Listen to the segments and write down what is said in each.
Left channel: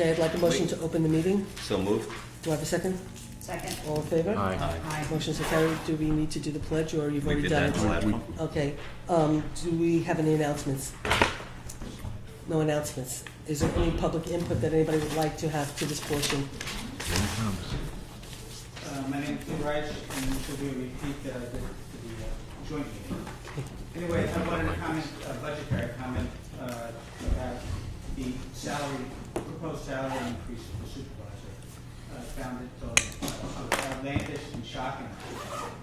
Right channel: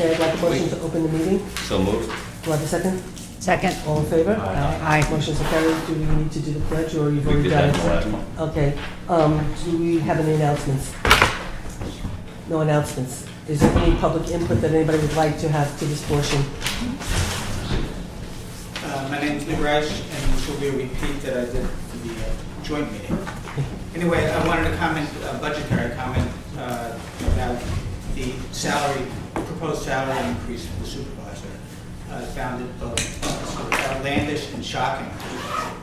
Okay, I'd like a motion to open the meeting. So moved. Do I have a second? Second. All in favor? Aye. Motion's carried. Do we need to do the pledge, or you've We already did done that in the last one. it? Okay. Do we have any announcements? No announcements. Is there any public input that anybody would like to have to this portion? My name is Lee Reich, and this will be a repeat that I did for the joint meeting. Anyway, I wanted to comment, a budgetary comment about the salary, proposed salary increase for the supervisor. I found it both sort of outlandish and shocking,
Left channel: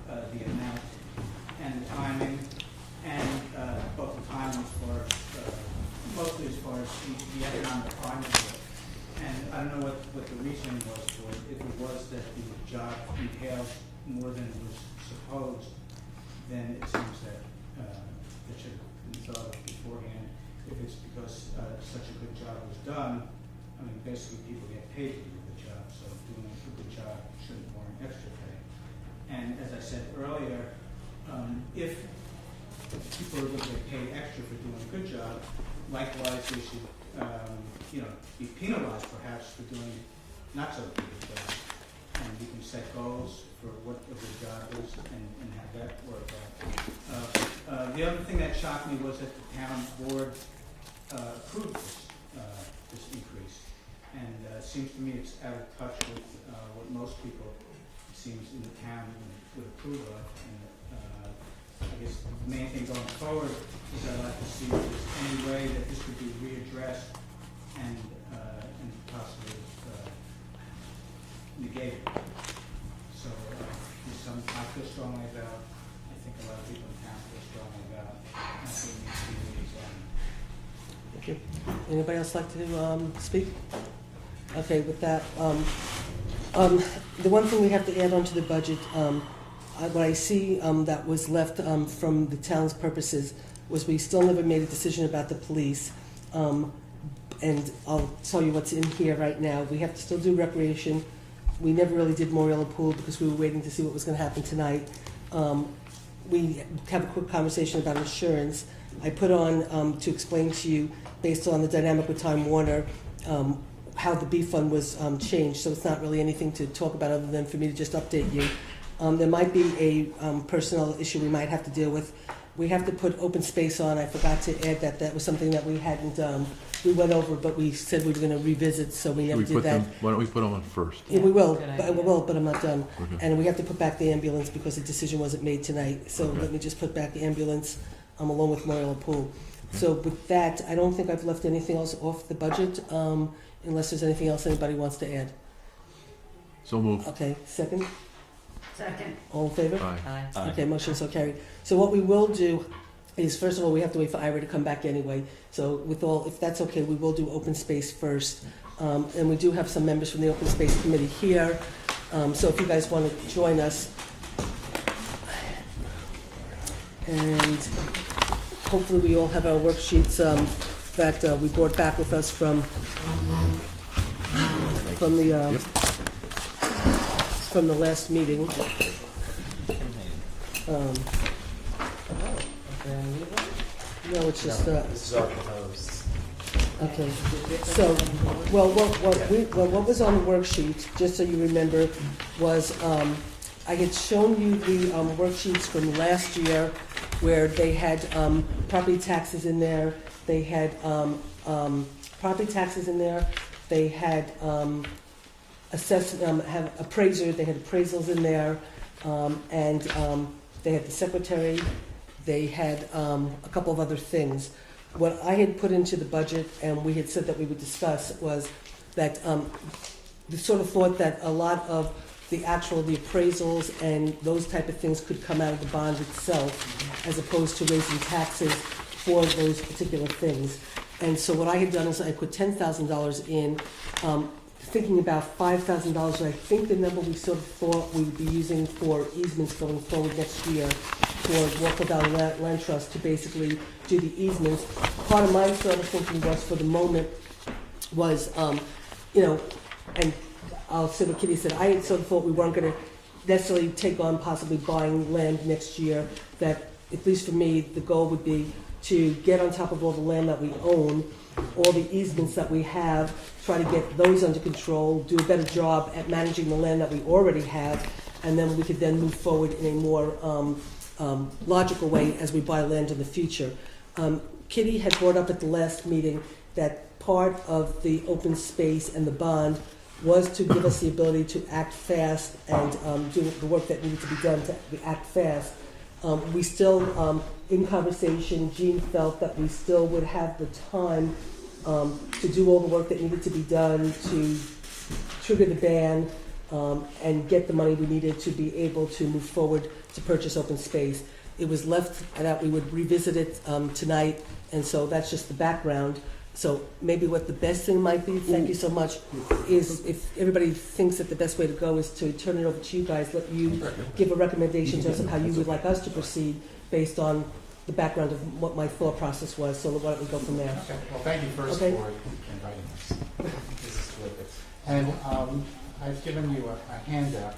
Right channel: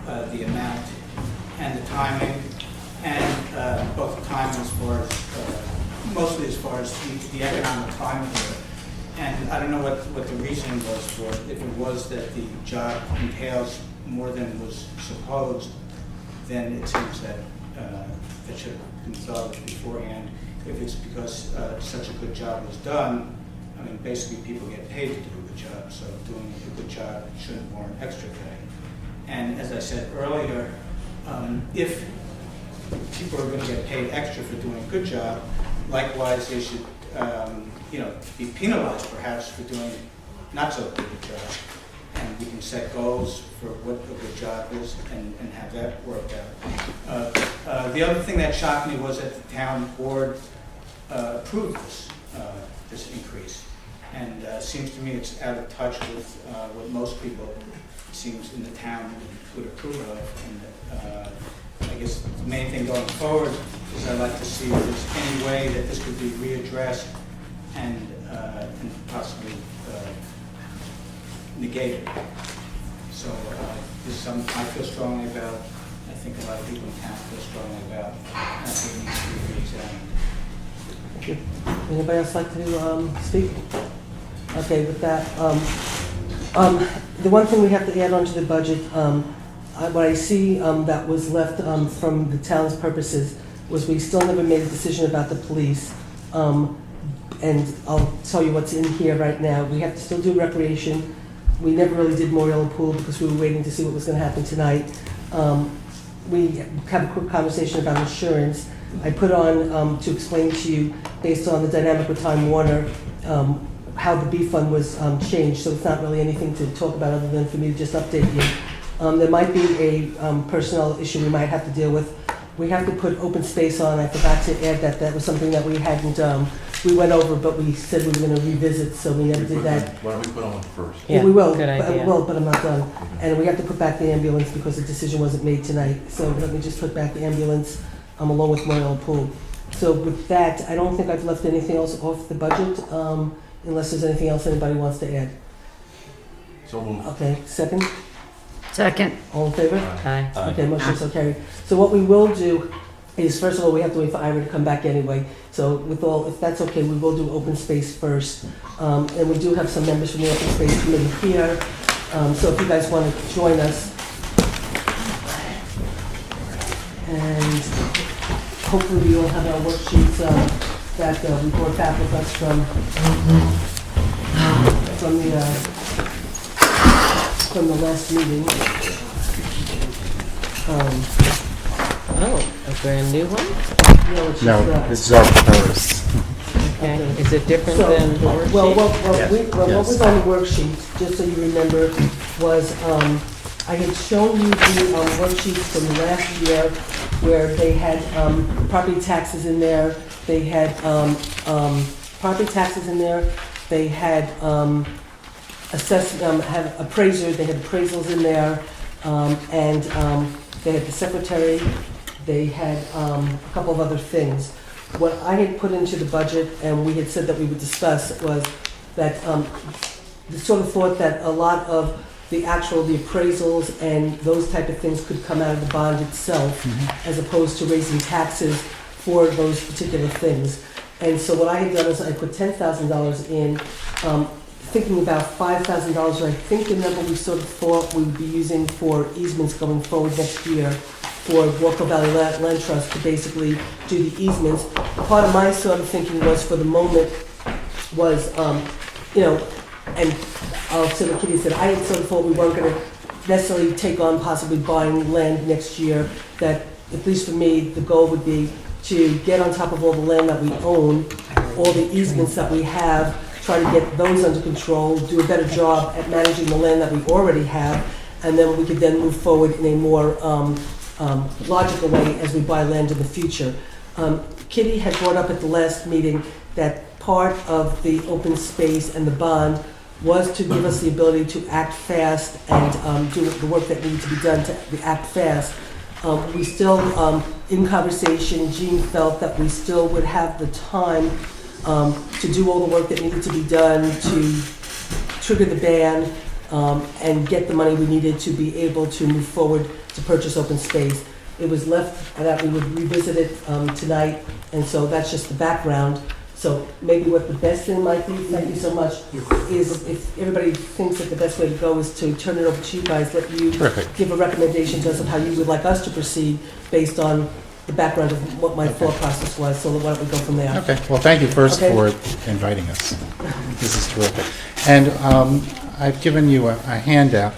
the amount and the timing, and both the timing as far as, mostly as far as the economic climate of it. And I don't know what the reasoning was for it. If it was that the job entails more than was supposed, then it seems that it should have been thought of beforehand. If it's because such a good job was done, I mean, basically people get paid to do a good job, so doing a good job shouldn't warrant extra pay. And as I said earlier, if people are going to get paid extra for doing a good job, likewise they should be penalized perhaps for doing not so good a job. And we can set goals for what a good job is and have that work out. The other thing that shocked me was that the town board approved this increase. And it seems to me it's out of touch with what most people, it seems, in the town would approve of. And I guess the main thing going forward is I'd like to see if there's any way that this could be readdressed and possibly negated. So this is something I feel strongly about. I think a lot of people in town feel strongly about. And I think it needs to be re-examined. Thank you. Anybody else like to speak? Okay, with that, the one thing we have to add on to the budget, what I see that was left from the town's purposes was we still never made a decision about the police. And I'll tell you what's in here right now. We have to still do recreation. We never really did Memorial and Pool because we were waiting to see what was going to happen tonight. We had a quick conversation about insurance. I put on to explain to you, based on the dynamic with Time Warner, how the B fund was changed. So it's not really anything to talk about other than for me to just update you. There might be a personnel issue we might have to deal with. We have to put open space on. I forgot to add that. That was something that we hadn't, we went over, but we said we were going to revisit, so we never did that. Why don't we put on first? Yeah, we will, good idea. we will, but I'm not done. And we have to put back the ambulance because the decision wasn't made tonight. So let me just put back the ambulance along with Memorial and Pool. So with that, I don't think I've left anything else off the budget, unless there's anything else anybody wants to add. So moved. Okay, second? Second. All in favor? Aye. Okay, motion so carried. So what we will do is, first of all, we have to wait for Ira to come back anyway. So if that's okay, we will do open space first. And we do have some members from the open space committee here. So if you guys want to join us. And hopefully we all have our worksheets that we brought back with us from the last meeting. Oh, a brand new one? No, This is our proposed. Okay, is it different So, than the worksheet? What was on the worksheet, just so you remember, was I had shown you the worksheets from last year where they had property taxes in there, they had property taxes in there, they had had appraisers, they had appraisals in there, and they had the secretary, they had a couple of other things. What I had put into the budget, and we had said that we would discuss, was that the sort of thought that a lot of the appraisals and those type of things could come out of the bond itself, as opposed to raising taxes for those particular things. And so what I had done is I put $10,000 in, thinking about $5,000. I think the number we sort of thought we would be using for easements going forward next year for Walker Valley Land Trust to basically do the easements. Part of my sort of thinking was, for the moment, was, and I'll say what Kitty said, I had sort of thought we weren't going to necessarily take on possibly buying land next year, that, at least for me, the goal would be to get on top of all the land that we own, all the easements that we have, try to get those under control, do a better job at managing the land that we already have, and then we could then move forward in a more logical way as we buy land in the future. Kitty had brought up at the last meeting that part of the open space and the bond was to give us the ability to act fast and do the work that needed to be done to act fast. We still, in conversation, Jean felt that we still would have the time to do all the work that needed to be done, to trigger the ban, and get the money we needed to be able to move forward to purchase open space. It was left that we would revisit it tonight, and so that's just the background. So maybe what the best thing might be, thank you so much, is if everybody thinks that the best way to go is to turn it over to you guys, let you give a recommendation to us of how you would like us to proceed based on the background of what my thought process was. So why don't we go from there? Okay, well, thank you first Okay. for inviting us. This is terrific. And I've given you a handout,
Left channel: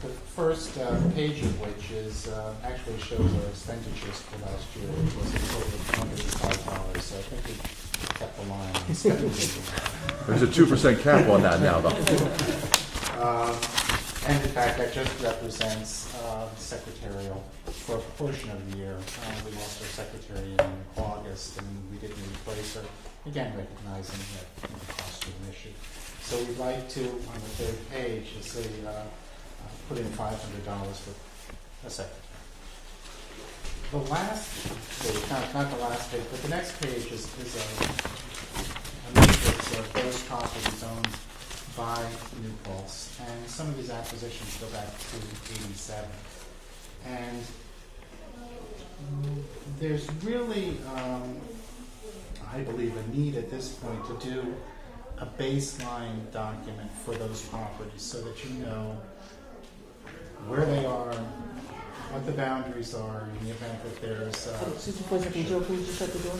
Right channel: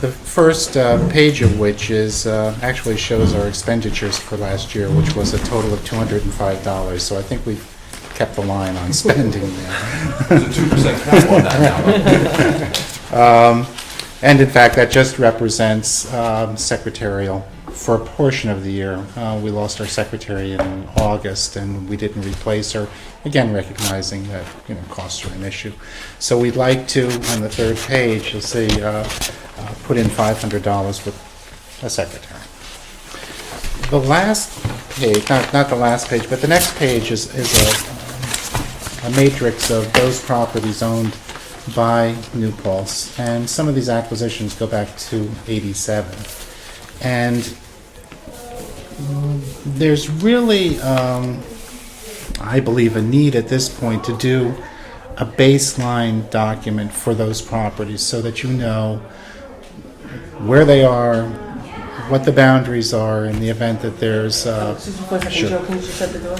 the first page of which is actually shows our expenditures for last year, which was a total of $205. So I think we kept the line on spending there. There's a 2% cap on that now. And in fact, that just represents secretarial. For a portion of the year, we lost our secretary in August, and we didn't replace her, again recognizing that costs are an issue. So we'd like to, on the third page, you'll see, put in $500 with a secretary. The last page, not the last page, but the next page is a matrix of those properties owned by New Paltz, and some of these acquisitions go back to '87. And there's really, I believe, a need at this point to do a baseline document for those properties so that you know where they are, what the boundaries are in the event that there's Excuse me for a second, Sure. Joe, can you just shut the door?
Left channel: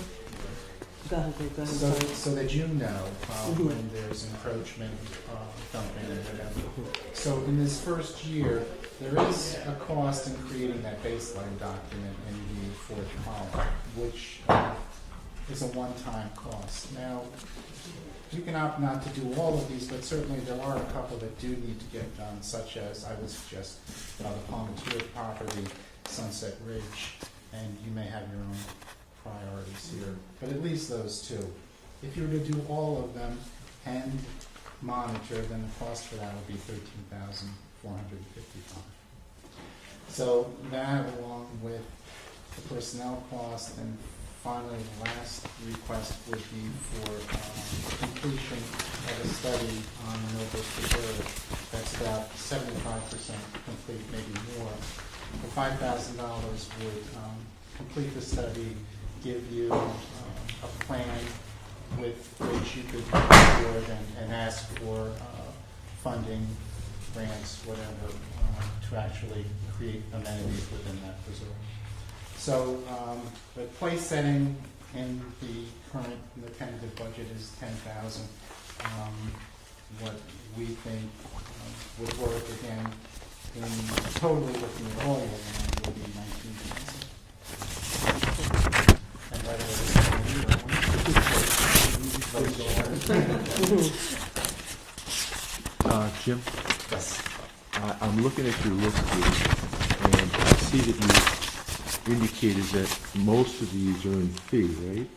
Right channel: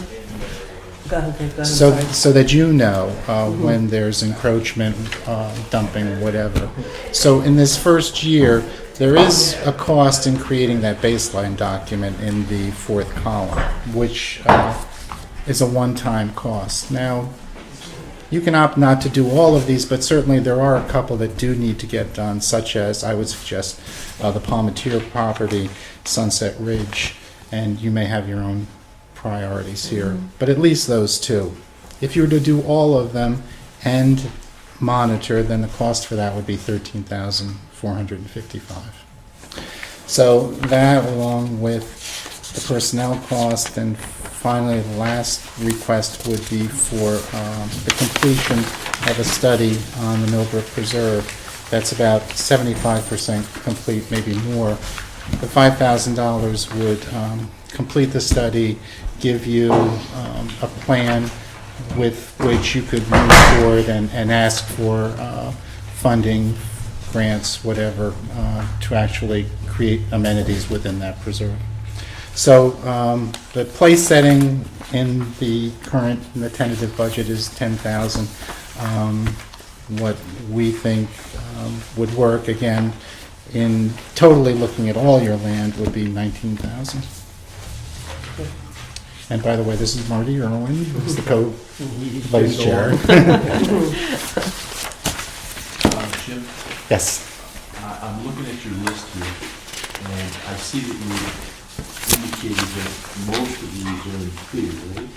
Go ahead, so sorry. so that you know when there's encroachment, dumping, whatever. So in this first year, there is a cost in creating that baseline document in the fourth column, which is a one-time cost. Now, you can opt not to do all of these, but certainly there are a couple that do need to get done, such as, I would suggest, the Palmatier property, Sunset Ridge, and you may have your own priorities here, but at least those two. If you were to do all of them and monitor, then the cost for that would be $13,455. So that, along with the personnel cost, and finally the last request would be for the completion of a study on the Millbrook Preserve. That's about 75% complete, maybe more. The $5,000 would complete the study, give you a plan with which you could move forward and ask for funding, grants, whatever, to actually create amenities within that preserve. So the place setting in the tentative budget is $10,000. What we think would work, again, in totally looking at all your land, would be $19,000. And by the way, this is Marty Irwin, who's the co-vice chair. Jim, Yes. I'm looking at your list here, and I see that you indicated that most of these are in fee, right?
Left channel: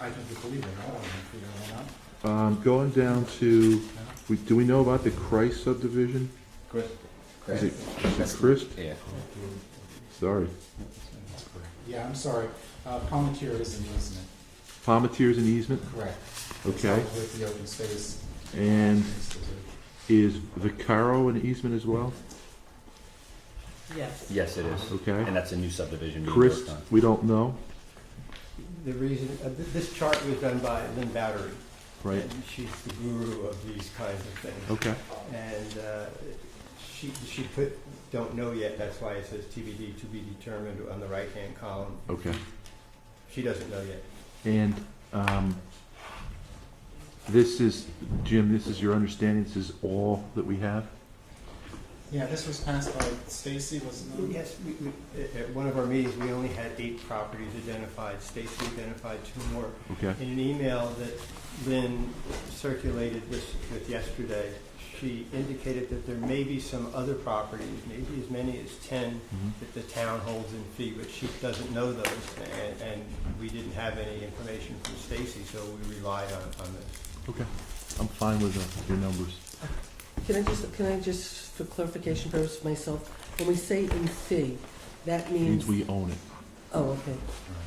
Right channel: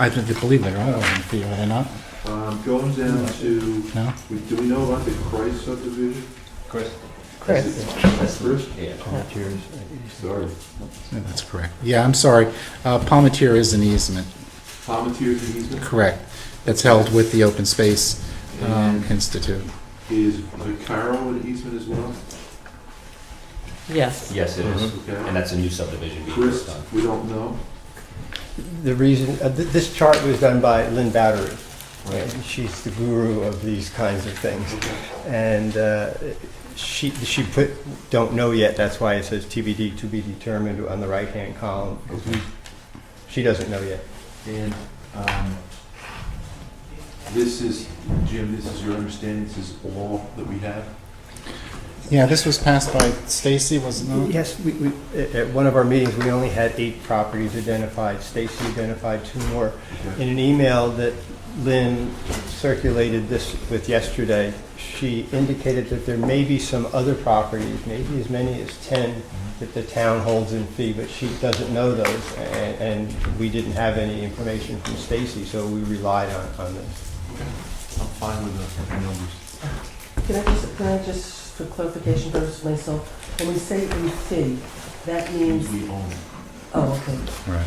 I believe they're all in fee, are they not? Going down to, No? do we know about the Christ subdivision? Chris. Is it Chris? Yeah. Sorry. Yeah, that's correct. Yeah, I'm sorry. Palmatier is an easement. Palmetier's an easement? Correct. It's held with the Open Space And Institute. is Vicaro an easement as well? Yes. Yes, it is, Okay. and that's a new subdivision. we Chris, just done. we don't know? The reason, this chart was done by Lynn Battery. Right. And she's the guru of these kinds of things. Okay. And she put, don't know yet, that's why it says TBD, to be determined on the right-hand column. Okay. She doesn't know yet. And this is, Jim, this is your understanding, this is all that we have? Yeah, this was passed by Stacy, wasn't it? Yes, at one of our meetings, we only had 8 properties identified. Stacy identified 2 more. Okay. In an email that Lynn circulated this with yesterday, she indicated that there may be some other properties, maybe as many as 10, that the town holds in fee, but she doesn't know those, and we didn't have any information from Stacy, so we relied on this. Okay. I'm fine with the numbers. Can I just, for clarification purposes myself, when we say in fee, that means, We own it. oh, okay. Right.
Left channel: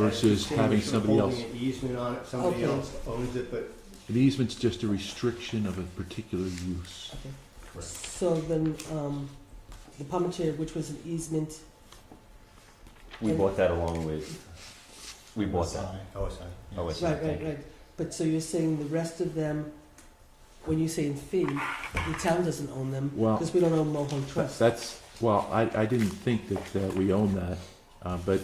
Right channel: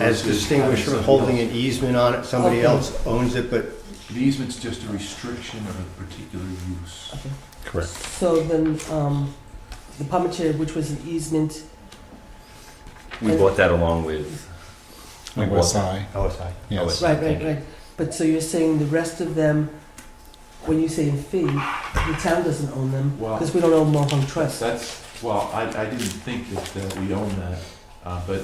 As Versus distinguished from having holding somebody an easement on it, somebody Okay. else owns it, but An easement's just a restriction of a particular use. Correct. So then, the Paltz, which was an easement, We bought that along with, we bought OSI, OSI. yes. right. But so you're saying the rest of them, when you say in fee, the town doesn't own them, Well- because we don't own Mohawk Trust. Well, I didn't think that we own that, but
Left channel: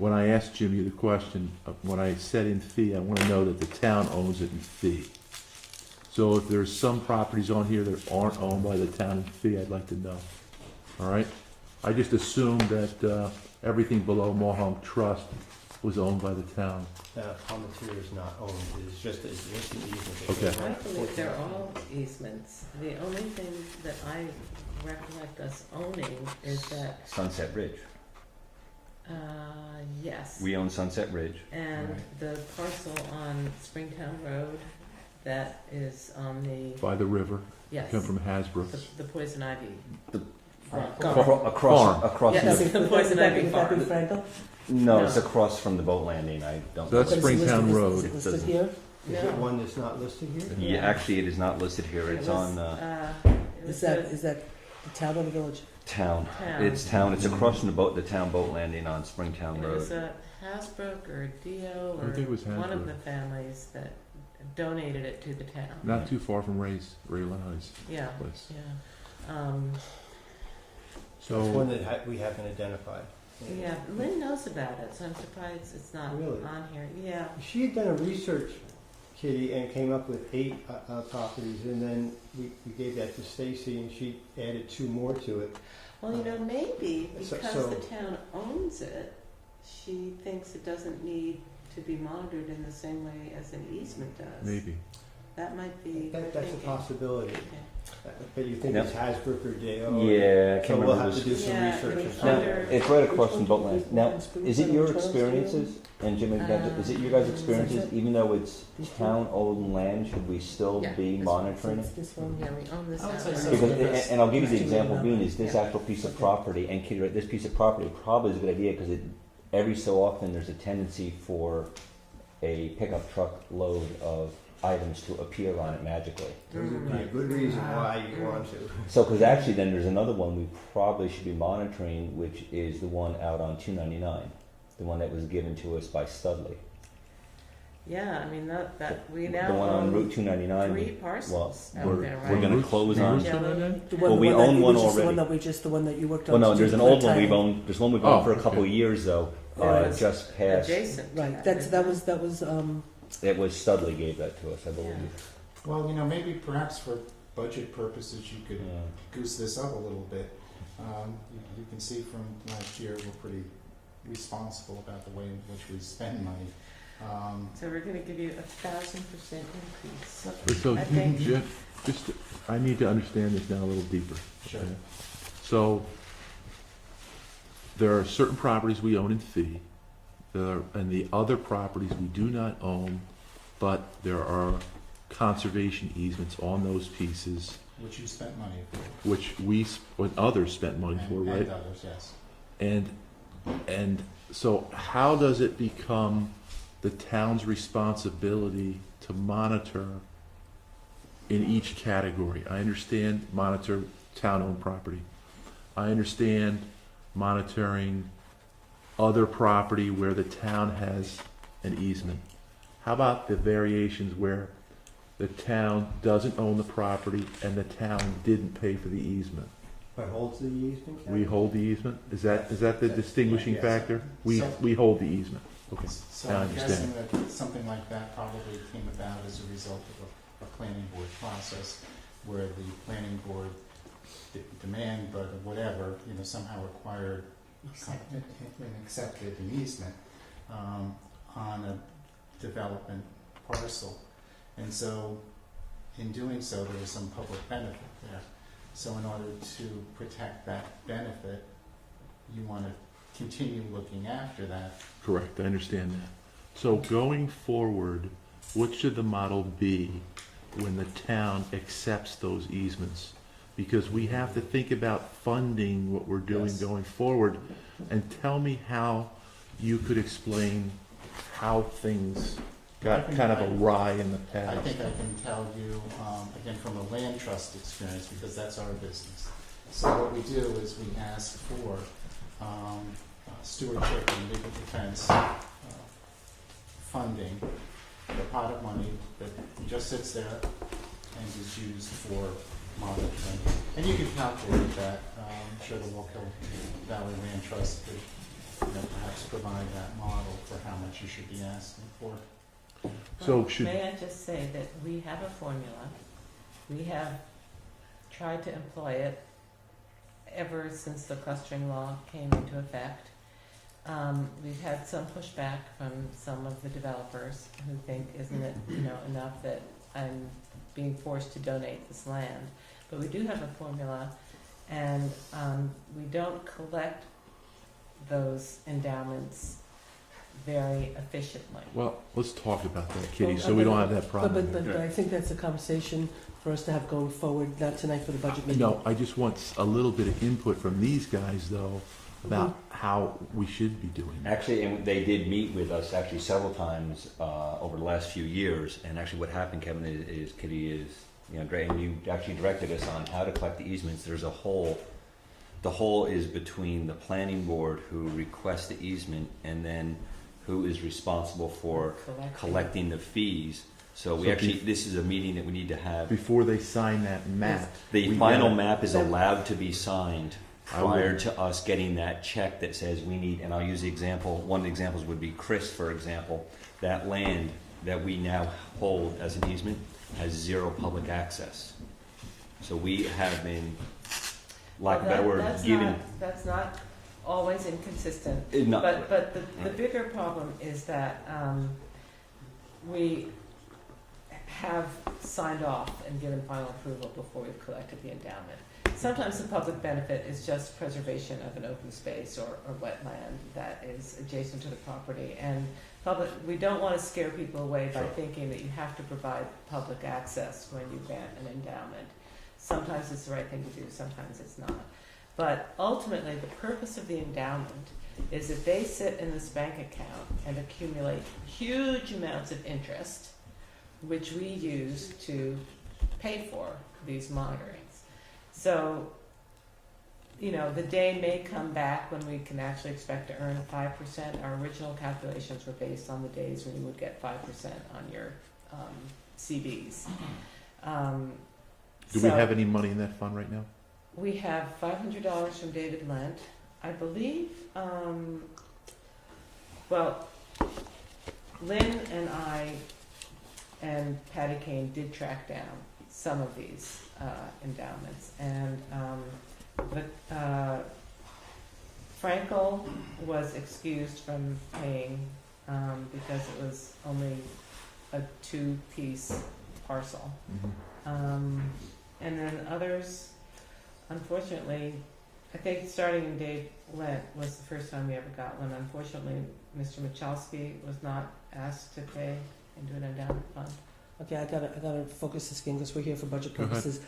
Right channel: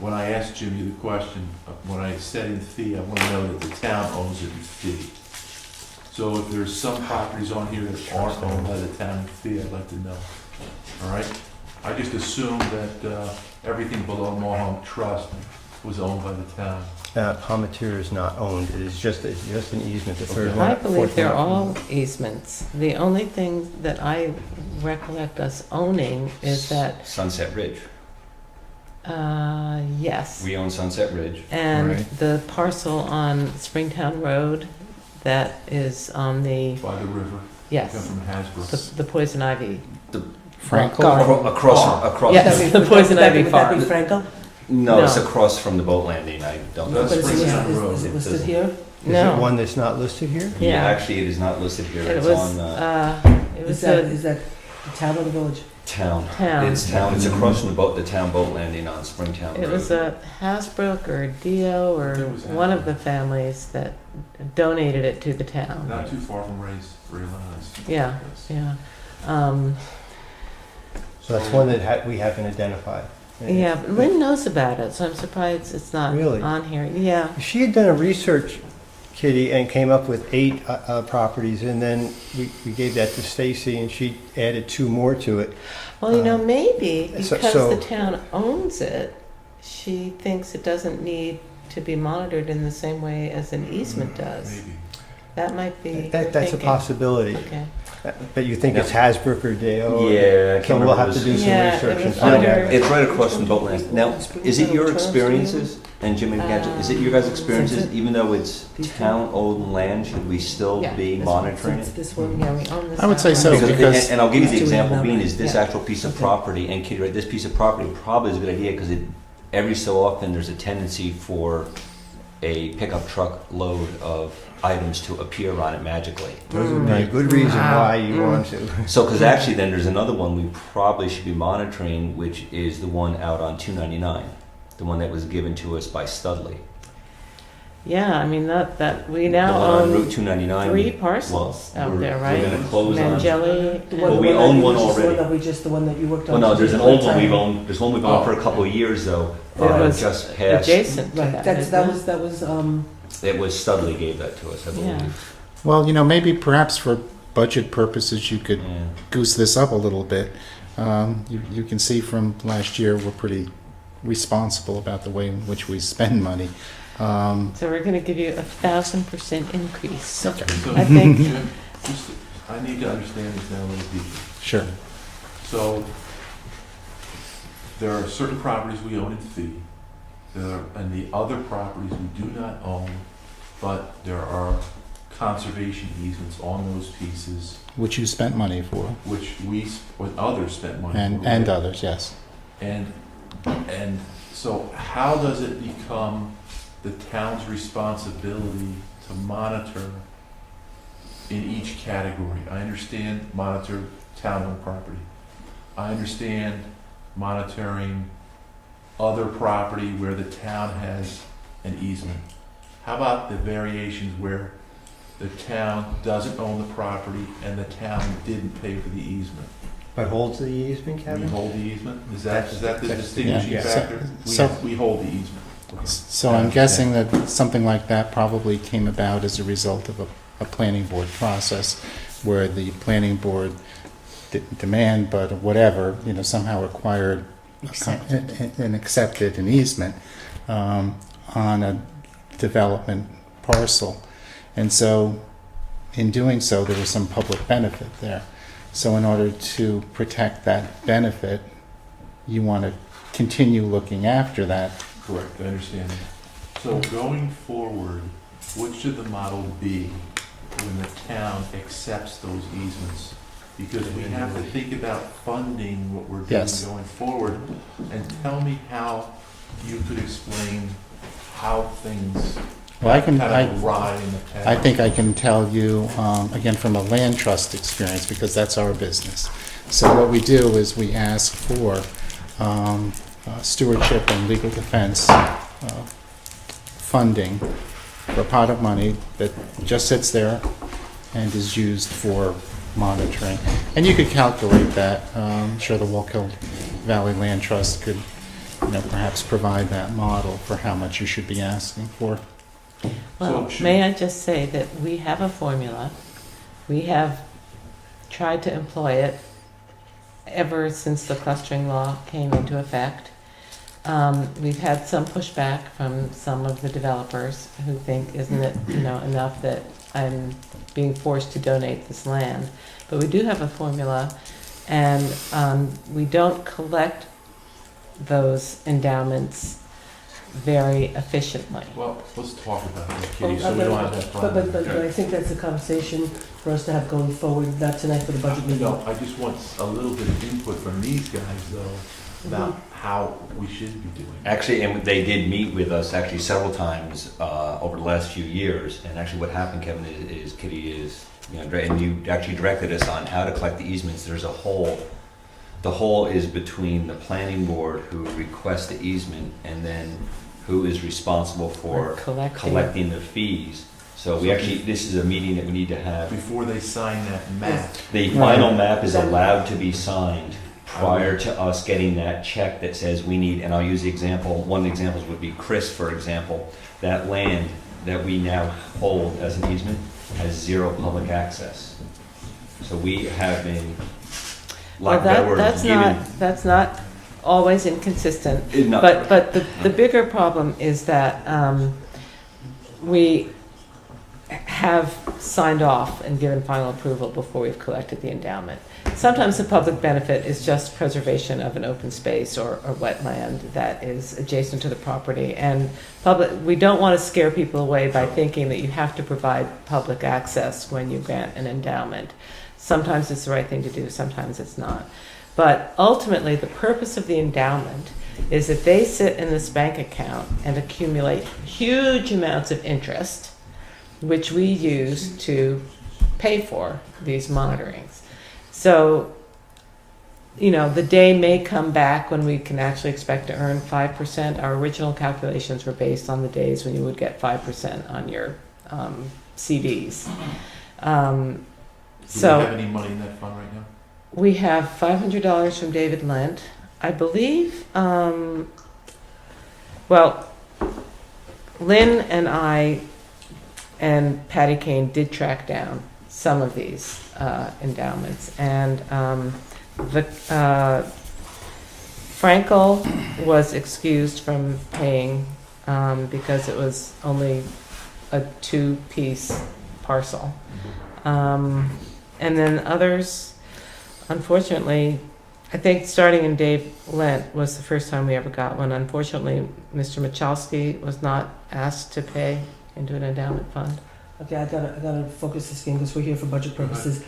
when I asked Jimmy the question, when I said in fee, I want to know that the town owns it in fee. So if there's some properties on here that aren't owned by the town in fee, I'd like to know. All right? I just assumed that everything below Mohawk Trust was owned by the town. Palmetier is not owned, it is just an easement, the third Okay. one. I believe fourth they're one. all easements. The only thing that I recollect us owning is that, Sunset Ridge. yes. We own Sunset Ridge. And Right. the parcel on Springtown Road that is on the, By the river, yes, come from Hasbro. the poison ivy. Frankel? Garden. Across, Yes. Would that be- the poison would that be- ivy would that farm. be Frankel? no, it's No. across from the boat landing, I don't know. That's But is it Springtown listed- Road. Is it listed It here? Is No. it one that's not listed here? Yeah. Actually, it is not listed here, It it's was, on, it Is was that, a is that the town or the village? town. town. It's town, it's across from the town boat landing on Springtown Road. It was a Hasbrook or a Dio or It was one of Hasbrook. the families that donated it to the town. Not too far from Ray's Lies. Yeah, Yes. yeah. So that's one that we haven't identified. And Yeah, but Lynn knows about it, so I'm surprised it's not Really? on here. Yeah. She had done a research, Kitty, and came up with 8 properties, and then we gave that to Stacy, and she added 2 more to it. Well, you know, maybe so- because so- the town owns it, she thinks it doesn't need to be monitored in the same way as an easement does. Maybe. That might be. her That's a thinking. possibility. Okay. But you think it's Hasbrook or Dale? Yeah, I So can't we'll remember have to this. do some Yeah, research it and was find under- out. It's right across from the boat landing. Now, is it your experiences, and Jimmy, is it your guys' experiences, Sunset. even though it's These two? town-owned land, should we still Yeah, be this one. monitoring So it? it's this one, Yeah, we own this. I would say outright. so, Because- because- and I'll give you the These two we have example being now, is this yeah. actual piece of Okay. property, and Kitty, right, this piece of property probably is a good idea, because every so often, there's a tendency for a pickup truck load of items to appear on it magically. Those would be a Right. good reason Wow. why you want to. So, because actually then there's another one we probably should be monitoring, which is the one out on 299, the one that was given to us by Studley. Yeah, I mean, that we The now one on Route own 299. 3 parcels well, out we're- there, We're right? gonna close on. Mangelli. Well, we own one Which is already. the one that we just, the one that you worked on? Well, no, there's an today, old one part-time. we've owned, there's one we've owned for a couple of years though, It was just past, adjacent to Right, that. that's, isn't that it? was, it was Studley gave that to us, I Yeah. believe. Well, maybe perhaps for budget purposes, you could Yeah. goose this up a little bit. You can see from last year, we're pretty responsible about the way in which we spend money. So we're going to give you 1,000% increase. So, I think- Jim, I need to understand this now a little deeper. Sure. So, there are certain properties we own in fee, and the other properties we do not own, but there are conservation easements on those pieces, Which you spent money for, which when others spent money for. and right? others, yes. And so how does it become the town's responsibility to monitor in each category? I understand monitor town-owned property. I understand monitoring other property where the town has an easement. How about the variations where the town doesn't own the property and the town didn't pay for the easement? But holds the easement, We Kevin? hold the easement? Is that the That's- distinguishing yeah. factor? So- We hold the easement. Okay. So I'm guessing that something like that probably came about as a result of a planning board process where the planning board didn't demand, but whatever, somehow acquired and accepted an easement on a development parcel. And so, in doing so, there was some public benefit there. So in order to protect that benefit, you want to continue looking after that. Correct, I understand that. So going forward, what should the model be when the town accepts those easements? Because we have to think about funding what we're doing Yes. going forward. And tell me how you could explain how things Well, I can, kind of awry in the past. I think I can tell you, again, from a land trust experience, because that's our business. So what we do is we ask for stewardship and legal defense funding for a pot of money that just sits there and is used for monitoring. And you could calculate that. I'm sure the Wallkill Valley Land Trust could, perhaps provide that model for how much you should be asking for. Well, So should- may I just say that we have a formula. We have tried to employ it ever since the clustering law came into effect. We've had some pushback from some of the developers who think, isn't it, enough that I'm being forced to donate this land? But we do have a formula, and we don't collect those endowments very efficiently. Well, let's talk about that, Well, Kitty, so we don't have that But problem. I think that's a conversation for us to have going forward, not tonight for the budget meeting. No, I just want a little bit of input from these guys, though, about how we should be doing it. Actually, and they did meet with us actually several times over the last few years. And actually, what happened, Kevin, is Kitty is, and you actually directed us on how to collect the easements. There's a hole. The hole is between the planning board who requests the easement and then who is responsible for collecting the fees. So we actually, this is a meeting that we need to have. Before they sign that map, The final map is allowed to be signed prior to us getting that check that says we need, and I'll use the example, one of the examples would be Chris, for example. That land that we now hold as an easement has 0 public access. So we have been, Well, like that word, given. that's not always inconsistent. Not- But the bigger problem is that we have signed off and given final approval before we've collected the endowment. Sometimes the public benefit is just preservation of an open space or wetland that is adjacent to the property. And we don't want to scare people away by thinking that you have to provide public access when you grant an endowment. Sometimes it's the right thing to do, sometimes it's not. But ultimately, the purpose of the endowment is that they sit in this bank account and accumulate huge amounts of interest, which we use to pay for these monitorings. So, the day may come back when we can actually expect to earn 5%. Our original calculations were based on the days when you would get 5% on your CDs. do we have any money in that fund right now? We have $500 from David Lent. I believe, Lynn and I and Patty Kane did track down some of these endowments. And Frankel was excused from paying because it was only a 2-piece parcel. And then others, unfortunately, I think starting in Dave Lent was the first time we ever got one. Unfortunately, Mr. Michalski was not asked to pay into an endowment fund. Okay, I gotta focus this game because we're here for budget purposes.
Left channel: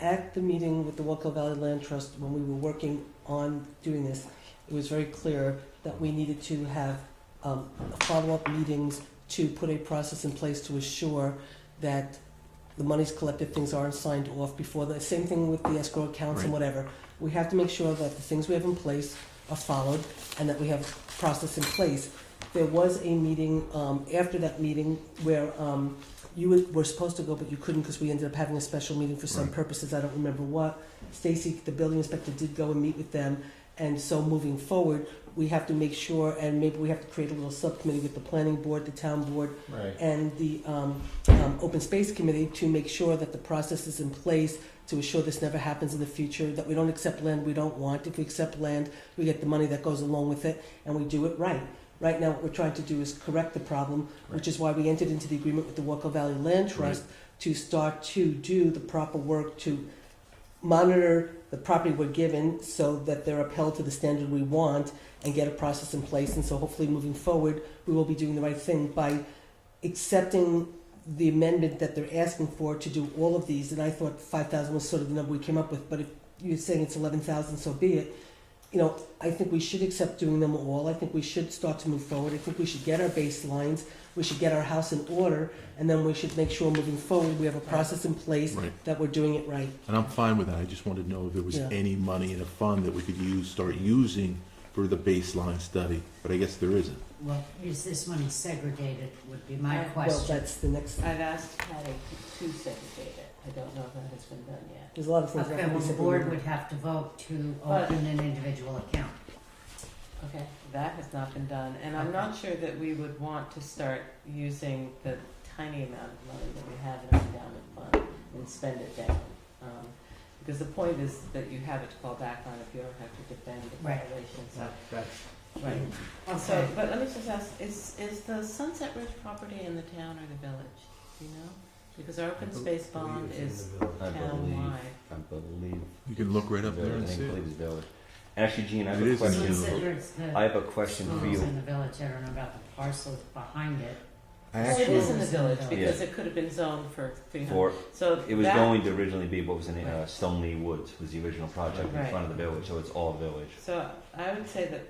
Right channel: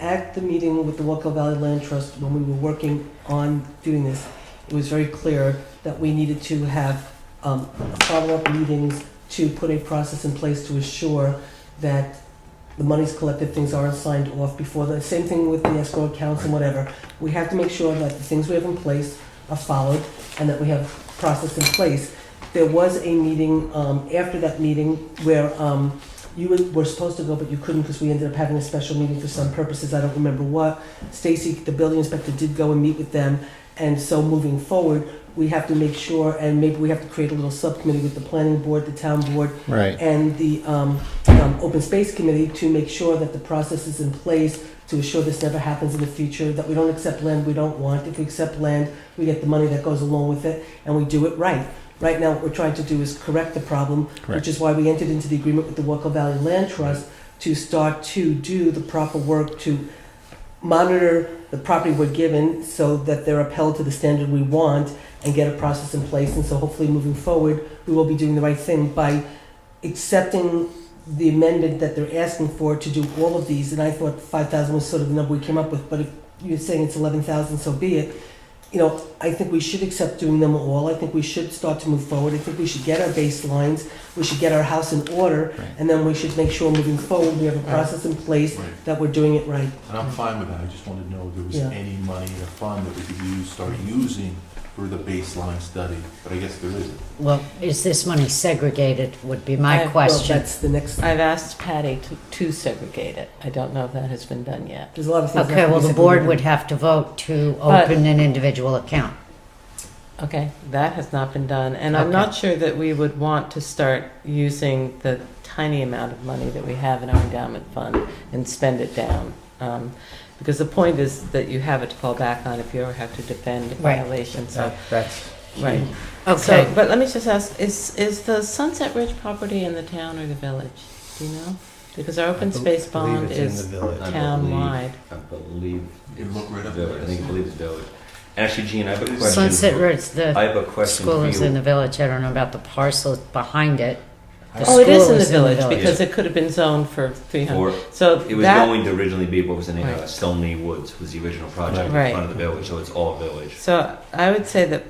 At the meeting with the Wallkill Valley Land Trust, when we were working on doing this, it was very clear that we needed to have follow-up meetings to put a process in place to assure that the money's collected, things aren't signed off before the, same thing with the escrow accounts and whatever. We have to make sure that the things we have in place are followed and that we have process in place. There was a meeting, after that meeting where you were supposed to go, but you couldn't because we ended up having a special meeting for some purposes, I don't remember what. Stacy, the building inspector, did go and meet with them, and so moving forward, we have to make sure, and maybe we have to create a little subcommittee with the planning board, the town board, Right. and the open space committee to make sure that the process is in place to assure this never happens in the future, that we don't accept land we don't want. If we accept land, we get the money that goes along with it, and we do it right. Right now, what we're trying to do is correct the problem, Correct. which is why we entered into the agreement with the Waco Valley Land Trust to start to do the proper work to monitor the property we're given so that they're upheld to the standard we want and get a process in place. And so hopefully moving forward, we will be doing the right thing by accepting the amendment that they're asking for to do all of these. And I thought 5,000 was sort of the number we came up with, but if you're saying it's 11,000, so be it. You know, I think we should accept doing them all. I think we should start to move forward. I think we should get our baselines. We should get our house in order, Right. and then we should make sure moving forward we have a process in place Right. that we're doing it right. And I'm fine with that, I just wanted to know if there was Yeah. any money in a fund that we could use, start using for the baseline study, but I guess there isn't. Well, is this money segregated, would be my Well, question. Well, that's the next. I've asked Patty to segregate it. I don't know if that has been done yet. There's a lot of things. that Okay, have to well, be the board segregated. would have to vote to But- open an individual account. Okay, that has not been done, and I'm Okay. not sure that we would want to start using the tiny amount of money that we have in our endowment fund and spend it down. Because the point is that you have it to fall back on if you ever have to defend a Right. violation, so, That's, right. Okay, So, but let me just ask, is the Sunset Ridge property in the town or the village? Do you know? Because our open space believe bond it's in is the village. I town-wide. believe. You can look right up there Village, and I think see. I believe it's village. Actually, Gene, I have a It is. question. Sunset Ridge, the I have a question school for is in you. the village, I don't know about the parcel behind it. The Oh, it is school in the village, because it could have been zoned for 300. For, So it was that, going to originally be what was in Right. Stoneleigh Woods was the original project in Right. front of the village, so it's all village. so I would say that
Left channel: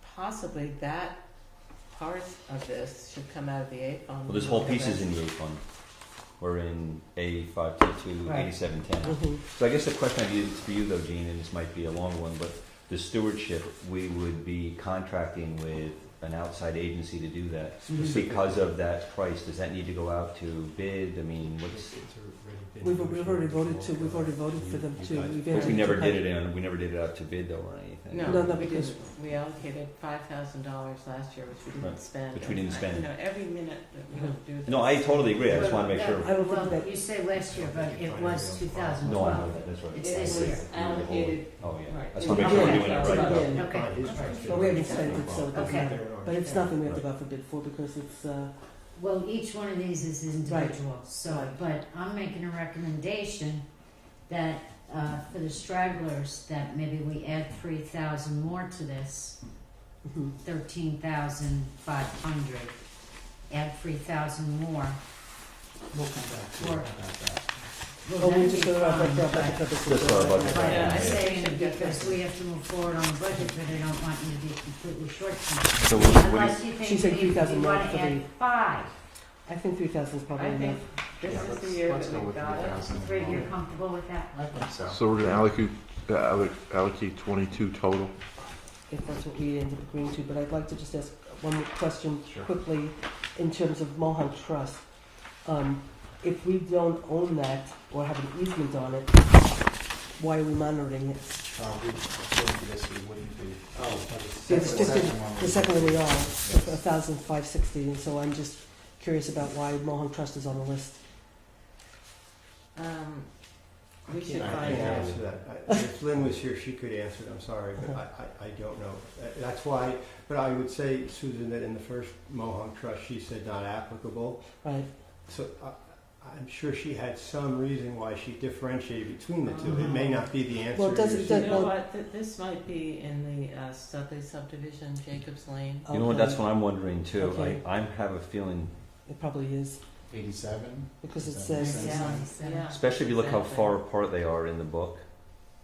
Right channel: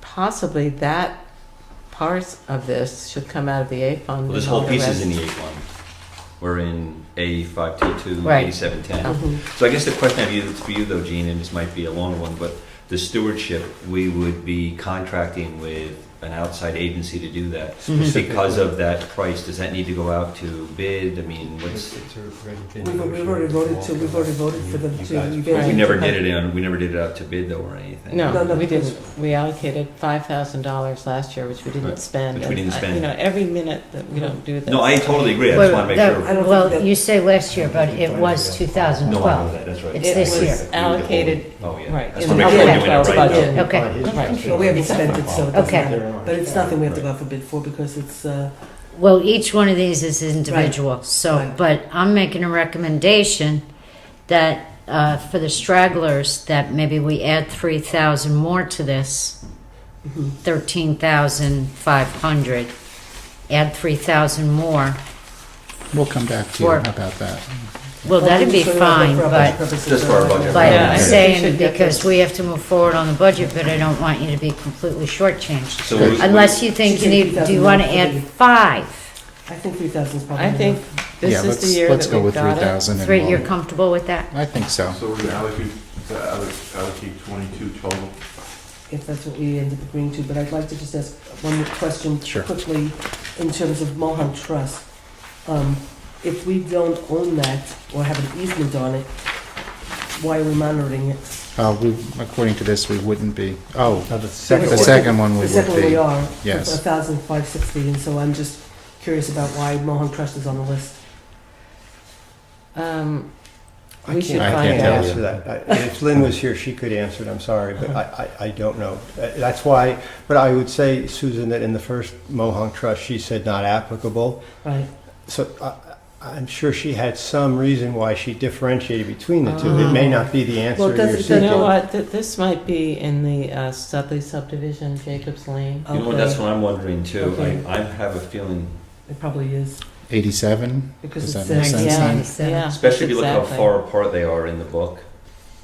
possibly that part of this should come out of the A fund. Well, this and all whole the piece is rest- in the A1. We're in A522, Right. A710. Mhm. So I guess the question I have is for you though, Gene, and this might be a long one, but the stewardship, we would be contracting with an outside agency to do that. Mhm. Because of that price, does that need to go out to bid? I mean, what's, We've already voted for them to. Right. we never did it out to bid though or anything. No, No, we because- didn't. We allocated $5,000 last year, which we didn't Right, spend. which we didn't And, spend. You know, every minute that we don't do this. No, I totally agree, I just wanna make I sure. don't think Well, that- you say last year, but it was No, I 2012. know that, that's right. It's It this was year. allocated, Oh, yeah. right, That's in to the make sure we're doing it 2012 right. budget. Okay. Right. Well, we haven't spent it, so it doesn't Okay. matter. But it's nothing we have to go out for bid for because it's, Well, each one of these is individual, so, Right. but I'm making a recommendation that, for the stragglers, that maybe we add 3,000 more to this, mhm. 13,500. Add 3,000 more. We'll come back to you Or- about that. Well, that'd be So we're fine, for our but, budget purposes, Just for our so- budget. but Yeah, I I'm think we saying should get because this. we have to move forward on the budget, but I don't want you to be completely shortchanged. So what do you- Unless you think She you said need, do you 3,000 want to more add for the- 5? I think 3,000 is probably I think enough. this Yeah, is the let's year let's that go we've with got it. 3,000. and 3, you're we'll- comfortable with that? I think so. So we're gonna allocate 22 total. If that's what we ended up agreeing to, but I'd like to just ask one more question Sure. quickly in terms of Mohawk Trust. If we don't own that or have an easement on it, why are we monitoring it? According to this, we wouldn't be. Oh, the the second second one we The would second one we be. are, Yes. 1,560, and so I'm just curious about why Mohawk Trust is on the list. We should I find can't can't tell out. you. answer that. If Lynn was here, she could answer it, I'm sorry, but I don't know. That's why, but I would say, Susan, that in the first Mohawk Trust, she said not applicable. Right. So I'm sure she had some reason why she differentiated between the two. It may not be the Well, answer it you're doesn't- You know seeking. what, this might be in the Studley subdivision, Jacobs Lane. You know, that's what I'm wondering too. Okay. I have a feeling, It probably is, 87? because Does it that make says, sense? Yeah, then? yeah. especially if you look how exactly. far apart they are in the book.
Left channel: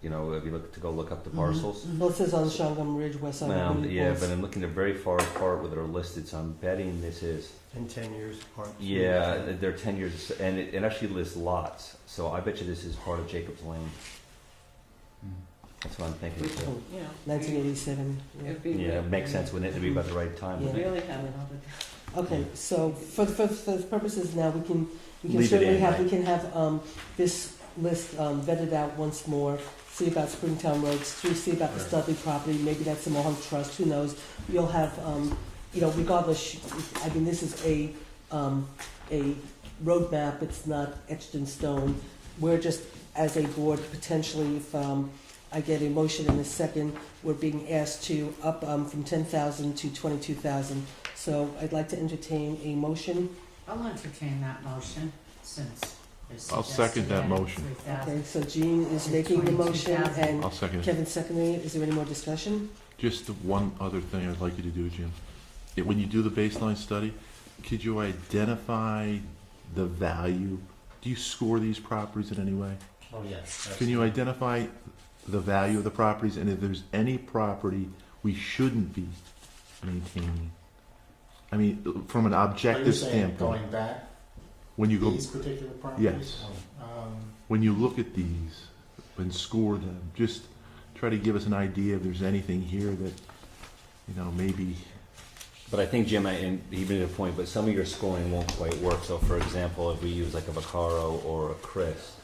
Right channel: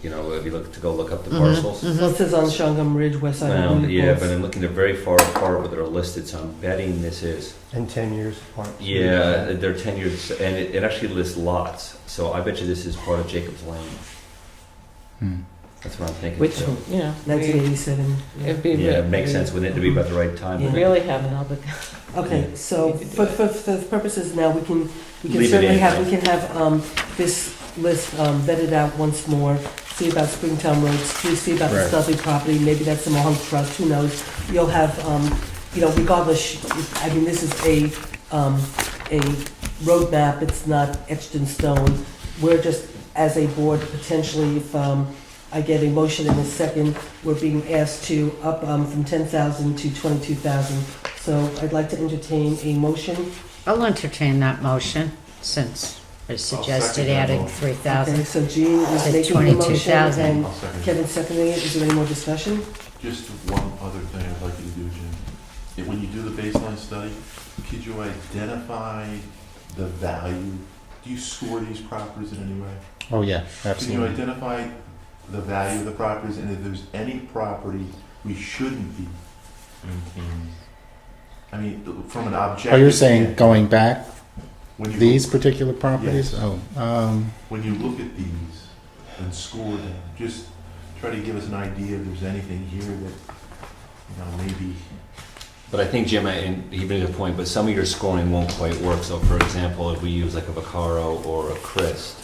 You know, if you look up the Mhm, parcels. mhm. well, it says on Shungum Ridge, west side of Well, William yeah, Hills. but I'm looking, they're very far apart where they're listed, so I'm betting this is. And 10 years apart. Yeah, they're 10 years, and it actually lists lots, so I bet you this is part of Jacob's Lane. Hmm. That's what I'm thinking Which, too. you know, 1987. it'd be. Yeah, it makes sense, wouldn't it, to be about the right time? Yeah. We really have an obligation. Okay, so We could do for the purposes now, we can Leave it certainly in, have, right? we can have this list vetted out once more, see about Springtown Road, see about the Right. Studley property, maybe that's the Mohawk Trust, who knows? You'll have, regardless, I mean, this is a roadmap, it's not etched in stone. We're just, as a board, potentially, I get a motion in a second. We're being asked to up from 10,000 to 22,000. So I'd like to entertain a motion. I'll entertain that motion since I suggested that adding motion. 3,000. Okay, so Jean is To making the motion 22,000. and I'll second. Kevin seconding it. Is there any more discussion? Just one other thing I'd like you to do, Jim. When you do the baseline study, could you identify the value? Do you score these properties in any way? Oh, yeah, Can you absolutely. identify the value of the properties and if there's any property we shouldn't be maintaining? I mean, from an objective. Oh, you're saying standpoint, going back, when you these particular properties? Yes. Oh, when you look at these and score them, just try to give us an idea if there's anything here that, maybe. But I think, Jim, and even to the point, but some of your scoring won't quite work. So for example, if we use like a Vaccaro or a Christ,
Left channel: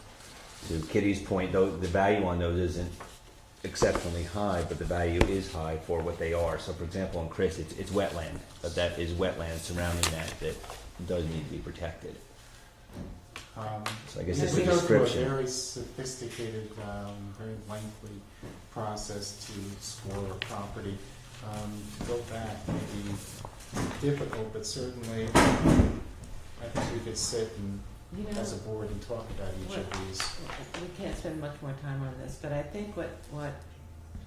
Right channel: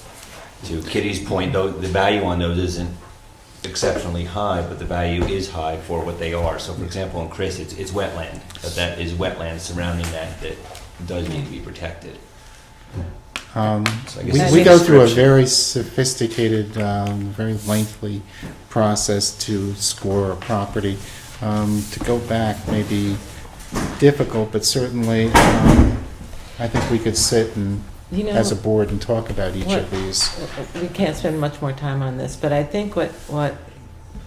to Kitty's point, though, the value on those isn't exceptionally high, but the value is high for what they are. So for example, in Chris, it's wetland. That is wetland surrounding that does need to be protected. So I guess we it's go through a description. very sophisticated, very lengthy process to score a property. To go back may be difficult, but certainly I think we could sit and, You know, as a board, and talk about each of these. we can't spend much more time on this, but I think what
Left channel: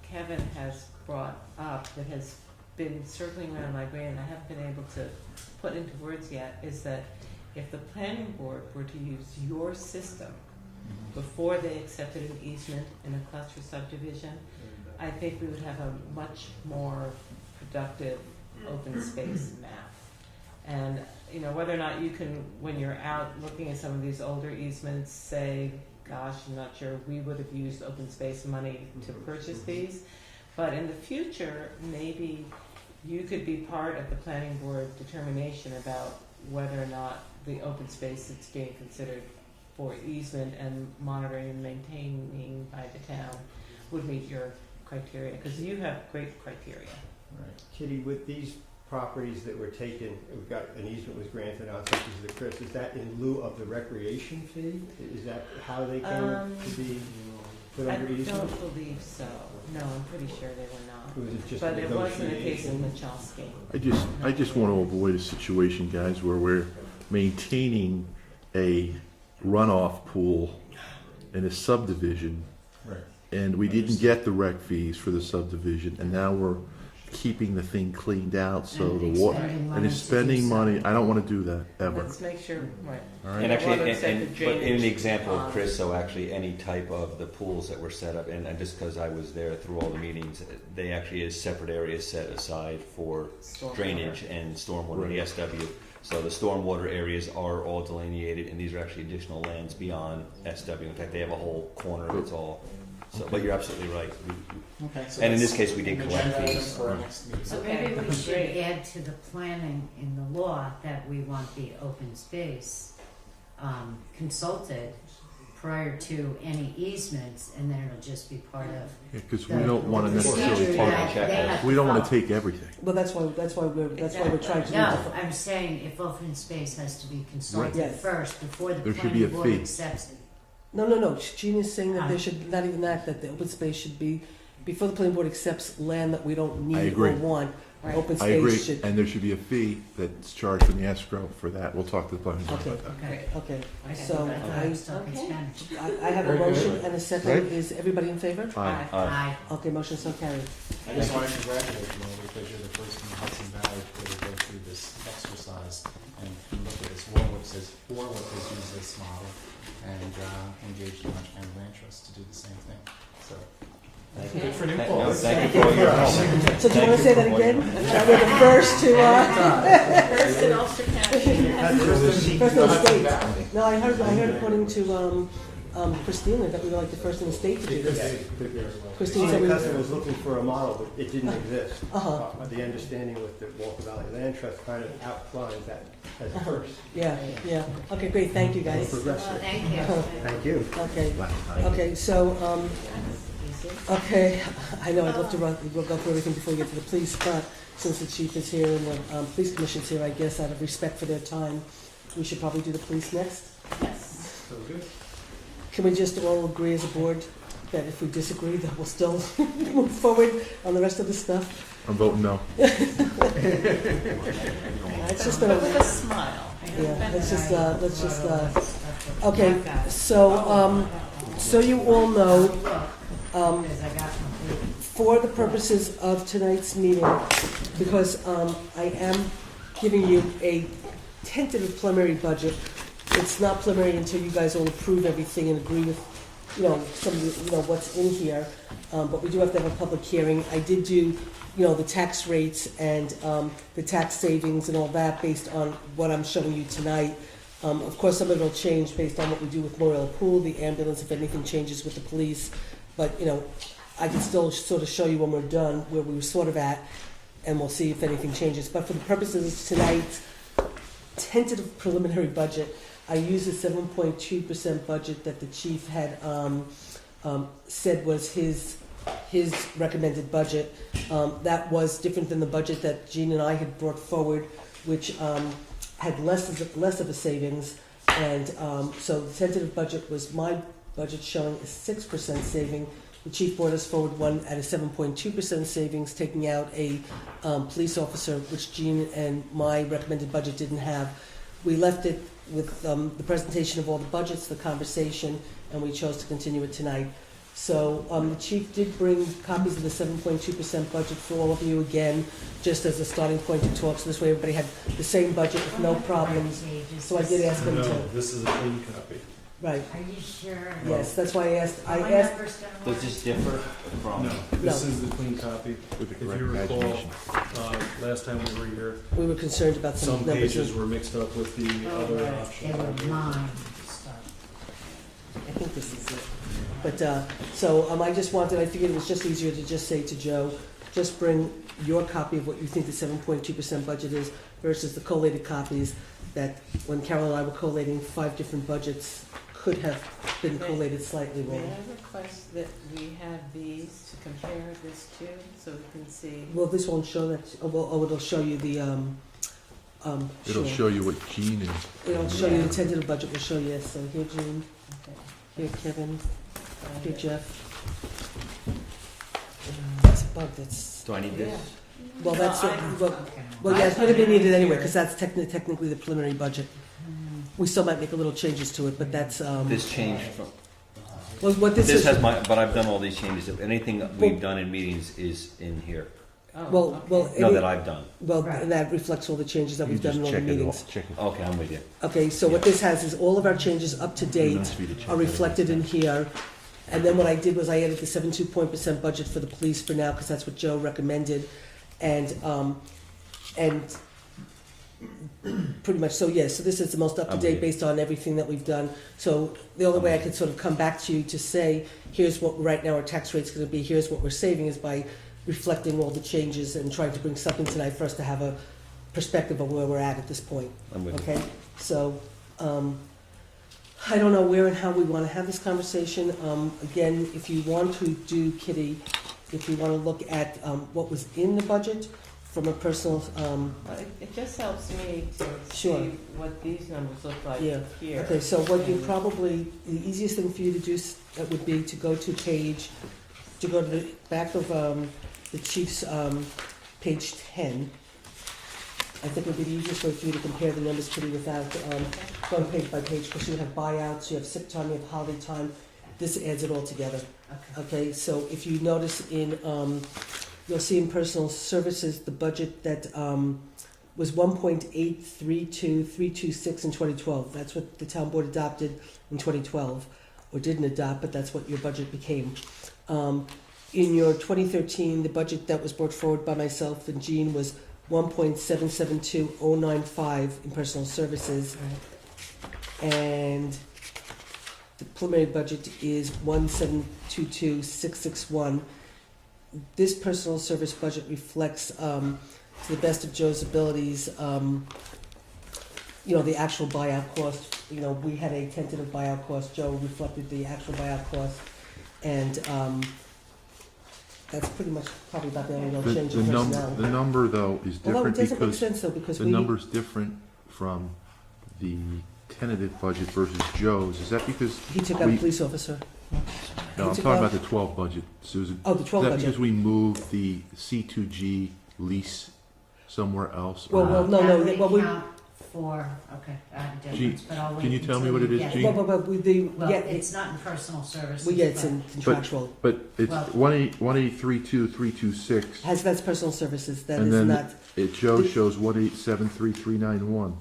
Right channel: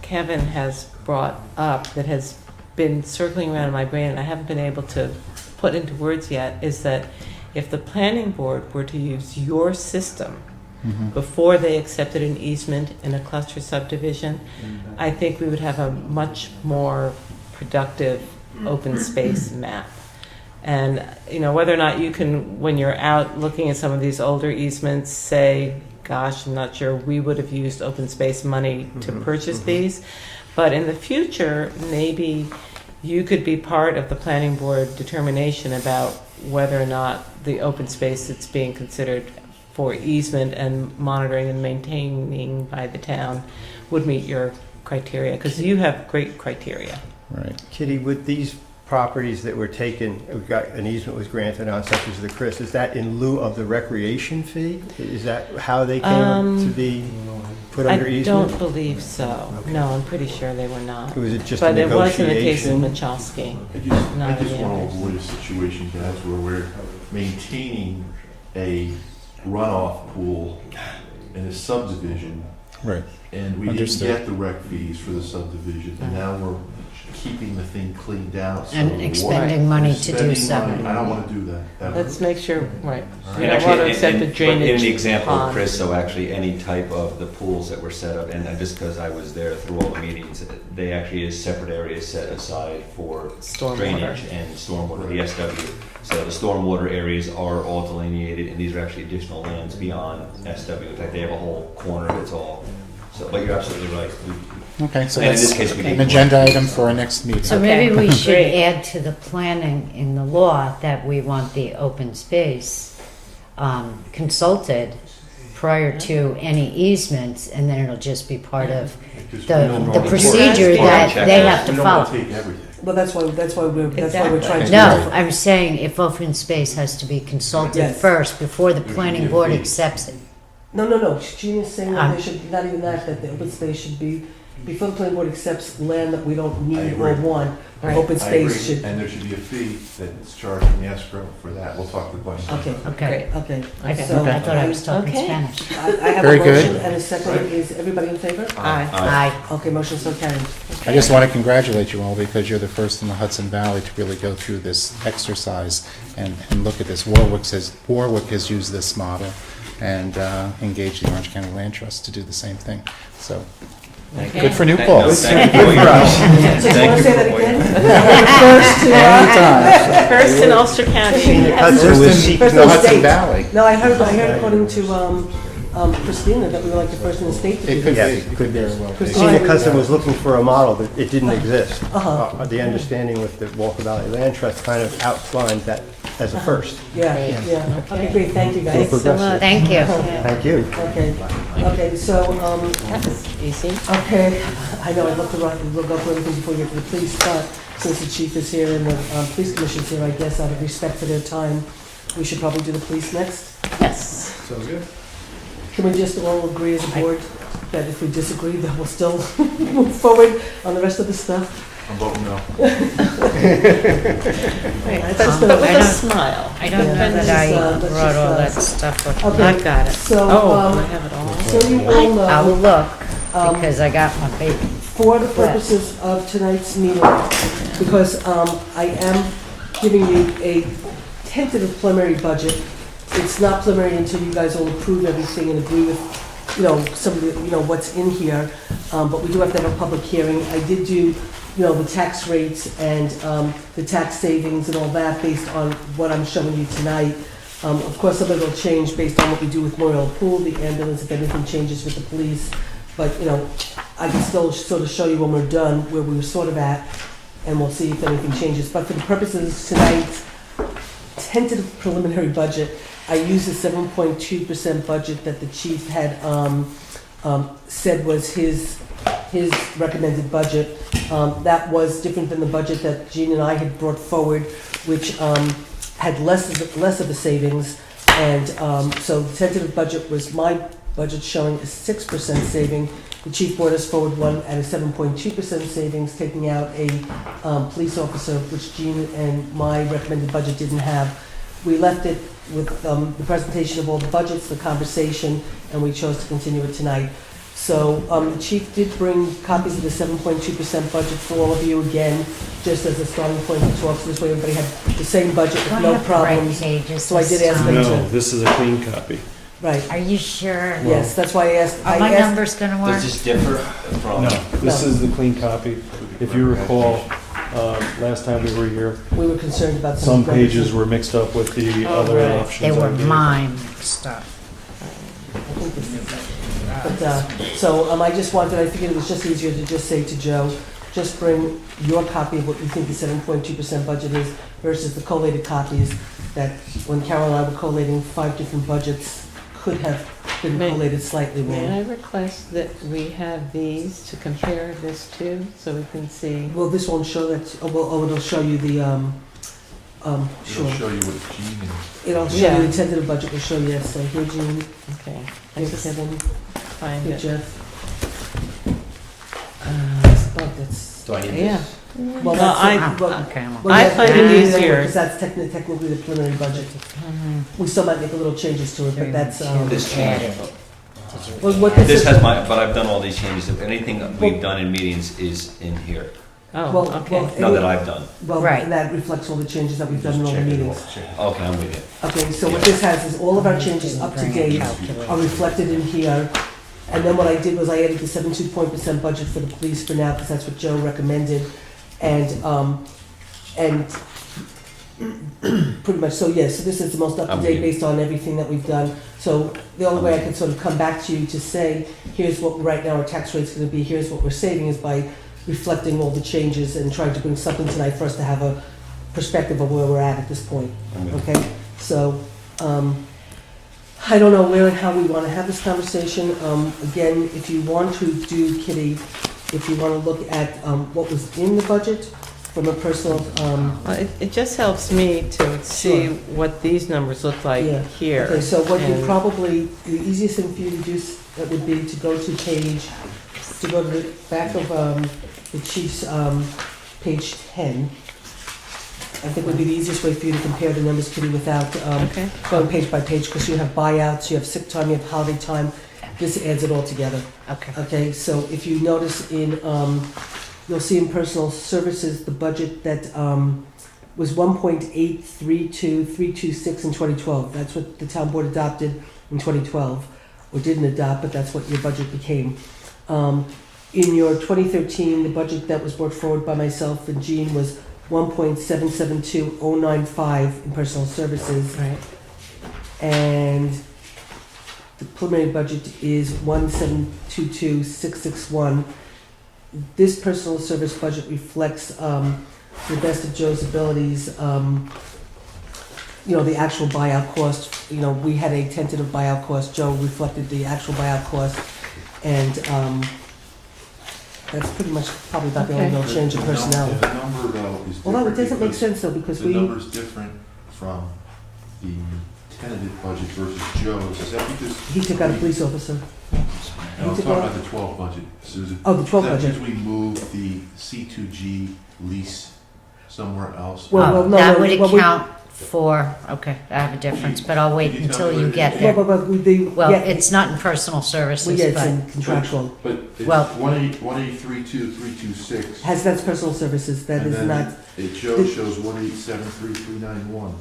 Kevin has brought up that has been circling around in my brain and I haven't been able to put into words yet is that if the planning board were to use your system Mhm. before they accepted an easement in a cluster subdivision, I think we would have a much more productive open space map. And, whether or not you can, when you're out looking at some of these older easements, say, gosh, I'm not sure we would have used open space money to purchase these. But in the future, maybe you could be part of the planning board determination about whether or not the open space that's being considered for easement and monitoring and maintaining by the town would meet your criteria, because you have great criteria. Right. Kitty, with these properties that were taken, we got an easement was granted on, such as the Chris, is that in lieu of the recreation fee? Is that how they came to be put under I easement? don't believe so. Okay. No, I'm pretty sure they were not. Or was it just a But it wasn't the case in negotiation? Michalski. I just No, want yeah. to avoid a situation, guys, where we're maintaining a runoff pool in a subdivision, Right. and we didn't Understood. get the rec fees for the subdivision, and now we're keeping the thing cleaned out, so. And expending money to do Spending so. money, I don't want to do that, ever. Let's make sure, right. All You right. don't Actually, want to and- accept the and- but drainage in the example of pond. Chris, so actually any type of the pools that were set up, and just because I was there through all the meetings, they actually is separate areas set aside for Stormwater. drainage and stormwater, the SW. So the stormwater areas are all delineated, and these are actually additional lands beyond SW. In fact, they have a whole corner that's all, so, but you're absolutely right. Okay, so And in that's this case, we an need. agenda item for our next meeting. So Okay. maybe we should Great. add to the planning in the law that we want the open space consulted prior to any easements, and then it'll just be part of Because the we don't the wanna- procedure that they have We to don't want follow. to take everything. Well, that's why we're trying to. Exactly. No, I'm saying if open space has to be consulted Yes. first before the There should planning be a board fee. accepts it. No. Jean is saying that Um, there should, not even that the open space should be, before the planning board accepts land that we don't I need or agree. want, Right. open I agree, space should. and there should be a fee that's charged in the escrow for that. We'll talk to the budget. Okay, Okay. okay. Okay. So I thought I was talking Okay. Spanish. I have a Very good. motion and a second. Right. Is everybody in favor? Aye. Aye. Okay, motion so carried. I just want to congratulate you all because you're the first in the Hudson Valley to really go through this exercise and look at this. Warwick has used this model and engaged the Orange County Land Trust to do the same thing. So, Okay. good for New No, Paltz. thank you for your- So you want to say that again? First in Ulster County. Hudson was First seeking in the First Hudson state. Valley. No, I heard according to Christina that we were like the first in the state to do It could this. be, it could very well be. Christina Custom was looking for a model, but it didn't exist. Uh-huh. The understanding with the Walker Valley Land Trust kind of outlined that as a first. Yeah, yeah. Okay, great, thank you guys. Thanks so much. Thank you. Thank you. Okay, so, That's easy. okay, I know I'd love to we'll go through everything before we get to the police, but since the chief is here and the police commission's here, I guess out of respect for their time, we should probably do the police next. Yes. Sounds good. Can we just all agree as a board that if we disagree, that we'll still move forward on the rest of the stuff? I'm voting no. That's But with I a don't- smile. I don't know Let's that just, I let's brought just, all that stuff with Okay. me. I've got it. So, Oh, I have it all. so you all I'll know, look, um, because I got my paper. for the purposes of tonight's meeting, because I am giving you a tentative preliminary budget. It's not preliminary until you guys all approve everything and agree with, some of the, what's in here. But we do have to have a public hearing. I did do, the tax rates and the tax savings and all that based on what I'm showing you tonight. Of course, some of it will change based on what we do with Memorial Pool, the ambulance, if anything changes with the police. But, I can still sort of show you when we're done where we were sort of at, and we'll see if anything changes. But for the purposes of tonight's tentative preliminary budget, I used the 7.2% budget that the chief had said was his recommended budget. That was different than the budget that Jean and I had brought forward, which had less of a savings. And so the tentative budget was my budget showing a 6% saving. The chief brought us forward one at a 7.2% savings, taking out a police officer, which Jean and my recommended budget didn't have. We left it with the presentation of all the budgets, the conversation, and we chose to continue it tonight. So the chief did bring copies of the 7.2% budget for all of you again, just as a starting point to talk. So this way everybody had the same budget with Do I no have the right problems. pages So I did this ask time? them No, this is a clean copy. Right, Are you sure? yes, that's why I asked. Are my I asked numbers gonna work? Does this differ from? No, this No. is the clean copy. If you recall, last time we were here, we were concerned about some numbers. pages were mixed up with the Oh, other right. options. They I were gave. mine stuff. I think this is it. But, so I just wanted, I figured it was just easier to just say to Joe, just bring your copy of what you think the 7.2% budget is versus the collated copies that when Carol and I were collating 5 different budgets could have been May- collated slightly May wrong. I request that we have these to compare this to, so we can see? Well, this won't show that, it'll show you the, sure. It'll show you what Gene is. It'll show Yeah. you the tentative budget, will show you, so here Jean, Okay, I here just Kevin, find here it. Jeff. That's, Do I need Yeah. this? well, Well, that's, I- well, Okay, I'm well, I that's- find it easier- Because that's technically the preliminary budget. We still might make a little changes to it, but that's, This change. well, what this This is. has my, but I've done all these changes. If anything that we've done in meetings is in here. Oh, Well, okay. well, No, that I've done. Well, Right. and that reflects all the changes that we've Just done in all the check it meetings. off. Okay, I'm with you. Okay, so what this has is all of our changes up to date are reflected in here. And then what I did was I added the 7.2% budget for the police for now, because that's what Joe recommended. And pretty much, so yes, so this is the most up to date based on everything that we've done. So the only way I can sort of come back to you to say, here's what right now our tax rate's gonna be, here's what we're saving, is by reflecting all the changes and trying to bring something tonight for us to have a perspective of where we're at this point. I'm with you. Okay, so, I don't know where and how we wanna have this conversation. Again, if you want to do, Kitty, if you wanna look at, what was in the budget from a personal, Well, it just helps me to see Sure. what these numbers look like Yeah. here. okay, so what you And- probably, the easiest thing for you to do, that would be to go to the back of, the chief's, page 10. I think would be the easiest way for you to compare the numbers, Kitty, without, Okay, going page by page, because you have buyouts, you have sick time, you have holiday time. This adds it all together. Okay. Okay, so if you notice in, you'll see in personal services, the budget that was 1.832326 in 2012. That's what the town board adopted in 2012, or didn't adopt, but that's what your budget became. In your 2013, the budget that was brought forward by myself and Jean was 1.772095 in personal services. right. And the preliminary budget is 1722661. This personal service budget reflects, to the best of Joe's abilities, the actual buyout cost. We had a tentative buyout cost. Joe reflected the actual buyout cost. And, that's pretty much probably about the only Okay. real change in personnel. The number though is Well, different it doesn't make because sense though, because the we, number's different from the tentative budget versus Joe's, is that because? He took out a police officer. No, I'm talking about the 12 budget, Susan. Oh, the 12 Is that budget. because we moved the C2G lease somewhere else? Well, no, That no, would well, we- account for, okay, I have a difference, but I'll wait Could you tell until me you what it get is? Well, there. but Well, it's not in personal we services, get but, some contractual. But it's Well- 1832326, That's personal services, that and is then not, Joe shows 1873391.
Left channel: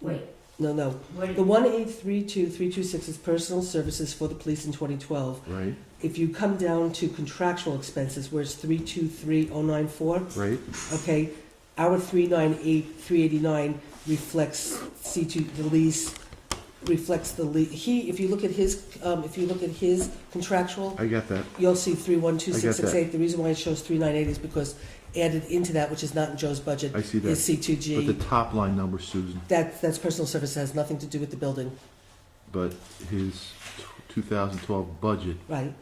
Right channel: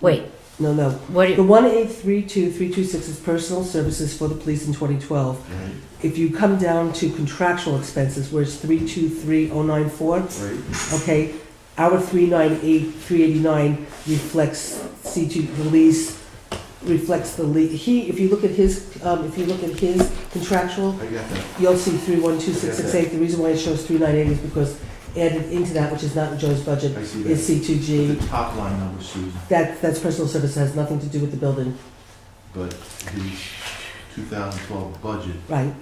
wait, no, no. what, The 1832326 is personal services for the police in 2012. Right, If you come down to contractual expenses, where it's 323094, right. okay, our 398389 reflects C2, the lease, reflects the lease. If you look at his contractual, I got that. you'll see 312668. The reason why it shows 398 is because added into that, which is not in Joe's budget, I see is that. But C2G. the top line number, Susan, That's personal service, has nothing to do with the building, but his 2012 budget right?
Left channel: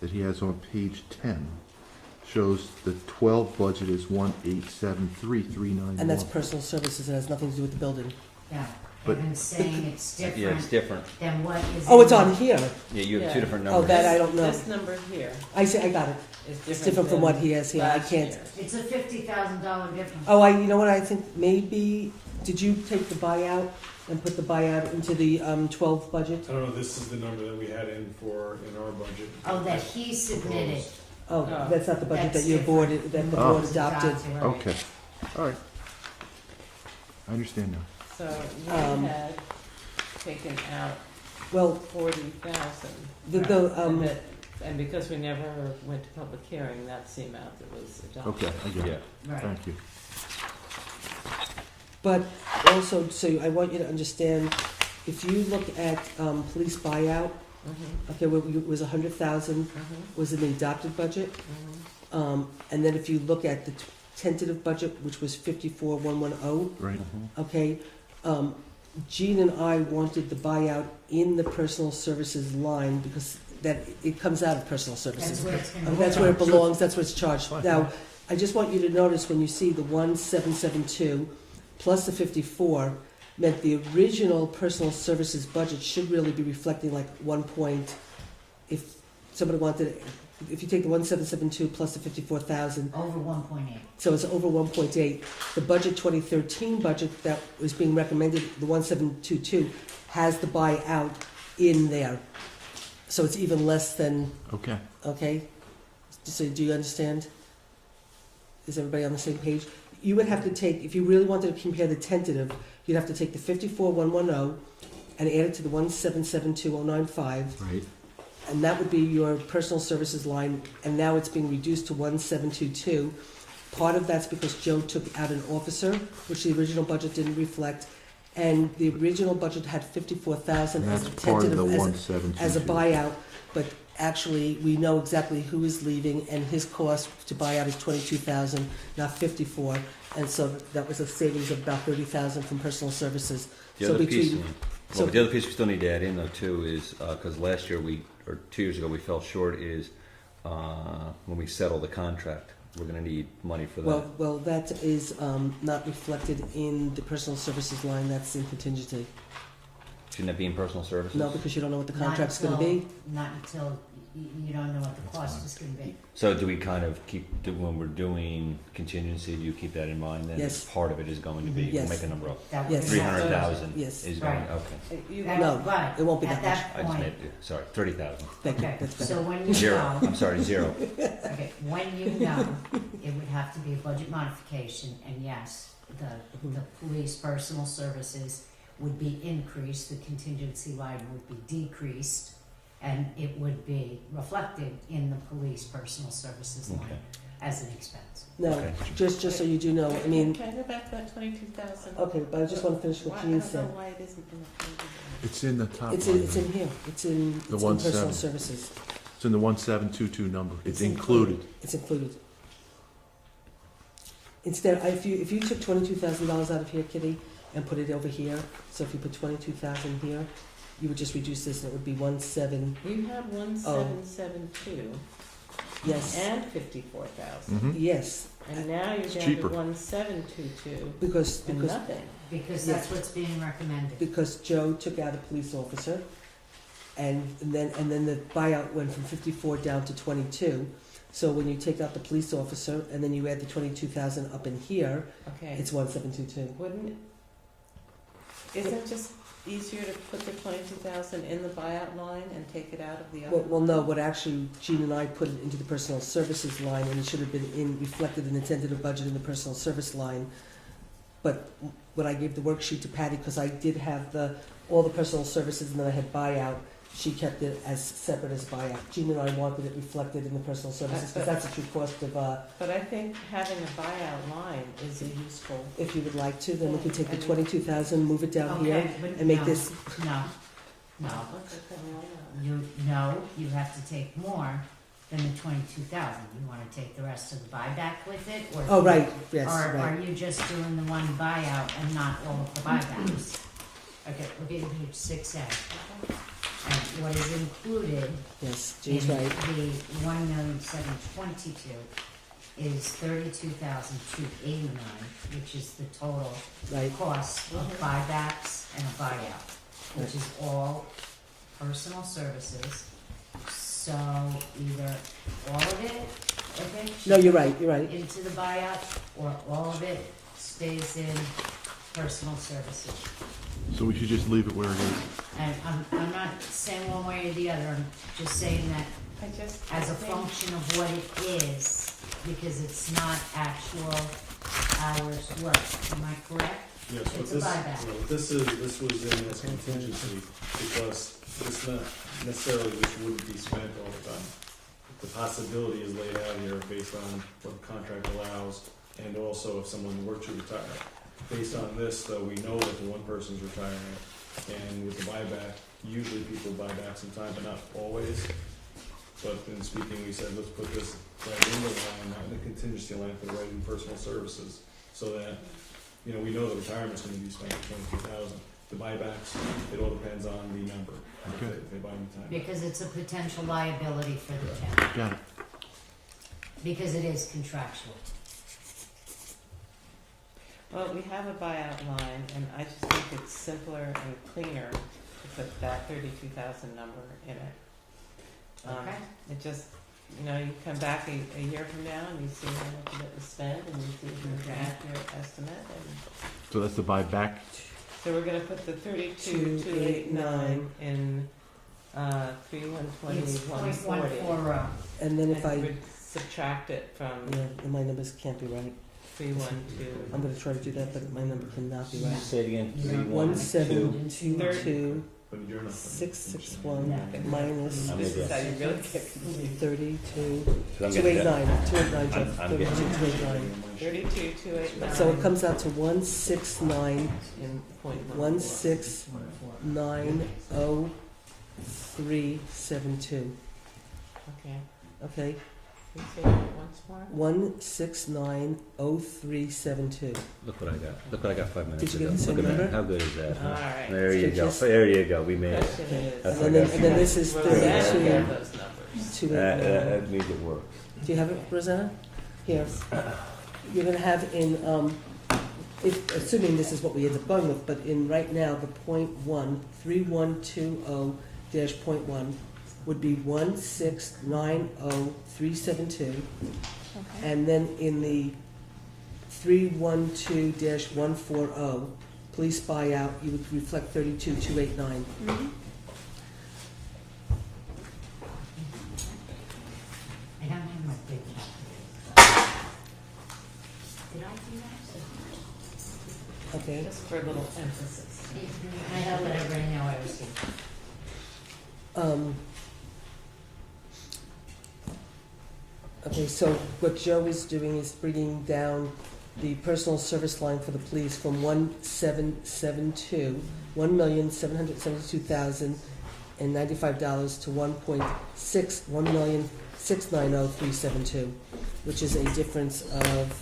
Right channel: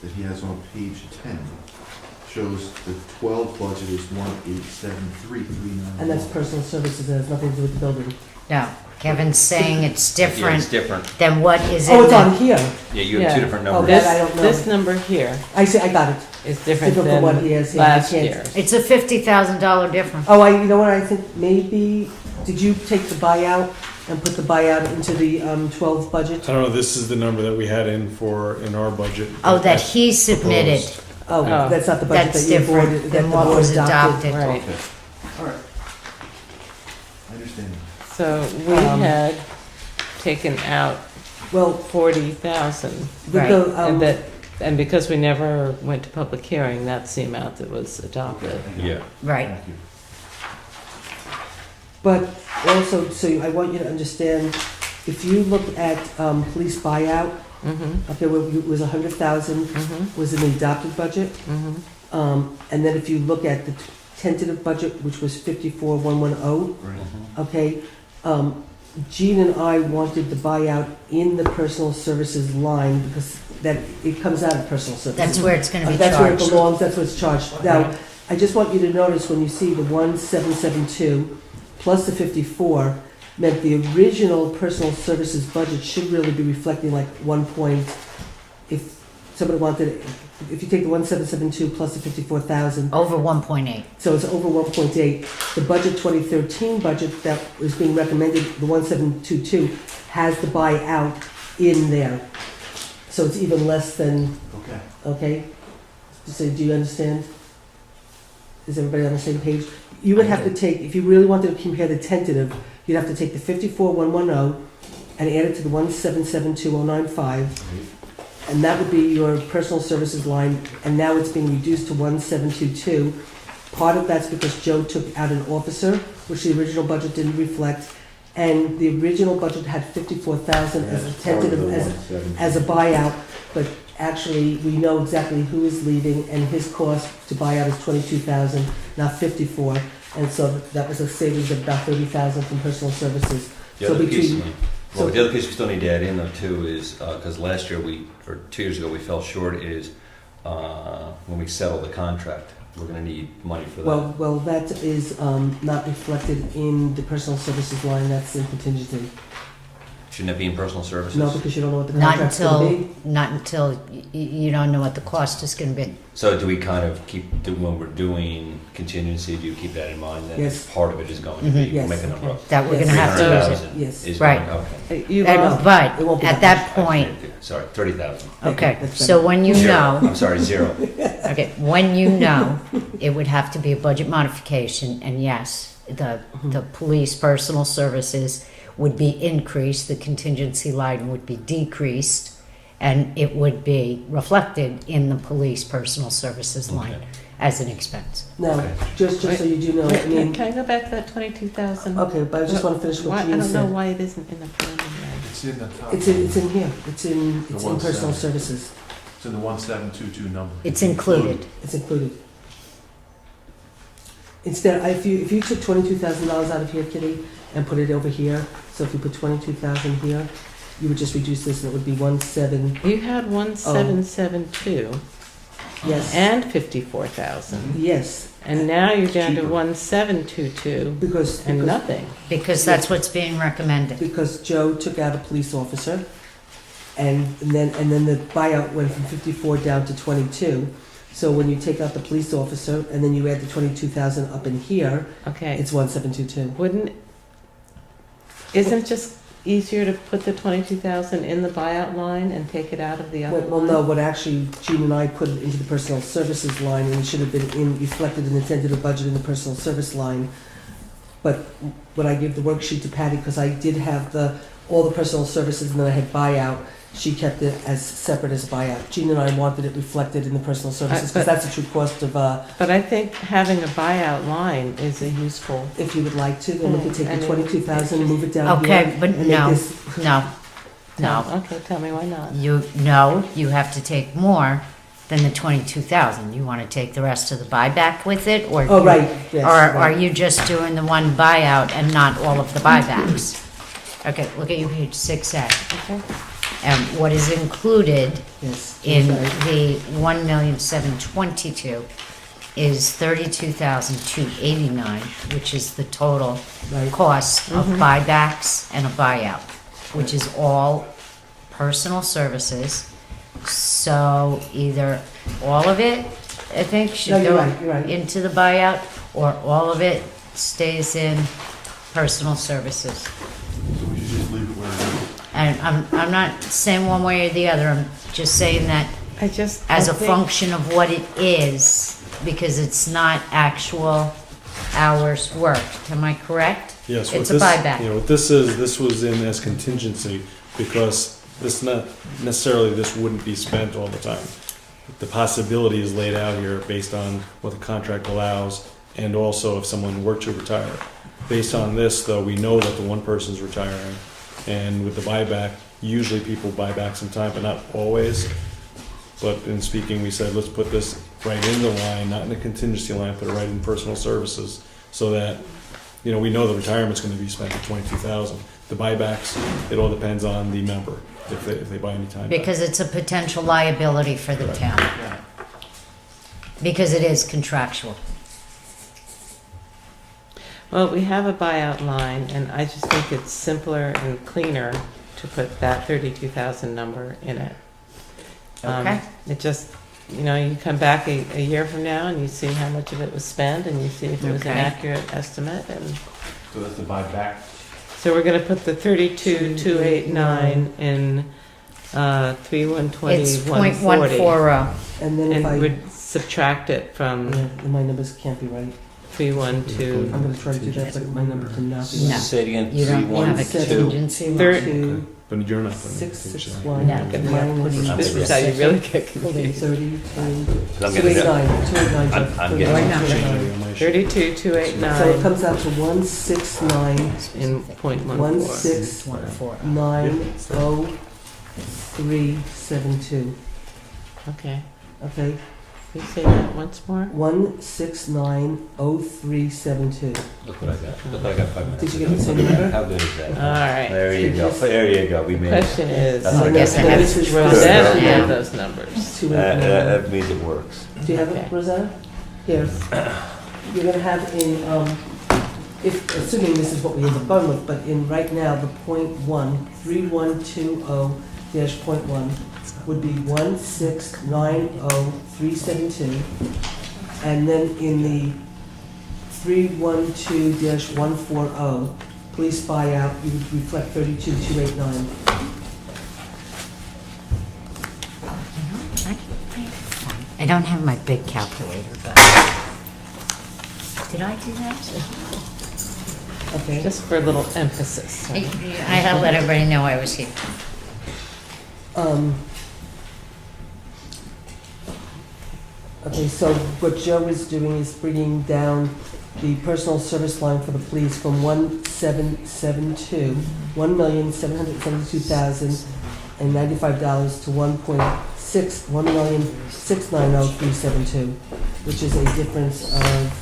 that he has on page 10 shows the 12 budget is 1873391. And that's personal services, it has nothing to do with the building. no, Kevin's saying it's Yeah, it's different different. than what is Oh, in it's on the, here. Yeah, you have two Yeah. different Oh, numbers. that This, I don't know. this number here I see, I got it. is It's different different from what he than has here. I last can't- year's. it's a $50,000 difference. Oh, you know what, I think maybe, did you take the buyout and put the buyout into the 12 budget? I don't know, this is the number that we had in our budget. Oh, that he submitted, Oh, Oh. that's not the budget that's that you different voted, that than the what board was adopted. adopted. Right. Okay, all right. I understand that. So we Um, had taken out Well, 40,000. Right. And that, and because we never went to public hearing, that's the amount that was adopted. Yeah. Right, Thank you. but also, so I want you to understand, if you look at police buyout, Mm-hmm, okay, where it was 100,000 mm-hmm, was in the adopted budget. mm-hmm. And then if you look at the tentative budget, which was 54,110, Right. okay, Jean and I wanted the buyout in the personal services line because that, it comes out of personal services. that's where it's gonna be That's where it charged. belongs, that's where it's charged. Now, I just want you to notice when you see the 1772 plus the 54, meant the original personal services budget should really be reflecting like 1 point, if somebody wanted, if you take the 1772 plus the 54,000, Over 1.8. so it's over 1.8. The budget 2013 budget that was being recommended, the 1722, has the buyout in there. So it's even less than, Okay. okay? So do you understand? Is everybody on the same page? You would have to take, if you really wanted to compare the tentative, you'd have to take the 54,110 and add it to the 1772095, Right. and that would be your personal services line, and now it's being reduced to 1722. Part of that's because Joe took out an officer, which the original budget didn't reflect, and the original budget had 54,000 as a That's part of the tentative, 170. as a buyout, but actually, we know exactly who is leaving, and his cost to buy out is 22,000, not 54, and so that was a savings of about 30,000 from personal services. The So other piece, between, so, the other piece we still need to add in though too is, because last year or 2 years ago, we fell short is, when we settle the contract, we're gonna need money for that. well, that is not reflected in the personal services line, that's in contingency. Shouldn't that be in personal services? No, because you don't know what the Not contract's gonna until, be. not until you don't know what the cost is gonna be. So do we kind of keep, when we're doing contingency, do you keep that in mind that Yes. part of it is going to be, Mhm. we'll Yes. make a number up? That we're Yes. gonna have to use it. 300,000 Yes. is Right. going, okay. You And- lost, But It won't be at that that point, Sorry, 30,000. okay, That's so when you Zero. know, I'm sorry, 0. okay, when you know, it would have to be a budget modification, and yes, the police personal services would be increased, the contingency line would be decreased, and it would be reflected in the police personal services line Okay. as an expense. Now, Okay. just so you do know, I wait, mean, can I go back to that 22,000? okay, but I just want to finish Why, what I Jean don't know said. why it isn't in the preliminary. It's in the top. It's in here, it's in The personal 17. services, It's in the 1722 number. It's included. it's included. Instead, if you took $22,000 out of here, Kitty, and put it over here, so if you put 22,000 here, you would just reduce this and it would be 17. You had 1772. Yes. and 54,000. Yes, And now you're down to Cheaper. 1,722 because, and because, nothing. Because that's what's being recommended. because Joe took out a police officer, and then the buyout went from 54 down to 22. So when you take out the police officer, and then you add the 22,000 up in here, Okay, it's 1722. isn't it just easier to put the 22,000 in the buyout line and take it out of the other Well, line? no, what actually, Gene and I put it into the personnel services line, and it should have been reflected in the tentative budget in the personal service line. But when I gave the worksheet to Patty, because I did have all the personal services and then I had buyout, she kept it as separate as buyout. Gene and I wanted it reflected in the personal services, but- because that's the true cost of, But I think having a buyout line is a useful, if you would like to, then we could take the And then- 22,000, move it down here. Okay, but and make no, this- no, no. Okay, tell me why not. You have to take more than the 22,000. You want to take the rest of the buyback with it, or? Oh, right, yes. Or are right. you just doing the one buyout and not all of the buybacks? Okay, look at your page 6A. Okay. And what is included Yes, in Gene's right. the 1,722,000 is 32,289, which is the total Right. cost of Mhm. buybacks and a buyout, which is all personal services. So either all of it, I think, No, should you're go right, you're right. into the buyout, or all of it stays in personal services. So we should just leave it where it is. And I'm not saying one way or the other, I'm just saying that as a function of what it is, because it's not actual hours worked. Am I correct? Yes, It's what a this, buyback. you know, what this was in as contingency, because this not necessarily, this wouldn't be spent all the time. The possibility is laid out here based on what the contract allows, and also if someone were to retire. Based on this, though, we know that the one person's retiring, and with the buyback, usually people buy back some time, but not always. But in speaking, we said, let's put this right in the line, not in the contingency line, put it right in personal services, so that, you know, we know the retirement's gonna be spent at 22,000. The buybacks, it all depends on the member, if they buy any time back. Because it's a potential liability for the town, Yeah. because it is contractual. Well, we have a buyout line, and I just think it's simpler and cleaner to put that 32,000 number in it. Okay. It just, you know, you come back a year from now and you see how much of it was spent, and you see if it was an Okay. accurate estimate, and So that's the buyback. so we're gonna put the 32,289 in, 3120, It's 140. .140. And then if And I, would subtract it from yeah, my numbers can't be right. 312. I'm gonna try to do that, but my number cannot be No. right. Say it again, You don't have a 312. contingency line. Third- Two, But you're not putting it in 661, No. This minus is how you really get confused. 32, I'm getting it. 289, I'm getting it. 289. 32,289 So it comes out to 169, in .14. 1690372. Okay. Okay, Can you say that once more? 1690372. Look what I got, look what I got 5 minutes Did you get ago. the same number? How good is that? All right. There you go, there you go, we The made it. question is, That's I okay. guess I have This is Rosanna Yeah. had those numbers. 289. That means it works. Do you have it, Okay. Rosanna? Here. You're gonna have in, if, assuming this is what we end up going with, but in right now, the .13120-.1 would be 1690372. And then in the 312-140, police buyout, you would reflect 32,289. I don't have my big calculator, but. Did I do that? Okay. Just for a little emphasis. I had to let everybody know I was here. Okay, so what Joe is doing is bringing down the personal service line for the police from 1,772,095 to $1,690,372, which is a difference of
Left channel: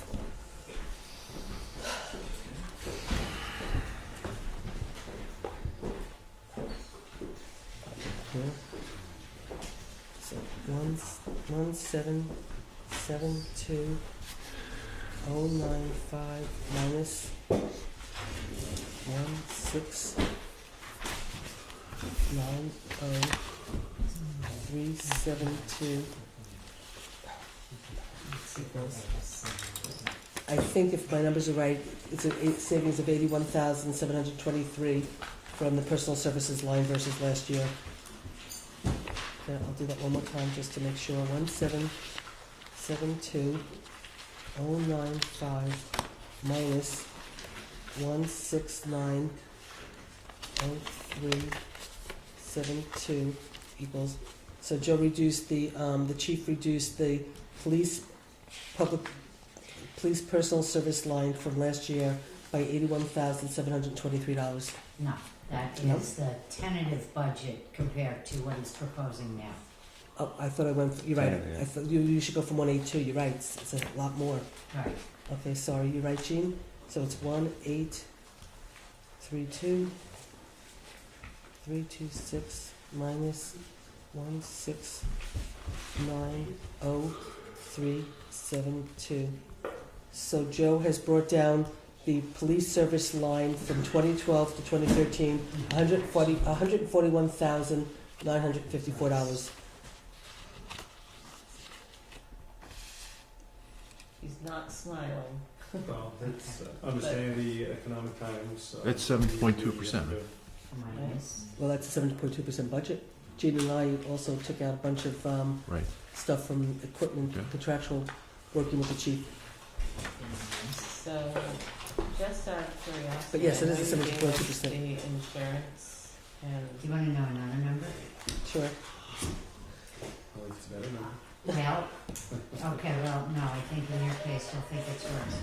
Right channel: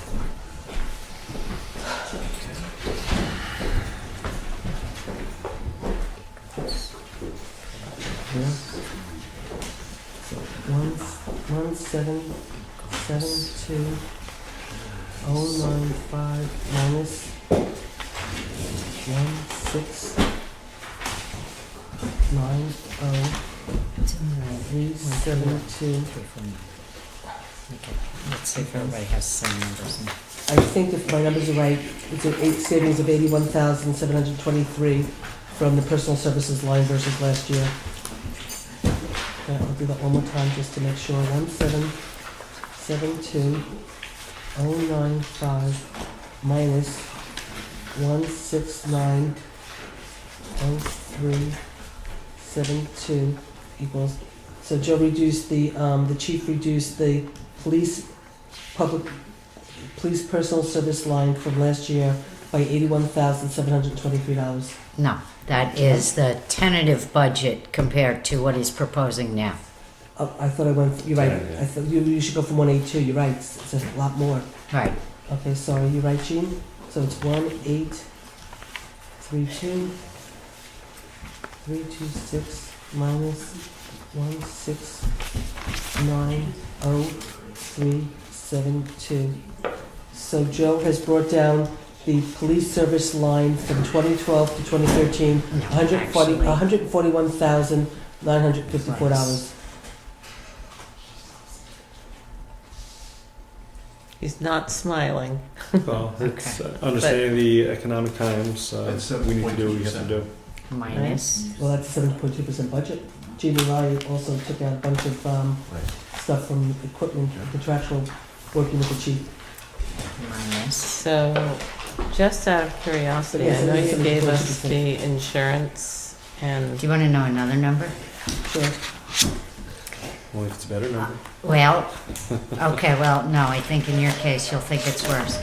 1,772,095 minus 1,690,372. Let's see if everybody has the same numbers. I think if my numbers are right, it's a savings of 81,723 from the personal services line versus last year. I'll do that one more time just to make sure. 1,772,095 minus 169,0372 equals. So Joe reduced the chief reduced the police personal service line from last year by $81,723. No, that is the tentative budget compared to what he's proposing now. Oh, I thought I went, you're right, Yeah. I thought you should go from 182, you're right, it's a lot more. Right. Okay, sorry, you're right, Jean? So it's 1,832,326 minus 169,0372. So Joe has brought down the police service line from 2012 to 2013, $141,954. He's not smiling. Well, it's understanding the economic times, It's we need to do what we have to 7.2%. do. Minus. Well, that's a 7.2% budget. Jean and I also took out a bunch of stuff from equipment, contractual, working with the chief. Minus. So, just out of curiosity, Yes, I know it is you gave us 7.2%. the insurance and Do you want to know another number? Sure. Only if it's a better number. Well, okay, well, no, I think in your case, you'll think it's worse.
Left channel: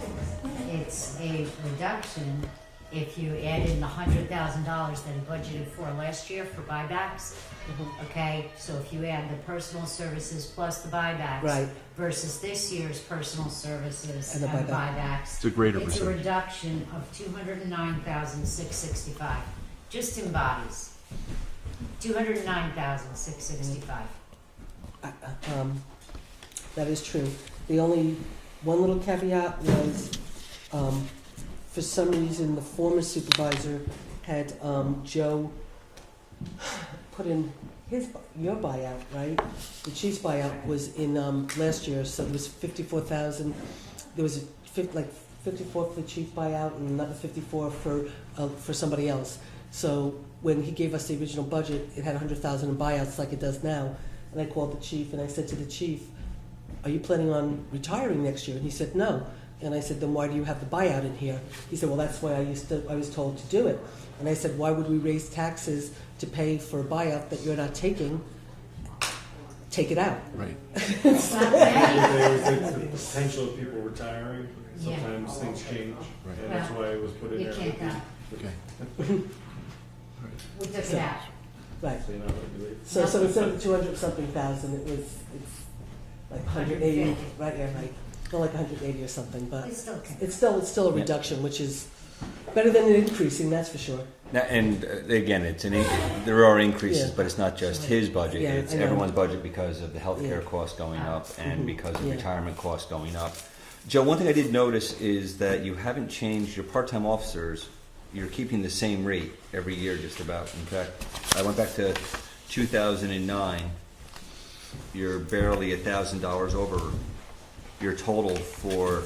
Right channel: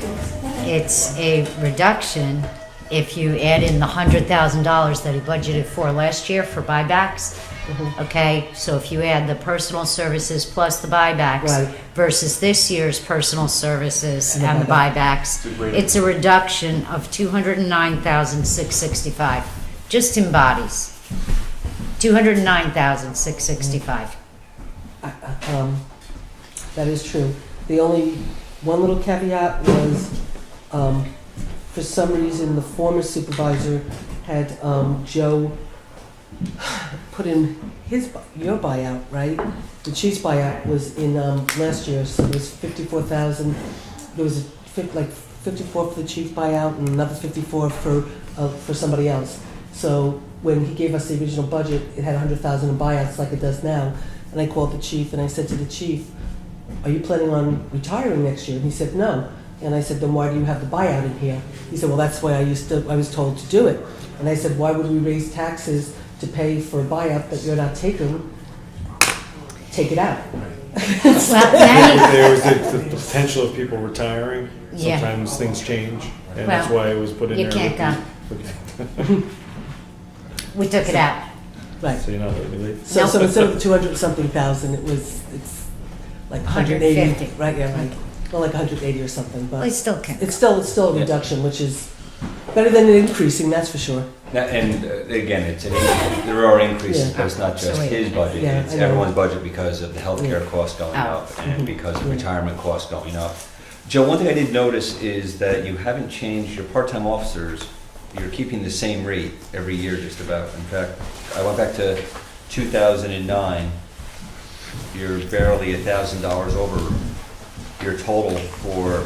It's a reduction if you add in the $100,000 that he budgeted for last year for buybacks. Mhm. Okay, so if you add the personal services plus the buybacks Right. versus this year's personal services And the and the buybacks, It's a great. it's a reduction of $209,665, just in bodies. $209,665. That is true. The only one little caveat was, for some reason, the former supervisor had Joe put in your buyout, right? The chief's buyout was in last year, so it was 54,000. There was like 54 for the chief buyout and another 54 for somebody else. So when he gave us the original budget, it had 100,000 in buyouts like it does now. And I called the chief and I said to the chief, "Are you planning on retiring next year?" And he said, "No." And I said, "Then why do you have the buyout in here?" He said, "Well, that's why I was told to do it." And I said, "Why would we raise taxes to pay for a buyout that you're not taking? Take it out." Well, now There was the potential of people retiring, Yeah. sometimes things change, and that's Well, why it was put in you there. can't we took it out. Right. So you're not letting me leave. So, Nope. so instead of the 200-something thousand, it's like 180, 150. right? Yeah, right. Well, like 180 or something, Well, but you still can. it's still a Yeah. reduction, which is better than an increasing, that's for sure. And again, there are increases, Yeah. but it's not just So wait. his budget, Yeah, it's I know. everyone's budget because of the healthcare Yeah. costs going Oh. up and Mhm. because of Yeah. retirement costs going up. Joe, one thing I did notice is that you haven't changed your part-time officers. You're keeping the same rate every year just about. In fact, I went back to 2009. You're barely $1,000 over your total for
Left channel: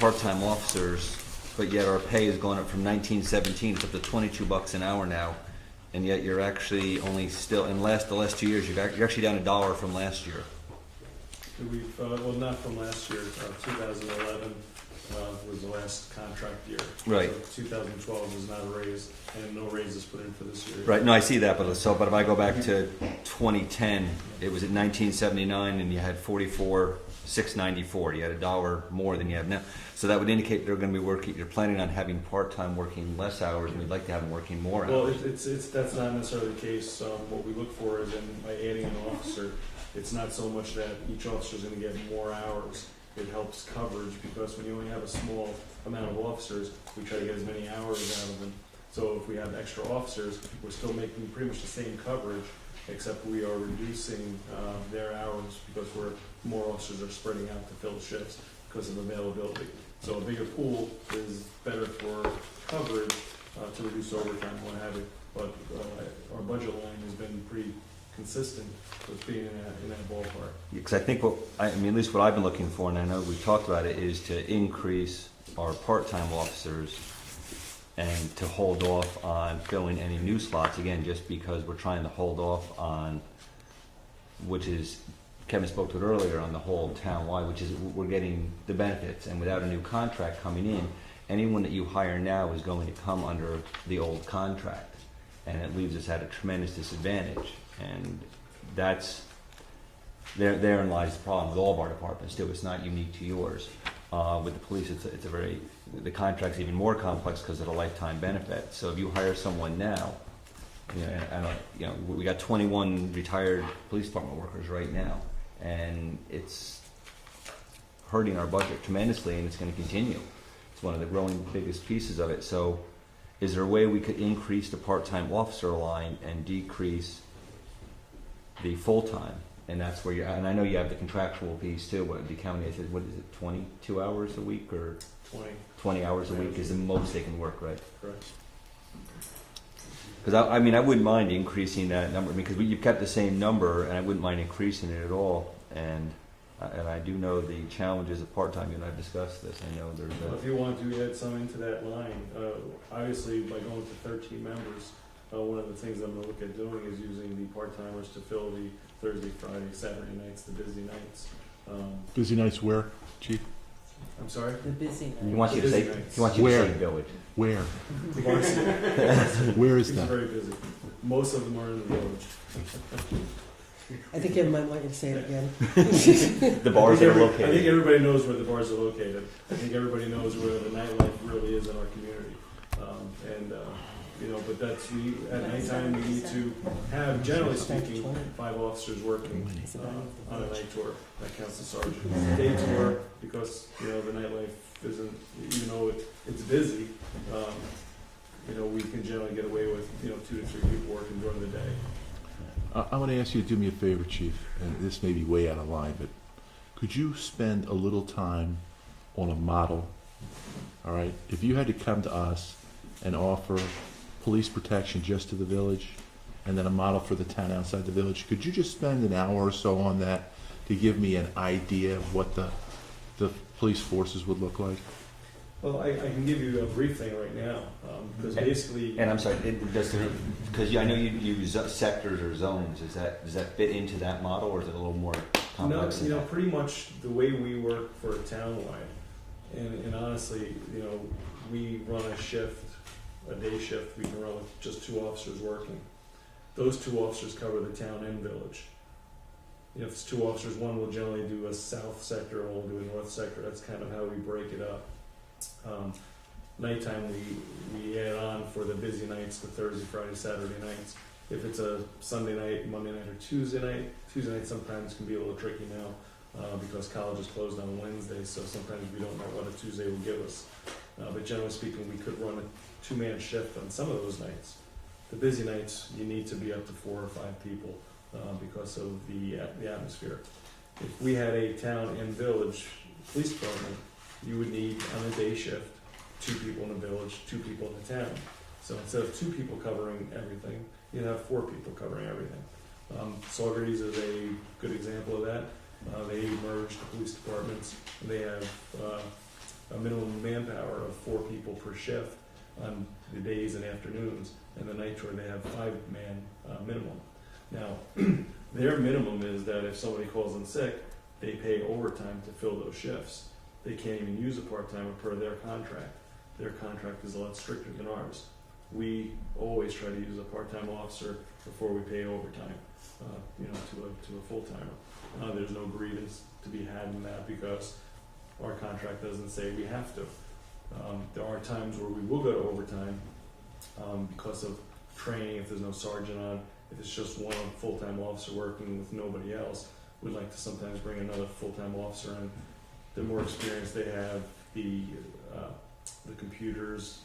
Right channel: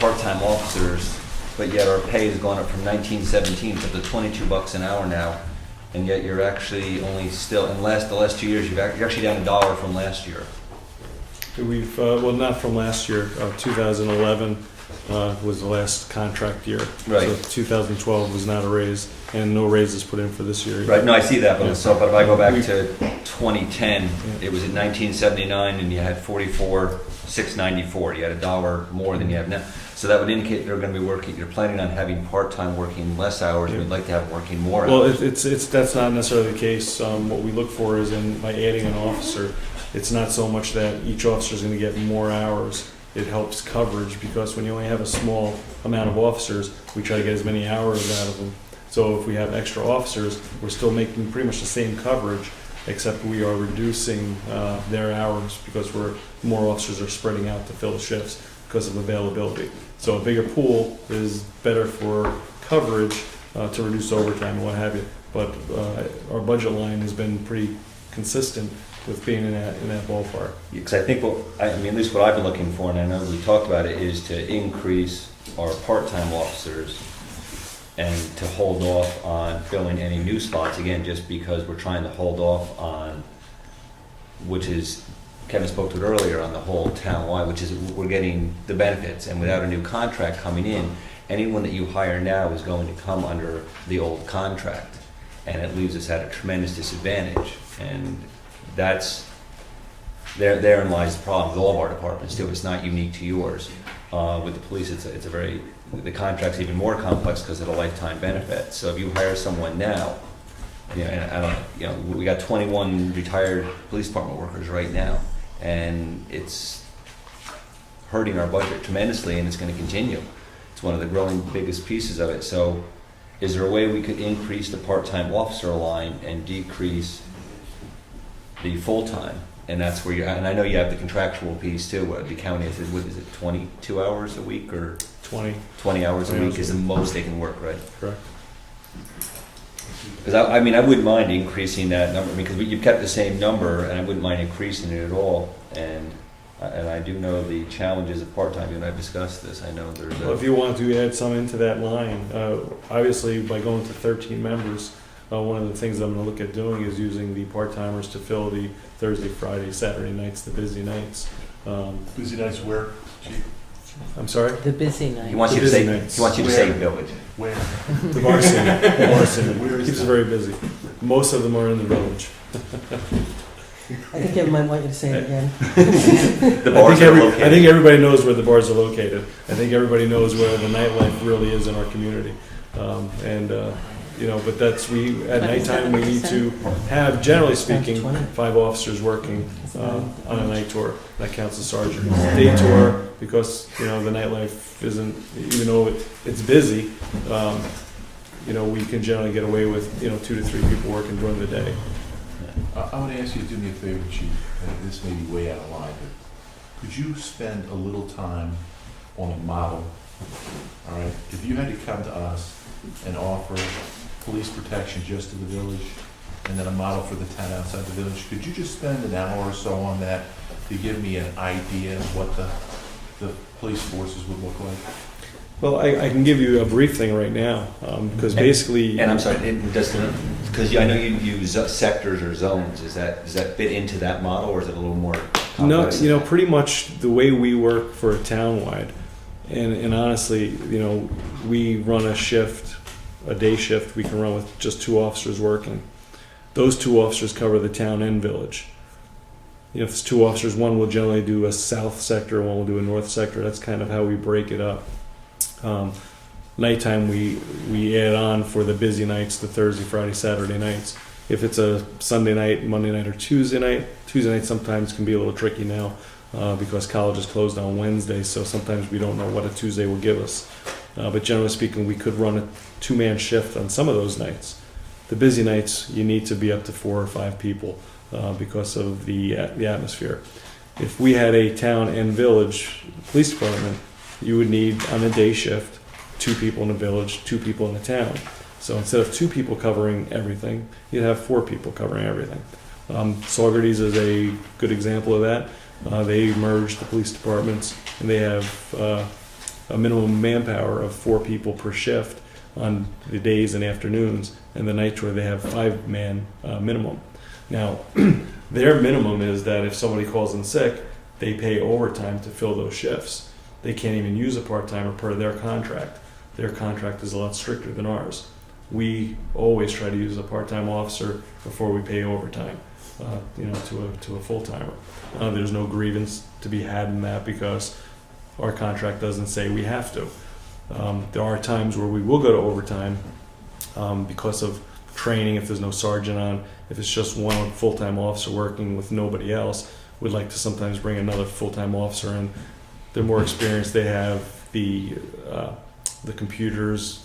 part-time officers, but yet our pay has gone up from 1917 to the $22 an hour now, and yet you're actually only still, in the last 2 years, you're actually down $1 from last year. We've, well, not from last year, 2011 was the last contract year. Right. So 2012 was not a raise, and no raises put in for this year. Right, no, I see that, Yeah. but so, but if I go back to 2010, it was at 1979, and you had 44,694. You had $1 more than you have now. So that would indicate you're going to be working. You're planning on having part-time working less hours. Yeah. We'd like to have them working more Well, hours. it's that's not necessarily the case. What we look for is by adding an officer, it's not so much that each officer is going to get more hours. It helps coverage because when you only have a small amount of officers, we try to get as many hours out of them. So if we have extra officers, we're still making pretty much the same coverage, except we are reducing their hours because more officers are spreading out to fill the shifts because of availability. So a bigger pool is better for coverage to reduce overtime and what have you. But our budget line has been pretty consistent with being in that ballpark. Because I think at least what I've been looking for, and I know we talked about it, is to increase our part-time officers and to hold off on filling any new slots, again, just because we're trying to hold off on, which is, Kevin spoke to it earlier, on the whole town-wide, which is we're getting the benefits, and without a new contract coming in, anyone that you hire now is going to come under the old contract, and it leaves us at a tremendous disadvantage, and therein lies the problem with all of our departments too. It's not unique to yours. With the police, the contract's even more complex because of the lifetime benefit. So if you hire someone now, we got 21 retired police department workers right now, and it's hurting our budget tremendously, and it's going to continue. It's one of the growing biggest pieces of it. So is there a way we could increase the part-time officer line and decrease the full-time? And that's where and I know you have the contractual piece too. What the county is, 22 hours a week or 20 hours a week is the most they can work, right? Correct. Because I wouldn't mind increasing that number, because you've kept the same number, and I wouldn't mind increasing it at all. And I do know the challenges of part-time. You and I've discussed this. I know there's Well, if you want to add some into that line, obviously by going to 13 members, one of the things I'm going to look at doing is using the part-timers to fill the Thursday, Friday, Saturday nights, the busy nights. Busy nights where, Chief? I'm sorry? The busy night. He wants you The to say. busy nights. He wants you to say village. Where? The varsity. Where is Keeps that? it very busy. Most of them are in the village. I think Kevin might want you to say it again. The bars are I located. think everybody knows where the bars are located. I think everybody knows where the nightlife really is in our community. But at nighttime, we need to have, generally speaking, 5 officers working on a night tour. That counts as sergeant. Day tour, because, the nightlife isn't, even though it's busy, we can generally get away with, 2 to 3 people working during the day. I want to ask you to do me a favor, Chief. This may be way out of line, but could you spend a little time on a model? All right, if you had to come to us and offer police protection just to the village, and then a model for the town outside the village, could you just spend an hour or so on that to give me an idea of what the police forces would look like? Well, I can give you a brief thing right now, because basically... And I'm sorry, because I know you use sectors or zones. Does that fit into that model, or is it a little more complex? No, pretty much the way we work for a townwide, and honestly, we run a day shift we can run with just 2 officers working. Those 2 officers cover the town and village. If it's 2 officers, one will generally do a south sector, one will do a north sector. That's kind of how we break it up. Nighttime we add on for the busy nights, the Thursday, Friday, Saturday nights. If it's a Sunday night, Monday night, or Tuesday night sometimes can be a little tricky now because college is closed on Wednesday, so sometimes we don't know what a Tuesday will give us. But generally speaking, we could run a 2-man shift on some of those nights. The busy nights, you need to be up to 4 or 5 people because of the atmosphere. If we had a town and village police department, you would need, on a day shift, 2 people in the village, 2 people in the town. So instead of 2 people covering everything, you'd have 4 people covering everything. Saugerties is a good example of that. They merged the police departments, and they have a minimum manpower of 4 people per shift on the days and afternoons, and the night tour they have 5-man minimum. Now, their minimum is that if somebody calls in sick, they pay overtime to fill those shifts. They can't even use a part-timer per their contract. Their contract is a lot stricter than ours. We always try to use a part-time officer before we pay overtime, to a full-timer. There's no grievance to be had in that because our contract doesn't say we have to. There are times where we will go to overtime because of training, if there's no sergeant on, if it's just one full-time officer working with nobody else, we'd like to sometimes bring another full-time officer in. They're more experienced, they have the the computers,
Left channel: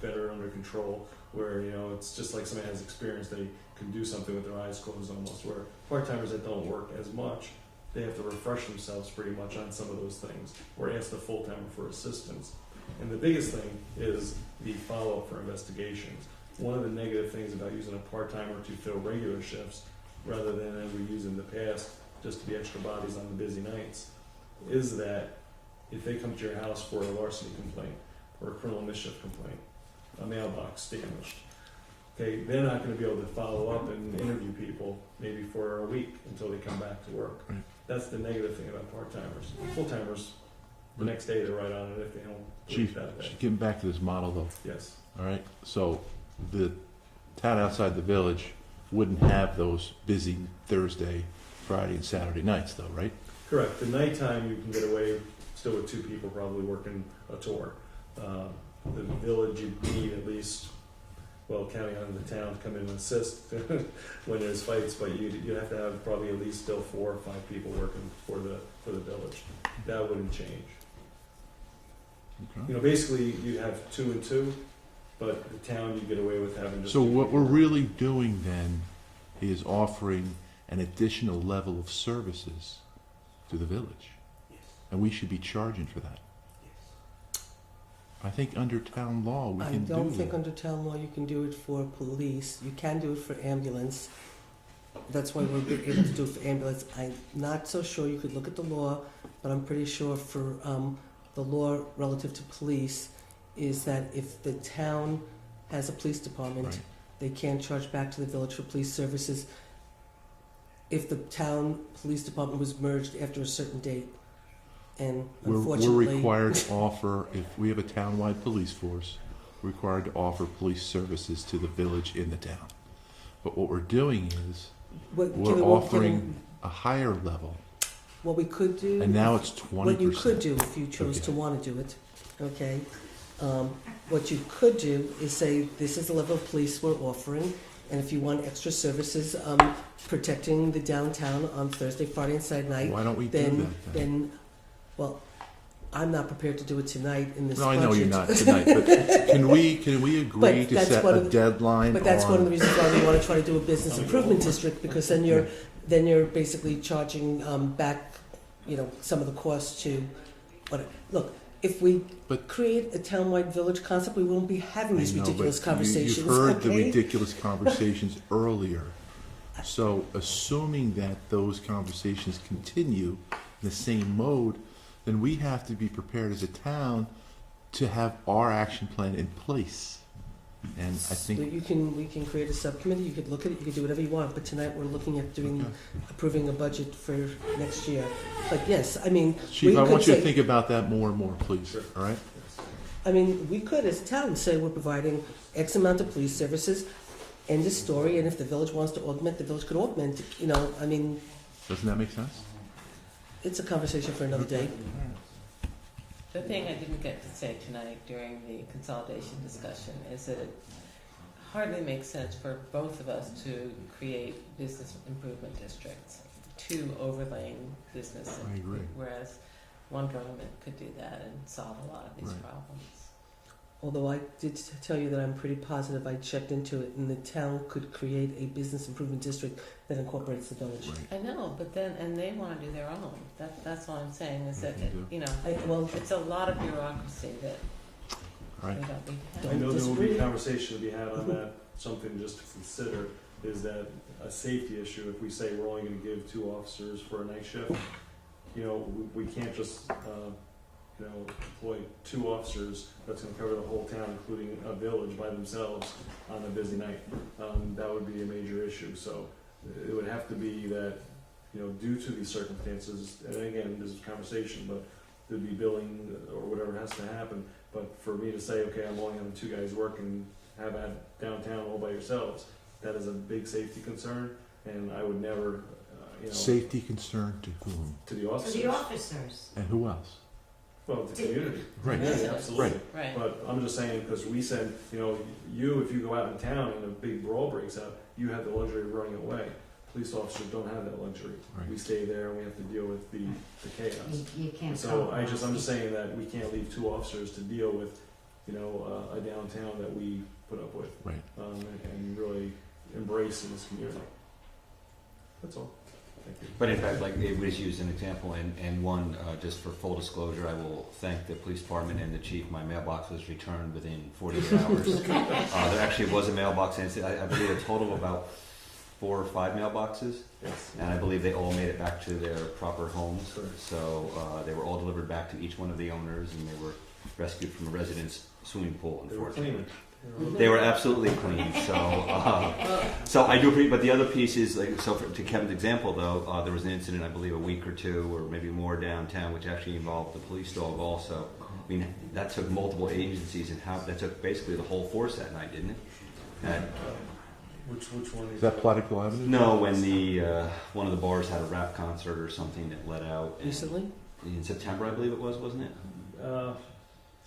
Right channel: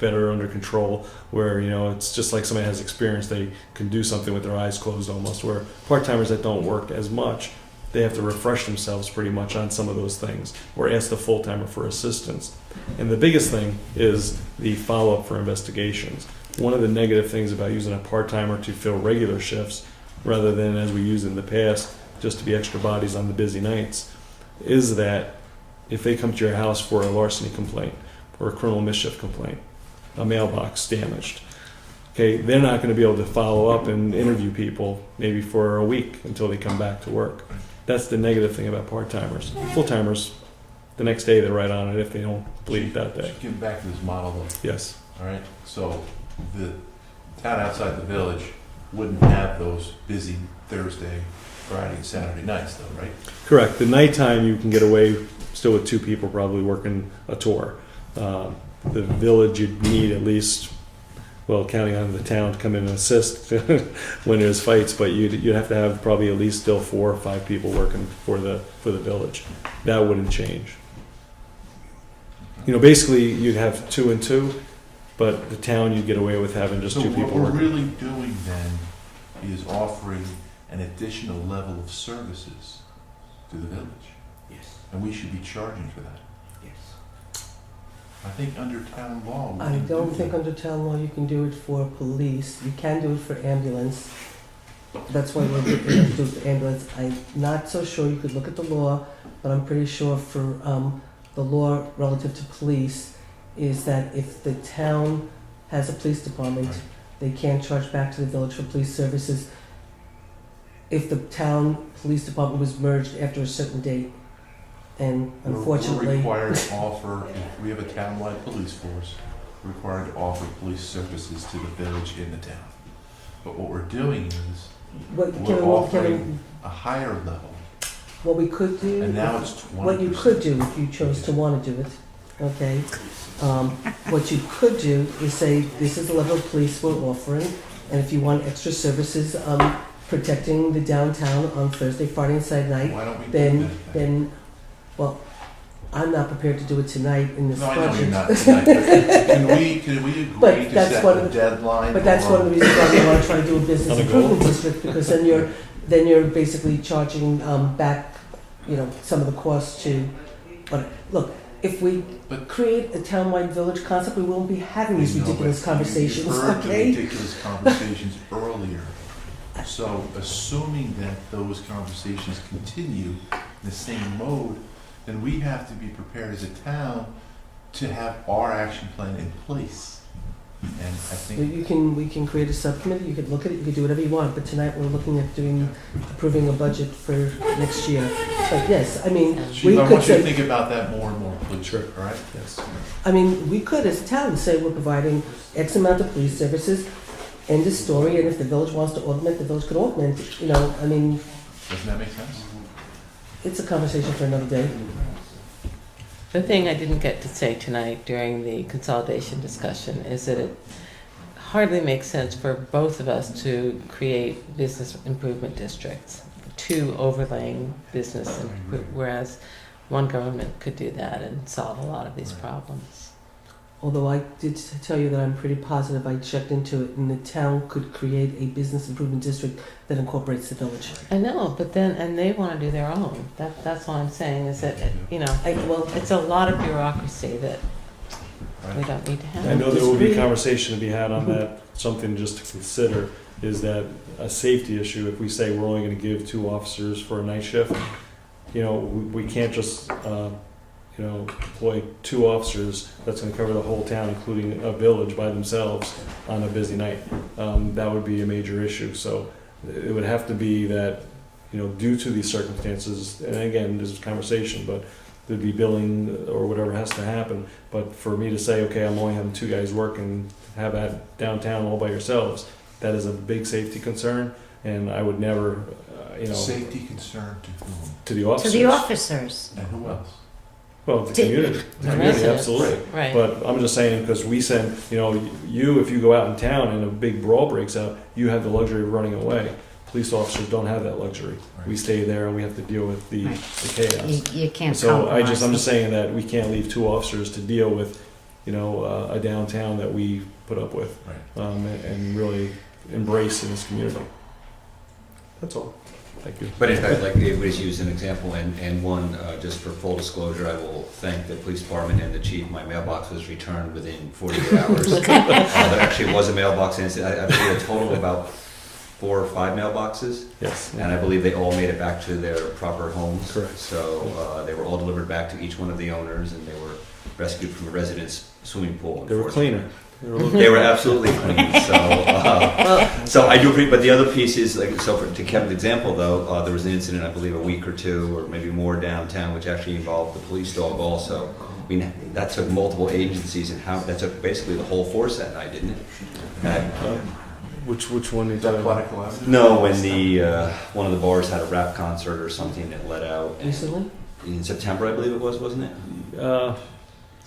better under control, where, it's just like somebody has experience, they can do something with their eyes closed almost, where part-timers that don't work as much, they have to refresh themselves pretty much on some of those things, or ask the full-timer for assistance. And the biggest thing is the follow-up for investigations. One of the negative things about using a part-timer to fill regular shifts, rather than as we used in the past, just to be extra bodies on the busy nights, is that if they come to your house for a larceny complaint or a criminal mischief complaint, a mailbox damaged, okay, they're not going to be able to follow up and interview people maybe for a week until they come back to work. That's the negative thing about part-timers. Full-timers, the next day they're right on it if they don't bleed that day. Getting back to this model though, Yes. all right? So the town outside the village wouldn't have those busy Thursday, Friday, and Saturday nights though, right? Correct. The nighttime you can get away still with 2 people probably working a tour. The village you'd need at least, well, counting on the town to come in and assist when there's fights, but you'd have to have probably at least still 4 or 5 people working for the village. That wouldn't change. Basically you'd have 2 and 2, but the town you'd get away with having just 2 So people what we're working. really doing then is offering an additional level of services to the village. Yes, And we should be charging for that. yes. I think under town law, we I can don't do think that. under town law you can do it for police. You can do it for ambulance. That's why we're looking to do it for ambulance. I'm not so sure. You could look at the law, but I'm pretty sure for the law relative to police is that if the town has a police department, Right. they can't charge back to the village for police services if the town police department was merged after a certain date. And We're unfortunately, required to offer, if we have a townwide police force, we're required to offer police services to the village in the town. But what we're doing is, what, we're Kevin, offering a higher level, what we could do, and now it's 20%. what you could do if you chose to want to do it, okay? What you could do is say, this is the level of police we're offering, and if you want extra services, protecting the downtown on Thursday, Friday, and Saturday night, Why don't we do then, that? well, I'm not prepared to do it tonight in this No, I budget. know you're not tonight, but can we agree But to that's set one a of the- deadline? But that's one of the reasons why we want to try to do a business On a goal. improvement district, because then you're basically charging back, some of the costs to, but, look, if we But- create a townwide village concept, we won't be having these I know, but ridiculous conversations, You heard the okay? ridiculous conversations earlier. So assuming that those conversations continue in the same mode, then we have to be prepared as a town to have our action plan in place. And I think, We can create a subcommittee, you could look at it, you could do whatever you want, but tonight we're looking at approving a budget for next year. But yes, I mean, Chief, I could want you to say- think about that more and more, please, Sure. all right? Yes. we could as a town say we're providing X amount of police services, end of story, and if the village wants to augment, the village could augment, Doesn't that make sense? it's a conversation for another day. The thing I didn't get to say tonight during the consolidation discussion is that it hardly makes sense for both of us to create business improvement districts, 2 overlaying business, whereas one government could do that and solve a lot of these problems. Although I did tell you that I'm pretty positive, I checked into it, and the town could create a business improvement district that incorporates the village. I know, but then, and they want to do their own. That's all I'm saying is that, Well, it's a lot of bureaucracy that we Right? don't need to have. I know there will be Disagree. conversation to be had on that. Something just to consider is that a safety issue, if we say we're only gonna give 2 officers for a night shift, we can't just, employ 2 officers that's gonna cover the whole town, including a village by themselves on a busy night. That would be a major issue, so it would have to be that, due to these circumstances, and again, this is conversation, but there'd be billing or whatever has to happen. But for me to say, okay, I'm only having 2 guys working, have that downtown all by yourselves, that is a big safety concern, and I would never, Safety concern to whom? to the To officers. the officers. And who else? Well, the To- community, The residents. absolutely. Right. But I'm just saying, because we send, if you go out in town and a big brawl breaks out, you have the luxury of running away. Police officers don't have that luxury. We Right. stay there and we have to deal with the chaos. You can't So I'm compromise just them. saying that we can't leave 2 officers to deal with a downtown that we put up with, Right. and really embrace in this community. That's all. Thank you. But in fact, like it was used an example, and one, just for full disclosure, I will thank the police department and the chief. My mailbox was returned within 48 hours. There actually was a mailbox, and I believe a total of about 4 or 5 mailboxes, Yes. and I believe they all made it back to their proper homes. Correct. So they were all delivered back to each one of the owners, and they were rescued from a resident's swimming pool. They were cleaner. They were absolutely clean. So I do agree. But the other piece is like, so to Kevin's example though, there was an incident, I believe, a week or 2 or maybe more downtown, which actually involved the police dog also. I mean, that took multiple agencies, and that took basically the whole force that night, didn't it? Which one is Is that that? Quantico Avenue? No, when the one of the bars had a rap concert or something that let out Recently? in September, I believe it was, wasn't it? Yeah, Does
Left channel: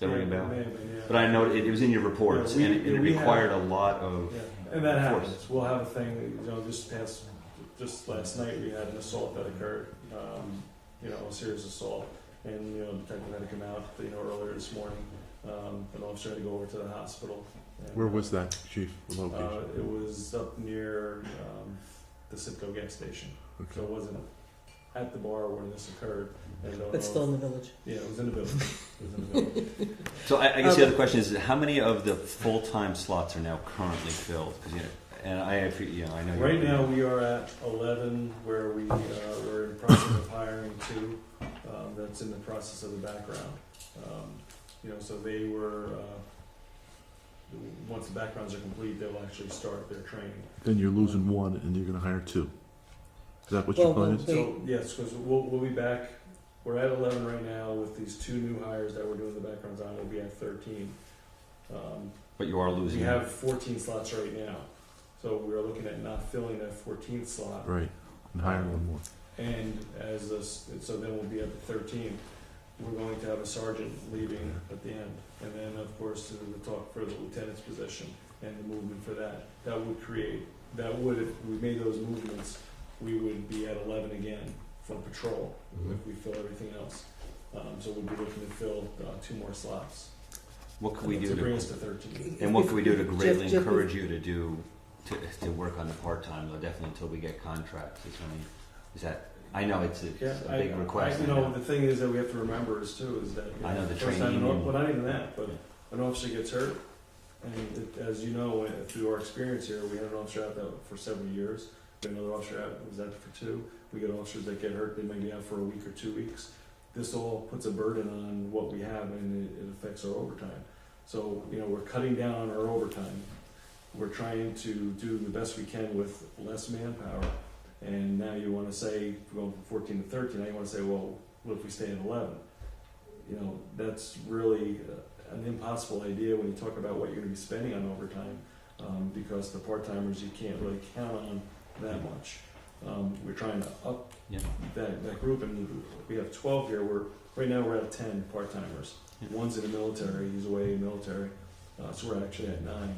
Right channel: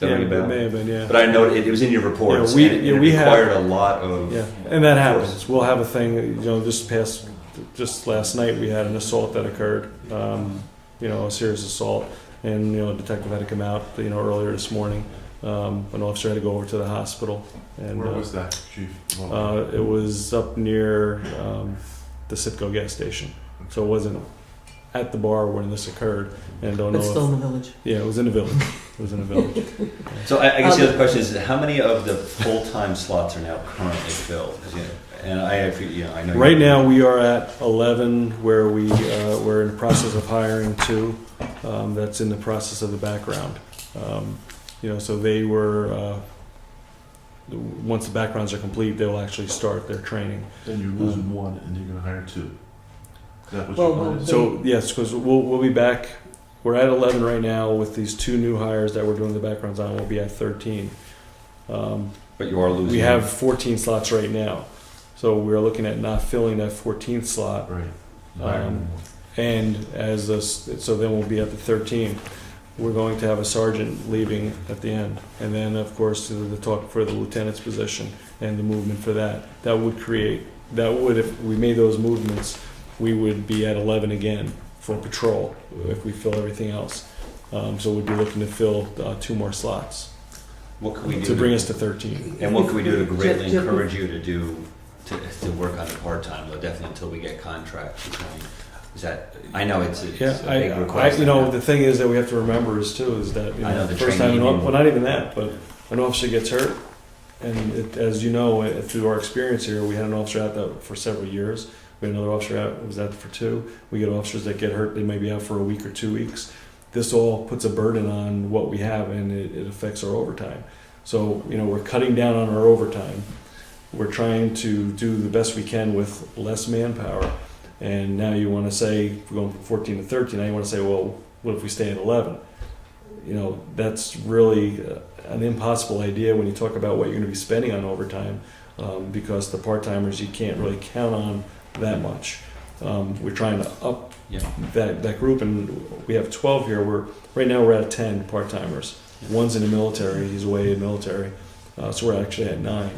that ring a it bell? may have been, yeah. But I know it was in your reports. Yeah, and it we have- required a lot of. Yeah, and that happens. We'll have a thing, just last night, we had an assault that occurred, a serious assault, and, a detective had to come out, earlier this morning. An officer had to go over to the hospital. And, Where was that, Chief? it was up near, the Citgo gas station. So it wasn't at the bar when this occurred, and don't know But still if, in the village. yeah, it was in the village. It was in the village. So I guess the other question is, how many of the full-time slots are now currently filled? 'Cause, and I know. Right now, we are at 11, where we're in the process of hiring 2. That's in the process of the background. So they were, once the backgrounds are complete, they will actually start their training. Then you're losing 1 and you're gonna hire 2. Is that what Well, you're going to do? So, yes, because we'll be back, we're at 11 right now with these 2 new hires that we're doing the backgrounds on, we'll be at 13. But you are losing. We have 14 slots right now, so we're looking at not filling that 14th slot. Right. Hire Um, more. And so then we'll be at the 13. We're going to have a sergeant leaving at the end. And then, of course, the talk for the lieutenant's position and the movement for that. If we made those movements, we would be at 11 again for patrol if we fill everything else. So we'd be looking to fill 2 more slots What can we do to bring us to 13. And what can we do to greatly Jeff- encourage you to work on it part-time, but definitely until we get contracts? Is that, I know it's a big request. The thing is that we have to remember is that, I know the first time, training. well, not even that, but an officer gets hurt, and as you know, through our experience here, we had an officer out that for several years. We had another officer out, was out for 2. We get officers that get hurt, they may be out for a week or 2 weeks. This all puts a burden on what we have, and it affects our overtime. So, we're cutting down on our overtime. We're trying to do the best we can with less manpower. And now you want to say, if we're going from 14 to 13, now you want to say, well, what if we stay at 11? That's really an impossible idea when you talk about what you're going to be spending on overtime, because the part-timers, you can't really count on that much. We're trying to up that group, and we have 12 here. Right now we're at 10 part-timers. One's in the military, he's away in the military, so we're actually at 9.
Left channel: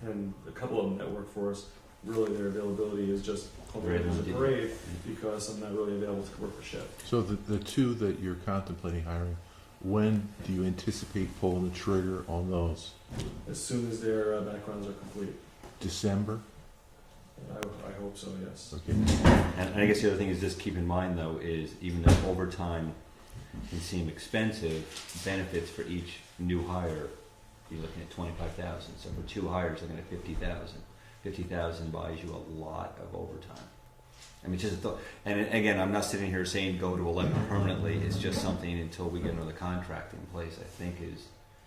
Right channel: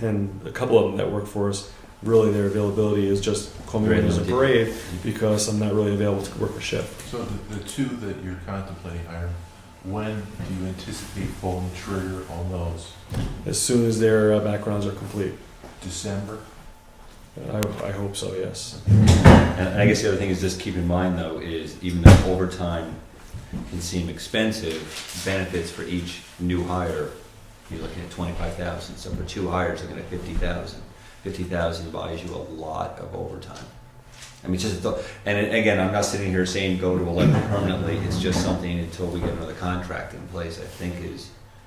And a couple of them that work for us, really their availability is just call me when there's a parade, because I'm not really available to work a shift. So the 2 that you're contemplating hiring, when do you anticipate pulling the trigger on those? As soon as their backgrounds are complete. December? I hope so, yes. And I guess the other thing is just keep in mind though, is even though overtime can seem expensive, benefits for each new hire, you're looking at 25,000. So for 2 hires, looking at 50,000. 50,000 buys you a lot of overtime. I mean, and again, I'm not sitting here saying go to 11 permanently. It's just something until we get another contract in place. I think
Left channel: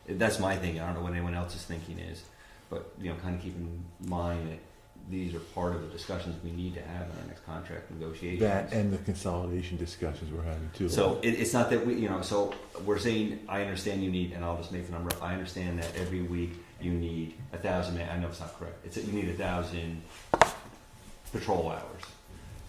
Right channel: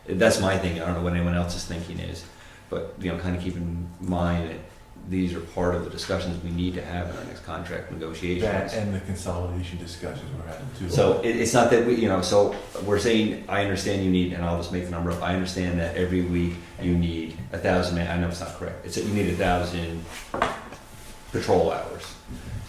that's my thinking. I don't know what anyone else's thinking is, but kind of keep in mind that these are part of the discussions we need to have in our next contract negotiations. That and the consolidation discussions we're having too. So it's not that we, so we're saying, I understand you need, and I'll just make the number up, I understand that every week you need 1,000, I know it's not correct, it's that you need 1,000 patrol hours.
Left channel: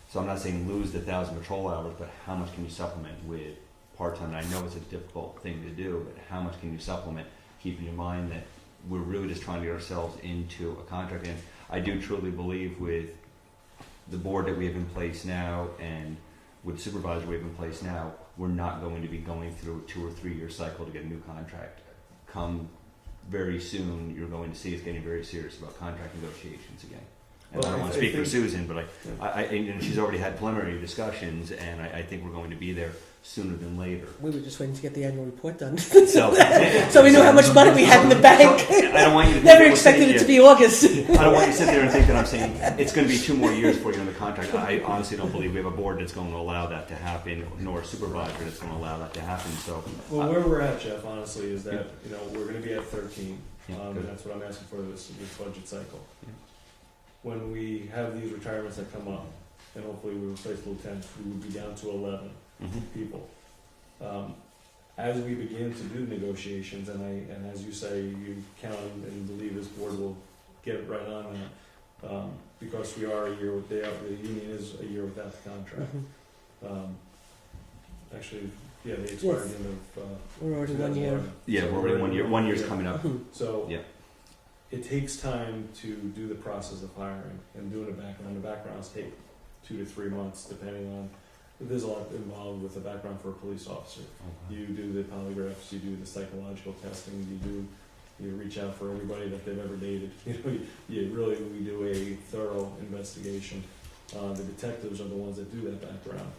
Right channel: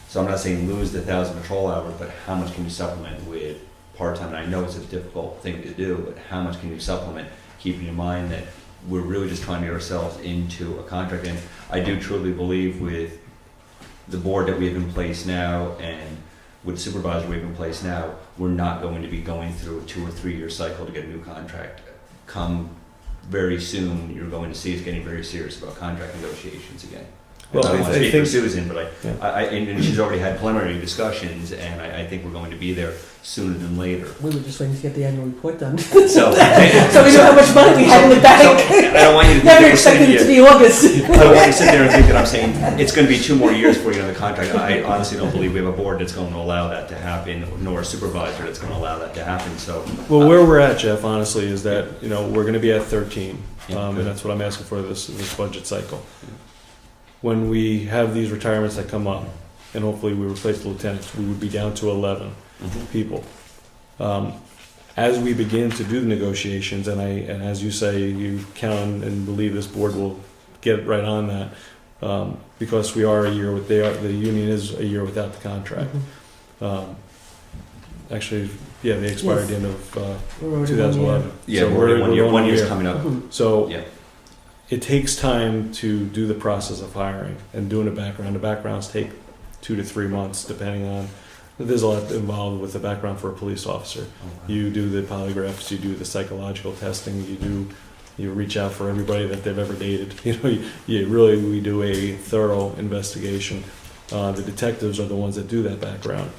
So I'm not saying lose the 1,000 patrol hours, but how much can you supplement with part-time? And I know it's a difficult thing to do, but how much can you supplement, keeping in mind that we're really just trying to get ourselves into a contract. And I do truly believe with the board that we have in place now and with the supervisor we have in place now, we're not going to be going through a 2 or 3 year cycle to get a new contract. Come very soon you're going to see us getting very serious about contract negotiations again. Well, I don't want to I speak for think- Susan, but Yeah. and she's already had preliminary discussions, and I think we're going to be there sooner than later. We were just waiting to get the annual report done. So, So we know how much money we have in the bank. I don't want you to think Never I'm sitting expected it to here. be August. I don't want you to sit there and think that I'm saying it's going to be 2 more years before you have the contract. I honestly don't believe we have a board that's going to allow that to happen, nor a supervisor that's going to allow that to happen. So, Well, where we're at, Jeff, honestly, is that, we're gonna be at 13, Yeah, and good. that's what I'm asking for this budget cycle. When we have these retirements that come up, and hopefully we replace the lieutenants, we would be down to 11 people. As we begin to do the negotiations, and as you say, you count and believe this board will get right on that, because we are a year with, the union is a year without the contract. Actually, yeah, they expired at the end of We're already 2011. yeah, So we're going one on a year's year. coming up. So Yeah. it takes time to do the process of hiring and doing a background. The backgrounds take 2 to 3 months, depending on. There's a lot involved with the background for a police officer. You do the polygraphs, you do the psychological testing, you reach out for everybody that they've ever dated. We do a thorough investigation. The detectives are the ones that do that background.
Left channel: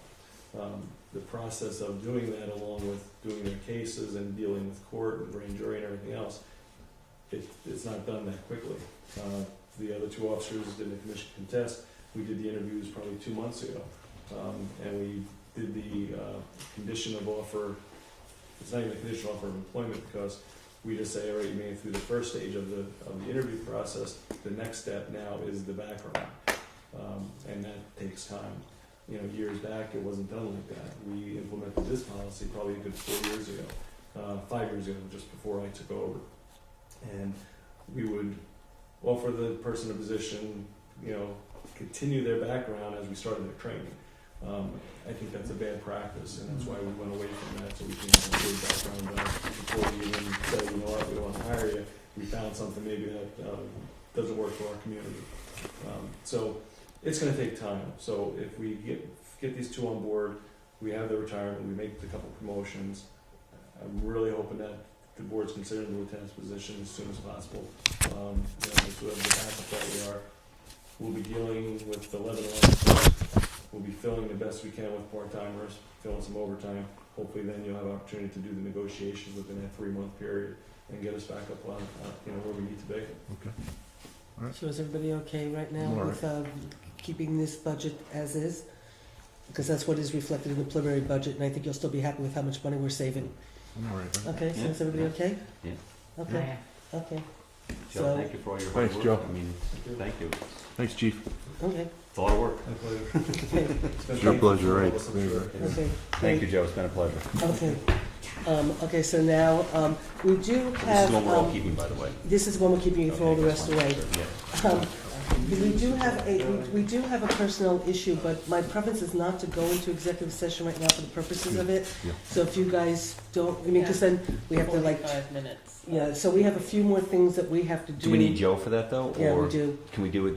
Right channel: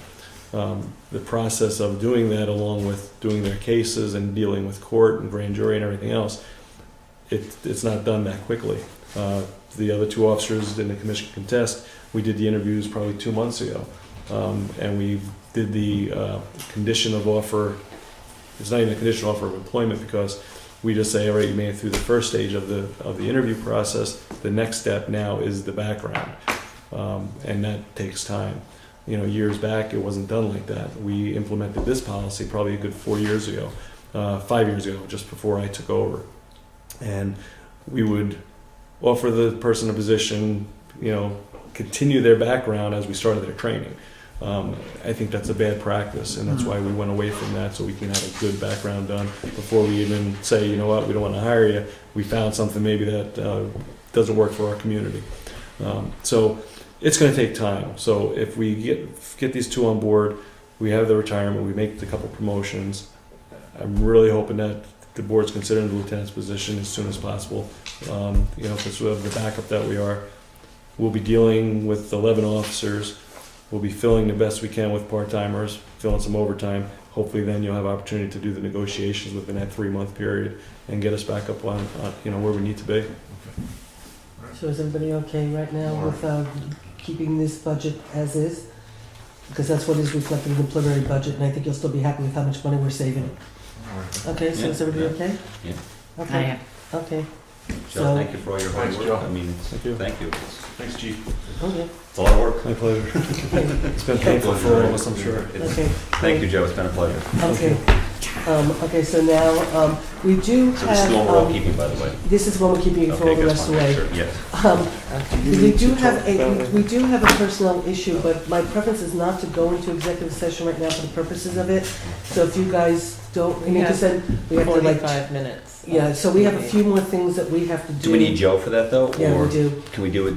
The process of doing that, along with doing their cases and dealing with court and grand jury and everything else, it's not done that quickly. The other 2 officers in the commission contest, we did the interviews probably 2 months ago. And we did the condition of offer. It's not even a conditional offer of employment, because we just say, all right, you made it through the first stage of the interview process. The next step now is the background, and that takes time. Years back, it wasn't done like that. We implemented this policy probably a good 4 years ago, 5 years ago, just before I took over. And we would offer the person a position, continue their background as we started their training. I think that's a bad practice, and that's why we went away from that, so we can have a good background done before we even say, you know what, we don't want to hire you. We found something maybe that doesn't work for our community. So it's going to take time. So if we get these 2 on board, we have the retirement, we make the couple promotions. I'm really hoping that the board's considering the lieutenant's position as soon as possible. Because we have the backup that we are. We'll be dealing with 11 officers. We'll be filling the best we can with part-timers, filling some overtime. Hopefully then you'll have opportunity to do the negotiations within that 3-month period and get us back up on where we need to be. So is everybody okay right now with keeping this budget as is? Because that's what is reflected in the preliminary budget, and I think you'll still be happy with how much money we're saving. Okay, so is everybody okay? Yeah. Okay. I am. Okay. So So- thank you for all your hard Thanks, work. Joe. I mean, Thank you. thank you. Thanks, Chief. Okay. It's a lot of work. My pleasure. It's been Your painful for all pleasure. of us, I'm sure. Okay. Thank you, Joe. It's been a pleasure. Okay. Okay, so now, we do So this is the one we're all have, keeping, by the way. this is one we're keeping for all Okay, the just rest of want the to way. make sure. Yes. We do have a personnel issue, but my preference is not to go into executive session right now for the purposes of it. So if you guys don't, We because have then we have to like, 45 minutes. yeah, so we have a few more things that we have to do. Do we need Joe for that, though? Yeah, Or we do. can we do it,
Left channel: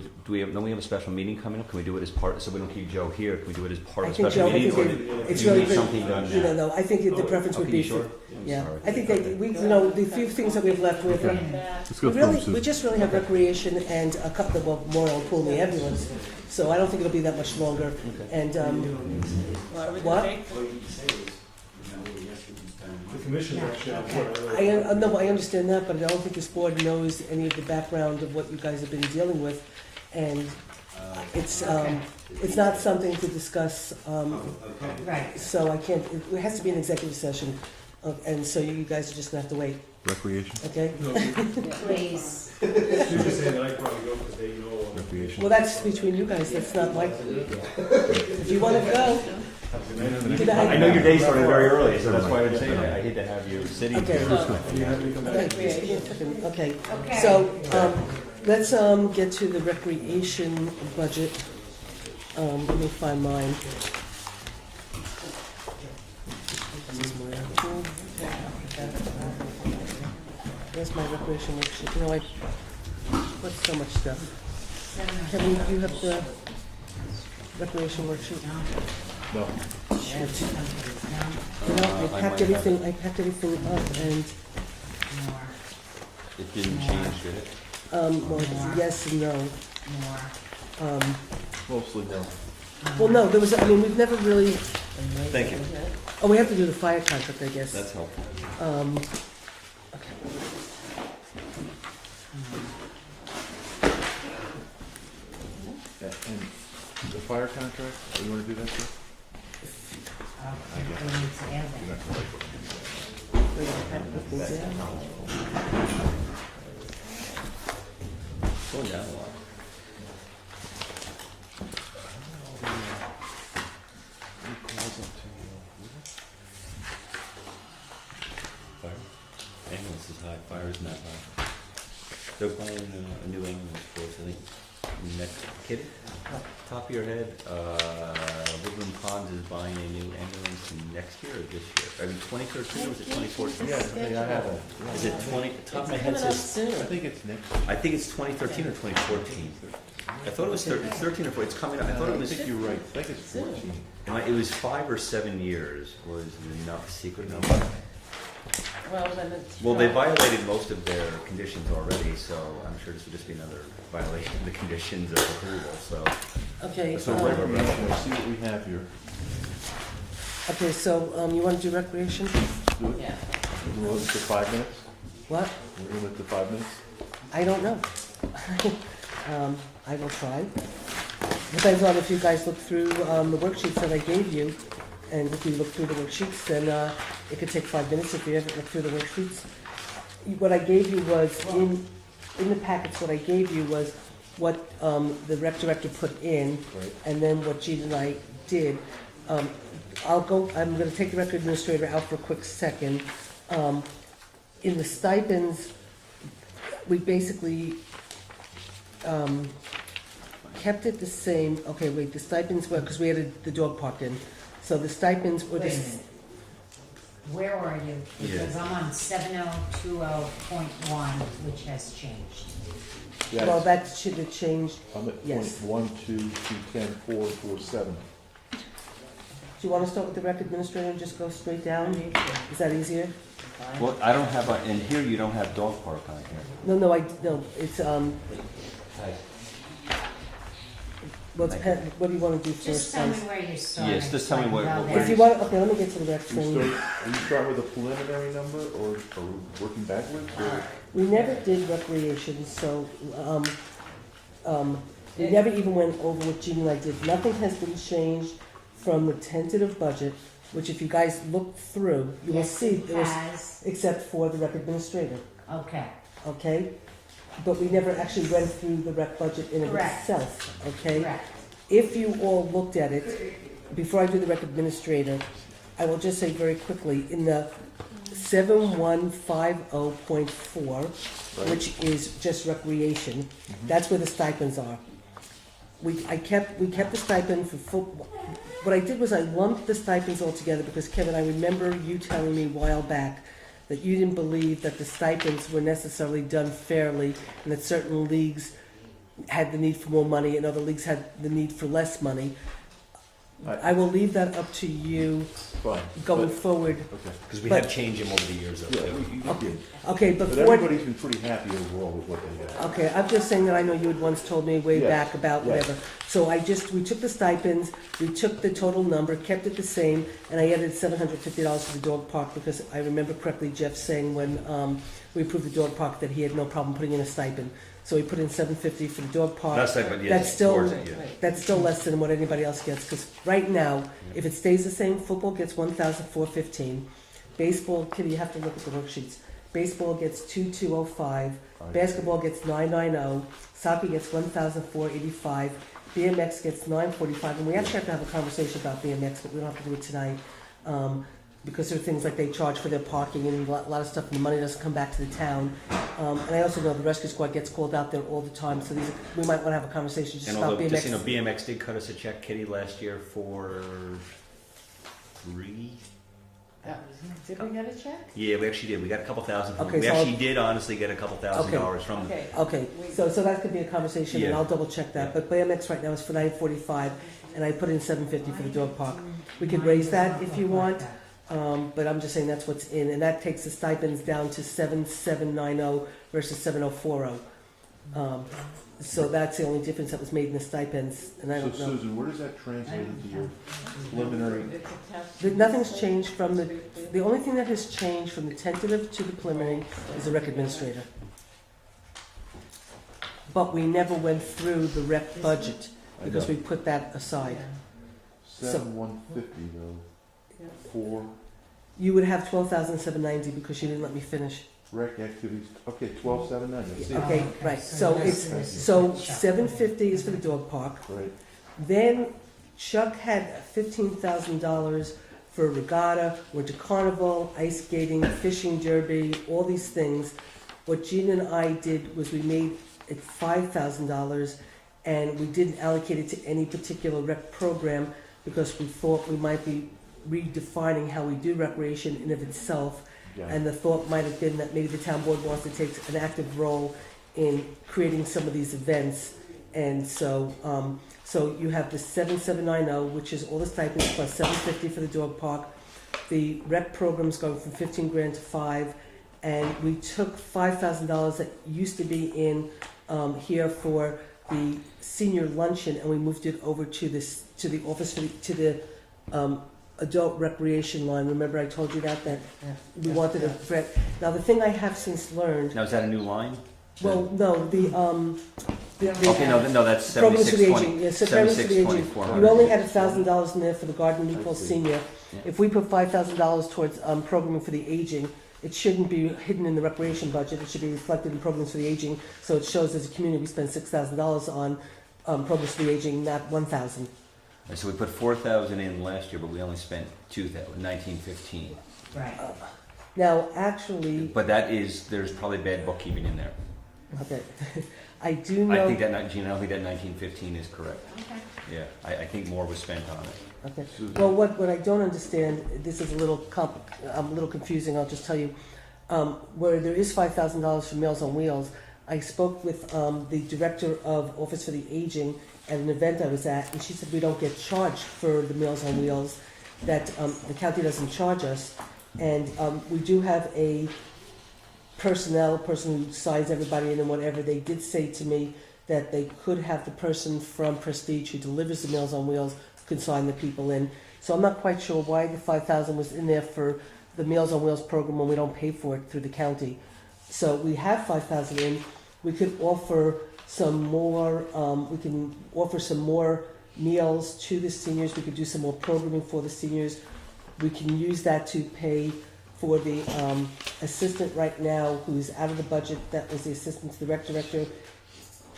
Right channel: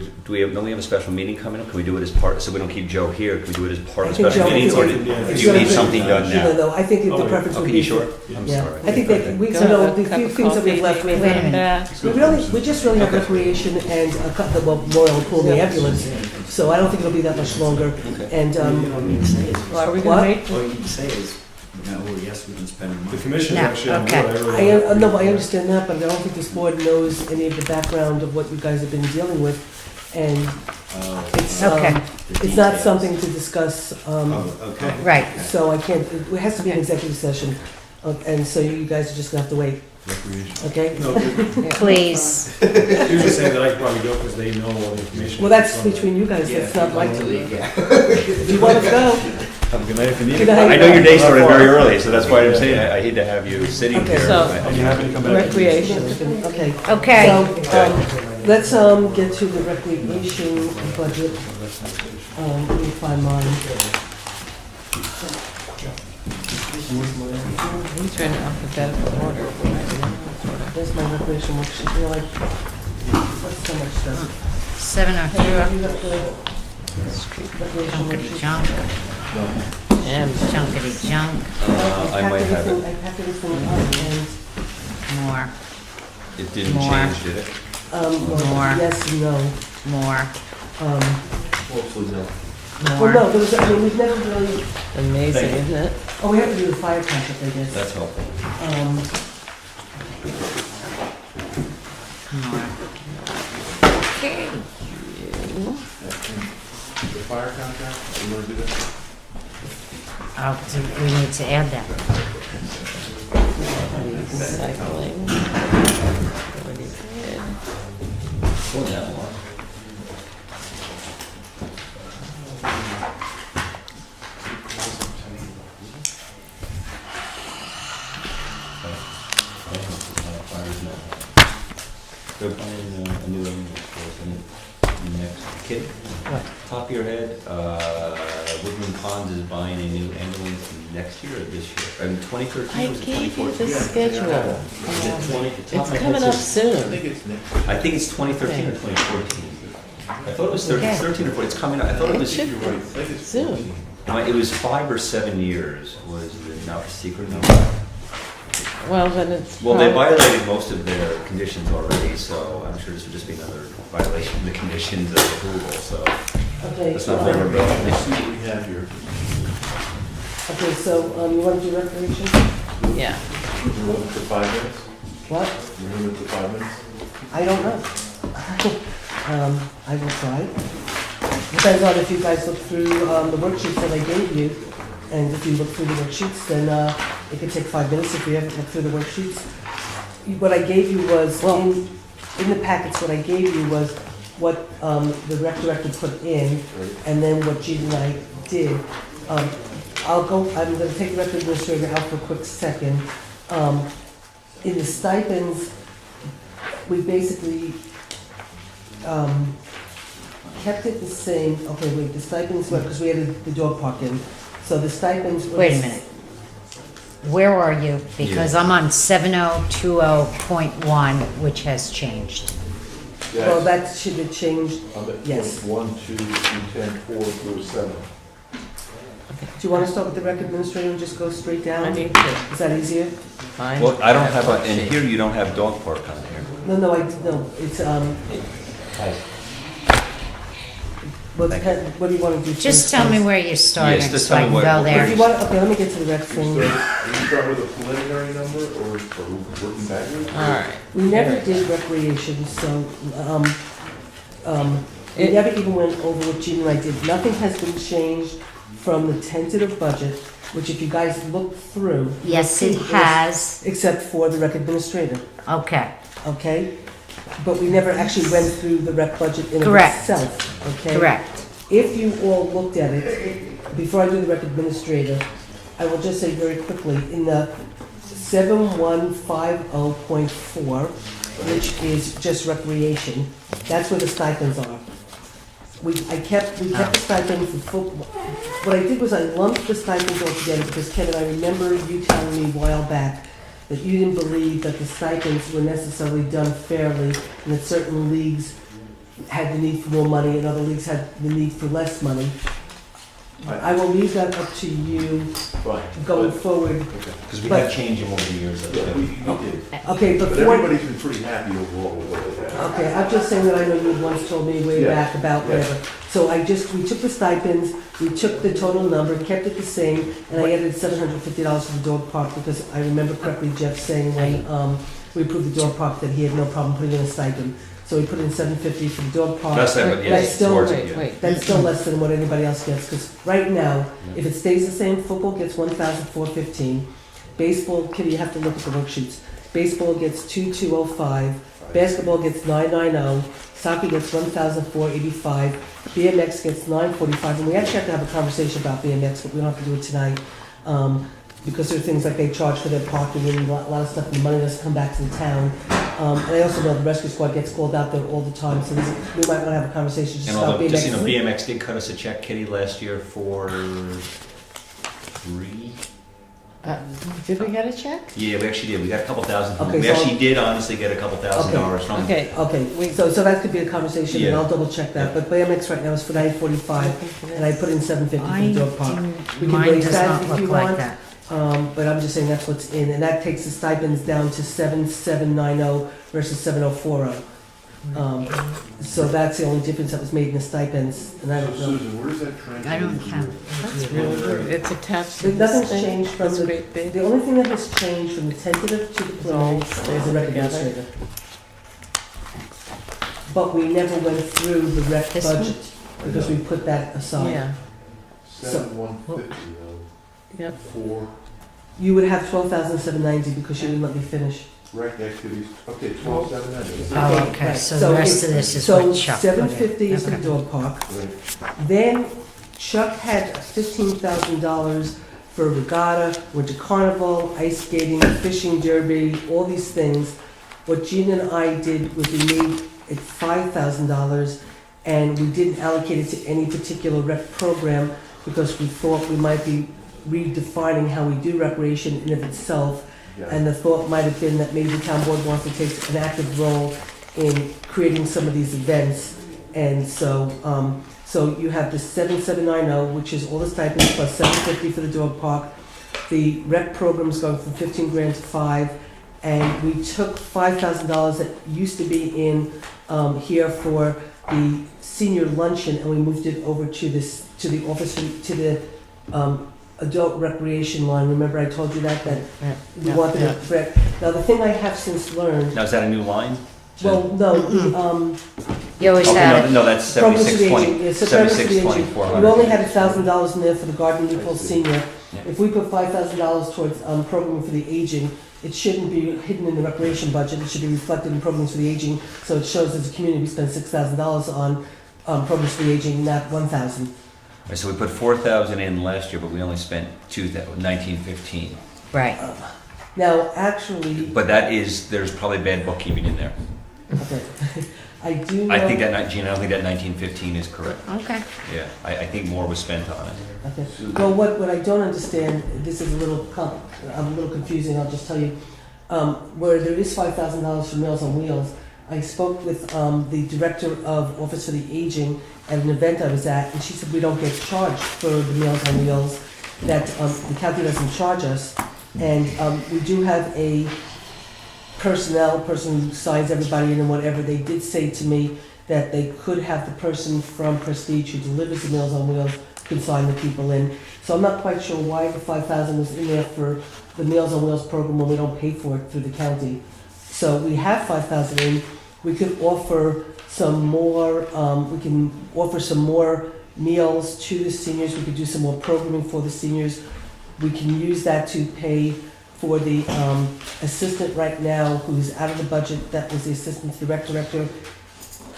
don't we have a special meeting coming up? Can we do it as part, so we don't keep Joe here? Can we do it as part of I the think special Joe- meeting? Or I do think it's you need gonna- something done now? No, I think the Oh, preference would Okay, be. you sure? I'm Yeah, sorry. I think that, we, Go so no, have a the cup few of things that we have coffee, left, maybe we Wait a come minute. back. we just really have recreation and a cut the memorial pool and the ambulance. So I don't think it'll be that much longer. And, Well, are we What? gonna wait? All you can say is, yes, we can spend The money. commission's No, actually on board. okay. no, I understand that, but I don't think this board knows any of the background of what you guys have been dealing with. And it's, Okay. it's not something to discuss, Oh, okay. Right. so I can't, it has to be an executive session. And so you guys are just gonna have to wait, Recreation. okay? Please. You're just saying that I can probably go because they know all the information. Well, that's between you guys, that's not my, if you wanna go. Have a good night if you need Good it. night. I know your day started very early, so that's why I'm saying I hate to have you sitting Okay. here. So- Are you happy to come back? Recreation. Okay. Okay. So, let's, get to the recreation budget. Let me find mine. He's trying to alphabetical order. There's my recreation worksheet, you know, that's so much stuff. 7:02. Hey, you have the recreation Junkity worksheet? junk. And Junkity junk. I I packed might have everything up and, More. It didn't More. change, did it? Well, More. yes, no. More. Mostly no. Well, no, there was, I mean, we've never really, Amazing, Thank you. isn't it? oh, we have to do the fire contract, I guess. That's helpful. Um, More. Okay. The fire contract, you wanna do that? Oh, so we need to add that. Recycling. Already did. Wasn't that long? They're buying a new ambulance for us, and next, kid, top of your head, Woodland Ponds is buying a new ambulance next year or this year? I mean, 2013 I or was it gave you 2014? the schedule. Is it 20? It's coming up I soon. think it's next. I think it's 2013 or 2014. I thought it was Okay. 13 or 14, it's coming out, I thought it was, It should You're right, I think it's Soon. it was 5 or 7 years was the not secret number. Well, then it's. Well, they probably- violated most of their conditions already, so I'm sure this would just be another violation of the conditions of approval, so. Okay, That's not very Let's see what we have here. okay, so, you want to do recreation? Yeah. We're moving to 5 minutes? What? We're moving to 5 minutes? I don't know. I will try. Depends on if you guys look through, the worksheets that I gave you, and if you look through the worksheets, then, it could take 5 minutes if you haven't looked through the worksheets. What I gave you was, Well- in the packets, what I gave you was what, the rec director put in, and then what Gene and I did. I'm gonna take the rec administrator out for a quick second. In the stipends, we basically, kept it the same, okay, wait, the stipends were, because we added the dog park in, so the stipends were. Wait a minute. Where are you? Because I'm on 7020.1, which has changed. Well, that should have changed. I'm at Yes. 1, 2, 3, 10, 4 through 7. Do you want to start with the rec administrator and just go straight down? I need to Is that easier? find. Well, I don't have, that in worksheet. here, you don't have dog park on here. No, no, it's, well, it depends- what do you want to do? Just first, tell me please? where you're starting, just so tell I me can what- go what- there. If you want, okay, let me get to the rec So, thing. you start with a preliminary number or working backwards? All right. We never did recreation, so, we It- never even went over what Gene and I did. Nothing has been changed from the tentative budget, which if you guys look through, Yes, it has. except for the rec administrator, Okay, okay? But we never actually went through the rec budget in and of Correct. itself, okay? correct. If you all looked at it, before I do the rec administrator, I will just say very quickly, in the 7150.4, which is just recreation, that's where the stipends are. We kept the stipend for football. What I did was I lumped the stipends all together because Kevin, I remember you telling me a while back that you didn't believe that the stipends were necessarily done fairly and that certain leagues had the need for more money and other leagues had the need for less money. I will leave that up to you Fine. going But- forward. Okay. Because we But- have changed them over the years. Yeah, we did. Okay, But before, everybody's been pretty happy overall with what they have. okay, I'm just saying that I know you had once told me way Yes, back about yes. whatever. So we took the stipends, we took the total number, kept it the same, and I added $750 for the dog park because I remember correctly Jeff saying when, we approved the dog park that he had no problem putting in a stipend. So we put in $750 for the dog park. That's that, but yes, That's still, towards Wait, it, yeah. wait. that's still less than what anybody else gets, because right now, Yeah. if it stays the same, football gets 1,415. Baseball, Kitty, you have to look at the worksheets. Baseball gets 2,205. Basketball gets 990. Soccer gets 1,485. BMX gets 945. And we actually have to have a conversation about BMX, but we don't have to do it tonight. Because there are things like they charge for their parking and a lot of stuff, and the money doesn't come back to the town. And I also know the rescue squad gets called out there all the time, so we might want to have a conversation just And about although, just, you know, BMX. BMX did cut us a check, Kitty, last year for 3. Did we get a check? Yeah, we actually did. We got a couple thousand. Okay, We so- actually did honestly get a couple thousand Okay. dollars from. Okay. Okay, so that could be a conversation, and Yeah. I'll double check that, but BMX right now is for 945, and I put in 750 for I the dog park. We didn't, can mine raise does that not if look you like want. that. but I'm just saying that's what's in, and that takes the stipends down to 7790 versus 7040. So that's the only difference that was made in the stipends, and I So don't know. Susan, where does that translate? I don't into? count. That's really weird. It's attached to this Nothing's thing. changed from That's the, great big. the only thing that has changed from the tentative to the preliminary is the rec administrator. But we never went through the rec This budget, because we put that aside. Yeah, 7,150 Yep. for You would have 12,790 because you didn't let me finish. rec activities, okay, 12,790. Oh, okay, Right, so the rest of this is what Chuck put in. So 750 is for the Okay. dog park. Right. Then Chuck had $15,000 for regatta, winter carnival, ice skating, fishing derby, all these things. What Gina and I did was we made it $5,000, and we didn't allocate it to any particular rec program because we thought we might be redefining how we do recreation in of itself. Yeah. And the thought might have been that maybe the town board wants to take an active role in creating some of these events. And so, so you have the 7790, which is all the stipends plus 750 for the dog park. The rec program's going from 15 grand to 5, and we took $5,000 that used to be in here for the senior luncheon, and we moved it over to this, to the office, to the adult recreation line. Remember I told you that we Yeah. wanted it rec. Now, the thing I have since learned, Now, is that a new line? well, no, the, You always Oh, have, no, that's programs for the 7620. aging, yeah, so programs for the 7620, aging. 400. We've only had $1,000 in there for the Garden Newport Senior. Yeah. If we put $5,000 towards programming for the aging, it shouldn't be hidden in the recreation budget. It should be reflected in programs for the aging. So it shows as a community we spend $6,000 on programs for the aging, not $1,000. Right, so we put 4,000 in last year, but we only spent 1915. right. Now, actually, But that is, there's probably bad bookkeeping in there. okay. I do know. I think that, Gina, I don't think that 1915 is correct. Okay. Yeah, I think more was spent on it. Okay. Well, what I don't understand, this is a little confusing, I'll just tell you. Where there is $5,000 for Meals on Wheels, I spoke with the director of Office for the Aging at an event I was at, and she said we don't get charged for the Meals on Wheels, that the county doesn't charge us. And we do have a personnel person who signs everybody in and whatever. They did say to me that they could have the person from Prestige who delivers the Meals on Wheels can sign the people in. So I'm not quite sure why the 5,000 was in there for the Meals on Wheels program when we don't pay for it through the county. So we have 5,000 in. We could offer some more, meals to the seniors. We could do some more programming for the seniors. We can use that to pay for the assistant right now who's out of the budget. That was the assistant to the rec director.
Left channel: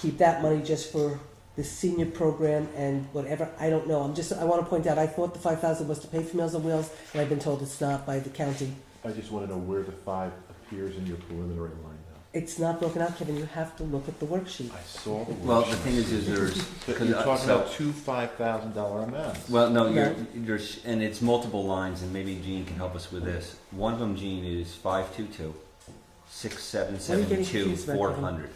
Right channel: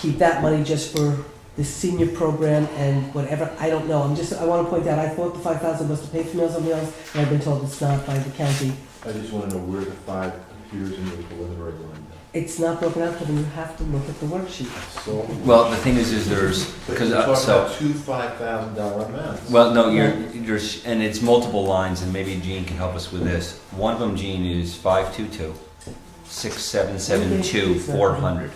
Keep that money just for the senior program and whatever. I don't know. I want to point out, I thought the 5,000 was to pay for Meals on Wheels, and I've been told it's not by the county. I just want to know where the 5 appears in the preliminary line. It's not broken out, but you have to look at the worksheet. So, Well, the thing is there's, but because, you're talking so, about two $5,000 amounts. well, no, there's, and it's multiple lines, and maybe Gene can help us with this. One of them, Gene, is 522, 6772, 400.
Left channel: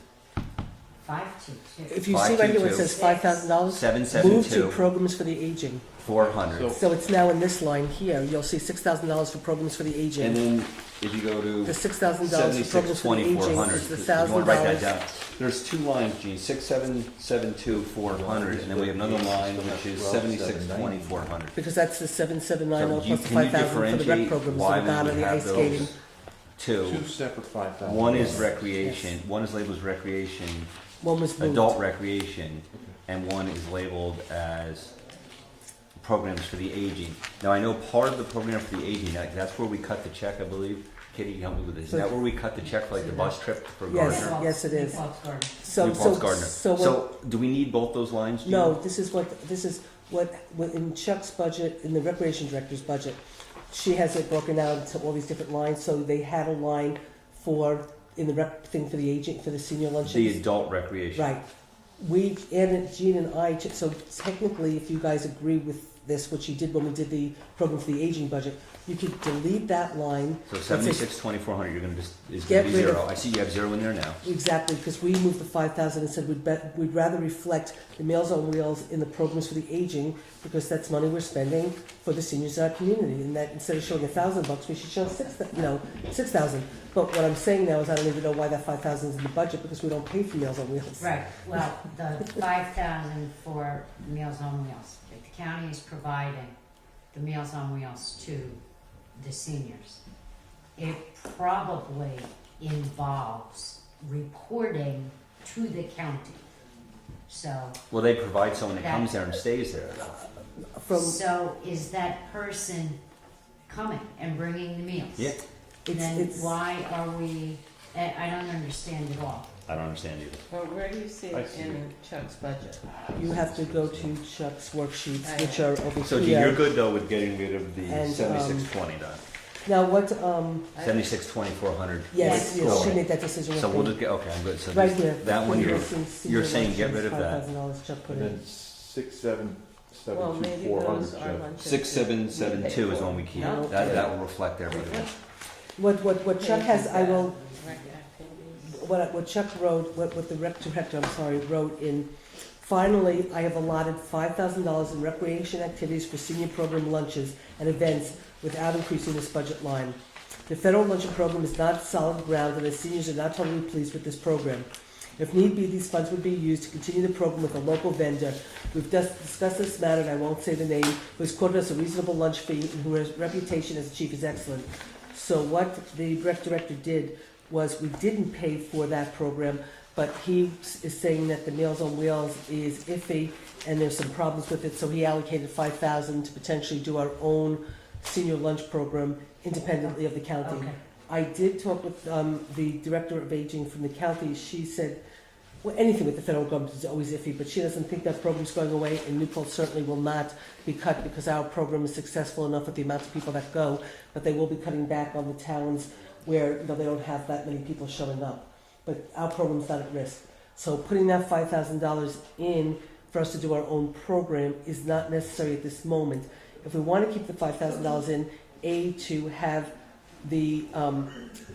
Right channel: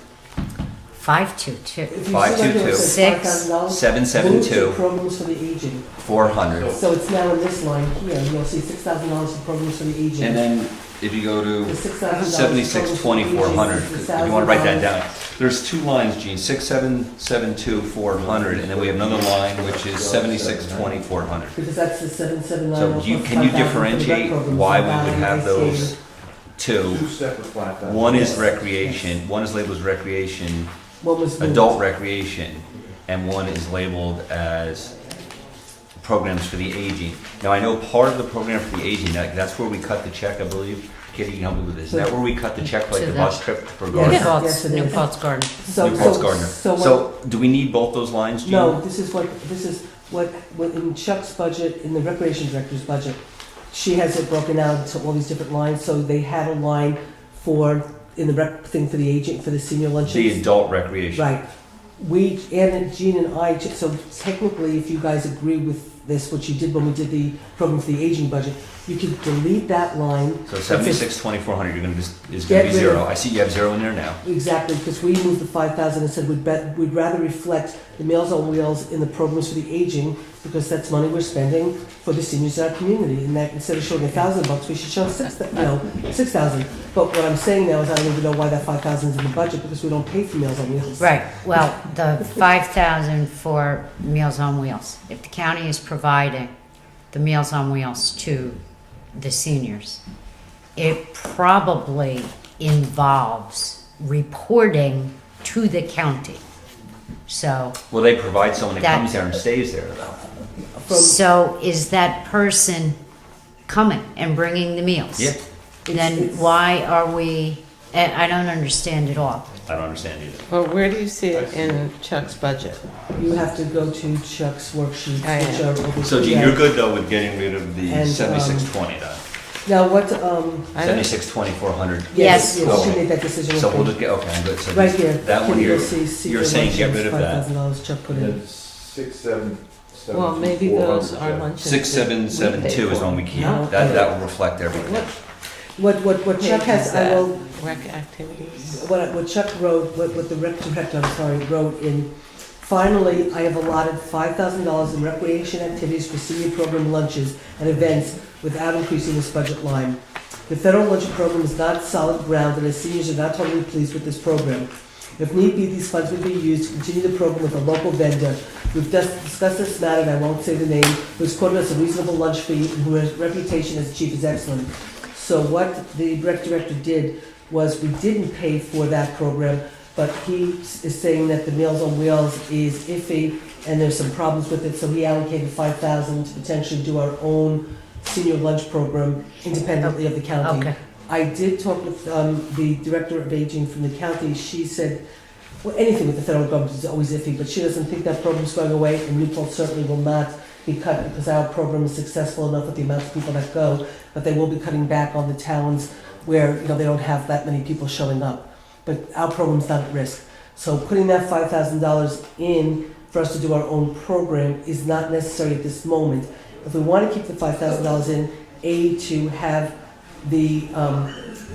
522. If you see right here, it says Six. $5,000. Move to 772, programs for the aging. 400. So it's now in this line here. You'll see $6,000 for programs for the aging. And then if you go The to $6,000. 7620, 400, if you want to write that $1,000. down. There's two lines, Gene, 6772, 400, and then we have another line which is 7620, 400. Because that's the 779. So can you differentiate why we would have those two? Two separate 5,000. One is recreation, one is labeled as recreation, One was moved. adult recreation, and one is labeled as programs for the aging. Now, I know part of the program for the aging, that's where we cut the check, I believe. Kitty, you can help me with this. Is that where we cut the check for like To the the- bus trip for Yes. Gardner? Yes, Paltz, it New is. Paltz Garden. So, New Paltz Gardner. so So, do we need both those lines, Gene? no, this is what in Chuck's budget, in the recreation director's budget, she has it broken out into all these different lines. So they had a line for, in the rec thing for the aging, for the senior lunches. The adult recreation. Right. We added, Gene and I, so technically, if you guys agree with this, what you did when we did the program for the aging budget, you could delete that line. So 7620, 400, you're gonna just, is Get gonna be rid of- zero. I see you have zero in there now. Exactly, because we moved the 5,000 and said we'd rather reflect the Meals on Wheels in the programs for the aging, because that's money we're spending for the seniors in our community, and that instead of showing $1,000, we should show 6,000. But what I'm saying now is I don't even know why that 5,000 is in the budget, because we don't pay for Meals on Wheels. Right, well, the 5,000 for Meals on Wheels, if the county is providing the Meals on Wheels to the seniors, it probably involves reporting to the county. So, Will they provide someone that That- comes there and stays there though? so is that person coming and bringing the meals? Yeah, Then why are we, I don't understand it all. I don't understand either. Well, where do you see it in Chuck's budget? You have to go to Chuck's worksheets, I which are over So Gene, here. you're good though with getting rid of the And, 7620 though? Now, what, I don't, 7620, 400? Yes. yes, she Okay. made that decision. So with we'll me. just get, okay, I'm good. So Right here. that one You'll here, see senior you're saying get luncheons, rid of that. $5,000 Chuck put And in. then 677. well, maybe those are luncheons. that we pay 6772 is for. one we keep. No. That will reflect everything. What Chuck has, I will, Rec activities. what Chuck wrote, what the rec director, I'm sorry, wrote in, finally, I have allotted $5,000 in recreation activities for senior program lunches and events without increasing this budget line. The federal luncheon program is not solid ground, and the seniors are not totally pleased with this program. If need be, these funds would be used to continue the program with a local vendor. We've just discussed this matter, and I won't say the name, who's quoted us a reasonable lunch fee and whose reputation as a chief is excellent. So what the rec director did was, we didn't pay for that program, but he is saying that the Meals on Wheels is iffy and there's some problems with it, so he allocated $5,000 to potentially do our own senior lunch program independently of the county. Okay. I did talk with the director of aging from the county. She said, well, anything with the federal government is always iffy, but she doesn't think that program's going away, and Newport certainly will not be cut, because our program is successful enough with the amount of people that go, but they will be cutting back on the towns where, they don't have that many people showing up. But our program's not at risk. So putting that $5,000 in for us to do our own program is not necessary at this moment. If we want to keep the $5,000 in, to have the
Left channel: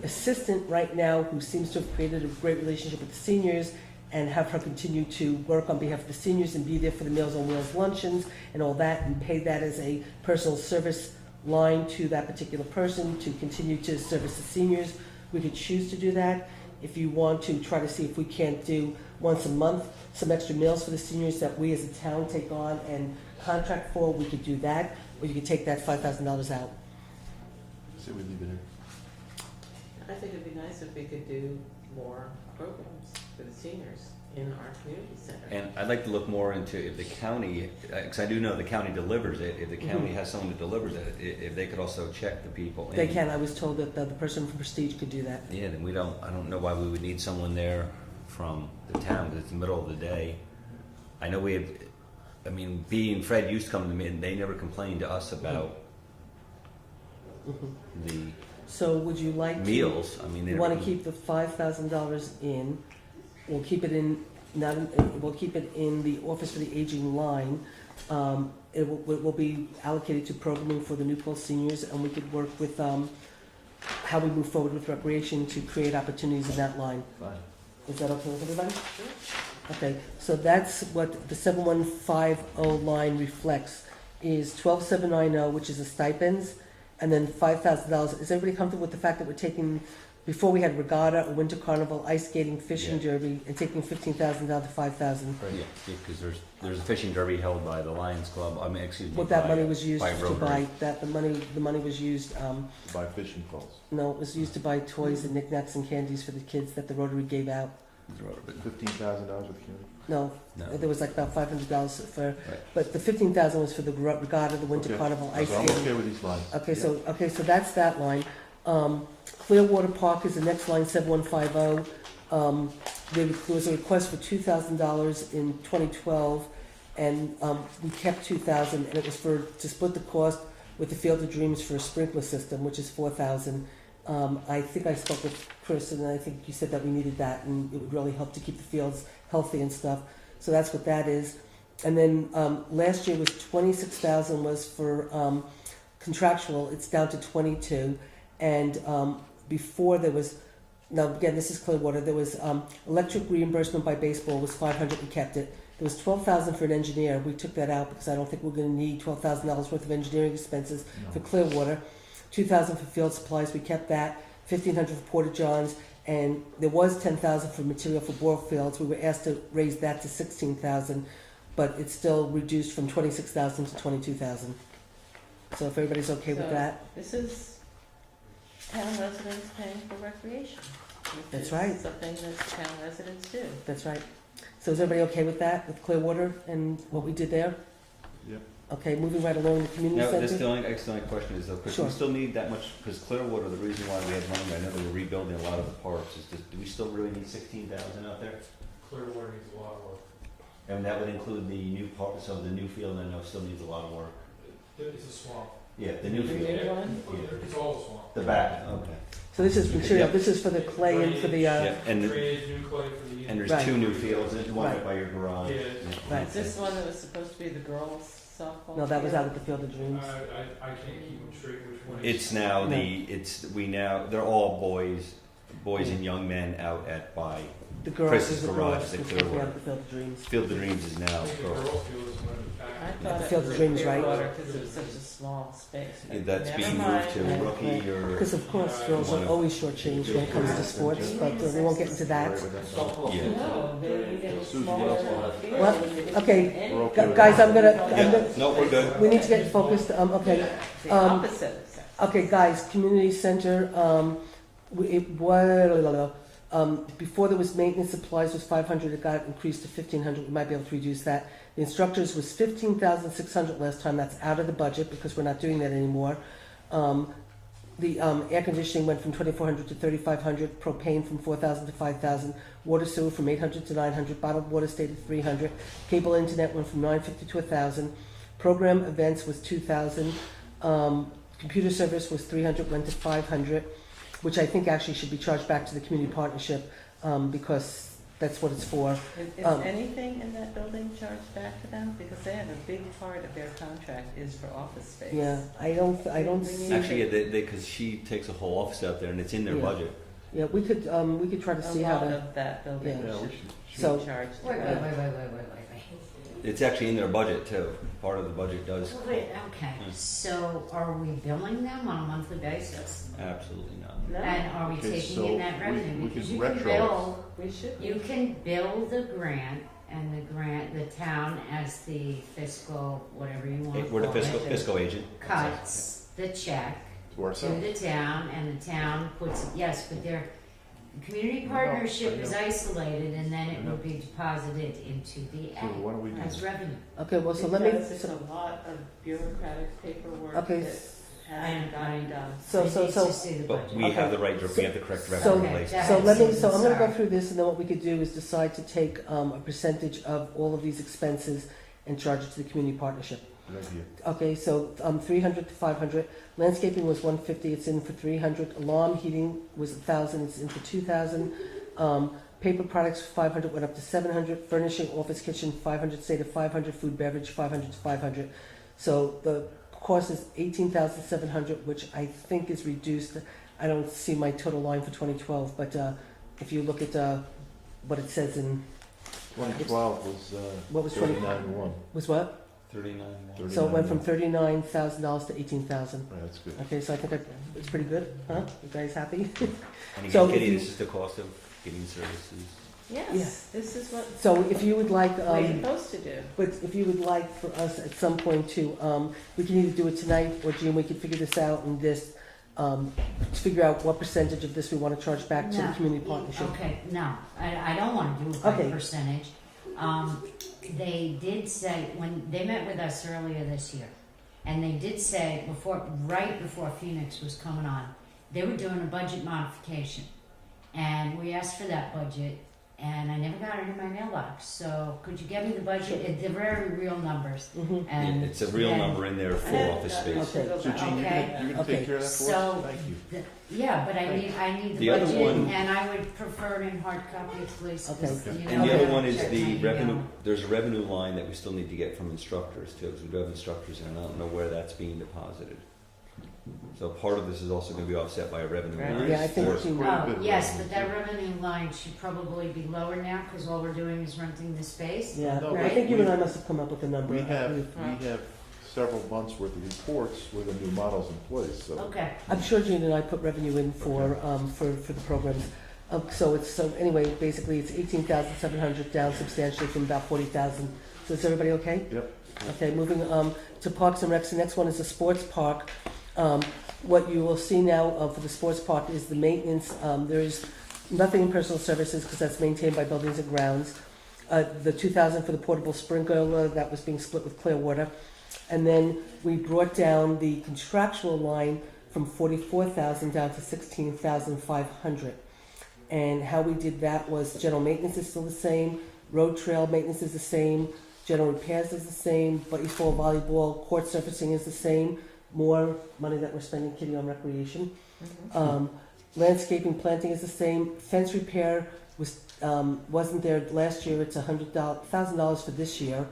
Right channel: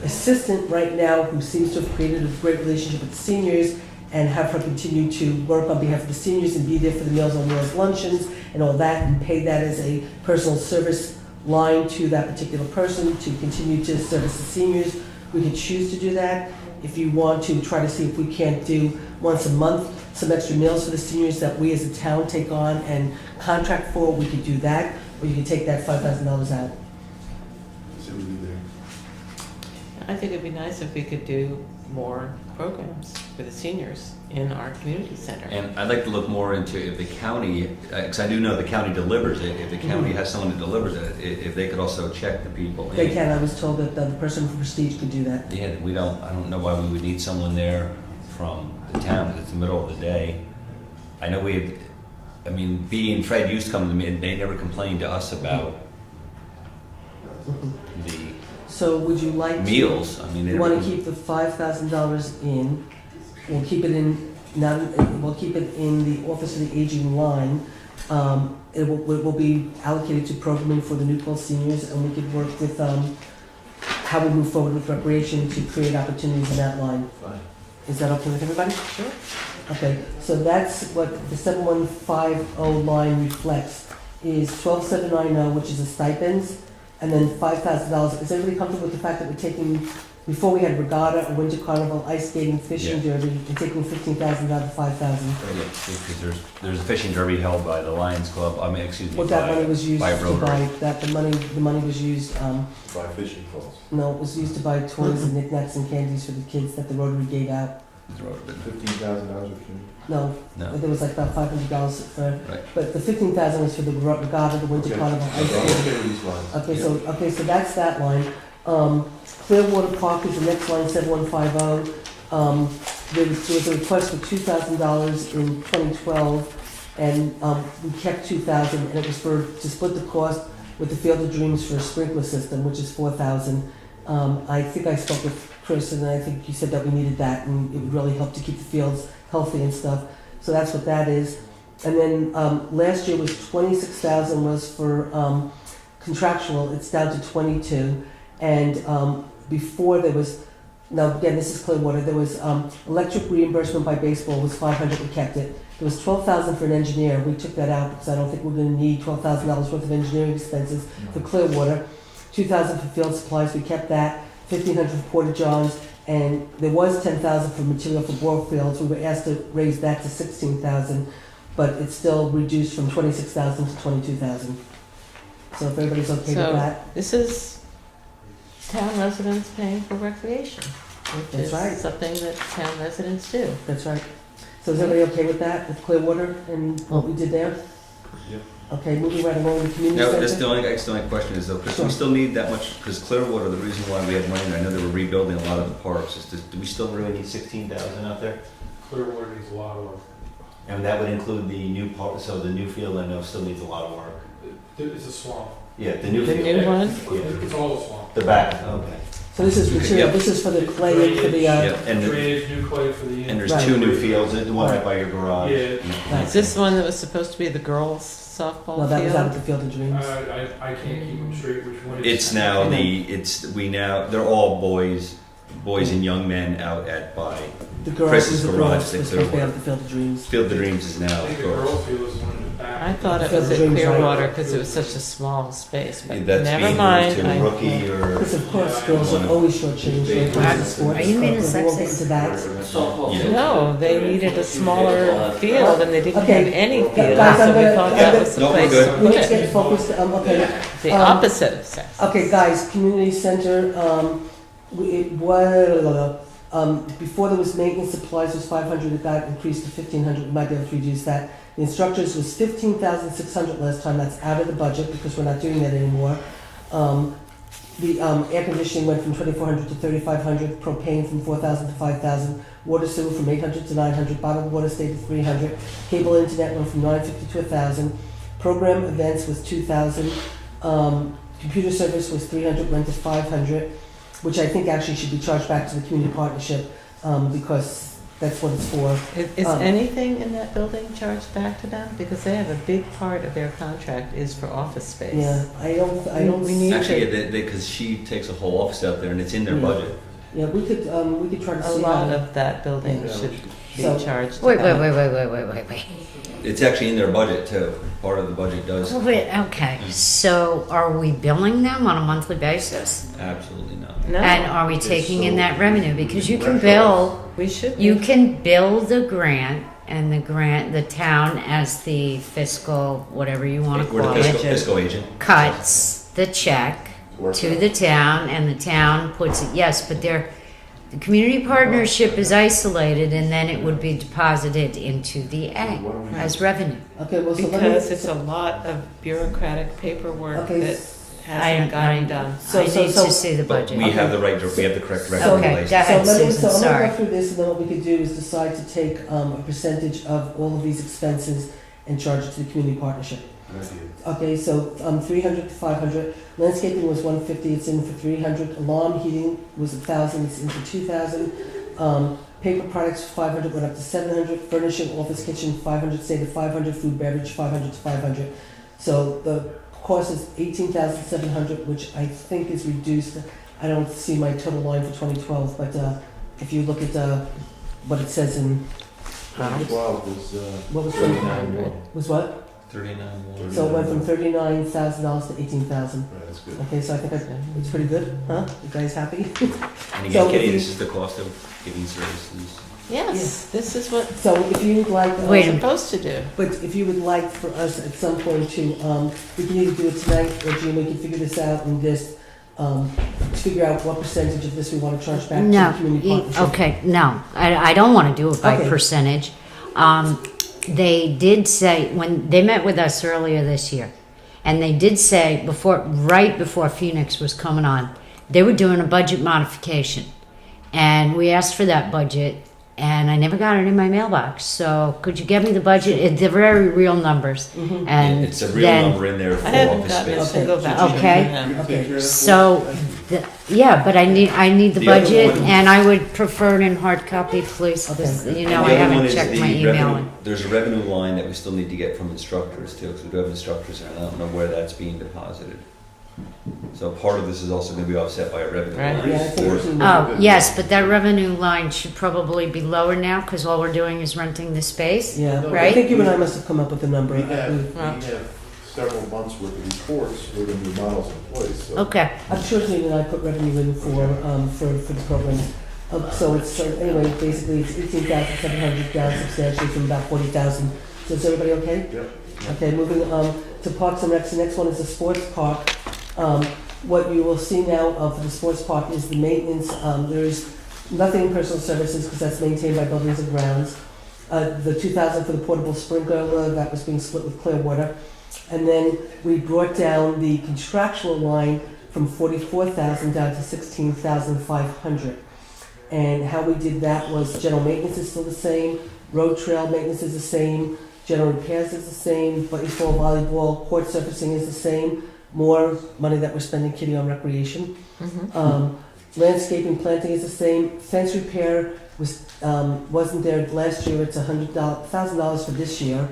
assistant right now, who seems to have created a great relationship with the seniors, and have her continue to work on behalf of the seniors and be there for the Meals on Wheels luncheons and all that, and pay that as a personal service line to that particular person to continue to service the seniors. We could choose to do that. If you want to try to see if we can't do once a month some extra meals for the seniors that we as a town take on and contract for, we could do that, or you could take that $5,000 out. See what we do there. I think it'd be nice if we could do more programs for the seniors in our community center. And I'd like to look more into if the county, because I do know the county delivers it, if the county has someone that delivers it, if they could also check the people. They can, I was told that the person from Prestige could do that. Yeah, I don't know why we would need someone there from the town, 'cause it's the middle of the day. I know B and Fred used to come to me, and they never complained to us about the So would you like to? meals. I mean, they You never. want to keep the $5,000 in, we'll keep it in, we'll keep it in the Office of the Aging line. It will be allocated to programming for the Newport seniors, and we could work with, how we move forward with recreation to create opportunities in that line. Fine. Is that okay with everybody? Sure. Okay, so that's what the 7150 line reflects, is 12790, which is the stipends, and then $5,000. Is everybody comfortable with the fact that we're taking, before we had regatta, a winter carnival, ice skating, fishing derby, and taking 15,000 down to 5,000? Yeah, because there's a fishing derby held by the Lions Club, What that money was used by to Rotary. buy, the money was used, Buy fishing poles. no, it was used to buy toys and knickknacks and candies for the kids that the Rotary gave out. $15,000 of food. No, No, there was like about $500 for, Right. but the 15,000 was for the regatta, the winter Okay. carnival, ice So I'm skating. okay with these lines. Okay, so that's that line. Clearwater Park is the next line, 7150. There was a request for $2,000 in 2012, and we kept 2,000, and it was to split the cost with the Field of Dreams for a sprinkler system, which is 4,000. I think I spoke with Chris, and I think you said that we needed that, and it would really help to keep the fields healthy and stuff. So that's what that is. And then last year was 26,000 was for contractual. It's down to 22. And before there was, now again, this is Clearwater. There was electric reimbursement by baseball was 500. We kept it. There was $12,000 for an engineer, we took that out because I don't think we're gonna need $12,000 worth of engineering expenses for Clearwater. $2,000 for field supplies, we kept that, $1,500 for porta johns, and there was $10,000 for material for bore fields. We were asked to raise that to $16,000, but it's still reduced from $26,000 to $22,000. So if everybody's okay with So- that, This is town residents paying for recreation, which That's is right. something that town residents do. that's right. So is everybody okay with that, with Clearwater and what we did there? Yep. Okay, moving right along with community No, center. that's the only question is though, because Sure. we still need that much, because Clearwater, the reason why we have money, I know they were rebuilding a lot of the parks, is do we still really need 16,000 out there? Clearwater needs a lot of work. And that would include the new park, so the new field I know still needs a lot of work. It's a swamp. Yeah, the new The field. new one? It's all a swamp. The back, okay. So this is material, Yep. this is for the clay, for the, Yep, and, Drainage, new clay for the. and there's Right. 2 new fields, the one right by your garage. Yeah. Is this the one that was supposed to be the girls softball no, that was out at field? the Field of Dreams. I can't keep them straight which one It's now they're all boys and young men out at by The girls, Chris's the garage, girls, they was supposed to be Clearwater. out at the Field of Dreams. Field of Dreams is now. I think the girls field is the one in the back. I thought it was at Dreams, right. Clearwater because it was such a small space, but That's never being mind. moved to Rookie or. Because of course, girls are always shortchanged when it comes to sports. Are you being but we won't get sexist? into that. Yeah. No, they needed a smaller field and they didn't Okay. have any field, Guys, I'm so we gonna- thought I'm that gonna- was the No, we're place good. to put Let's it. get focused, okay. The Um, opposite of sex. Okay, guys, community center, before there was maintenance supplies was 500, it got increased to 1,500, we might be able to reduce that. The instructors was 15,600 last time, that's out of the budget because we're not doing that anymore. The air conditioning went from 2,400 to 3,500, propane from 4,000 to 5,000, water sewer from 800 to 900, bottled water stayed at 300, cable internet went from 950 to 1,000, program events was 2,000, computer service was 300, went to 500, which I think actually should be charged back to the community partnership, because that's what it's for. Is Um, anything in that building charged back to them? Because they have a big part of their contract is for office space. Yeah, I don't, We need Actually, to, because she takes a whole office out there and it's in their Yeah. budget. yeah, we could try to a see lot how. of that building Yeah. should be So- charged Wait, back. wait. It's actually in their budget too. Part of the budget does. Wait, okay, so are we billing them on a monthly basis? Absolutely not. No, And are we taking in that revenue? Because you can bill, we should. you be. can bill the grant and the town as the fiscal, whatever you wanna We're call the it, fiscal agent. cuts the check to the town and the town puts it, yes, but the community partnership is isolated and then it would be deposited into the A as revenue. Okay, well, so let me. Because it's a lot of bureaucratic paperwork Okay, that hasn't gotten done. So- I so- need so- to see the But budget. we have the right, we have the correct So- revenue Okay, place. go ahead, So let me, Susan, so I'm gonna sorry. go through this, and then what we could do is decide to take a percentage of all of these expenses and charge it to the community partnership. Okay, so 300 to 500, landscaping was 150, it's in for 300, alarm heating was 1,000, it's in for 2,000, paper products 500 went up to 700, furnishing office kitchen 500, say to 500, food beverage 500 to 500. So the cost is 18,700, which I think is reduced. I don't see my total line for 2012, but if you look at what it says in, 2012 was, what was 39. was what? 39. So it went from $39,000 to 18,000. Right, that's good. Okay, so I think it's pretty good, huh? You guys happy? And So again, if Kitty, you- this is the cost of giving services. Yes, this is what So if you would like, we're Wait a supposed to do. but if you would like for us at some point to, we can either do it tonight, or Jean, we can figure this out and just, figure out what percentage of this we wanna charge back to the No, community partnership. okay, no, I don't wanna do it by Okay. percentage. They did say, when they met with us earlier this year, and they did say right before Phoenix was coming on, they were doing a budget modification. And we asked for that budget, and I never got it in my mailbox. So could you get me the budget? They're very real numbers. Mhm. And It's a real then, number in there I for haven't office gotten a space. single voucher. Okay. from them. You can take care of that. So, yeah, but I need the The other budget, one- and I would prefer it in hard copy, please, because, you know, And I the other one haven't is checked the my email. revenue- There's a revenue line that we still need to get from instructors too, because we do have instructors, and I don't know where that's being deposited. So part of this is also gonna be offset by a revenue Right. line. Yeah, I think for- we Oh, yes, but that revenue line should probably be lower now because all we're doing is renting the space. Yeah, I Right? think you and I must have come up with a number. We have several months worth of reports with the new models in place, so. Okay. I'm sure Tina and I put revenue in for the program. So it's, so anyway, basically it's 18,700 down substantially from about 40,000. So is everybody okay? Yep. Okay, moving to Parks and Recs. The next one is the sports park. What you will see now for the sports park is the maintenance. There's nothing in personal services because that's maintained by Buildings and Grounds. The 2,000 for the portable sprinkler that was being split with Clearwater. And then we brought down the contractual line from 44,000 down to 16,500. And how we did that was general maintenance is still the same, road trail maintenance is the same, general repairs is the same, baseball, volleyball, court surfacing is the same. More money that we're spending, Kitty, on recreation. Landscaping, planting is the same. Fence repair wasn't there last year. It's $100,000 for this year.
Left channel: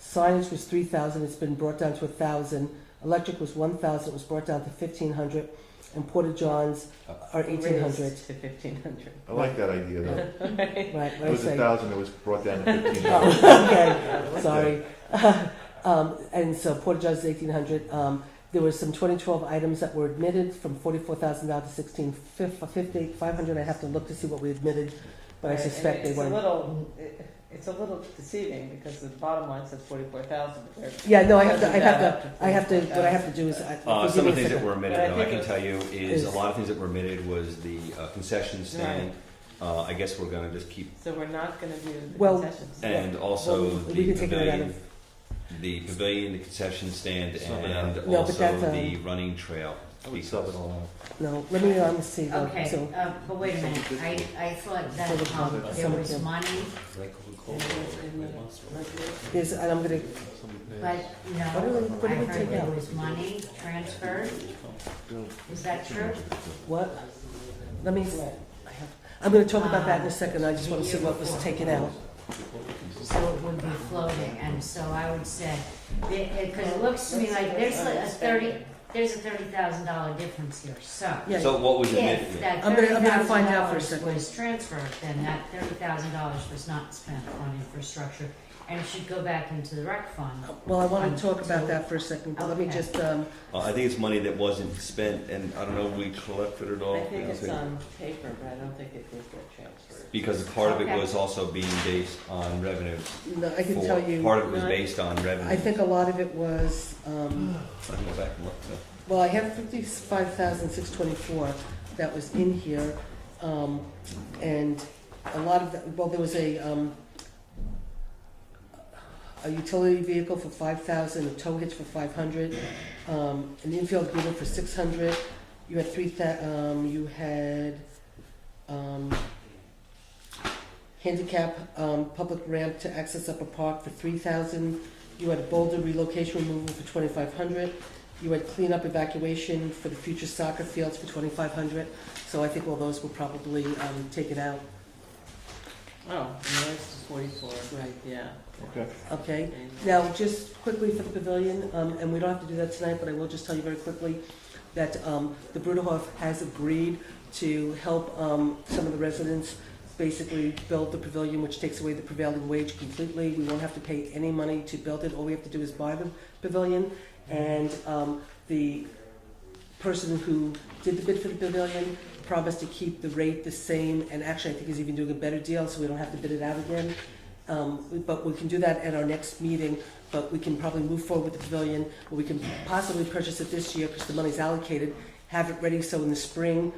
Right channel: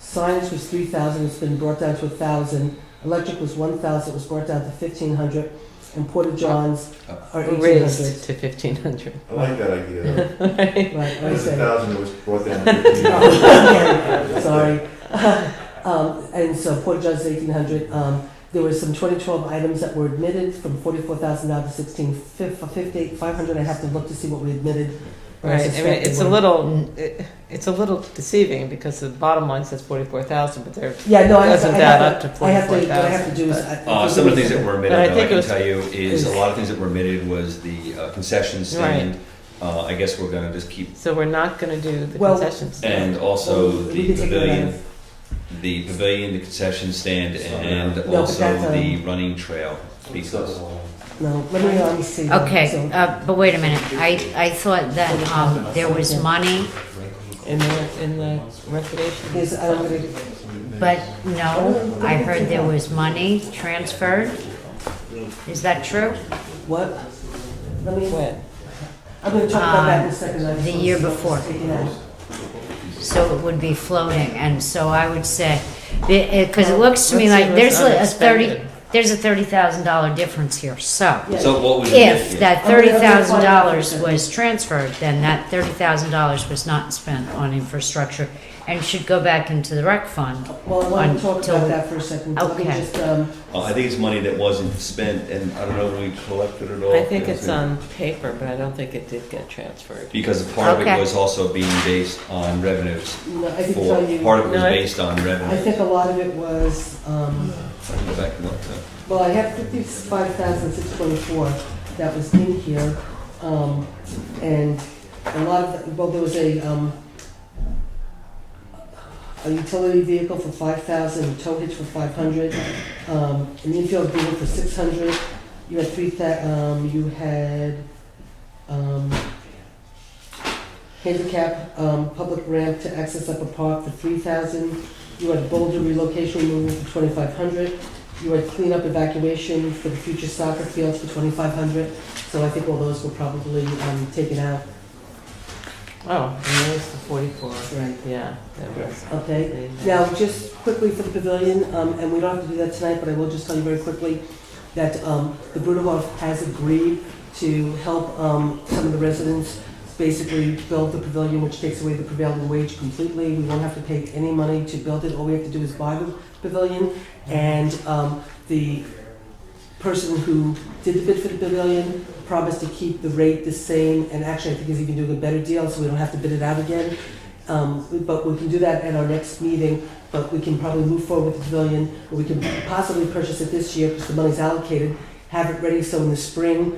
Signage was $3,000. It's been brought down to $1,000. Electric was $1,000. It was brought down to $1,500. And porta johns are $1,800. Raised to 1,500. I like that idea. Right, I It was said. 1,000, it was brought down to 15. Okay, sorry. And so porta johns is $1,800. There were some 2012 items that were admitted from 44,000 down to 16,500. I have to look to see what we admitted. But Right, I mean, suspect it's they a were- little, it's a little deceiving because the bottom line says 44,000, but there Yeah, no, I have to, doesn't I add have up to to, I have to, what I have 44,000. to do is. Some of the things that were But I omitted, though, think I it can was- tell you, is a lot of things that were omitted was the concession stand. I guess we're gonna just keep, So we're not gonna do the Well- concessions. and also We the can take that out pavilion, of- the concession stand, and but also that's, the running trail. Because No, let me see. Okay, So- but wait a minute. I thought that there was money, In the recreation. Yes, I'm gonna, but no, I heard there was money transferred. Is that true? what? Let me, What? I'm gonna talk about that in a second. I just The want year to see what was before. taken out. So it would be floating, and so I would say, because it looks to me Let's see like what's there's unexpended. there's a $30,000 difference here. So Yeah. So what we if did, that I'm gonna find out $30,000 for a was transferred, then that $30,000 was not spent on infrastructure and should go back into the rec fund. Well, I want to talk Until- about that for a second. Let me Okay. just, I think it's money that wasn't spent, and I don't know if we collected it all. I think it's on paper, but I don't think it did get transferred. Because part of it Okay. was also being based on revenues. no, I can For tell you, part of it was No, I- based on I revenue. think a lot of it was, I can go back and look. well, I have 55,624 that was in here, and a lot of, well, there was a utility vehicle for 5,000, a tow hitch for 500, an infield vehicle for 600. You had you had handicap public ramp to access Upper Park for 3,000. You had boulder relocation removal for 2,500. You had cleanup evacuation for the future soccer fields for 2,500. So I think all those were probably taken out. Oh, and there's the 44. Right. Yeah, that was. Okay. Now, just quickly for the pavilion, and we don't have to do that tonight, but I will just tell you very quickly that the Bruderhof has agreed to help some of the residents basically build the pavilion, which takes away the prevailing wage completely. We won't have to pay any money to build it. All we have to do is buy the pavilion. And the person who did the bid for the pavilion promised to keep the rate the same, and actually I think he's even doing a better deal, so we don't have to bid it out again. But we can do that at our next meeting, but we can probably move forward with the pavilion, or we can possibly purchase it this year because the money's allocated, have it ready so in the spring,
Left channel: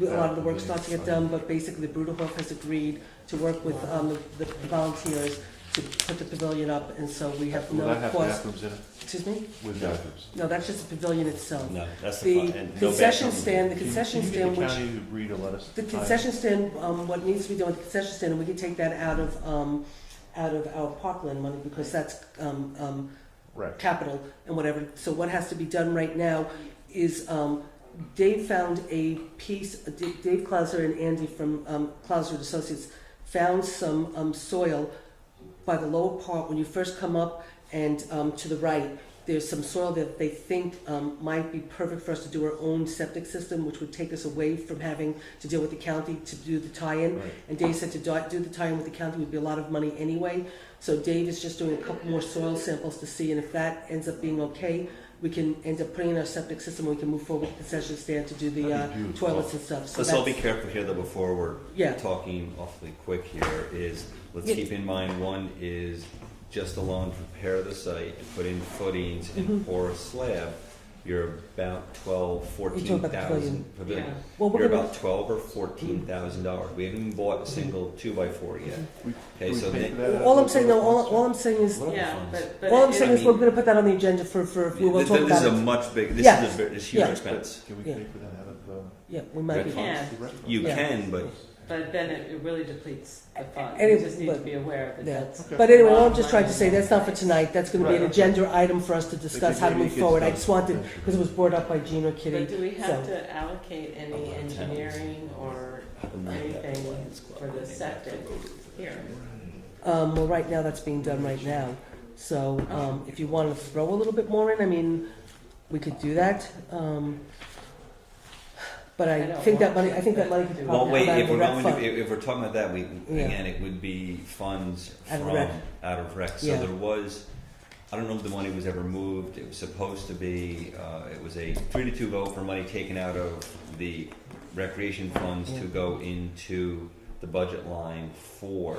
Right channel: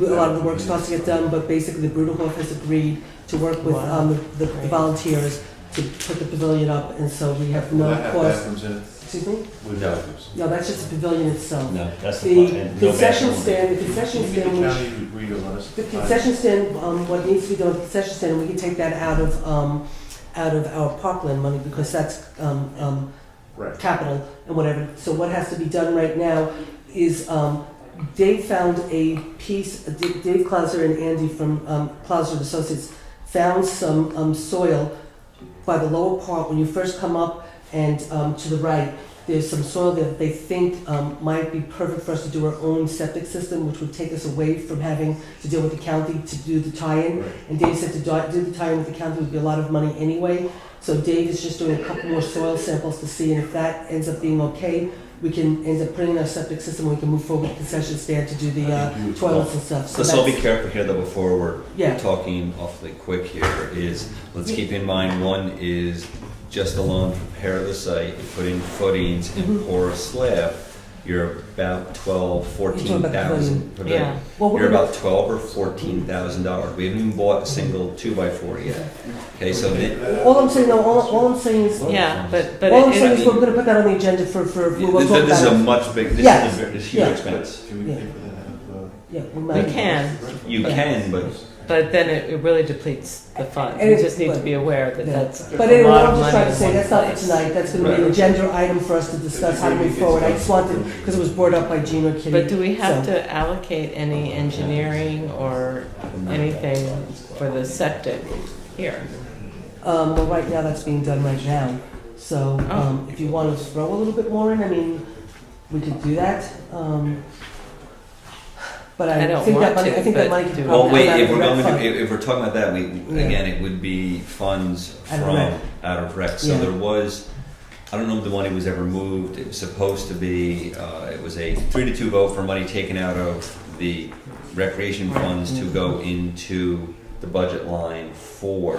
a lot of the work starts to get done, but basically the Bruderhof has agreed to work with the volunteers to put the pavilion up, and so we have Will no that have cost. bathrooms in it? Excuse me? With bathrooms? No, that's just the pavilion itself. No, that's the The fun, and no concession bathroom. stand, the concession stand, The which, county agreed to let us. the concession stand, what needs to be done with the concession stand, we can take that out of our parkland money, because that's, Right. capital and whatever. So what has to be done right now is, Dave found a piece, Dave Clauser and Andy from Clauser and Associates found some soil by the lower part when you first come up and to the right. there's some soil that they think might be perfect for us to do our own septic system, which would take us away from having to deal with the county to do the tie-in. Right. And Dave said to do the tie-in with the county would be a lot of money anyway. So Dave is just doing a couple more soil samples to see, and if that ends up being okay, we can end up putting in our septic system, we can move forward with the concession stand to do the toilets and stuff. So Let's all be that's, careful here though before we're yeah, talking awfully quick here is, let's keep in mind, one is just alone prepare the site, you put in footings and pour a slab, you're about 12, You're talking 14,000. about Yeah. well, You're we're about $12,000 or $14,000. We haven't even bought a single 2x4 yet. Okay, so then, all I'm saying, no, all I'm saying is, Yeah, but all I'm it, saying is we're gonna put that on the agenda for we will talk this is a about it. much big, Yes. this huge Yeah. expense. Can we Yeah. pay for that? Yeah, we you might. can, You Yeah. can, but then it really depletes the fund. And We it- just need to be aware that Yeah. that's But a anyway, lot I'm of just money trying to in say, one that's not for place. tonight, that's gonna be an Right. agenda item for us to discuss how to move forward. I just wanted, because it was brought up by Gene or Kitty. But do we have So- to allocate any engineering or anything for the septic here? Well, right now, that's being done right now. So, Oh. if you want to throw a little bit more in, I mean, we could do that. But I I don't think that want money, to, I think that but money could do- probably Well, wait, come out if of we're the rec going fund. to, if we're talking about that, again, it would be funds Out of from, rec. out of rec. So Yeah. there was, I don't know if the money was ever moved. It was supposed to be, it was a 3-2 vote for money taken out of the recreation funds to go into the budget line for,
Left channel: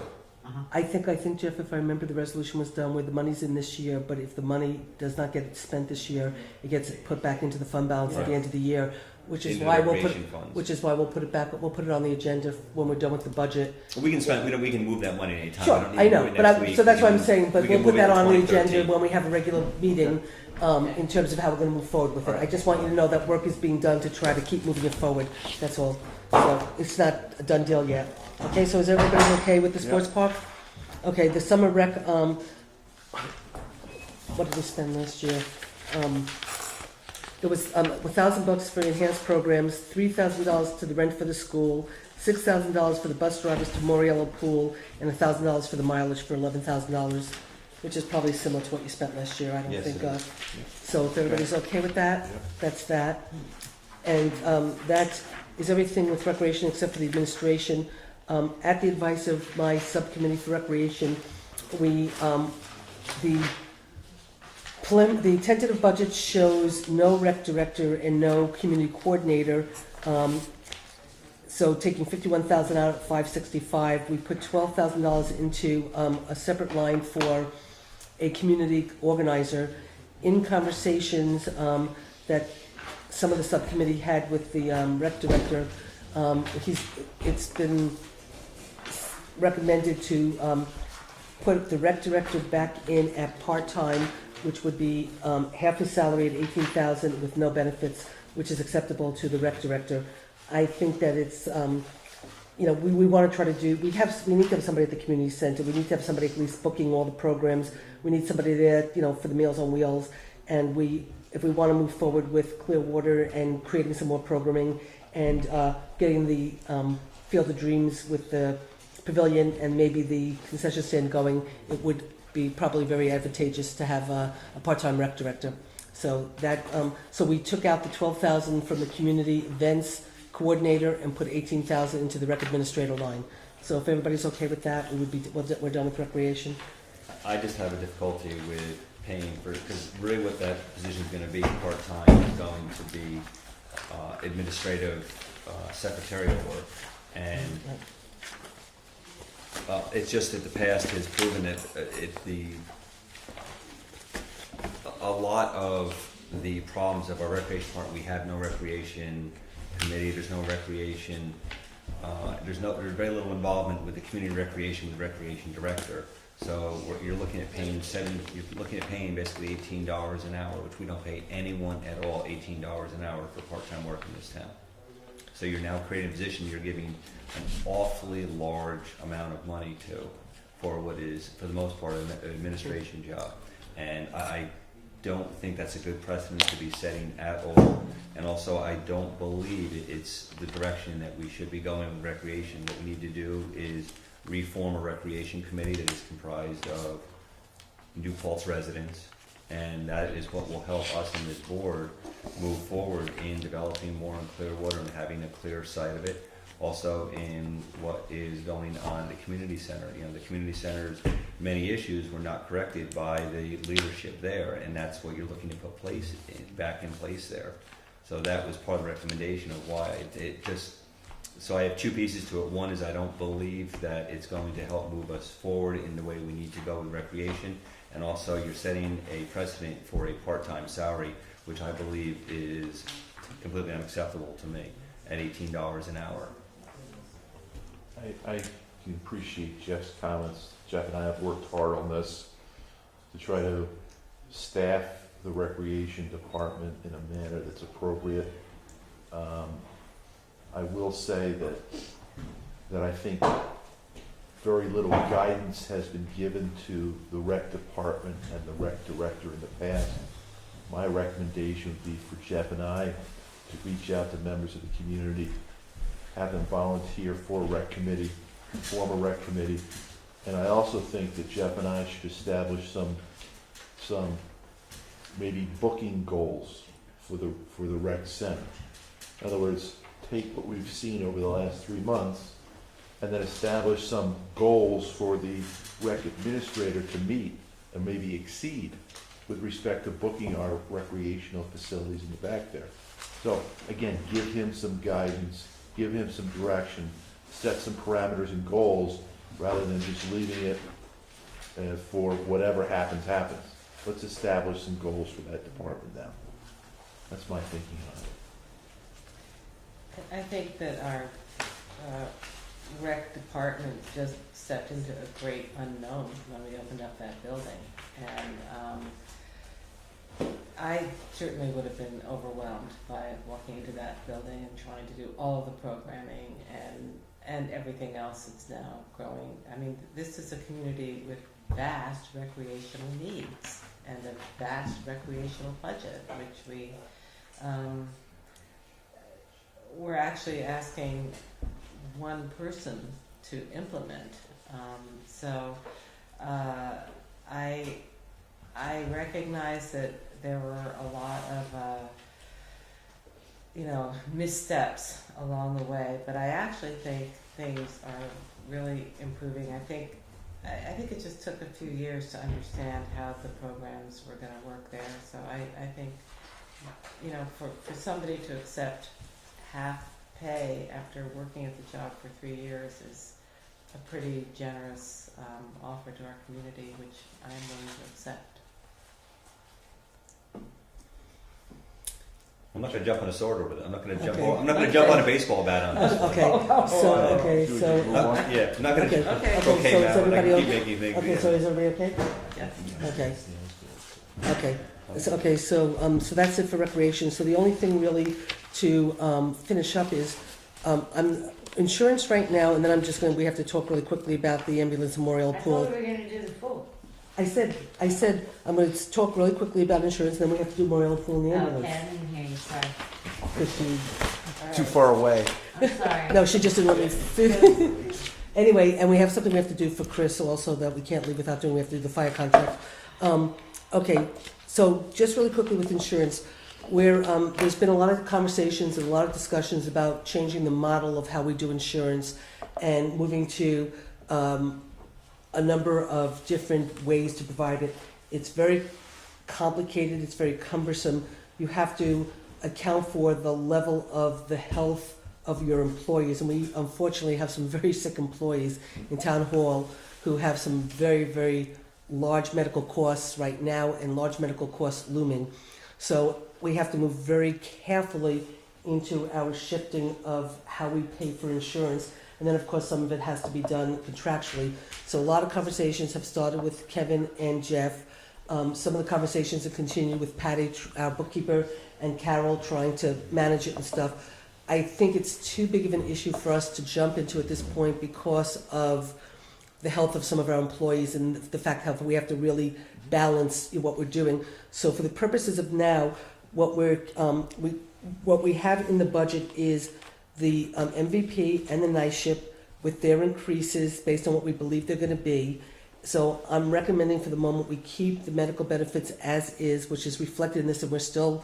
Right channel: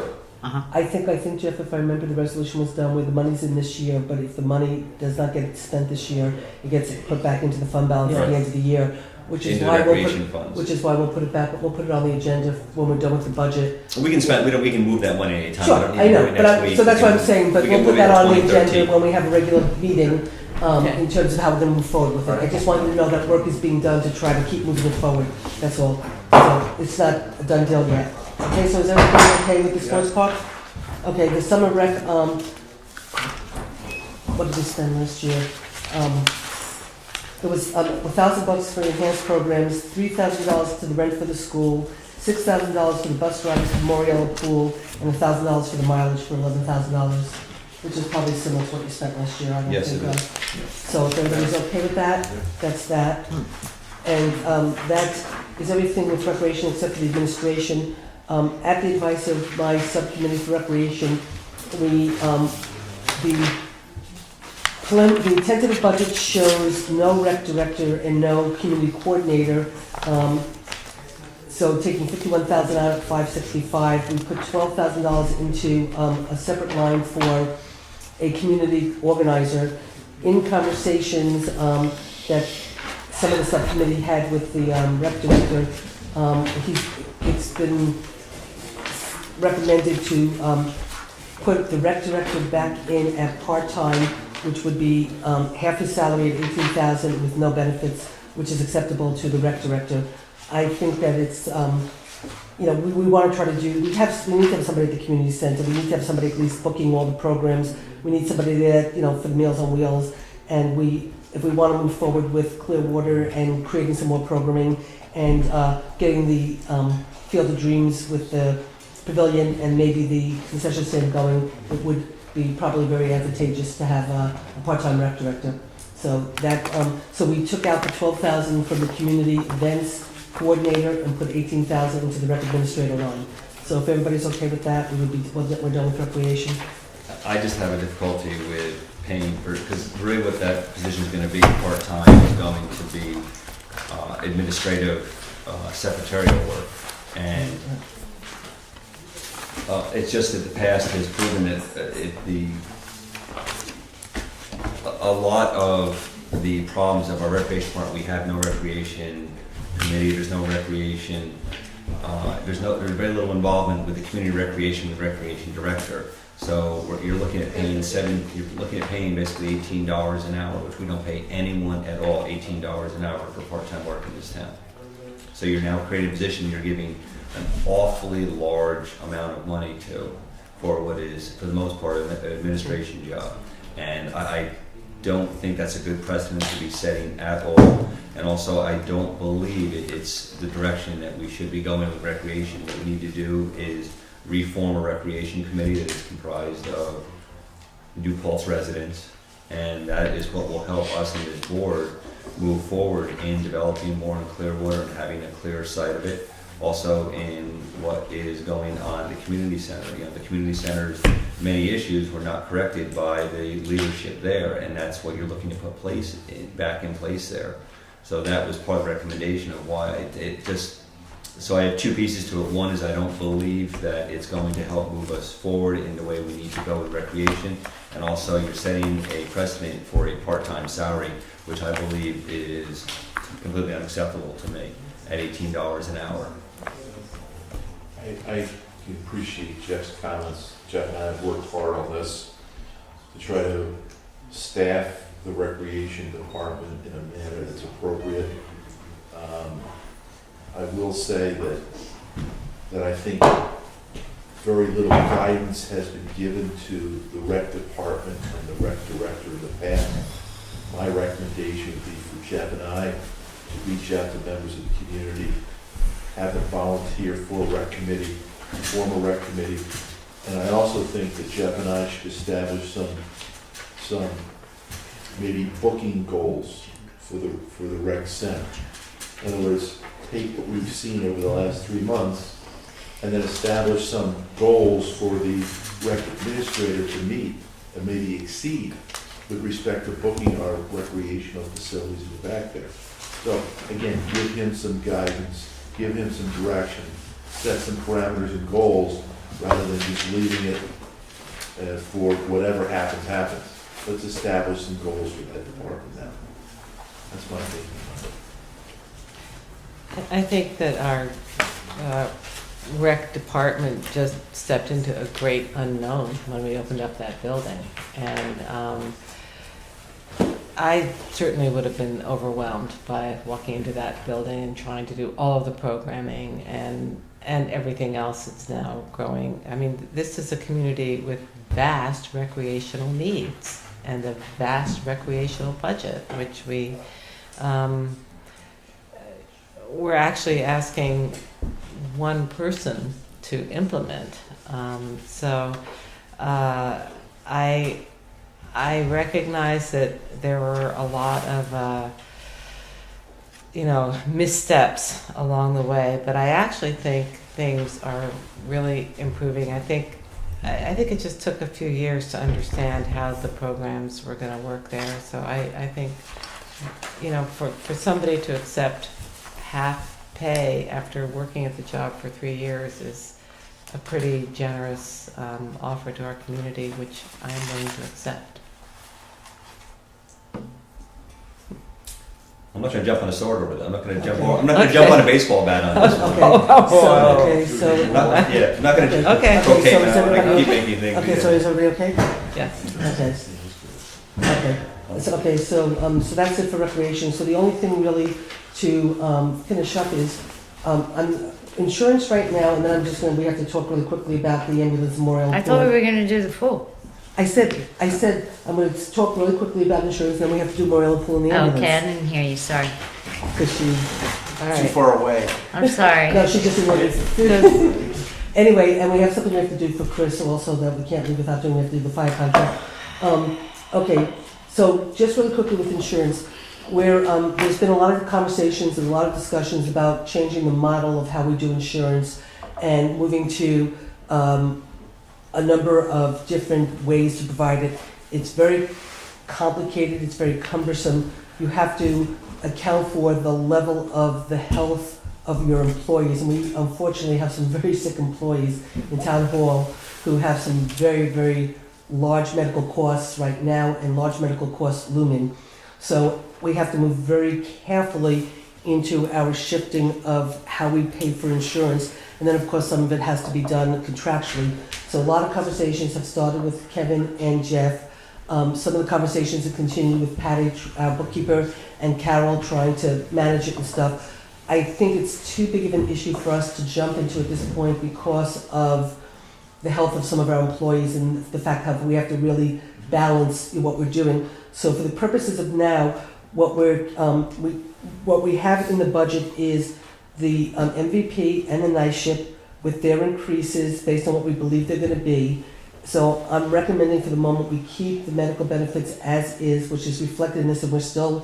I think, Jeff, if I remember, the resolution was done where the money's in this year, but if the money does not get spent this year, it gets put back into the fund balance at Right. the end of the year, which is into the why we'll put, recreation funds. which is why we'll put it back, we'll put it on the agenda when we're done with the budget. We can spend, we can move that money anytime. Sure, We don't I need to know, do it but next I'm, week. so that's We what I'm can- saying, but we we'll can put move that it to on the 2013. agenda when we have a regular meeting, Okay. in terms of how we're gonna move forward with it. I just want you to know that work is being done to try to keep moving it forward, that's all. So, it's not a done deal yet. Okay, so is everybody okay with the sports park? Okay, the summer rec, what did we spend last year? It was $1,000 for enhanced programs, $3,000 to the rent for the school, $6,000 for the bus ride to the Moriello pool, and $1,000 for the mileage for $11,000, which is probably similar to what you spent last year. I don't Yes, think. it is. So if everybody's okay with that, that's that. And that is everything with recreation except for the administration. At the advice of my subcommittee for recreation, we the tentative budget shows no rec director and no community coordinator. So taking 51,000 out of 565, we put $12,000 into a separate line for a community organizer. In conversations that some of the subcommittee had with the rec director, it's been recommended to put the rec director back in at part-time, which would be half his salary at $18,000 with no benefits, which is acceptable to the rec director. I think that it's, we want to try to do, we need to have somebody at the community center, we need to have somebody at least booking all the programs, we need somebody there, for the Meals on Wheels, and if we want to move forward with Clearwater and creating some more programming and getting the Field of Dreams with the pavilion and maybe the concession stand going, it would be probably very advantageous to have a part-time rec director. So that, so we took out the $12,000 from the community events coordinator and put $18,000 into the rec administrator line. So if everybody's okay with that, we're done with recreation. I just have a difficulty with paying for, because really what that position is gonna be, part-time, is going to be administrative, secretarial work. And it's just that the past has proven that a lot of the problems of our recreation department, we have no recreation committee, there's no recreation, there's very little involvement with the community recreation, the recreation director. So you're looking at paying basically $18 an hour, which we don't pay anyone at all, $18 an hour for part-time work in this town. So you're now creating a position, you're giving an awfully large amount of money for what is, for the most part, an administration job. And I don't think that's a good precedent to be setting at all. And also, I don't believe it's the direction that we should be going with recreation. What we need to do is reform a recreation committee that is comprised of new Paltz residents And that is what will help us and this board move forward in developing more in Clearwater and having a clear sight of it. Also in what is going on at the community center. You know, the community center's many issues were not corrected by the leadership there, and that's what you're looking to put back in place there. So that was part of the recommendation of why it just, so I have two pieces to it. One is I don't believe that it's going to help move us forward in the way we need to go with recreation. And also you're setting a precedent for a part-time salary, which I believe is completely unacceptable to me at $18 an hour. I can appreciate Jeff's comments. Jeff and I have worked hard on this to try to staff the recreation department in a manner that's appropriate. I will say that I think very little guidance has been given to the rec department and the rec director in the past. My recommendation would be for Jeff and I to reach out to members of the community, have them volunteer for a rec committee, form a rec committee. And I also think that Jeff and I should establish some maybe booking goals for the rec center. In other words, take what we've seen over the last 3 months and then establish some goals for the rec administrator to meet and maybe exceed with respect to booking our recreational facilities in the back there. So again, give him some guidance, give him some direction, set some parameters and goals rather than just leaving it for whatever happens, happens. Let's establish some goals for that department now. That's my thinking on it. I think that our rec department just stepped into a great unknown when we opened up that building. And I certainly would have been overwhelmed by walking into that building and trying to do all of the programming and everything else that's now growing. I mean, this is a community with vast recreational needs and a vast recreational budget, which we're actually asking one person to implement. I recognize that there were a lot of missteps along the way, but I actually think things are really improving. I think it just took a few years to understand how the programs were going to work there. So I think, for somebody to accept half pay after working at the job for 3 years is a pretty generous offer to our community, which I am willing to accept. I'm not going to jump on a sword over that. I'm not going to jump on a baseball bat on this. So I'm not going to Okay. okay, So is everybody keep making things. okay, so is everybody okay? Yes. Okay, so that's it for recreation. So the only thing really to finish up is insurance right now, and then we have to talk really quickly about the ambulance memorial. I thought we were gonna do the pool. I said I'm going to talk really quickly about insurance, then we have to do memorial pool and the ambulance. Okay, I didn't hear you, sorry. Because she, all right. Too far away. I'm sorry. No, she just didn't. Anyway, and we have something we have to do for Chris also that we can't leave without doing. We have to do the fire contract. Okay, so just really quickly with insurance, where there's been a lot of conversations and a lot of discussions about changing the model of how we do insurance and moving to a number of different ways to provide it. It's very complicated, it's very cumbersome. You have to account for the level of the health of your employees, and we unfortunately have some very sick employees in town hall who have some very, very large medical costs right now and large medical costs looming. So we have to move very carefully into our shifting of how we pay for insurance. And then, of course, some of it has to be done contractually. So a lot of conversations have started with Kevin and Jeff. Some of the conversations have continued with Patty, our bookkeeper, and Carol trying to manage it and stuff. I think it's too big of an issue for us to jump into at this point because of the health of some of our employees and the fact that we have to really balance what we're doing. So for the purposes of now, what we have in the budget is the MVP and the night ship with their increases based on what we believe they're going to be, So I'm recommending for the moment we keep the medical benefits as is, which is reflected in this, and we're still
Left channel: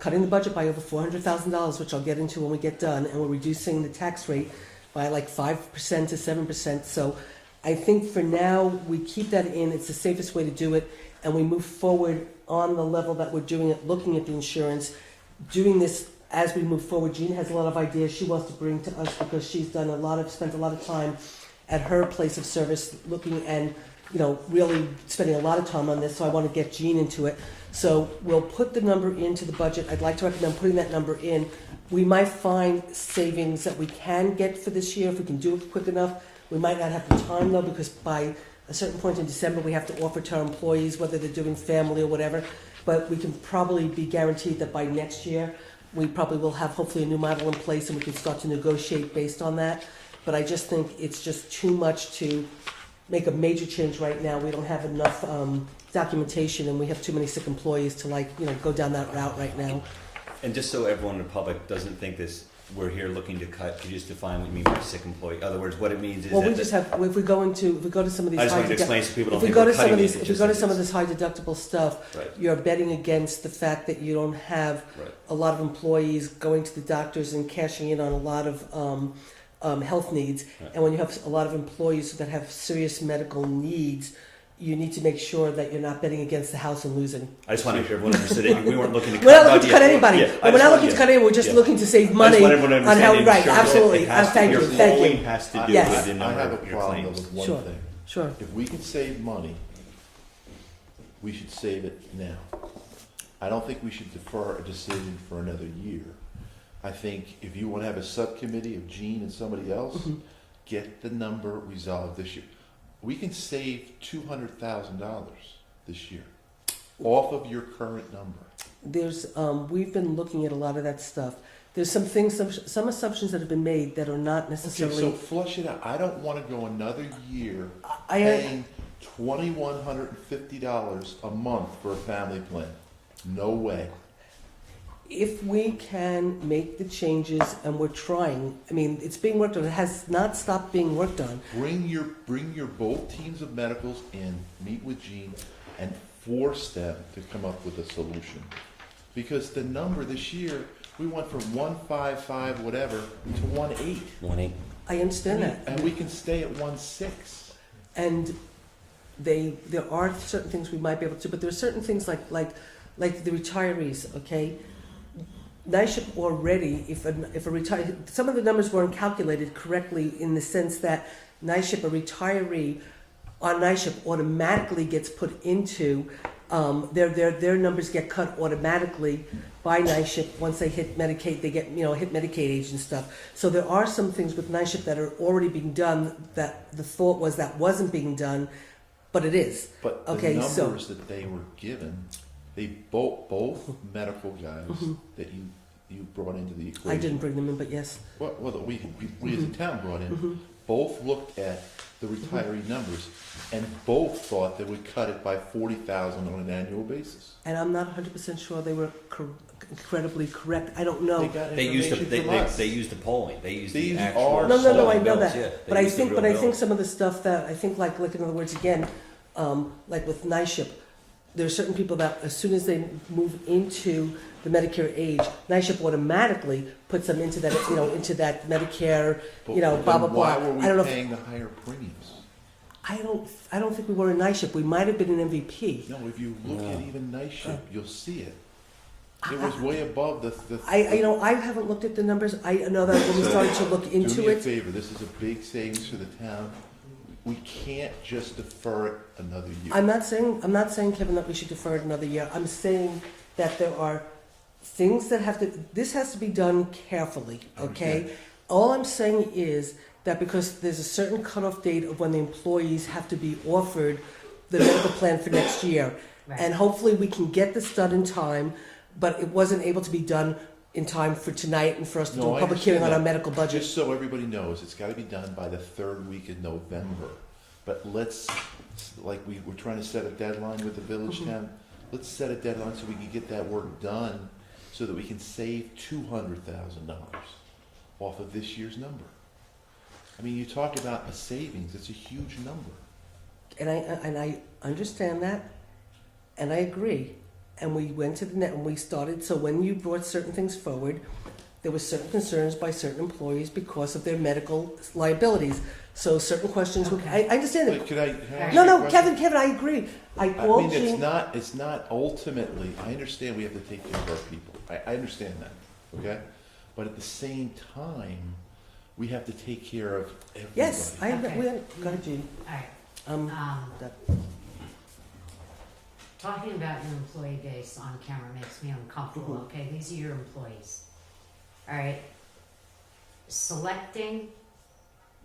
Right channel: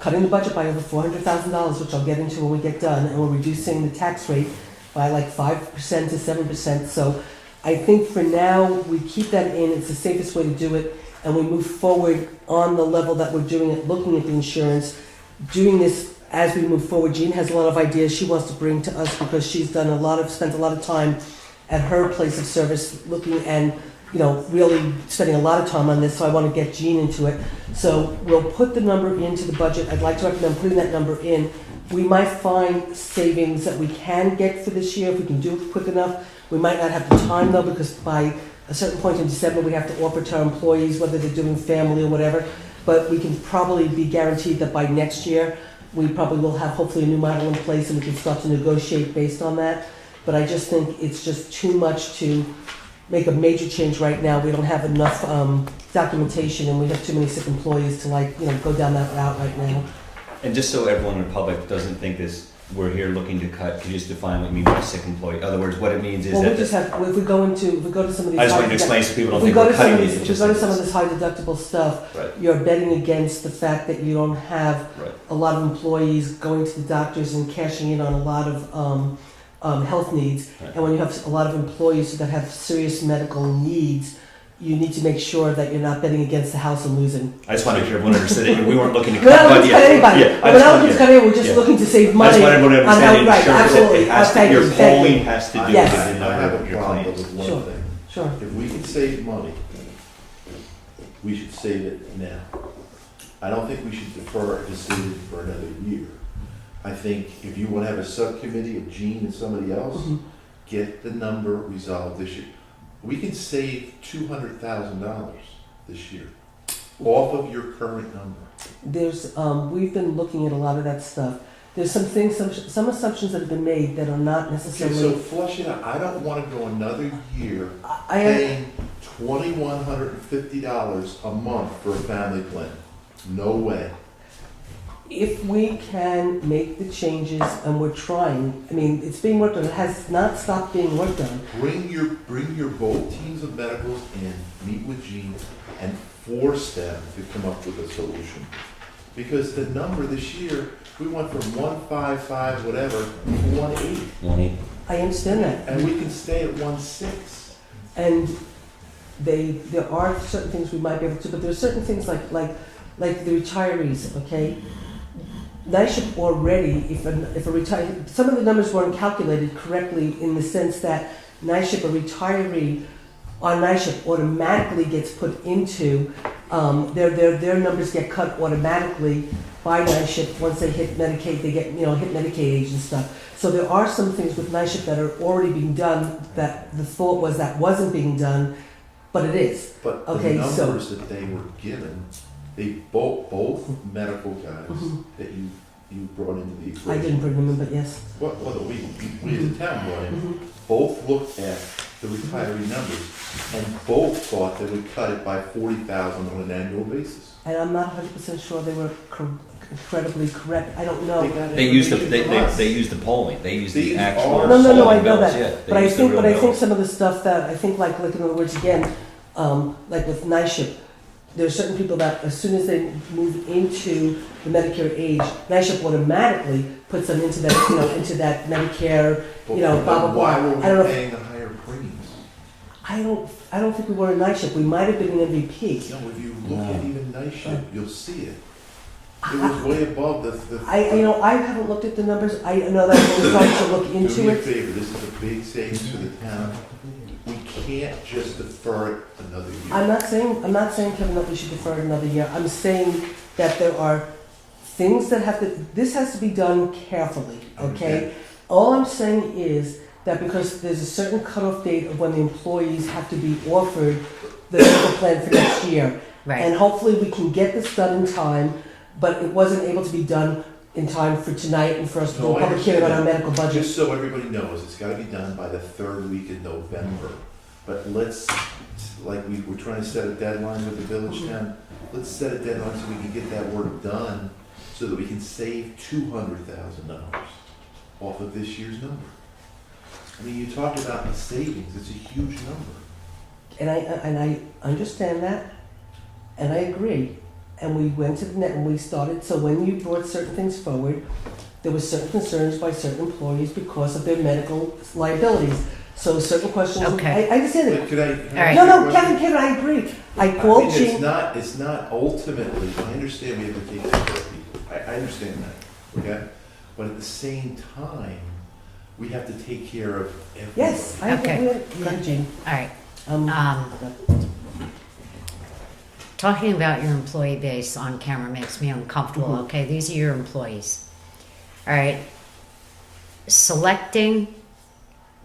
cutting the budget by over $400,000, which I'll get into when we get done, and we're reducing the tax rate by like 5% to 7%. So I think for now, we keep that in, it's the safest way to do it, and we move forward on the level that we're doing it, looking at the insurance, doing this as we move forward. Jean has a lot of ideas she wants to bring to us because she's spent a lot of time at her place of service looking and, really spending a lot of time on this, so I want to get Jean into it. So we'll put the number into the budget. I'd like to recommend putting that number in. We might find savings that we can get for this year if we can do it quick enough. We might not have the time though, because by a certain point in December we have to offer to our employees, whether they're doing family or whatever. But we can probably be guaranteed that by next year we probably will have hopefully a new model in place and we can start to negotiate based on that. But I just think it's just too much to make a major change right now. We don't have enough documentation and we have too many sick employees to go down that route right now. And just so everyone in the public doesn't think this, we're here looking to cut, can you just define what you mean by sick employee? In other words, what it means is Well, that. we just have, if we go to some of these I just wanted to high explain so people if don't we think go we're to some cutting of these. these, if we go to some of this high deductible stuff, Right, you're betting against the fact that you don't have right. a lot of employees going to the doctors and cashing in on a lot of health needs. Right. And when you have a lot of employees that have serious medical needs, you need to make sure that you're not betting against the house and losing. I just want to make sure everyone understood it. We weren't looking to We're cut. not looking to cut anybody. Yeah, I We're just not wanted- looking to cut anybody. We're just yeah. looking to save I money just wanted everyone to on how, understand right, it. Sure, absolutely. it has to- Thank your you, thank polling you. has to do Yes. with the I have number a of your problem claims. with one Sure. thing. Sure. If we can save money, we should save it now. I don't think we should defer a decision for another year. I think if you want to have a subcommittee of Gene and somebody else, Mhm. get the number resolved this year. We can save $200,000 this year off of your current number. There's, we've been looking at a lot of that stuff. There's some things, some assumptions that have been made that are not Okay, necessarily. so flush it out. I don't want to go another year I am, paying $2,150 a month for a family plan. No way. if we can make the changes, and we're trying, I mean, it's being worked on, it has not stopped being worked on. Bring your both teams of medicals in, meet with Gene, and force them to come up with a solution. Because the number this year, we went from 155 whatever to 180, 1.8. I understand that. and we can stay at 1.6. And there are certain things we might be able to, but there are certain things like the retirees, okay? NISHIP already, if a retiree, some of the numbers weren't calculated correctly in the sense that NISHIP, a retiree on NISHIP automatically gets put into, their numbers get cut automatically by NISHIP. Once they hit Medicaid, they get, hit Medicaid age and stuff. So there are some things with NISHIP that are already being done that the thought was that wasn't being done, but it is. But the Okay, so- numbers that they were given, they both medical guys Mhm. that you brought into the equation. I didn't bring them in, but yes. Well, that we as a town brought in, Mhm. both looked at the retiree numbers and both thought they would cut it by 40,000 on an annual basis. And I'm not 100% sure they were incredibly correct. I don't know. got They used the information from us. they used the polling. They used They the used actual ours. No, polling I know bills. that. Yeah, they But I used the think, real bills. some of the stuff that I think, like in other words, again, like with NISHIP, there are certain people that as soon as they move into the Medicare age, NISHIP automatically puts them into that, into that Medicare. But blah, blah, then blah. why were we I don't know if- paying the higher premiums? I don't think we were in NISHIP. We might have been in MVP. No, if you look at even night shift, you'll see it. It I, was way above the. I haven't looked at the numbers. I know that I'm starting to look Do into me a it. favor, this is a big savings for the town. We can't just defer it another year. I'm not saying, Kevin, that we should defer it another year. I'm saying that there are things that this has to be done carefully, okay? All I'm saying is that because there's a certain cutoff date of when the employees have to be offered the medical plan for next year. Right. And hopefully we can get this done in time, but it wasn't able to be done in time for tonight and for us to do No, a I public hearing on our understand medical budget. Just so everybody knows, it's gotta be done by the third week in November. But let's, like we're trying to set a deadline with the village town, let's set a deadline so we can get that work done so that we can save $200,000 off of this year's number. I mean, you talked about the savings, it's a huge number. and I understand that, and I agree. And we went to the net and we started, so when you brought certain things forward, there were certain concerns by certain employees because of their medical liabilities. So certain questions, Okay. I understand it. But could I? All right. No, Kevin, I agree. I called mean, Jean. it's not ultimately, I understand we have to take care of people, I understand that, okay? But at the same time, we have to take care of everybody. Yes, I Okay. agree, Jean. All right. Um, Talking about your employee base on camera makes me uncomfortable, Mhm. okay? These are your employees. All right. Selecting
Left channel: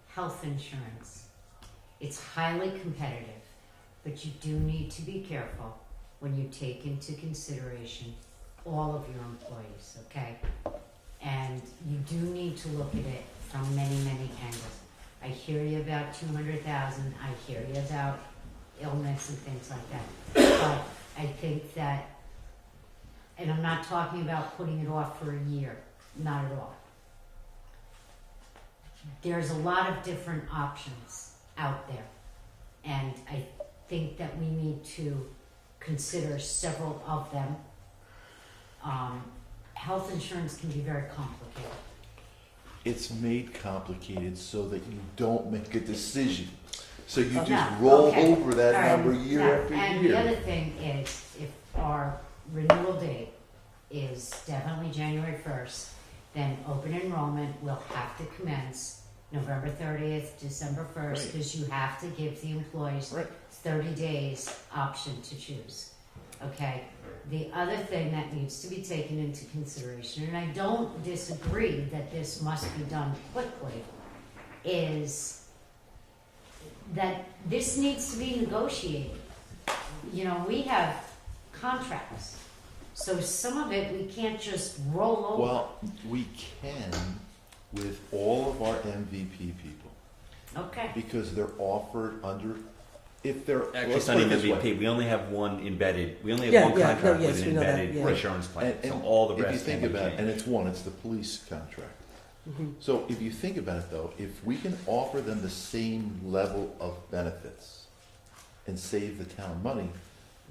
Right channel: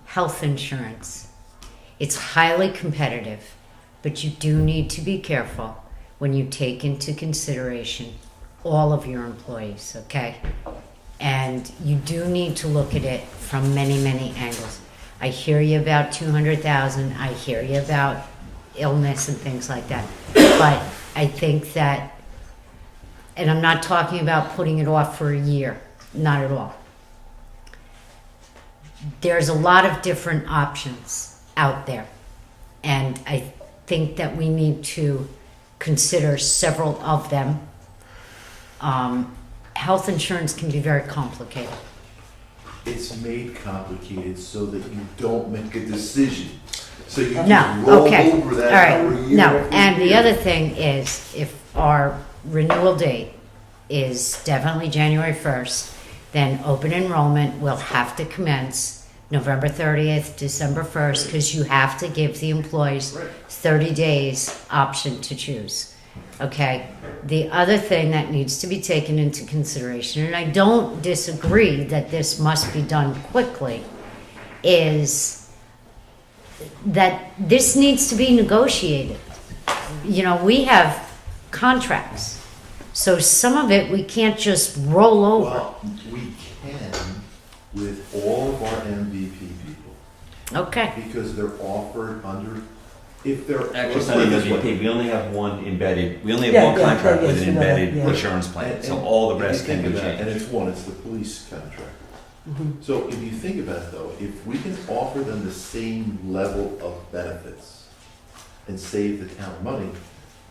health insurance. It's highly competitive, but you do need to be careful when you take into consideration all of your employees, okay? And you do need to look at it from many, many angles. I hear you about 200,000. I hear you about illness and things like that. But I think that, and I'm not talking about putting it off for a year, not at all. There's a lot of different options out there. And I think that we need to consider several of them. Health insurance can be very complicated. It's made complicated so that you don't make a decision. So you just No, roll okay. over All that right, number year no, after and the year. other thing is, if our renewal date is definitely January 1st, then open enrollment will have to commence November 30th, December 1st, because you have to give the employees Right. 30 days option to choose. Okay? The other thing that needs to be taken into consideration, and I don't disagree that this must be done quickly, is that this needs to be negotiated. You know, we have contracts, so some of it we can't just roll over. Well, we can with all of our MVP people, Okay, because they're offered under, if they're. Actually, let's it's not put it even this way. MVP, we only have one embedded, we only have Yeah, one yeah, contract yeah, with yes, an we know that, embedded yeah. insurance plan, so all the if you rest can think be about it, and changed. it's one, it's the police contract. Mhm. So if you think about it though, if we can offer them the same level of benefits and save the town money,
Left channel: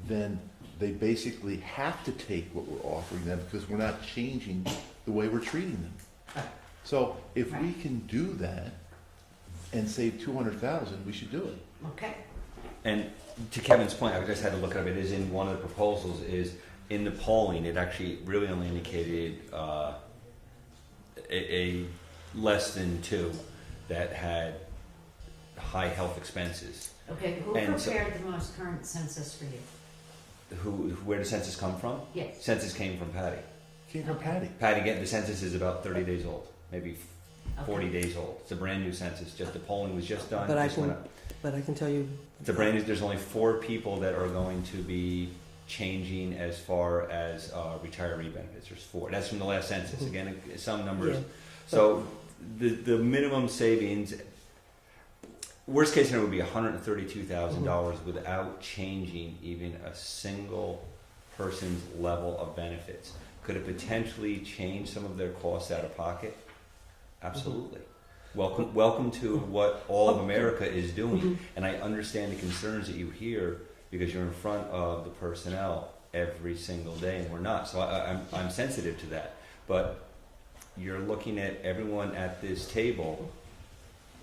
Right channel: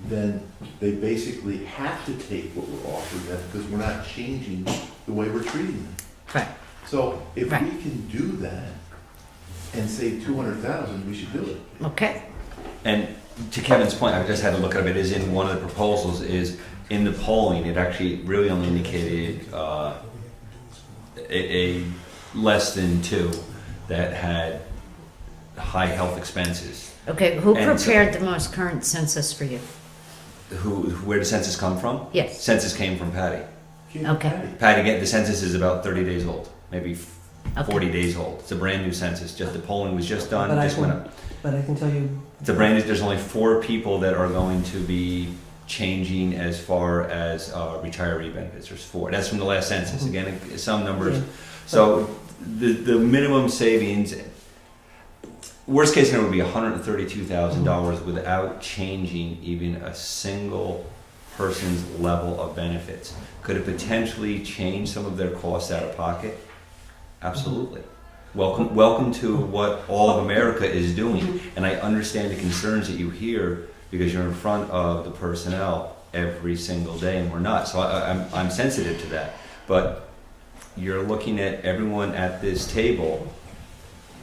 then they basically have to take what we're offering them because we're not changing the way we're treating them. right. So if Right. we can do that and save 200,000, we should do it. Okay, And to Kevin's point, I just had to look up, it is in one of the proposals, is in the polling, it actually really only indicated a less than 2 that had high health expenses. okay, who And so- prepared the most current census for you? Where did census come from? Yes, Census came from Patty. Okay. Patty, again, the census is about 30 days old, maybe okay. 40 days old. It's a brand new census, just the polling was just done, But I just went can- up. But I can tell you. It's a brand new, there's only 4 people that are going to be changing as far as retiree benefits. There's 4. That's from the last census. Again, some numbers. Yeah. So the minimum savings, worst case scenario would be $132,000 without changing even a single person's level of benefits. Could it potentially change some of their costs out of pocket? Absolutely. Welcome to what all of America is doing. And I understand the concerns that you hear because you're in front of the personnel every single day, and we're not. So I'm sensitive to that. But you're looking at everyone at this table,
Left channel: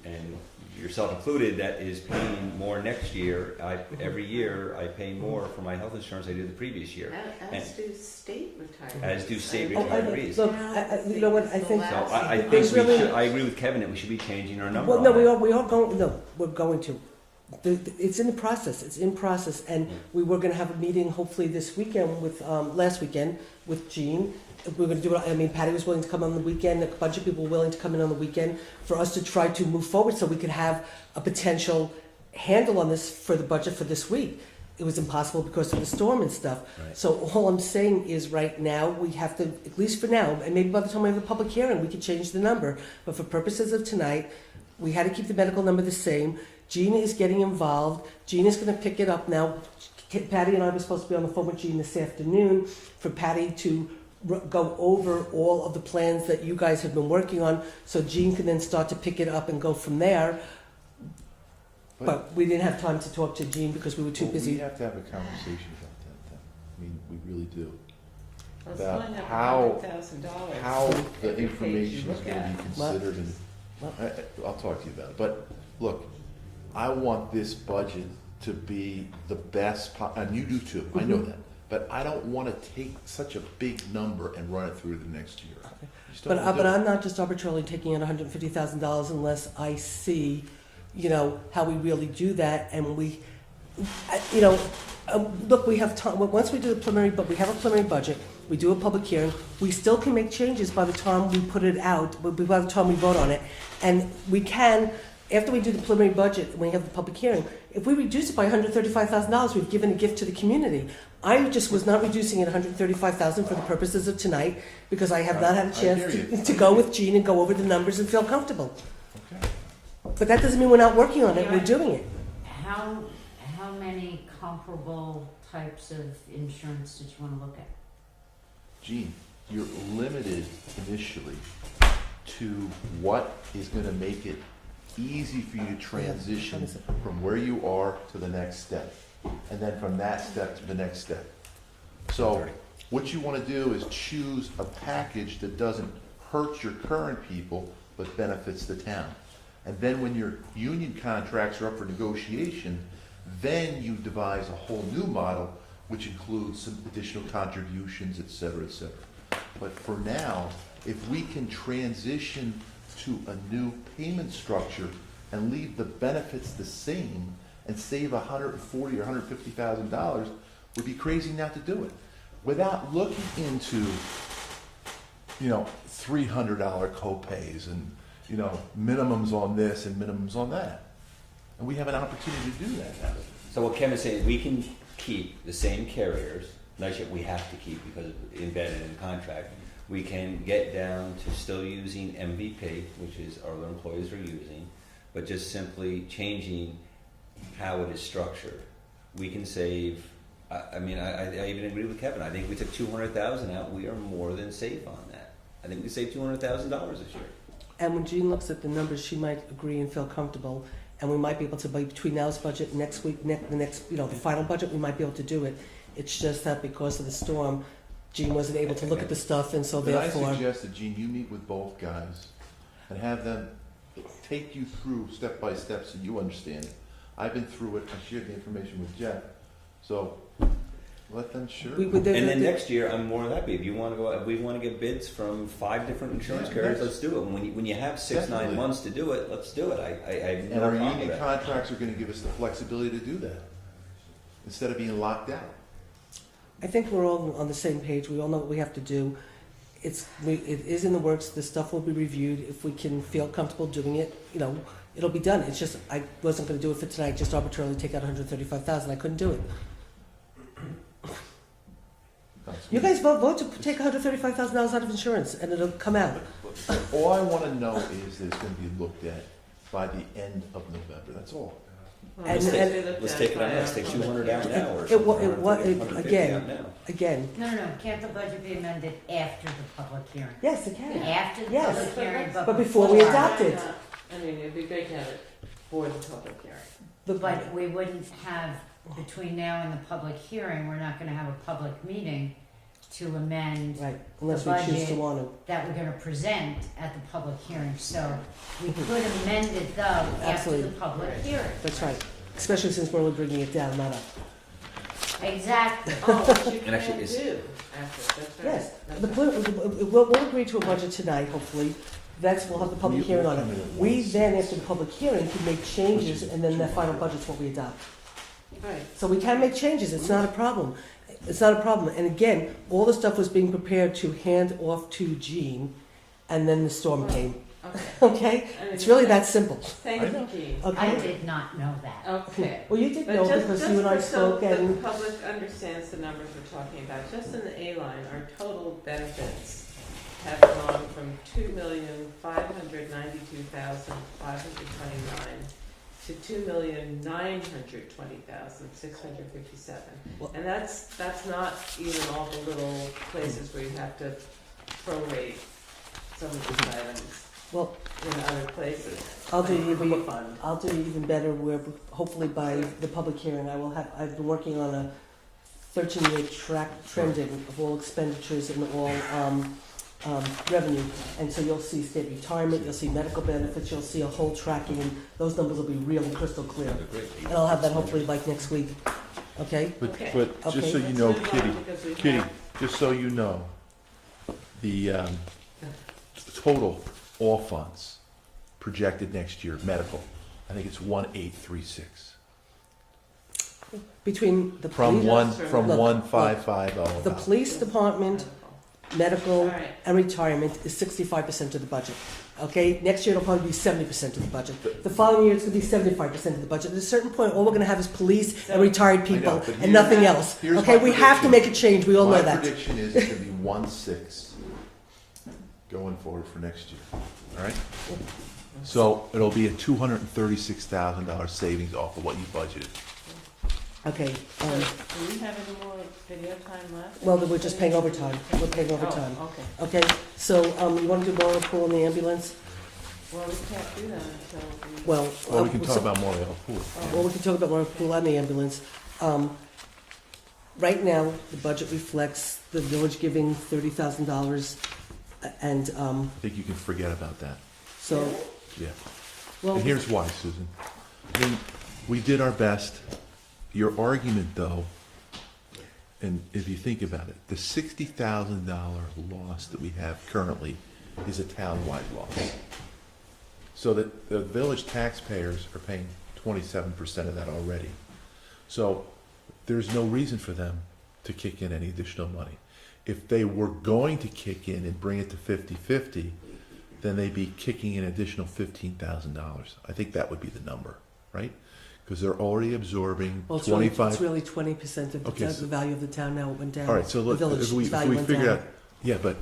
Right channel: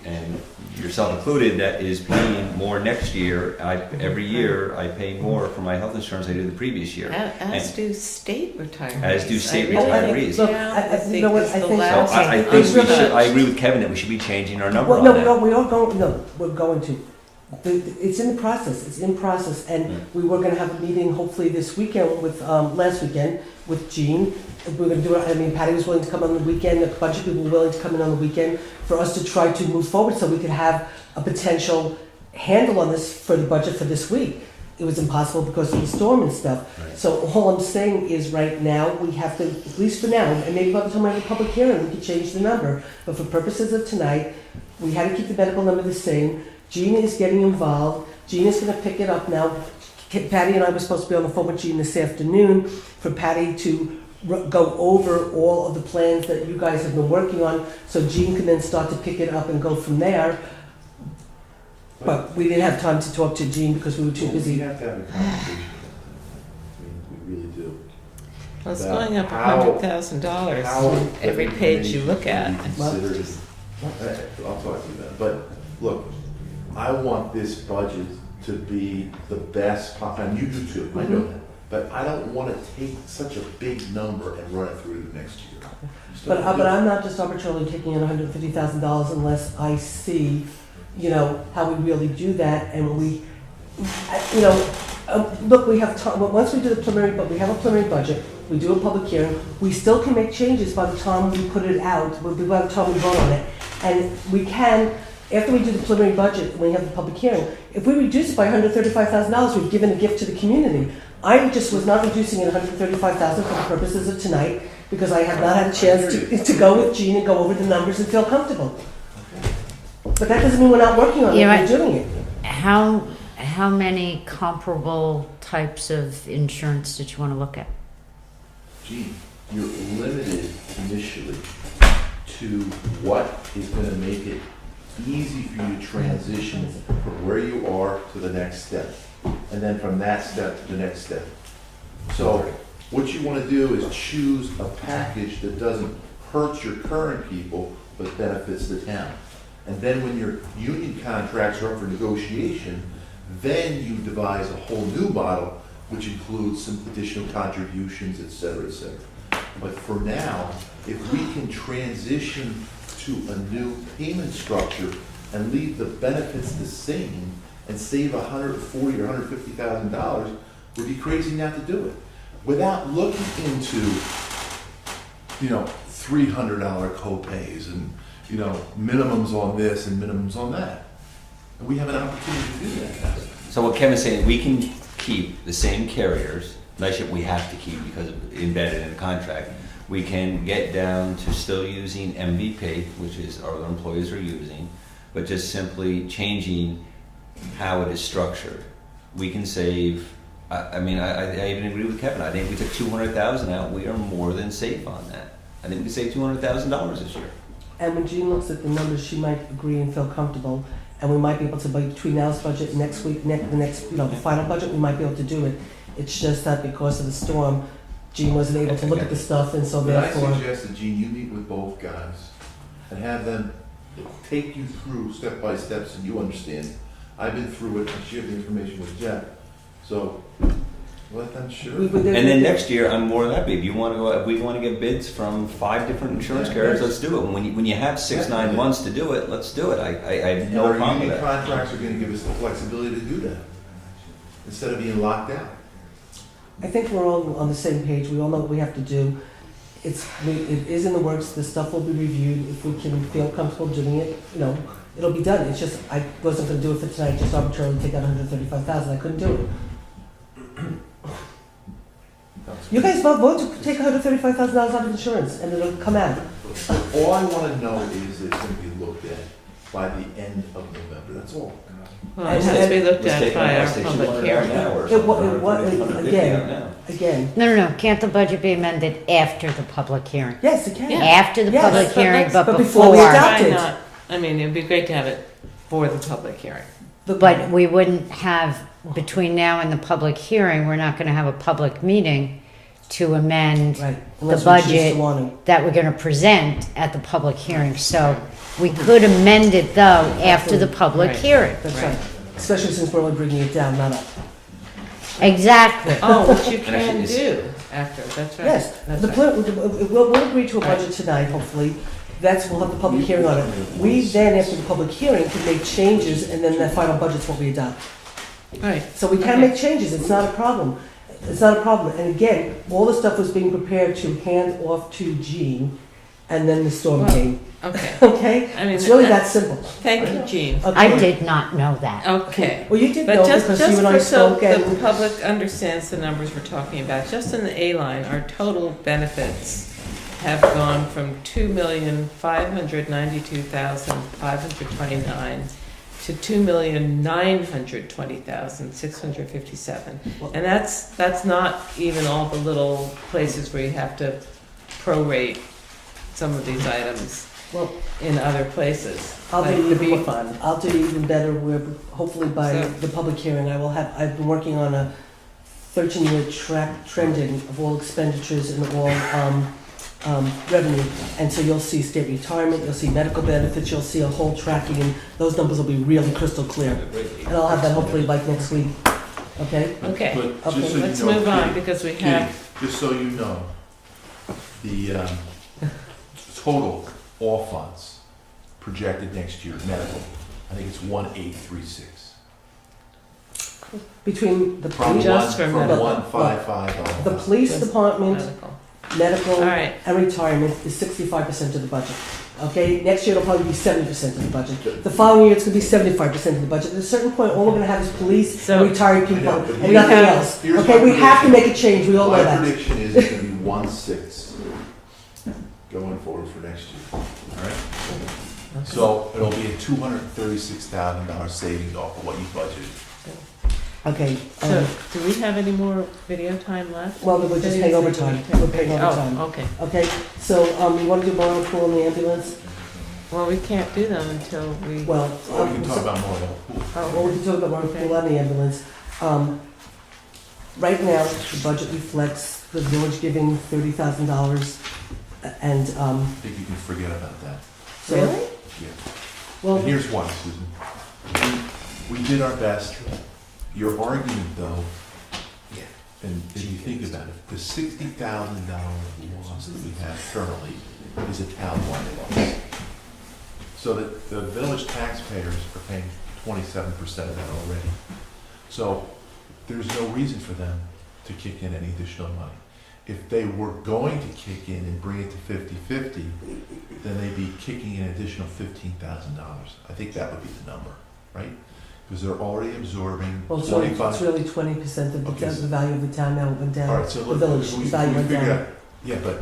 and yourself included, that is paying more next year. Every year I pay more for my health insurance than I did the previous year. As And- do state retirees. As do state I mean, retirees. Look, Yeah, I you think know what, it's I the think. So last- I think we should, I agree with Kevin that we should be changing our number Well, on no, that. no, we are going, no, we're going to. It's in the process, it's in process, and we were gonna have a meeting hopefully this weekend with, last weekend, with Jean. We're gonna do it, I mean, Patty was willing to come on the weekend, a bunch of people were willing to come in on the weekend for us to try to move forward so we could have a potential handle on this for the budget for this week. It was impossible because of the storm and stuff. Right. So all I'm saying is right now, we have to, at least for now, and maybe by the time I have a public hearing, we can change the number. But for purposes of tonight, we had to keep the medical number the same. Jean is getting involved. Jean is gonna pick it up now. Patty and I were supposed to be on the phone with Jean this afternoon for Patty to go over all of the plans that you guys have been working on, so Jean can then start to pick it up and go from there. But we didn't have time to talk to Jean because we were too We busy. have to have a conversation about that. We really do. Well, it's About going up how- $100,000 How every page you look at. information should be considered. I'll talk to you about it, but look, I want this budget to be the best, and you do too, I know Mhm. that. But I don't wanna take such a big number and run it through the next year. Just But, don't do but it. I'm not just arbitrarily taking in $150,000 unless I see, you know, how we really do that and we, you know, look, we have time, once we do the preliminary, but we have a preliminary budget, we do a public hearing, we still can make changes by the time we put it out, by the time we vote on it. And we can, after we do the preliminary budget, and we have the public hearing, if we reduce it by $135,000, we've given a gift to the community. I just was not reducing it $135,000 for the purposes of tonight, because I have not had a chance to go with Jean and go over the numbers and feel comfortable. But that doesn't mean we're not working on it, You know we're what? doing it. How many comparable types of insurance did you want to look at? Gee, you're limited initially to what is gonna make it easy for you to transition from where you are to the next step, and then from that step to the next step. So, what you wanna do is choose a package that doesn't hurt your current people, but benefits the town. And then when your union contracts are up for negotiation, then you devise a whole new model, which includes some additional contributions, et cetera, et cetera. But for now, if we can transition to a new payment structure and leave the benefits the same and save $140,000 or $150,000, we'd be crazy not to do it. Without looking into, $300 co-pays and, minimums on this and minimums on that. And we have an opportunity to do that. So what Kevin's saying, we can keep the same carriers, nice ship we have to keep because of embedded in the contract. We can get down to still using MVP, which is our other employees are using, but just simply changing how it is structured. We can save, I even agree with Kevin. I think we took 200,000 out. We are more than safe on that. I think we saved $200,000 this year. And when Jean looks at the numbers, she might agree and feel comfortable, and we might be able to, between now's budget, next week, the final budget, we might be able to do it. It's just that because of the storm, Jean wasn't able to look at the stuff, and so But I therefore. suggest that, Gene, you meet with both guys and have them take you through step by step so you understand. I've been through it, I shared the information with Jeff, so let them share. we- we- And then next year, I'm more than happy. If you want to go, if we want to get bids from 5 different insurance carriers, let's do it. When you have 6-9 months to do it, let's do it. I have And no our problem with union that. contracts are gonna give us the flexibility to do that, instead of being locked out. I think we're all on the same page, we all know what we have to do. It is in the works, the stuff will be reviewed, if we can feel comfortable doing it, it'll be done. It's just, I wasn't gonna do it for tonight, just arbitrarily take out $135,000, I couldn't do it. You guys vote to take $135,000 out of insurance, and it'll come out. All I wanna know is that it's gonna be looked at by the end of November, that's all. Well, it has to be looked Let's at take by our let's take public 200 out hearing. now or It wa- something. it wa- Or it- 50 again. out now. Again, No, can't the budget be amended after the public hearing? yes, it can. Yeah. After the Yes, public but hearing, let's- but but before we before. adopt Why it. not? I mean, it'd be great to have it for the public hearing. But we wouldn't have, between now and the public hearing, we're not gonna have a public meeting to amend Right, unless we choose budget to want to. that we're gonna present at the public hearing. So we could amend it though after the public Right. hearing. That's right, especially since we're only bringing it down, not up. Exactly. Oh, which you And can actually, do after, that's right. Yes, That's the, right. we'll agree to a budget tonight, hopefully. We'll have the public hearing on it. We then, after the public hearing, can make changes, and then the final budget's what we adopt. Right, So we can Okay. make changes, it's not a problem. It's not a problem. And again, all the stuff was being prepared to hand off to Jean, and then the storm Well, came, okay. okay? I mean, It's really that simple. Thank you, Jean. I Okay. did not know that. Okay. Well, you did know But just because you and I for so spoke the and, public understands the numbers we're talking about, just in the A line, our total benefits have gone from 2,592,529 to 2,920,657. And that's not even all the little places where you have to prorate some of these items. Well, in other places, I'll like do the even bee fund. I'll do even better where hopefully by So- the public hearing, I've been working on a 13-year trending of all expenditures and all revenue. And so you'll see state retirement, you'll see medical benefits, you'll see a whole tracking, and those numbers will be really crystal clear. And I'll have that hopefully by next week, okay? But- Okay. But Okay, just so you Let's know, move on, Kitty, because we Kitty, have, just so you know, the total all funds projected next year, medical, I think it's 1,836. Between the From police, Just for from medical. 155. the police Just department, medical. medical, All right, and retirement is 65% of the budget. Okay, next year it'll probably be 70% of the budget. The following year it's gonna be 75% of the budget. At a certain point, all we're gonna have is police So- and retired I people know, but and nothing here's- else. here's Okay, my we have to prediction. make a change, we all know My that. prediction is it's gonna be 1/6 going forward for next year, all right? So it'll be a $236,000 savings off of what you budgeted. Okay, so do we have any more video time left? well, we're just paying overtime. We're paying overtime. Oh, okay. Okay, so, you wanna do motor pool and the ambulance? Well, we can't do them until we, Well, Or we can talk about more. well, we can talk about motor pool and the ambulance. Right now, the budget reflects the village giving $30,000 and, I think you can forget about that. so. really? Well, And here's why, Susan. We did our best. Your argument, though, and if you think about it, the $60,000 loss that we have currently is a town-wide loss. So that the village taxpayers are paying 27% of that already. So there's no reason for them to kick in any additional money. If they were going to kick in and bring it to 50-50, then they'd be kicking in an additional $15,000. I think that would be the number, right? Because they're already absorbing well, it's 25. really 20% of Okay, the value of the town now went down. All right, so The look, village we value went figured down. out, yeah, but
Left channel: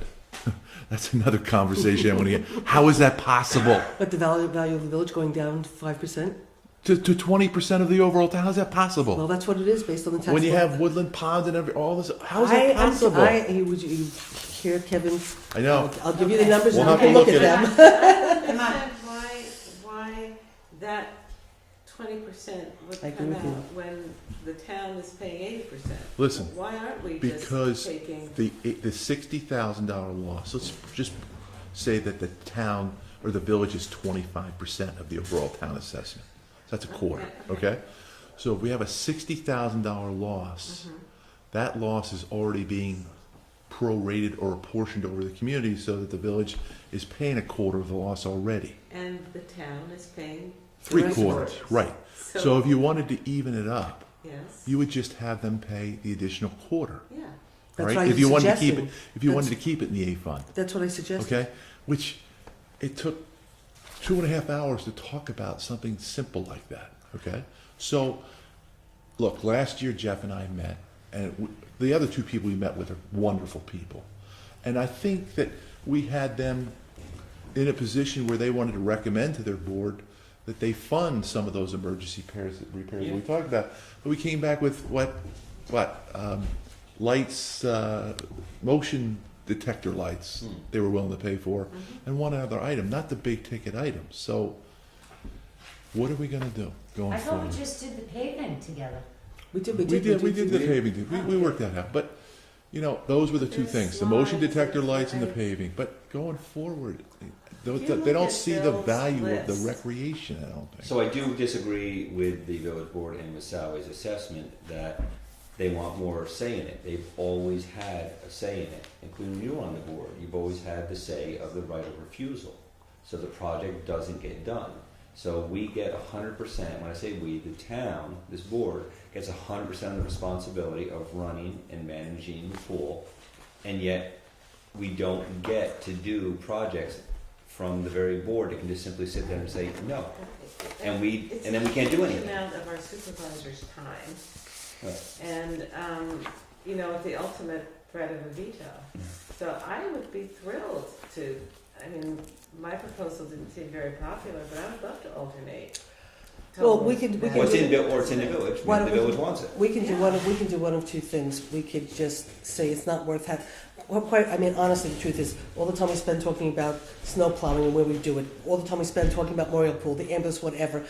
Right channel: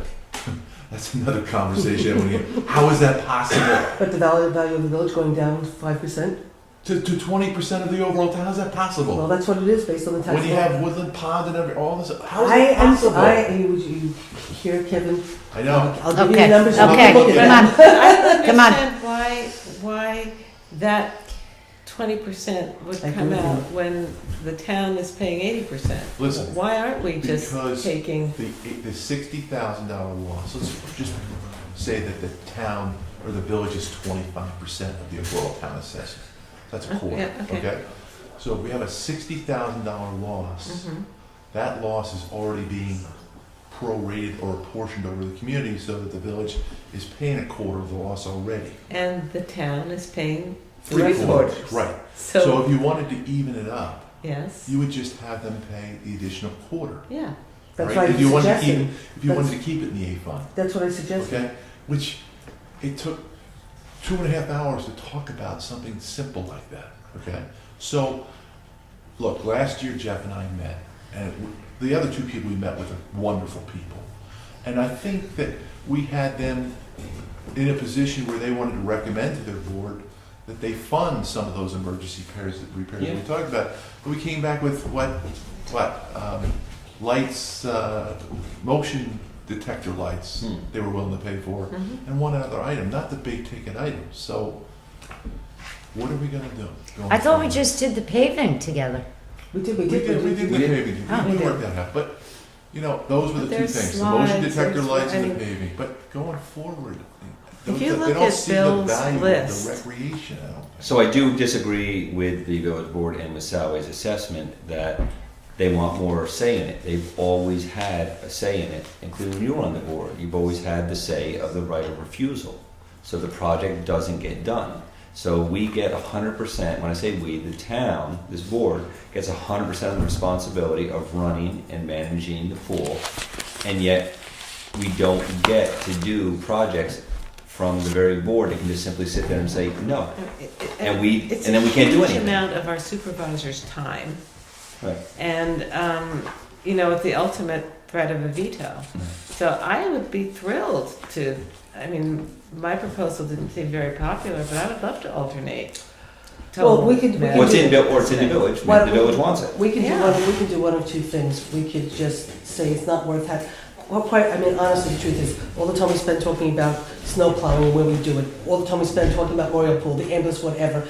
that's another conversation I want to get. How is that possible? But the value of the village going down 5%? To 20% of the overall town, how's that possible? Well, that's what it is based on the tax. When you law. have woodland ponds and all this, how is I that am, possible? you hear Kevin? I know. I'll give you Okay, the numbers. you okay, can look at come them. on. Come on. I don't understand why that 20% would I come agree with out you. when the town is paying 80%. Listen, Why aren't we because just taking, the $60,000 loss, let's just say that the town or the village is 25% of the overall town assessment. That's a quarter, Yeah, okay. okay? So if we have a $60,000 loss, Mhm. that loss is already being prorated or apportioned over the community so that the village is paying a quarter of the loss already. and the town is paying Three Right. quarters, right. So So, if you wanted to even it up, yes, you would just have them pay the additional quarter, yeah. That's right? what I If you wanted to keep suggested. it, if you wanted to keep it in the A fund, That's what I suggested. okay? Which, it took 2.5 hours to talk about something simple like that, okay? So, look, last year Jeff and I met, and the other two people we met with are wonderful people. And I think that we had them in a position where they wanted to recommend to their board that they fund some of those emergency repairs that we talked about. But we came back with lights, motion detector lights they were willing to pay for, Mhm. and one other item, not the big ticket items. So what are we gonna do? going I thought we forward? just did the paving together. We did, We did the paving, Oh, we we worked that out, but, you know, those were the But two there's things, the motion slides, detector there's lights and the writing. paving, but going forward, If they you look don't at see the Bill's value of list- the recreation, I don't think. So I do disagree with the village board and with Sally's assessment that they want more say in it. They've always had a say in it, including when you were on the board. You've always had the say of the right of refusal. So the project doesn't get done. So we get 100%, when I say we, the town, this board, gets 100% of the responsibility of running and managing the pool. And yet, we don't get to do projects from the very board. They can just simply sit there and say, no. And then we can't do It's a huge anything. amount of our supervisor's time. Right. And, you know, it's the ultimate threat of a veto. So I would be thrilled to, I mean, my proposal didn't seem very popular, but I would love to alternate. Well, we could- total Or it's in, management. or it's in the village, Why the don't village wants it. We can Yeah. do one of two things. We could just say it's not worth having. quite, I mean, honestly, the truth is, all the time we spend talking about snow plowing and where we do it, all the time we spend talking about Memorial Pool, the ambulance, whatever.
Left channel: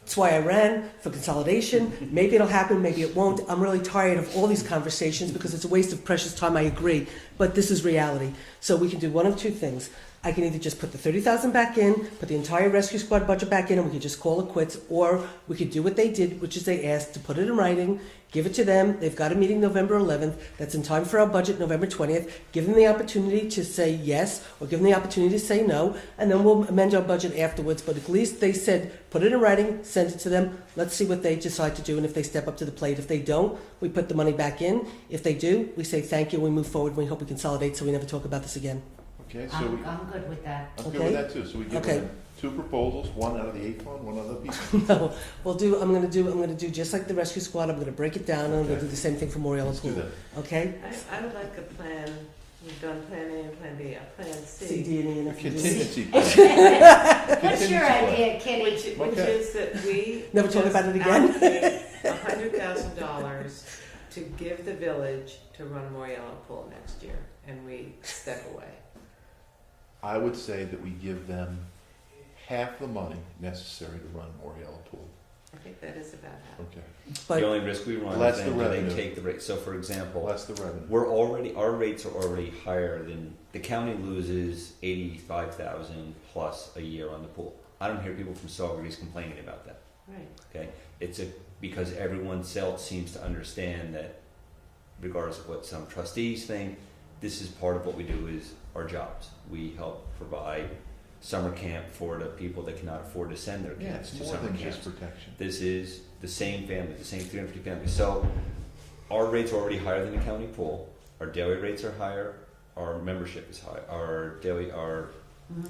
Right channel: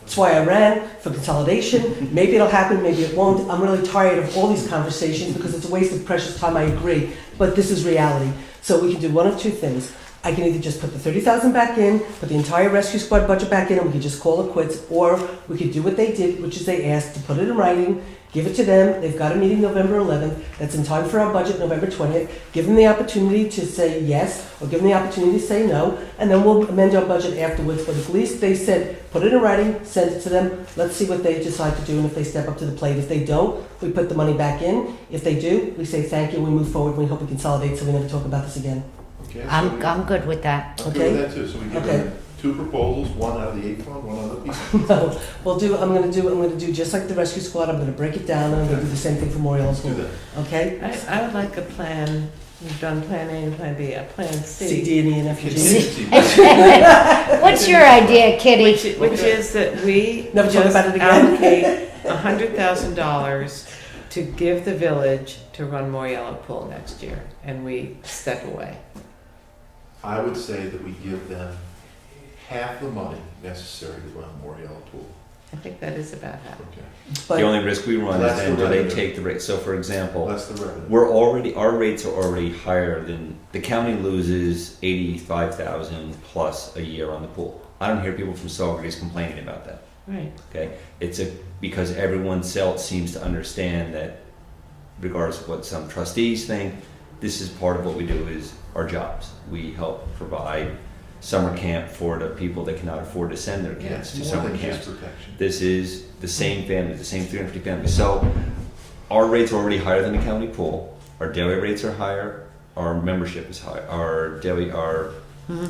That's why I ran for consolidation. Maybe it'll happen, maybe it won't. I'm really tired of all these conversations because it's a waste of precious time, I agree. But this is reality. So we can do one of two things. I can either just put the 30,000 back in, put the entire rescue squad budget back in, and we could just call it quits, or we could do what they did, which is they asked to put it in writing, give it to them. They've got a meeting November 11th. That's in time for our budget, November 20th. Give them the opportunity to say yes, or give them the opportunity to say no, and then we'll amend our budget afterwards. But at least they said, put it in writing, send it to them. Let's see what they decide to do, and if they step up to the plate. If they don't, we put the money back in. If they do, we say thank you, we move forward, and we hope we consolidate so we never talk about this again. Okay, so I'm good with that. I'm good with that too, so we give Okay. them 2 proposals, one out of the 8 fund, one out of the P fund. No, I'm gonna do just like the rescue squad. I'm gonna break it down, and I'm gonna do the same thing for Memorial Let's do Pool. that. Okay? I would like a plan, we've done plan A and plan B, a plan C, C. D, and E, and F, and G. Contingency. What's your idea, Kitty? Which is that we Never talk just about it again. allocate $100,000 to give the village to run Moriello Pool next year, and we step away. I would say that we give them half the money necessary to run Moriello Pool. I think that is about half. Okay. But The only risk we run is Less then the do they revenue. take the rate, so for example, Less the revenue. our rates are already higher than, the county loses 85,000 plus a year on the pool. I don't hear people from Saugerties complaining about that, Right. okay? Because everyone else seems to understand that regardless of what some trustees think, this is part of what we do is our jobs. We help provide summer camp for the people that cannot afford to send their Yeah, kids it's to more summer than camps. just protection. This is the same family, the same 350 families. So our rates are already higher than the county pool. Our daily rates are higher. Our membership is higher.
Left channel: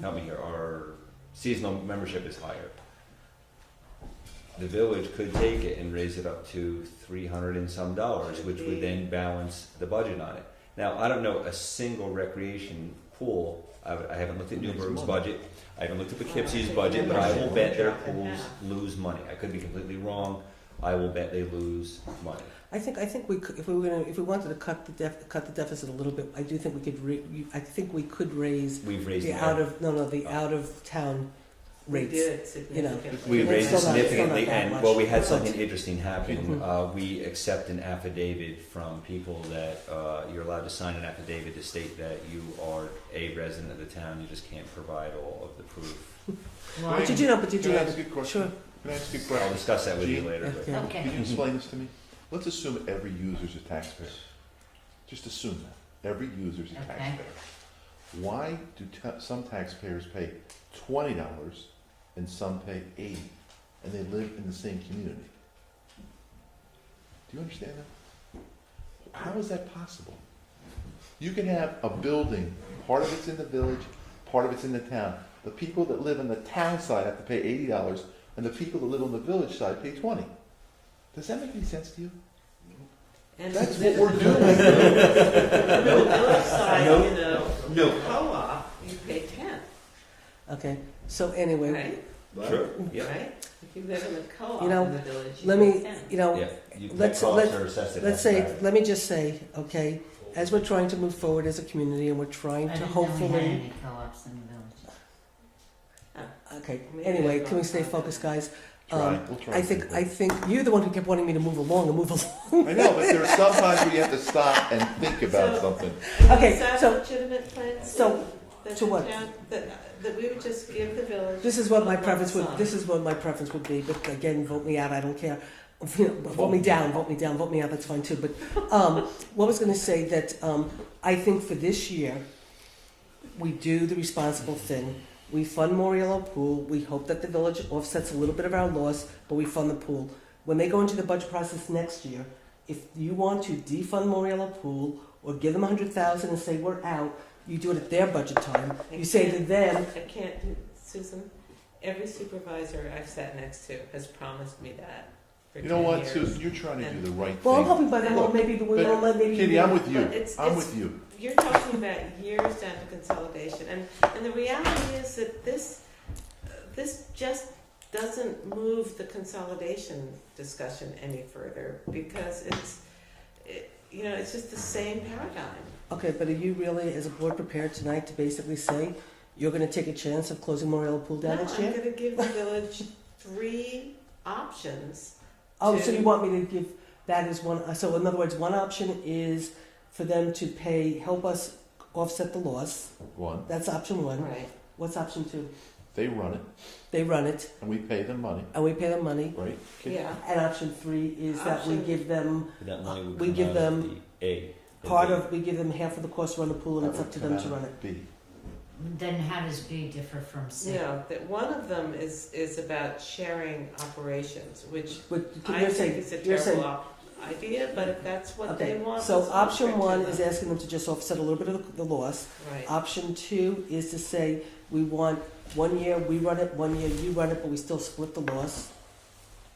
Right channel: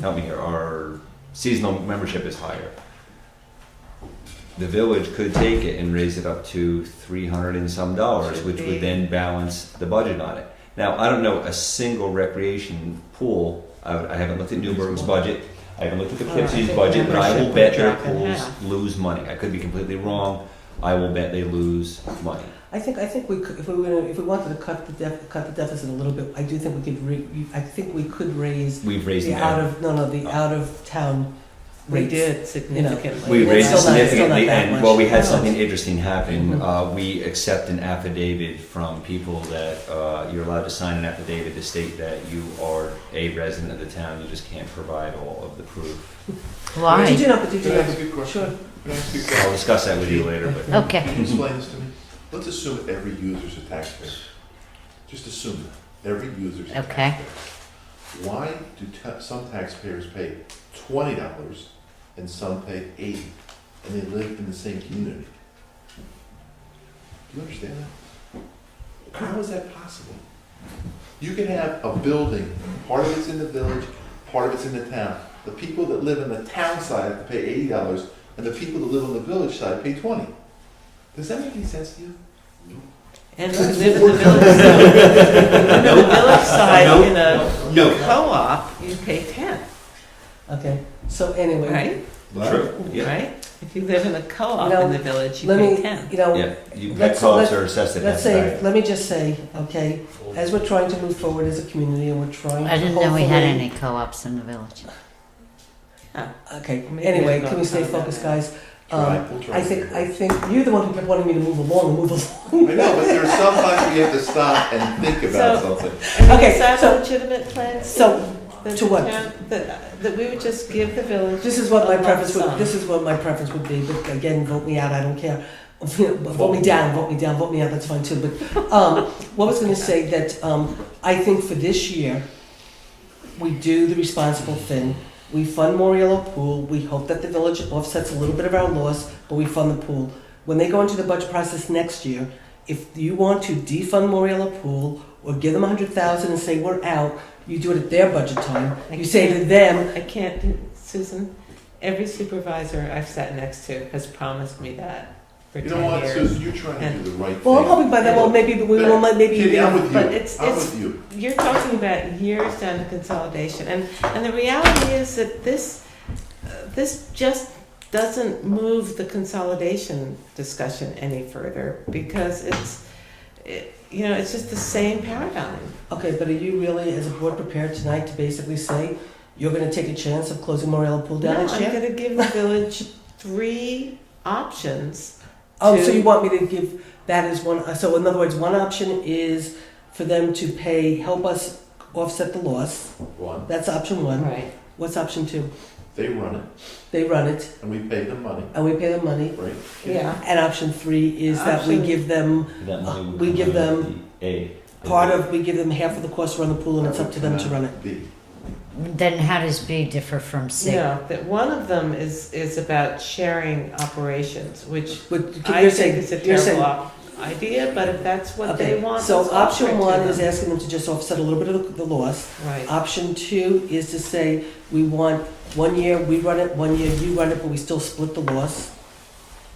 Help me here, our seasonal membership is higher. The village could take it and raise it up to $300 and some, which would then balance the budget on it. Now, I don't know a single recreation pool. I haven't looked at Newburgh's budget. I haven't looked at the Well, I Poughkeepsie think budget, but I will membership bet would their drop in pools half. lose money. I could be completely wrong. I will bet they lose money. I think we could, if we wanted to cut the deficit a little bit, I do think we could raise We've raised the the out of town We rates. did significantly. We raised it Still not- still not significantly, that and much. well, we had No. something interesting happen. Mhm. We accept an affidavit from people that you're allowed to sign an affidavit to state that you are a resident of the town. You just can't provide all of the proof. Did Why? you know? Did you Can I know? ask you a question? Sure. Can I ask you a I'll question? discuss that with you later, but Okay. Can you explain this to me? Let's assume every user's a taxpayer. Just assume that. Every user's a Okay. taxpayer. Why do some taxpayers pay $20 and some pay $80, and they live in the same community? Do you understand that? How is that possible? You could have a building, part of it's in the village, part of it's in the town. The people that live in the town side have to pay $80, and the people that live on the village side pay $20. Does that make any sense to you? And That's the what we're village side, the village side No. in a No. co-op, you pay 10, Okay. So anyway, right? true. Yeah, Right? If you live in a co-op You know, in the village, you let pay me, 10. you know, yeah. You Let's- co-ops let- are assessed at let's half say, value. let me just say, okay, as we're trying to move forward as a community and we're trying to I didn't know we had hopefully- any co-ops in the village. Okay, Maybe anyway, we've can we got stay time focused, on guys? We'll try. I think you're the one who kept wanting me to move along and move along. I know, but there's sometimes we have to stop and think about something. Okay, Is that so- a legitimate plan? So, That to the what? town- That we would just give the village. this is what my a lump preference sum. would, this is what my preference would be, but again, vote me out, I don't care. Vote me down, vote me out, that's fine too, but, what I was gonna say that, I think for this year, we do the responsible thing. We fund Moriello Pool, we hope that the village offsets a little bit of our loss, but we fund the pool. When they go into the budget process next year, if you want to defund Moriello Pool, or give them 100,000 and say we're out, you do it at their budget time. You say to them, I can't, Susan, every supervisor I've sat next to has promised me that for 10 You know what, years. Susan, you're trying to do the right well, I'm thing. hoping by then, well, maybe, maybe. Kitty, I'm with But you, it's- I'm it's- with you. You're talking about years down to consolidation, and the reality is that this just doesn't move the consolidation discussion any further, because it's just the same paradigm. Okay, but are you really, as a board, prepared tonight to basically say you're gonna take a chance of closing Morella Pool down No, next I'm year? gonna give the village 3 options. Oh, so to- you want me to give that as one, so in other words, one option is for them to pay, help us offset the loss. One, That's option one. Right. What's option two? they run it, They run it, and we pay them money, and we pay them money. right? Yeah. And option three is that we Option- give them That money would we come give out of them the A. we give them half of the cost to run the pool, and it's up to them to run it. B. Then how does B differ from C? No, that one of them is about sharing operations, which But I you're think saying, is a you're saying, terrible idea, but if that's what they okay, want, so let's option offer it to one is them. asking them to just offset a little bit of the loss. Right. Option two is to say, we want 1 year we run it, 1 year you run it, but we still split the loss.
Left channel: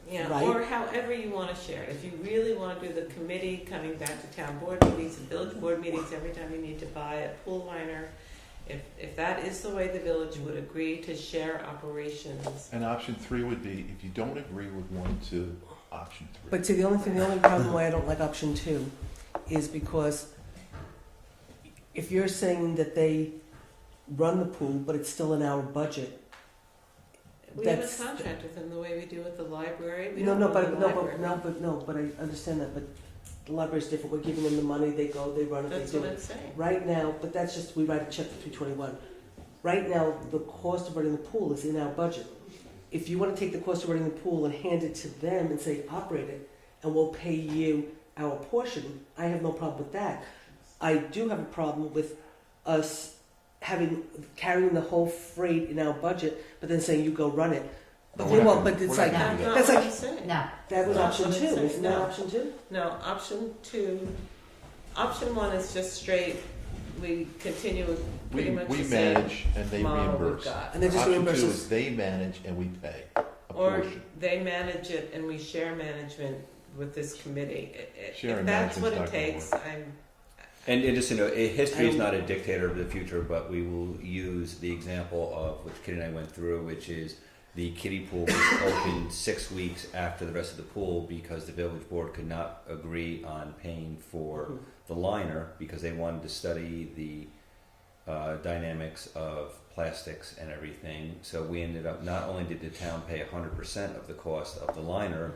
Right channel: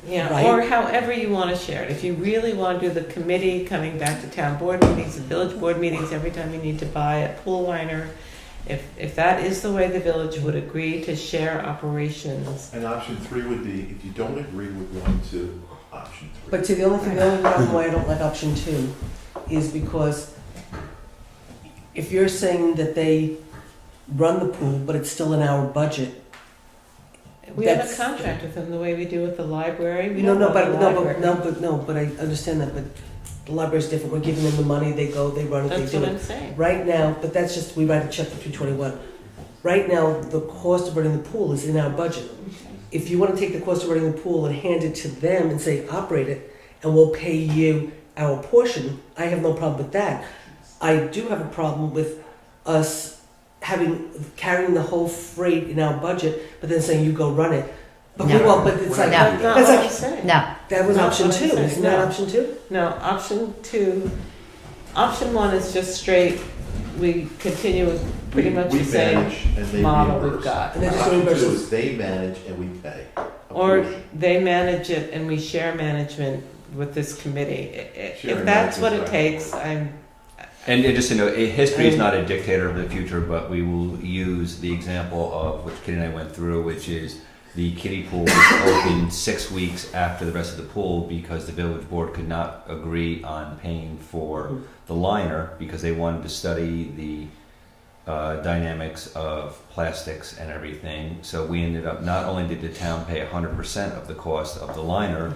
Yeah, Right. or however you want to share it. If you really want to do the committee coming back to town board meetings and village board meetings every time you need to buy a pool liner, if that is the way the village would agree to share operations. And option three would be, if you don't agree with one, two, option three. But see, the only problem why I don't like option two is because if you're saying that they run the pool, but it's still in our budget. We have a That's- contract with them the way we do with the library. We No, don't no, own but, the no, library. but I understand that, but the library's different, we're giving them the money, they go, they run it, they That's do what it. I'm saying. Right now, but that's just, we write a check for 321. Right now, the cost of running the pool is in our budget. If you wanna take the cost of running the pool and hand it to them and say, operate it, and we'll pay you our portion, I have no problem with that. I do have a problem with us carrying the whole freight in our budget, but then saying, you go run it. But we No. won't, but it's like, No. That's not That's what like- I'm saying. No, that was That's option what I'm two, saying, isn't that no. option two? No, option two, option one is just straight, we continue with pretty much the We same manage and they model we've reimburse. got. And they just Option reimburse two us. is they manage and we pay. a Or portion. they manage it and we share management with this committee. Sharing If that's what it management, takes, right. And just to know, history is not a dictator of the future, but we will use the example of which Kitty and I went through, which is the kiddie pool was opened 6 weeks after the rest of the pool because the village board could not agree on paying for the liner because they wanted to study the dynamics of plastics and everything. So we ended up, not only did the town pay 100% of the cost of the liner,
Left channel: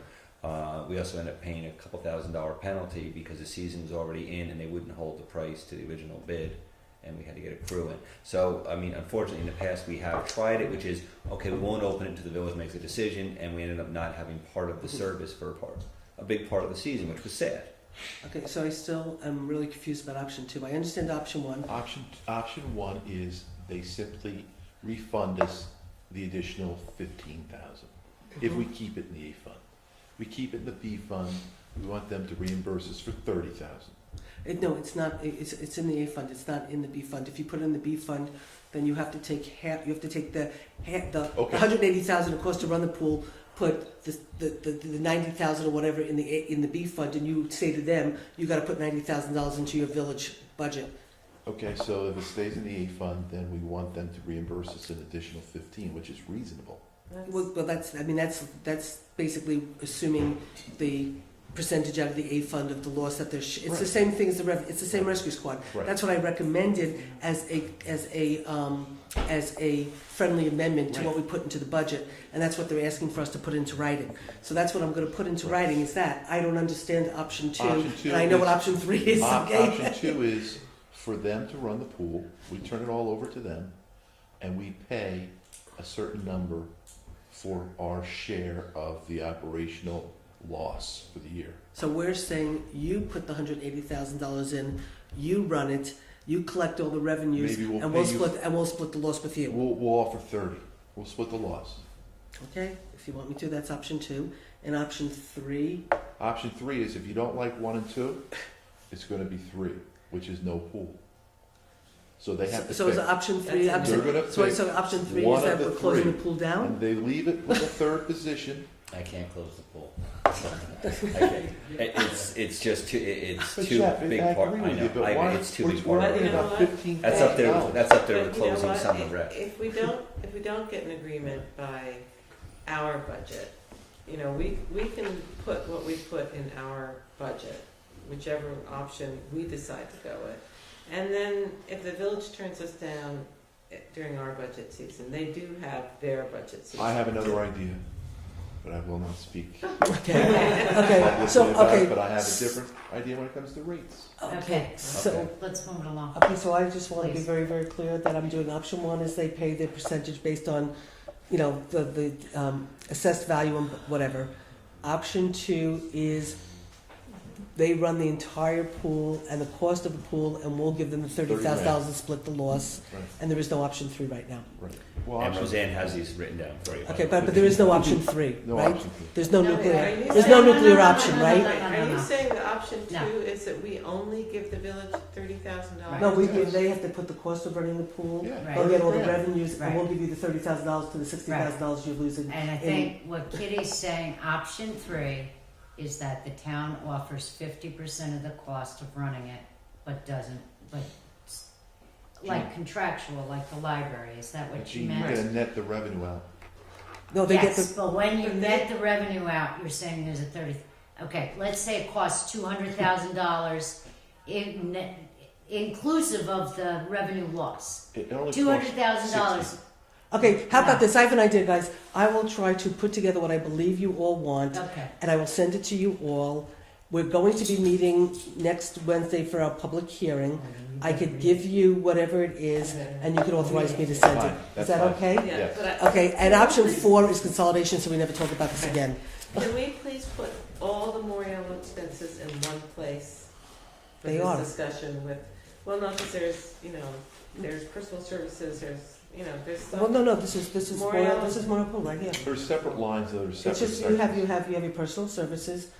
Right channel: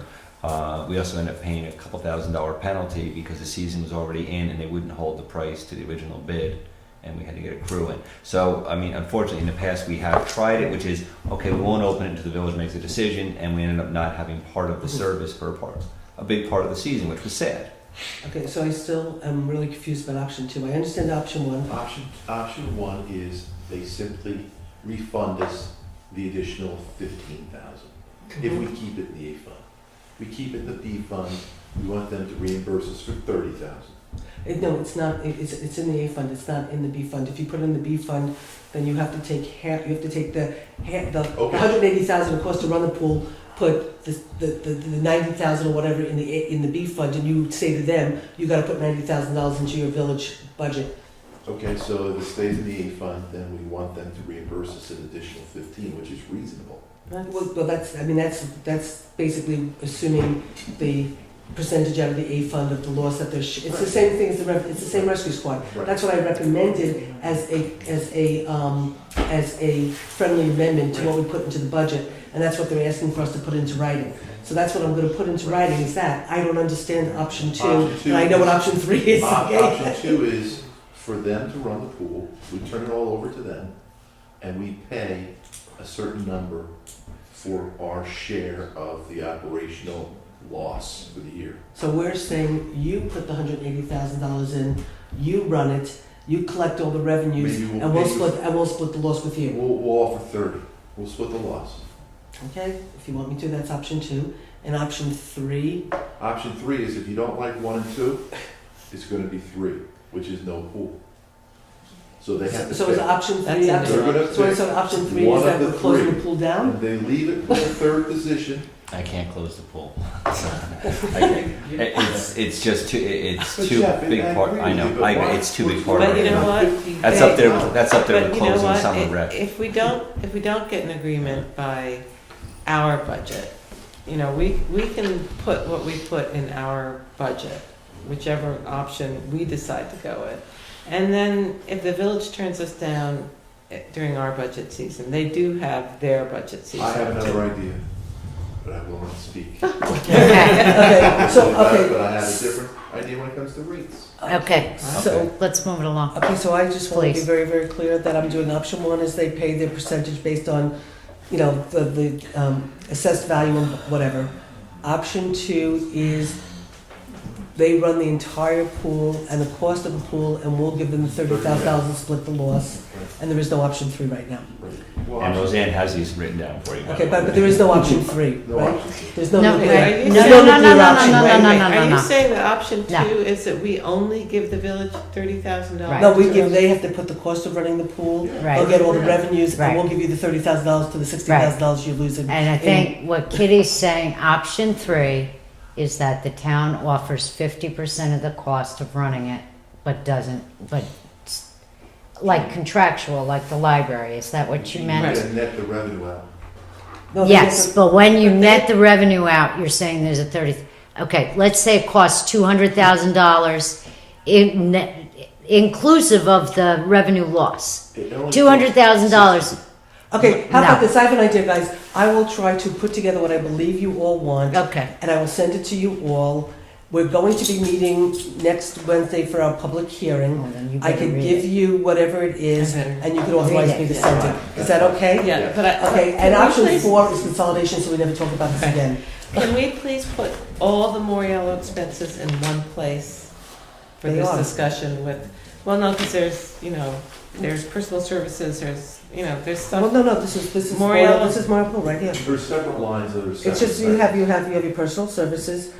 we also ended up paying a couple $1,000 penalty because the season was already in and they wouldn't hold the price to the original bid, and we had to get a crew in. So, I mean, unfortunately, in the past we have tried it, which is, okay, we won't open it until the village makes a decision, and we ended up not having part of the service for a big part of the season, which was sad. Okay, so I still am really confused about option two. I understand option one. Option one is they simply refund us the additional 15,000 if we keep it in the A fund. We keep it in the B fund, we want them to reimburse us for 30,000. No, it's not, it's in the A fund, it's not in the B fund. If you put it in the B fund, then you have to take half, you have to take the Okay. 180,000 it costs to run the pool, put the 90,000 or whatever in the B fund, and you say to them, you gotta put $90,000 into your village budget. Okay, so if it stays in the A fund, then we want them to reimburse us an additional 15, which is reasonable. Well, that's basically assuming the percentage out of the A fund of the loss that there's, it's the same thing as it's the same rescue squad. Right. That's what I recommended as a friendly amendment to what we put into the budget, and that's what they're asking for us to put into writing. So that's what I'm gonna put into writing, is that, I don't understand option two, Option two and I know what is- option three is, okay? Option two is for them to run the pool, we turn it all over to them, and we pay a certain number for our share of the operational loss for the year. So we're saying, you put the $180,000 in, you run it, you collect all the revenues, Maybe and we'll split the loss with you. We'll offer 30, we'll split the loss. Okay, if you want me to, that's option two. And option three, Option three is if you don't like 1 and 2, it's gonna be 3, which is no pool. So they have to so is pay. option That's three, it. option, They're gonna so pick option three one is that of we're the closing three. the pool down? And they leave it in the third position. I can't close the pool. It's just too, it's But too Jeff, big I part, agree I with know, you, but it's too big part of But you know it. what? That's up there, with But you know closing what? summer rec. If we don't get an agreement by our budget, we can put what we put in our budget. whichever option we decide to go with. And then if the village turns us down during our budget season, they do have their budget season. I have another idea, but I will not speak. Okay, so, okay. But I have a different idea when it comes to rates. Okay, So, let's move it along. okay, so I just want to be Please. very, very clear that I'm doing option one is they pay their percentage based on, you know, the assessed value and whatever. Option two is they run the entire pool and the cost of the pool, and we'll give them the $30,000 to split the loss. And there is no option three right now. Well, And option- Roseanne has these written down for you. by Okay, the but way. there is no option three, No right? option three. There's no No, nuclear, right. there's No, no no, no, nuclear no, no, option, no, right? no, Wait, no, are you no. saying that option No. two is that we only give the village $30,000? Right. No, we give, they have to put the cost of running the pool, Right. they'll get all the revenues, and Right. we'll give you the $30,000 to the $60,000 you're losing. And I think what Kitty's saying, option three, is that the town offers 50% of the cost of running it, but doesn't, but like contractual, like the library. Is that what you You meant? gotta net the revenue out. No, they Yes, get but when you But net they- the revenue out, you're saying there's a 30, okay, let's say it costs $200,000 inclusive of the revenue loss. It only $200,000. Okay, how about No. this? I have an idea, guys. I will try to put together what I believe you all want, Okay, and I will send it to you all. We're going to be meeting next Wednesday for our public hearing. well, then you I better can read give it. you whatever it is, I better. and you can authorize Read it. me to send it. Is that okay? Yeah, but I. Okay, can and we option please- 4 is consolidation, so we never talk about this Okay. again. Can we please put all the Moriello expenses in one place for They this are. discussion with, well, no, because there's, you know, there's personal services, there's, you know, there's Well, stuff. no, this is Moriello. this is Pool right here. There's separate lines that are separate. It's just, you have your personal services,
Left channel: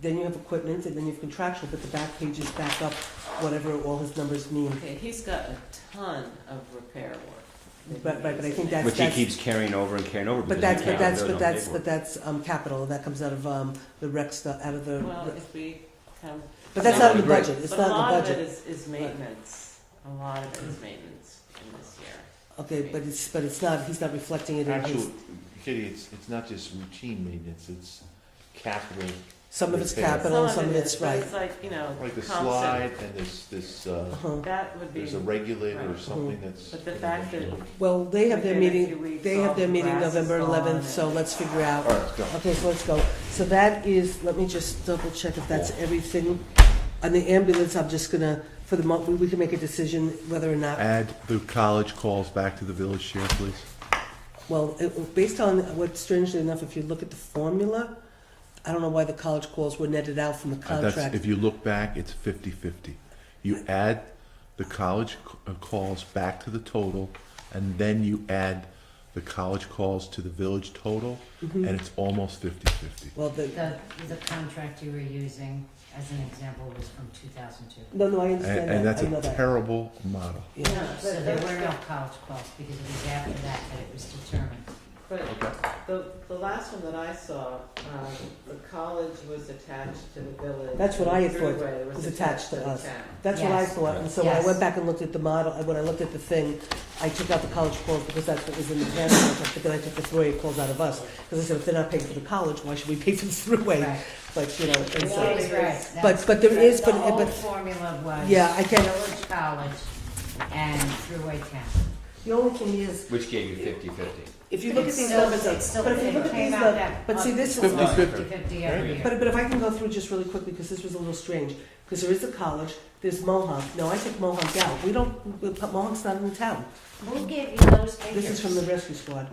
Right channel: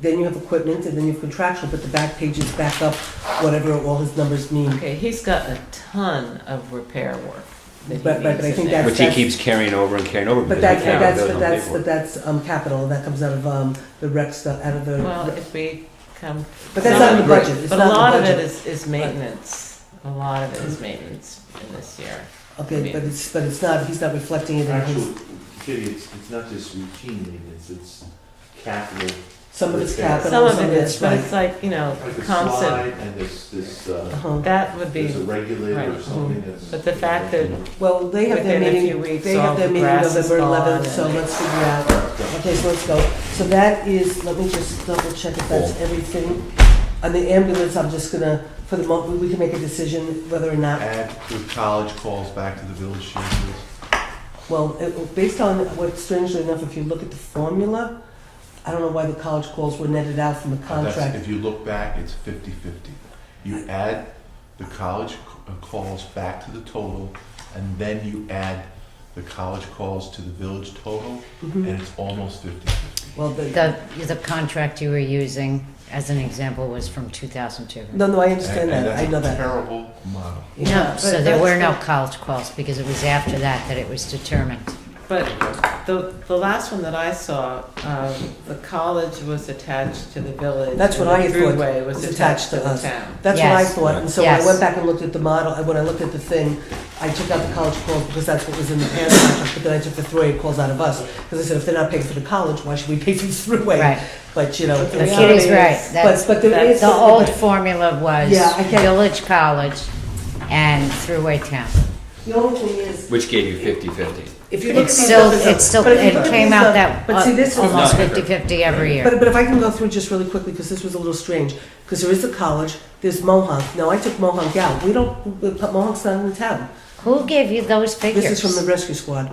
then you have equipment, and then you have contractual, but the back pages back up whatever all his numbers mean. Okay, he's got a ton of repair work that he Right, right, but needs I in think there. Which he keeps carrying over and carrying over. But because that's, he but can't that's, build but no that's, paperwork. but that's capital, and that comes out of the rec stuff, out of the, Well, if we come. but that's not in the Great. budget, it's But not a in the lot of budget. it is maintenance. A lot of it is maintenance in this year. Okay, but it's not, he's not reflecting it in his, Actually, Kitty, it's not just routine maintenance, it's capital. some of it's Repair. capital, Some of some it of is, it's, but right. it's like, you know, Like a constant, slide and this, Uh-huh. that would be, there's a regulator or right. something that's. But the fact that- Well, they have their within a meeting, few weeks, they all have their the meeting grass is November gone 11th, so and- let's figure out. Okay, so let's go. So that is, let me just double check if that's everything. On the ambulance, I'm just gonna, for the moment, we can make a decision whether or not, Add the college calls back to the village share, please. well, based on what, strangely enough, if you look at the formula, I don't know why the college calls were netted out from the That's, contract. if you look back, it's 50-50. You add the college calls back to the total, and then you add the college calls to the village total, Mhm. and it's almost 50-50. Well, The contract you were using as an example was from 2002. no, I understand And that, I know that's a that. terrible model. Yeah. No, but so there were no that's- college calls because it was after that it was determined. but the last one that I saw, the college was attached to the village. That's what and I the thought, Thruway was attached to the us. town. That's what I Yes. thought, and so when I Yes. went back and looked at the model, and when I looked at the thing, I took out the college calls because that's what was in the parent contract, but then I took the Thruway calls out of us. Because I said, if they're not paying for the college, why should we pay for the Thruway? Right. But, you know. But the it's- reality Kitty's right. is- That's, But there that's is. the old formula was Yeah, I can- Village College and Thruway Town. The only thing is, Which gave you 50-50. if you look at It's these still, numbers, it's still, but if you it look at came these out numbers- that but see, this is- almost No. 50-50 every year. but if I can go through just really quickly, because this was a little strange, because there is the college, there's Mohawk. Now, I took Mohawk out. We don't, Mohawk's not in the town. Who gave you those figures? This is from the rescue squad.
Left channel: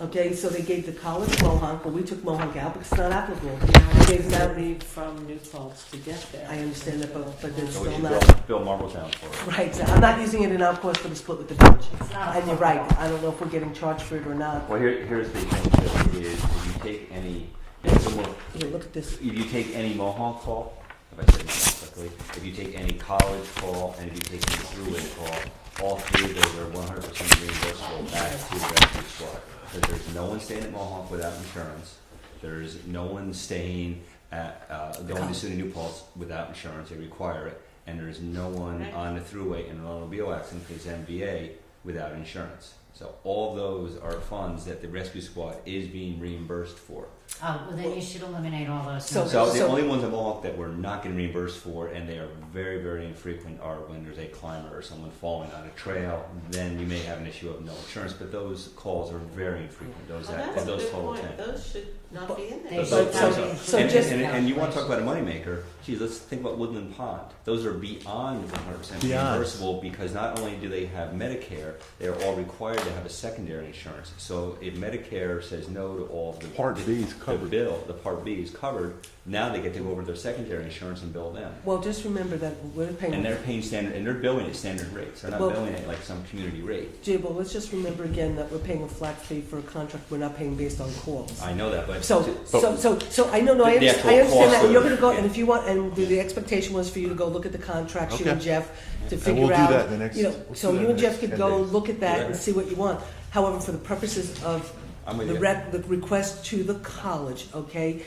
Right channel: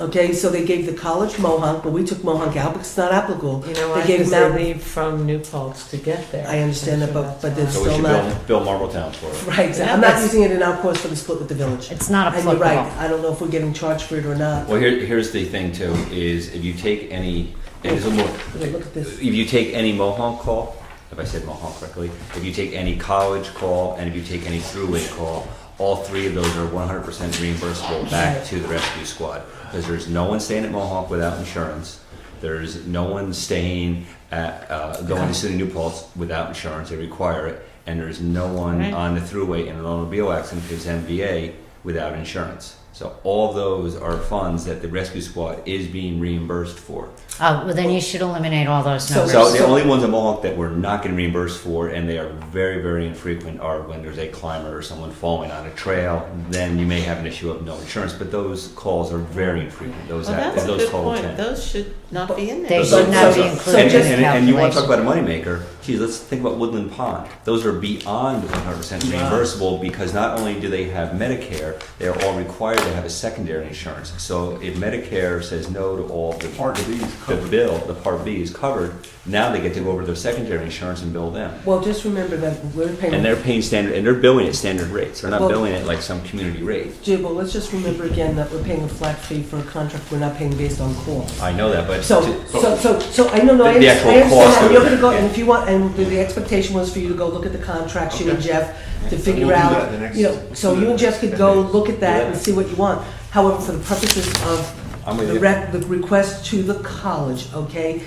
Okay, so they gave the college Mohawk, but we took Mohawk out because it's not applicable. You know what, They gave because Mount- they need from New Paltz to get there. I understand that, but there's So we still should not. bill Marbletown for it. Right, Yeah, I'm not that's- using it in our course for the split with the village. It's not And you're applicable. right, I don't know if we're getting charged for it or not. Well, here's the thing too, is if you take any, and it's a more, Here, look at this. if you take any Mohawk call, if I said Mohawk correctly, if you take any college call, and if you take any Thruway call, all three of those are 100% reimbursable back to the rescue squad. Because there's no one staying at Mohawk without insurance. There's no one staying at, going to City New Paltz without insurance, they require it. And there's no one Right. on the Thruway in an automobile accident, because MVA, without insurance. So all of those are funds that the rescue squad is being reimbursed for. Oh, well, then you should eliminate all those So- numbers. So the only ones in Mohawk that we're not getting reimbursed for, and they are very, very infrequent, are when there's a climber or someone falling on a trail. Then you may have an issue of no insurance, but those calls are very infrequent. Those Well, that's a those good total point. 10. Those should not be in They there. should not be And, included in just- the and you want to talk calculation. about a moneymaker? Geez, let's think about Woodland Pond. Those are beyond 100% reimbursable because not only do they have Medicare, they are all required to have a secondary insurance. So if Medicare says no to all the Part B is the covered. bill, the Part B is covered. Now they get to go over to their secondary insurance and bill them. Well, just remember that we're paying. And they're paying standard, and they're billing at standard rates. They're not Well- billing it like some community rate. Jay, well, let's just remember again that we're paying a flat fee for a contract, we're not paying based on calls. I know that, but So, to- I know, I The actual understand cost how of you're it, gonna go, yeah. and if you want, and the expectation was for you to go look at the contracts, you and Okay. Jeff, to And figure we'll do out, that in the next- you know, let's so do that you and next Jeff could 10 go days. look at that Yeah. and see what you want. However, for the purposes of I'm with the you. the request to the college, okay?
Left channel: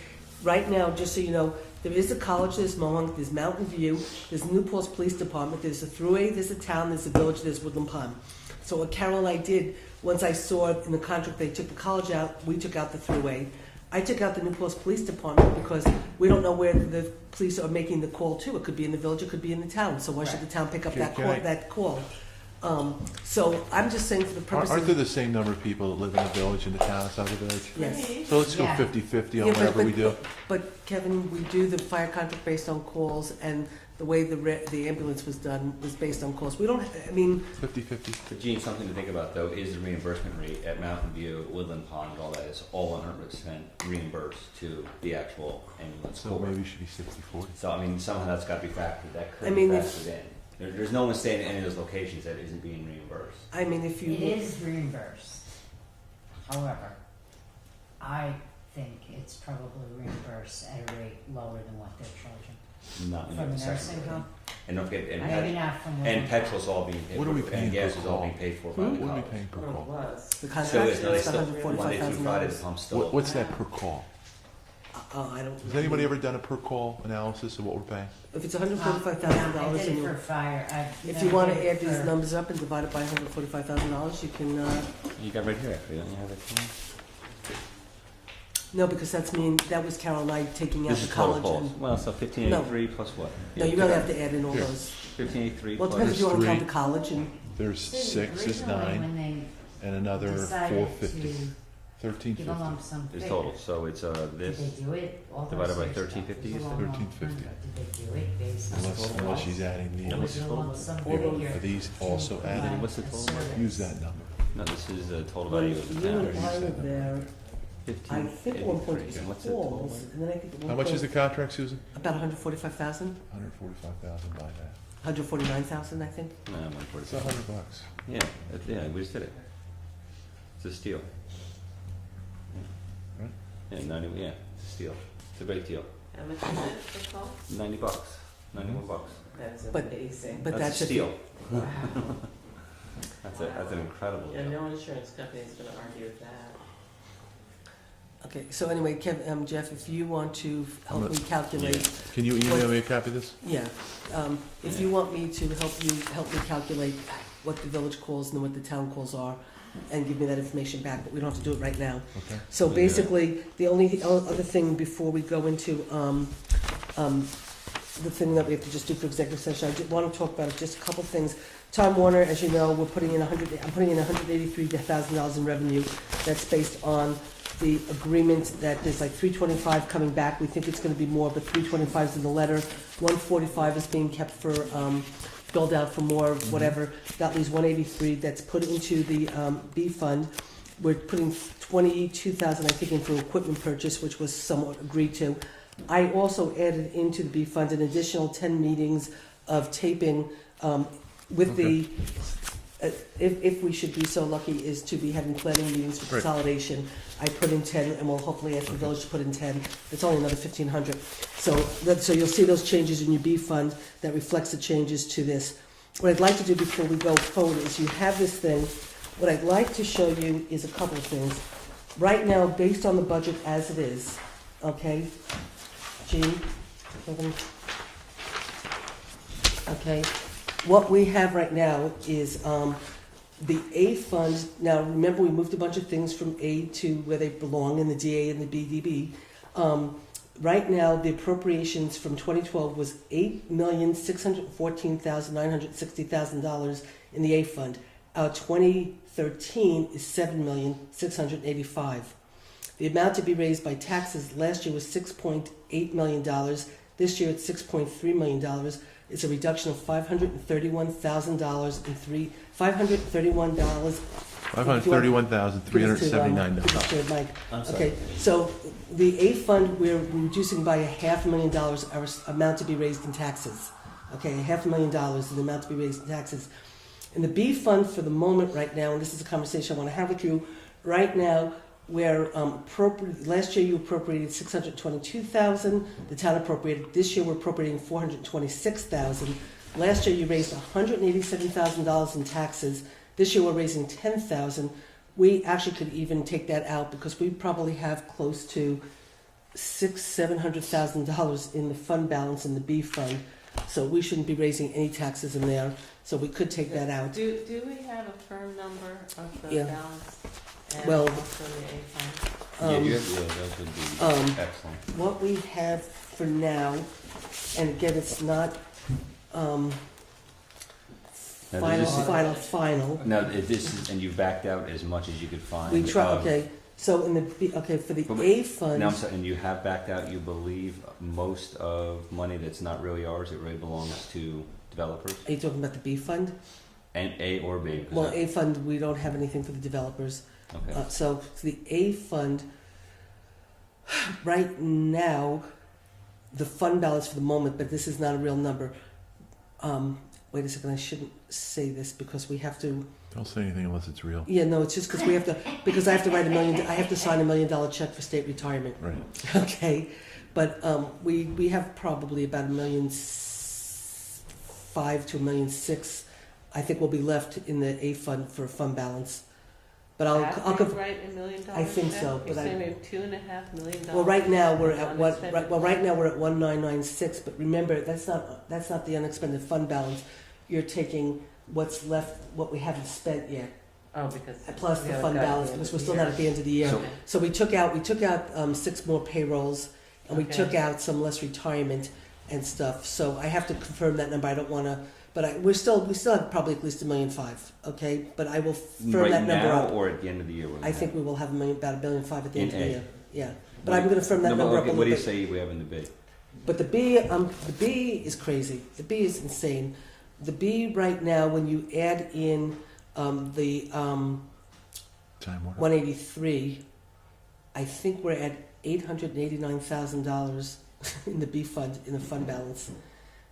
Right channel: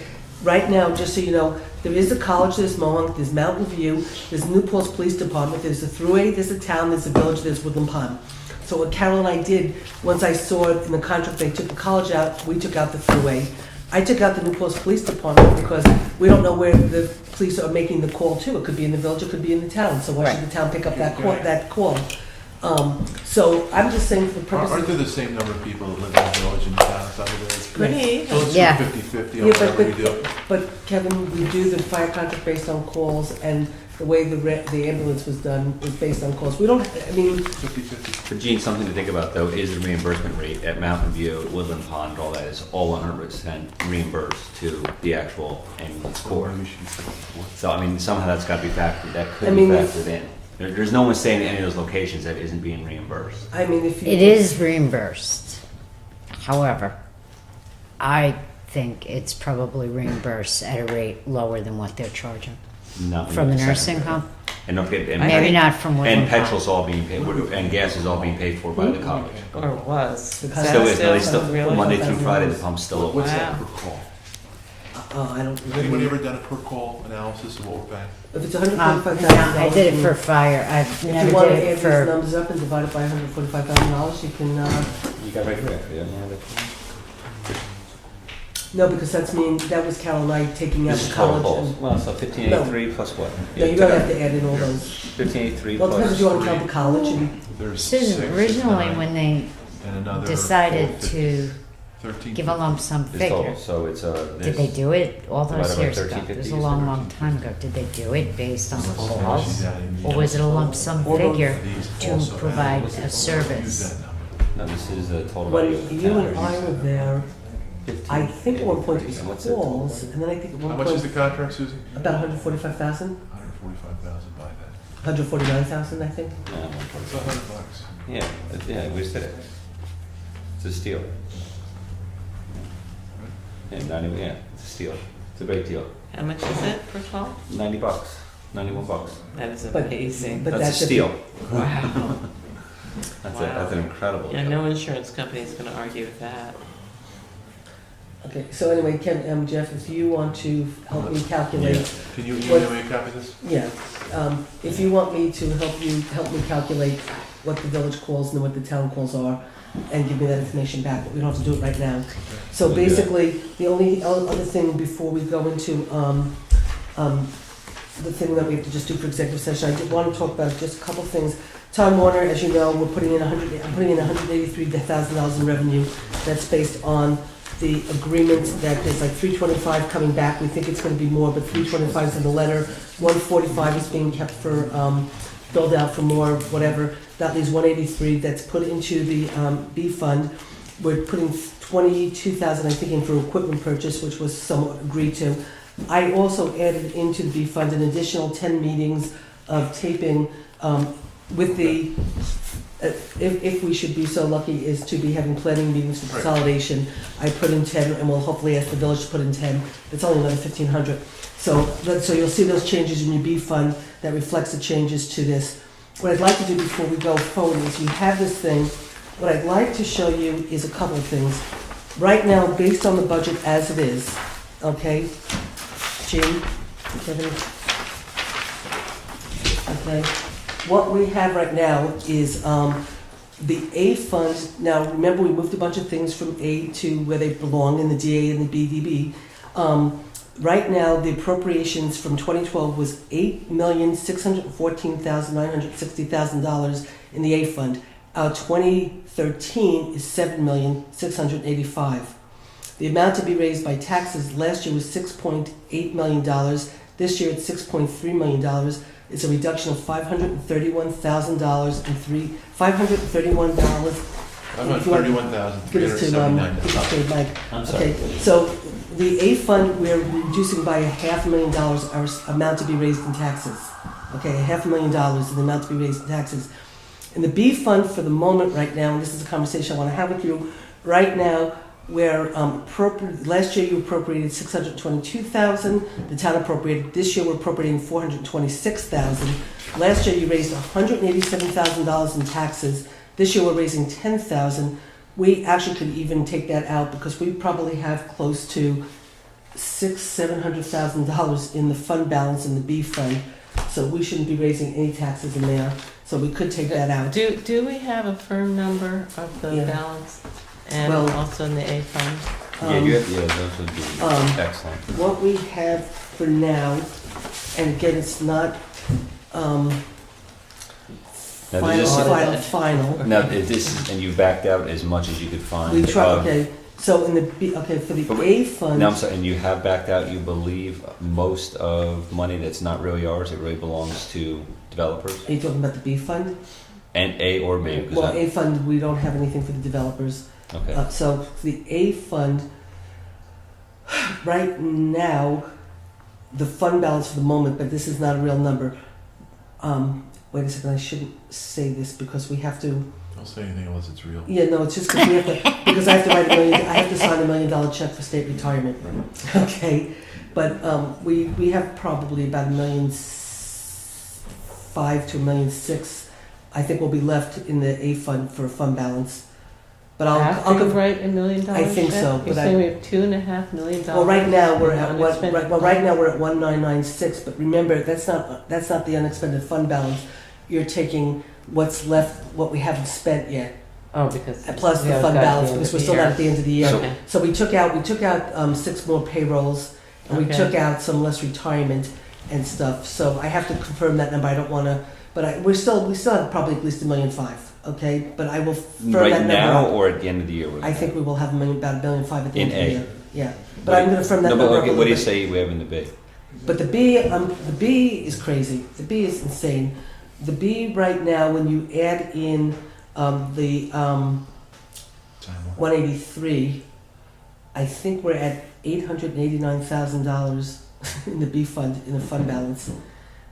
Right now, just so you know, there is a college, there's Mohawk, there's Mountain View, there's New Paltz Police Department, there's a Thruway, there's a town, there's a village, there's Woodland Pond. So what Carol and I did, once I saw it in the contract, they took the college out, we took out the Thruway. I took out the New Paltz Police Department because we don't know where the police are making the call to. It could be in the village, it could be in the town, so why should the town pick up that call? So I'm just saying for the purpose Aren't of. there the same number of people that live in the village and the town and stuff? It's pretty. So let's do Yeah. 50-50 on Yeah, whatever we do. but Kevin, we do the fire contract based on calls, and the way the ambulance was done was based on calls. We don't, I mean, 50-50. For Gene, something to think about though is the reimbursement rate at Mountain View, Woodland Pond, all that is all 100% reimbursed to the actual ambulance corps. Maybe we should do 54. So I mean, somehow that's got to be factored. That could I be mean, if- factored in. There's no one saying any of those locations that isn't being reimbursed. I mean, if you. It is reimbursed. However, I think it's probably reimbursed at a rate lower than what they're charging Nothing from the but nursing secondary. home. And don't forget, and, Maybe not from Woodland and Pond. petrol's all being paid, and gas is all being paid for by the college. Or was. Because Still that's is, no, they still still, really? Monday through Friday, the pump's still open. What's that Wow. per call? I don't. Has anybody ever done a per call analysis of what we're paying? If it's No, $145,000. I did it for fire. I've If you never want did to it add these for. numbers up and divide it by $145,000, you can, You got right here, yeah. no, because that was Carol and I taking out This the is total college. calls. and- Well, so 1583 plus what? No, you gotta have to add in all those. 1583 Well, it depends if you plus. want to count the college and, There's 6, Susan, it's originally 9, when they and another decided 450, to 13. give a lump sum It's total, figure, so it's did they do it all those Divided by years ago? 1350 It was a is long, long 1350. time ago. Did they do it based on So calls? she's adding the Or was it a lump sum Or those- figure These to also provide add- a Use service? that number. No, this is a total. when value. you and I were there, I think at one point it was What's the calls, total? and then I think at How one much is point, the contract, Susan? about 145,000, 145,000 by that. 149,000, I think. Yeah, It's $100. yeah, we just did it. It's a steal. Yeah, 90, yeah, it's a steal. It's a great deal. How much is it per call? $90, $91. That is But- amazing. But That's a that's if- steal. Wow. That's an incredible Yeah, deal. no insurance company is gonna argue with that. Okay, so anyway, Kevin, Jeff, if you want to help me calculate, Can you email me a copy of this? yeah, if you want me to help me calculate what the village calls and what the town calls are, and give me that information back, we don't have to do it right now. So Okay. basically, the only other thing before we go into, the thing that we have to just do for executive session, I did want to talk about just a couple things. Time Warner, as you know, I'm putting in $183,000 in revenue. That's based on the agreement that there's like 325 coming back. We think it's gonna be more, but 325 is in the letter. 145 is being kept for, billed out for more, whatever. That leaves 183 that's put into the, B fund. We're putting 22,000, I think, in for equipment purchase, which was somewhat agreed to. I also added into the B fund an additional 10 meetings of taping, with the, if we should be so lucky is to be having planning meetings for Right. consolidation, I put in 10, and we'll hopefully ask the village to put in 10. It's only another 1,500. So you'll see those changes in your B fund that reflects the changes to this. What I'd like to do before we go forward is you have this thing. What I'd like to show you is a couple of things. Right now, based on the budget as it is, okay, Jean, Kevin, okay, what we have right now is The A fund, now remember we moved a bunch of things from A to where they belong in the DA and the BDB. Right now, the appropriations from 2012 was $8,614,960,000 in the A fund. Our 2013 is $7,685,000. The amount to be raised by taxes last year was $6.8 million. This year it's $6.3 million. It's a reduction of $531,000 and $531. $531,379. Okay, Mike. I'm sorry. Okay, so the A fund, we're reducing by $500,000 our amount to be raised in taxes. Okay, $500,000 is the amount to be raised in taxes. And the B fund for the moment right now, and this is a conversation I want to have with you, right now, where last year you appropriated $622,000, the town appropriated, this year we're appropriating $426,000. Last year you raised $187,000 in taxes, this year we're raising $10,000. We actually could even take that out because we probably have close to $700,000 in the fund balance in the B fund. So we shouldn't be raising any taxes in there, so we could take that out. Do we have a firm number of the Yeah. balance? And Well, also in the A fund? Those would be excellent. What we have for now, and again, it's not Now, final. Now, if this is, and you backed out as much as you could find. We try, of- okay, so in the B, okay, for the But wait, A fund. No, I'm sorry, and you have backed out, you believe, most of money that's not really ours, it really belongs to developers? Are you talking about the B fund? And A or B? 'Cause Well, I- A fund, we don't have anything for the developers. Okay. So the A fund, right now, the fund balance for the moment, but this is not a real number. Wait a second, I shouldn't say this because we have to, Don't say anything unless it's real. yeah, no, it's just because we have to, because I have to write I have to sign $1 million check for state retirement. Right. Okay, but we have probably about $1,500,000 to $1,600,000. I think will be left in the A fund for a fund balance. But I'll After you give, write $1 million? I think so, You're but saying we have $2.5 million? well, right now we're at one. unexpended Right now we're at 1996. But remember, that's not the unexpended fund balance. You're taking what's left, what we haven't spent yet, Oh, because. plus we the haven't fund got to balance the end because of we're the still year. not at the end of the year. So- Okay. So we took out 6 more payrolls, and we Okay. took out some less retirement and stuff. So I have to confirm that number. I don't want to, but we still have probably at least $1.5 million. Okay, but I will firm that Right number now up. or at the end of the year? we're I gonna think have? we will have about $1.5 million at the In end of the A. year. Yeah, but What I'm do going to firm that No, number but up. okay, a what do you little say we have in the B? But the B is crazy. The B is insane. The B right now, when you add in the Time off. 183, I think we're at $889,000 in the B fund, in the fund balance,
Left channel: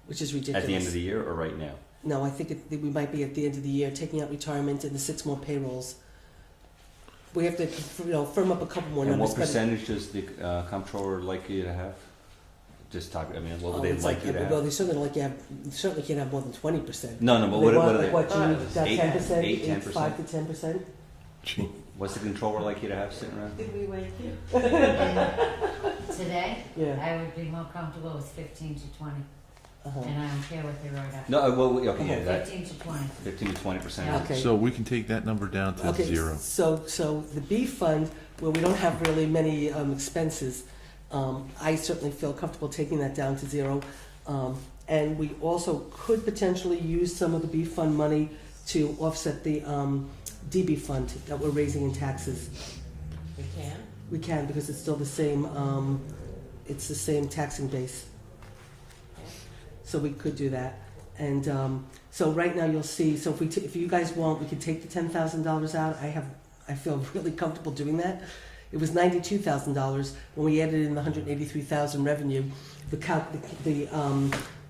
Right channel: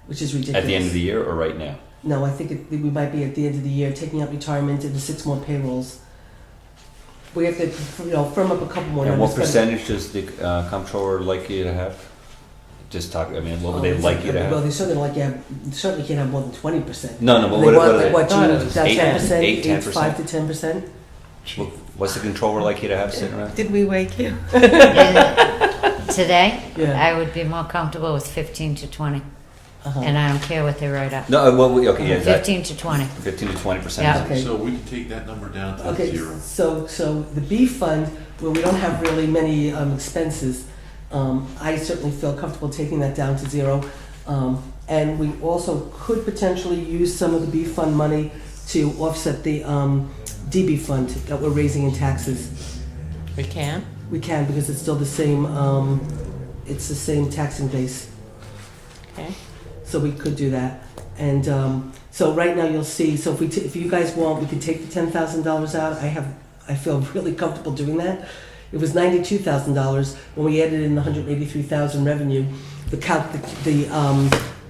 which is ridiculous. At the end of the year or right now? No, I think we might be at the end of the year, taking out retirement and the 6 more payrolls. We have to, firm up a couple more. And what unexpended- percentage does the comptroller like you to have? Just talk, I mean, what would they it's like you to Well, have? they certainly certainly can't have more than 20%. No, but They what, want, what, like, what, thought it you, was down 10%, 8, 10%? 5 to 10%? what's the controller like you to have sitting around? Did we wake you? Today, Yeah. I would be more comfortable with 15 to 20, Uh-huh. and I don't care what they write up. No, okay, yeah, that, 15 to 20. 15 to 20%. Yeah. Okay. So we can take that number down to Okay, 0. so the B fund, where we don't have really many expenses, I certainly feel comfortable taking that down to 0. And we also could potentially use some of the B fund money to offset the DB fund that we're raising in taxes. We can? We can, because it's still the same taxing base. Okay. So we could do that. And so right now you'll see, so if you guys want, we could take the $10,000 out. I feel really comfortable doing that. It was $92,000 when we added in the $183,000 revenue. The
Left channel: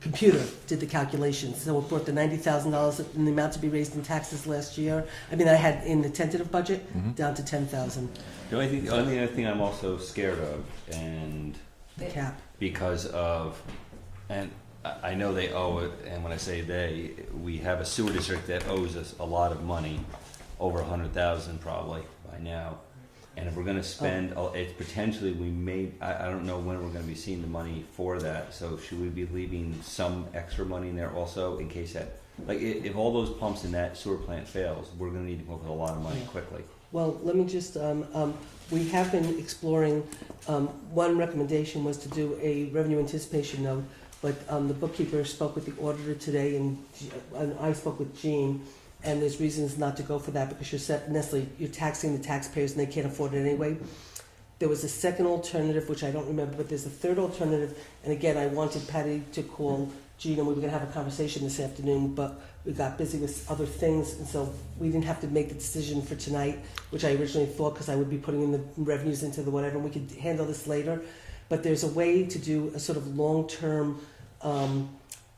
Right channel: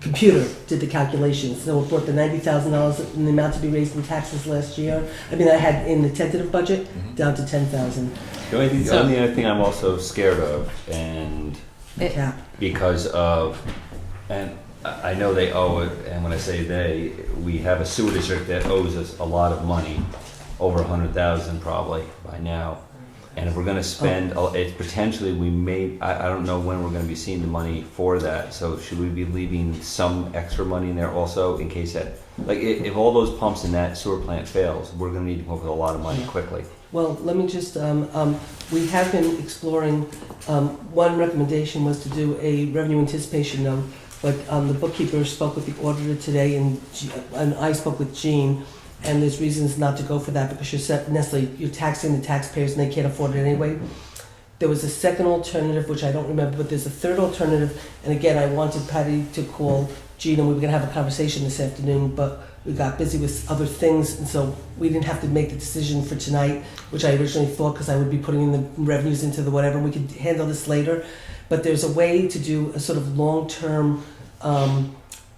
computer did the calculations. So it brought the $90,000 in the amount to be raised in taxes last year. I mean, I had in the tentative budget down to $10,000. The only So- only other thing I'm also scared of, and The cap. because of, and I know they owe it, and when I say they, we have a sewer district that owes us a lot of money, over 100,000 probably by now. And if we're gonna spend, it's potentially, we may, I don't know when we're gonna be seeing the money for that, so should we be leaving some extra money in there also in case that Like, if all those pumps in that sewer plant fails, we're gonna need to come up with a lot of money quickly. Well, let me just, we have been exploring, one recommendation was to do a revenue anticipation note, but the bookkeeper spoke with the auditor today, and I spoke with Jean, and there's reasons not to go for that, because you're taxing the taxpayers and they can't afford it anyway. There was a second alternative, which I don't remember, but there's a third alternative, and again, I wanted Patty to call Jean, and we were gonna have a conversation this afternoon, but we got busy with other things, and so we didn't have to make the decision for tonight, which I originally thought, because I would be putting in the revenues into the whatever, we could handle this later. But there's a way to do a sort of long-term,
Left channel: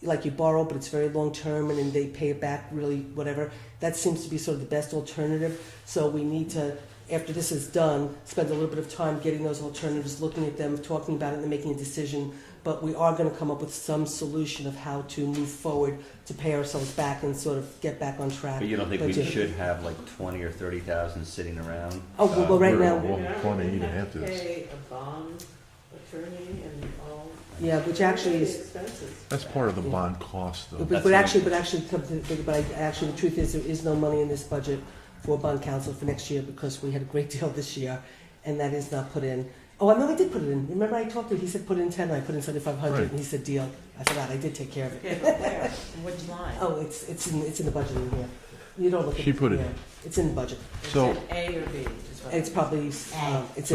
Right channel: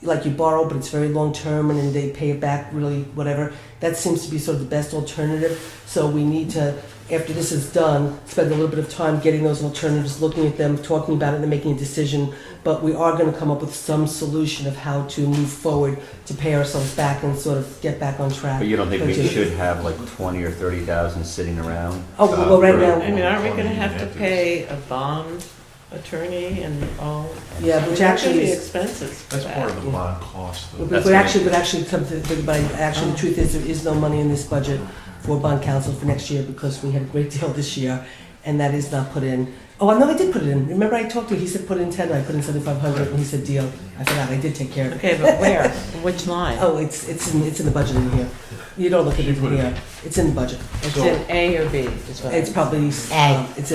like you borrow, but it's very long-term, and then they pay it back really, whatever. That seems to be sort of the best alternative. So we need to, after this is done, spend a little bit of time getting those alternatives, looking at them, talking about it, and making a decision. But we are going to come up with some solution of how to move forward to pay ourselves back and sort of get back on track. But you don't think we should have like 20 or 30,000 sitting around? Oh, well, right now, I mean, aren't we gonna have to pay a bond attorney and all? yeah, which actually is. Expenses. That's part of the bond cost, though. But actually, come to think about it, actually, the truth is, there is no money in this budget for bond counsel for next year, because we had a great deal this year, and that is not put in. Oh, no, I did put it in. Remember I talked to you, he said put in 10, I put in 7,500, and he said deal. I forgot, I did take care of it. Okay, but where? Which line? Oh, it's in the budget in here. You don't look at it put it here. It's in the budget. It's So- in A or B, is what It's I- probably, it's in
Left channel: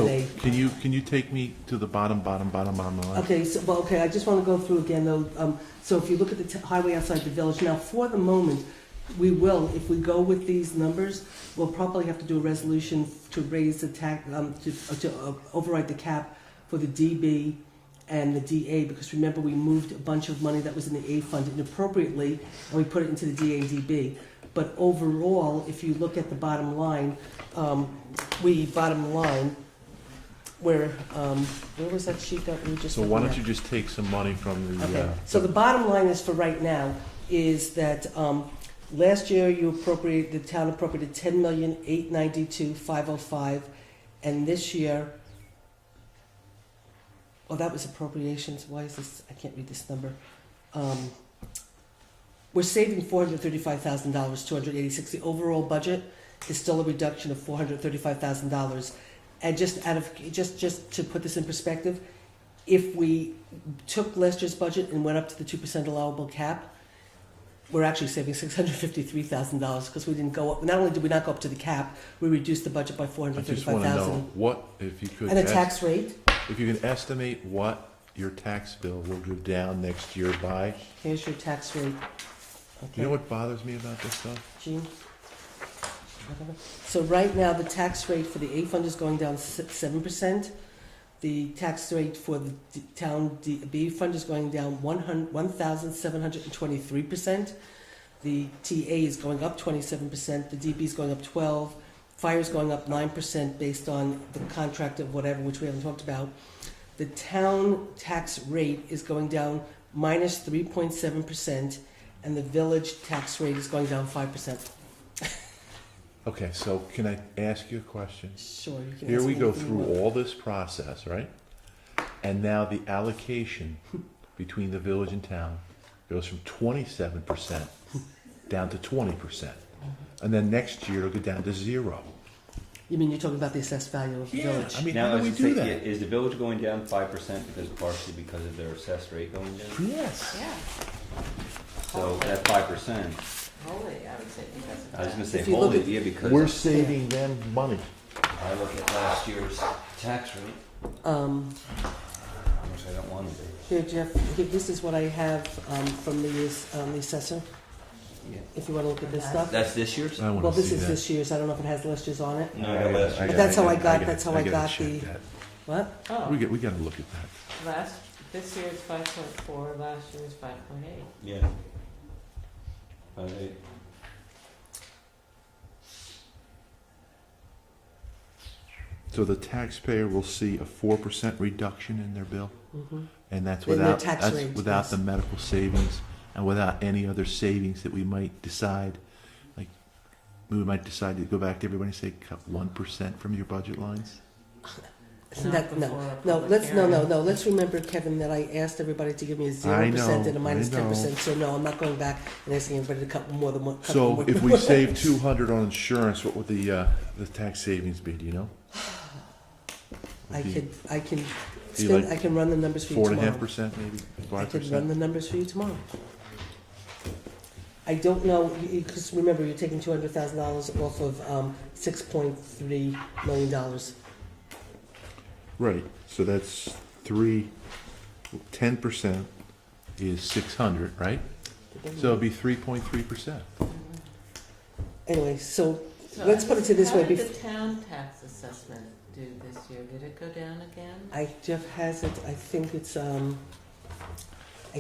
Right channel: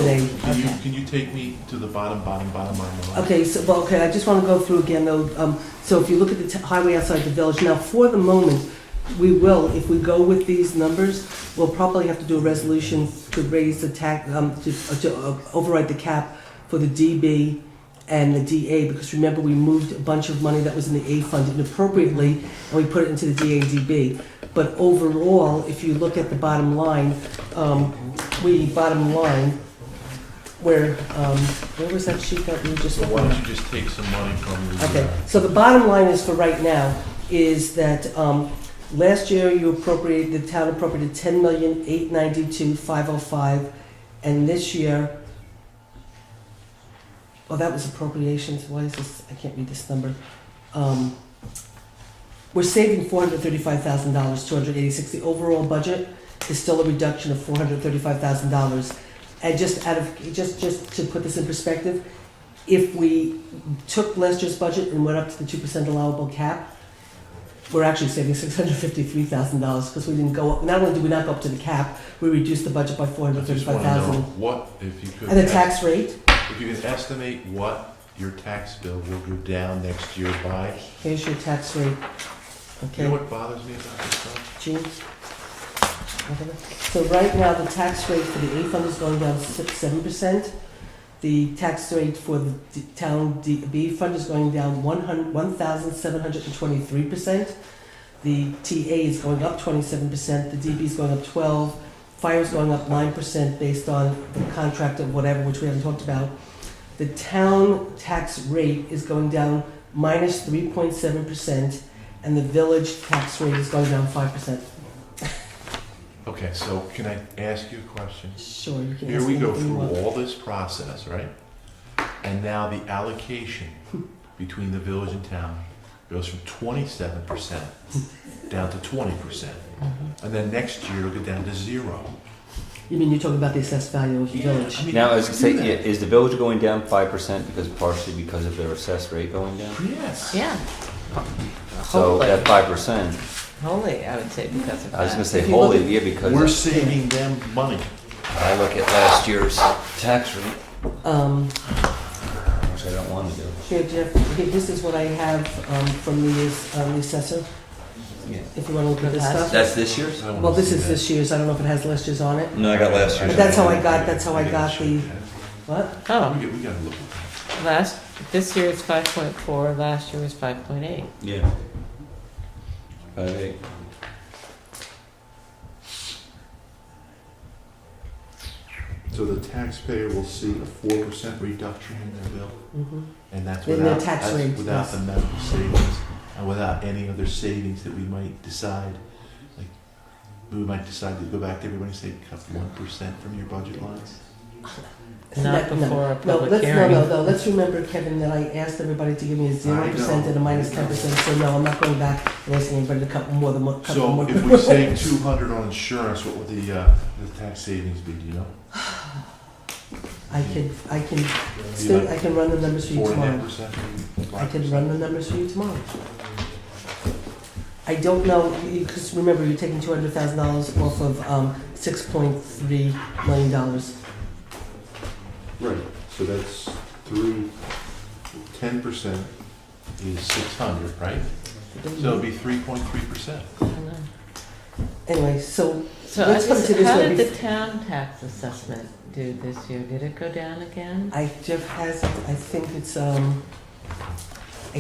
A. Can you take me to the bottom line? Okay, so, I just want to go through again, though, so if you look at the highway outside the village, now, for the moment, we will, if we go with these numbers, we'll probably have to do a resolution to raise the tax, to override the cap for the DB and the DA, because remember, we moved a bunch of money that was in the A fund inappropriately, and we put it into the DA and DB. But overall, if you look at the bottom line, where was that sheet that we just? So why don't you just take some money from the... Okay, so the bottom line is, for right now, is that, last year the town appropriated 10,892,505, and this year, oh, that was appropriations, why is this, I can't read this number. We're saving $435,000, 286. The overall budget is still a reduction of $435,000. And just to put this in perspective, if we took last year's budget and went up to the 2% allowable cap, we're actually saving $653,000, because we didn't go up. Not only did we not go up to the cap, we reduced the budget by I just want to know $435,000. what, if you could... And the tax rate, If you can estimate what your tax bill will go down next year by... here's your tax rate. You know Okay, what bothers me about this stuff? Gene? So right now, the tax rate for the A fund is going down 7%. The tax rate for the town B fund is going down 1,723%. The TA is going up 27%. The DB is going up 12%. Fire is going up 9% based on the contract of whatever, which we haven't talked about. The town tax rate is going down minus 3.7%, and the village tax rate is going down 5%. Okay, so can I ask you a question? Sure, you can. Here ask we go anything you want. through all this process, right? And now the allocation between the village and town goes from 27% down to 20%. And then next year it'll get down to 0. You mean you're talking about the assessed value of the village? I mean, Now, how I was do gonna we say, do that? is the village going down 5% partially because of their assessed rate going down? Yes. Yeah, So Hopefully. that 5%, wholly, I would say, because of that. I was gonna say If you look wholly, at- yeah, We're because saving them money. I look at last year's tax rate, which I don't wanna do. Here, Jeff, here, this is what I have from the assessor, Yeah. if you want to look at this stuff. That's this year's? I wanna Well, this see is that. this year's, I don't know if it has last year's on it. No, I got last year's. That's how I got the, what? Oh, We gotta look at this year is 5.4, last year was 5.8. Yeah. 5.8. that. So the taxpayer will see a 4% reduction in their bill, and that's In their without, tax rate, without yes. the medical savings and without any other savings that we might decide. Like, we might decide to go back to everybody and say, cut 1% from your budget lines. not before a No, public let's, hearing. no, let's remember, Kevin, that I asked everybody to give me a 0% and a minus 10%, so no, I'm not going back and asking anybody to cut more than one. cut So more. if we save 200 on insurance, what would the tax savings be, do you know? I can run the numbers for you tomorrow. 4.5%, maybe I can 5%? run the numbers for you tomorrow. I don't know, because remember, you're taking $200,000 off of $6.3 million. Right, so that's 10% is 600, right? So it'd be 3.3%. Anyway, so So let's put it to this how way. did the town tax assessment do this year? Did it go down again? Jeff has it, I think it's, I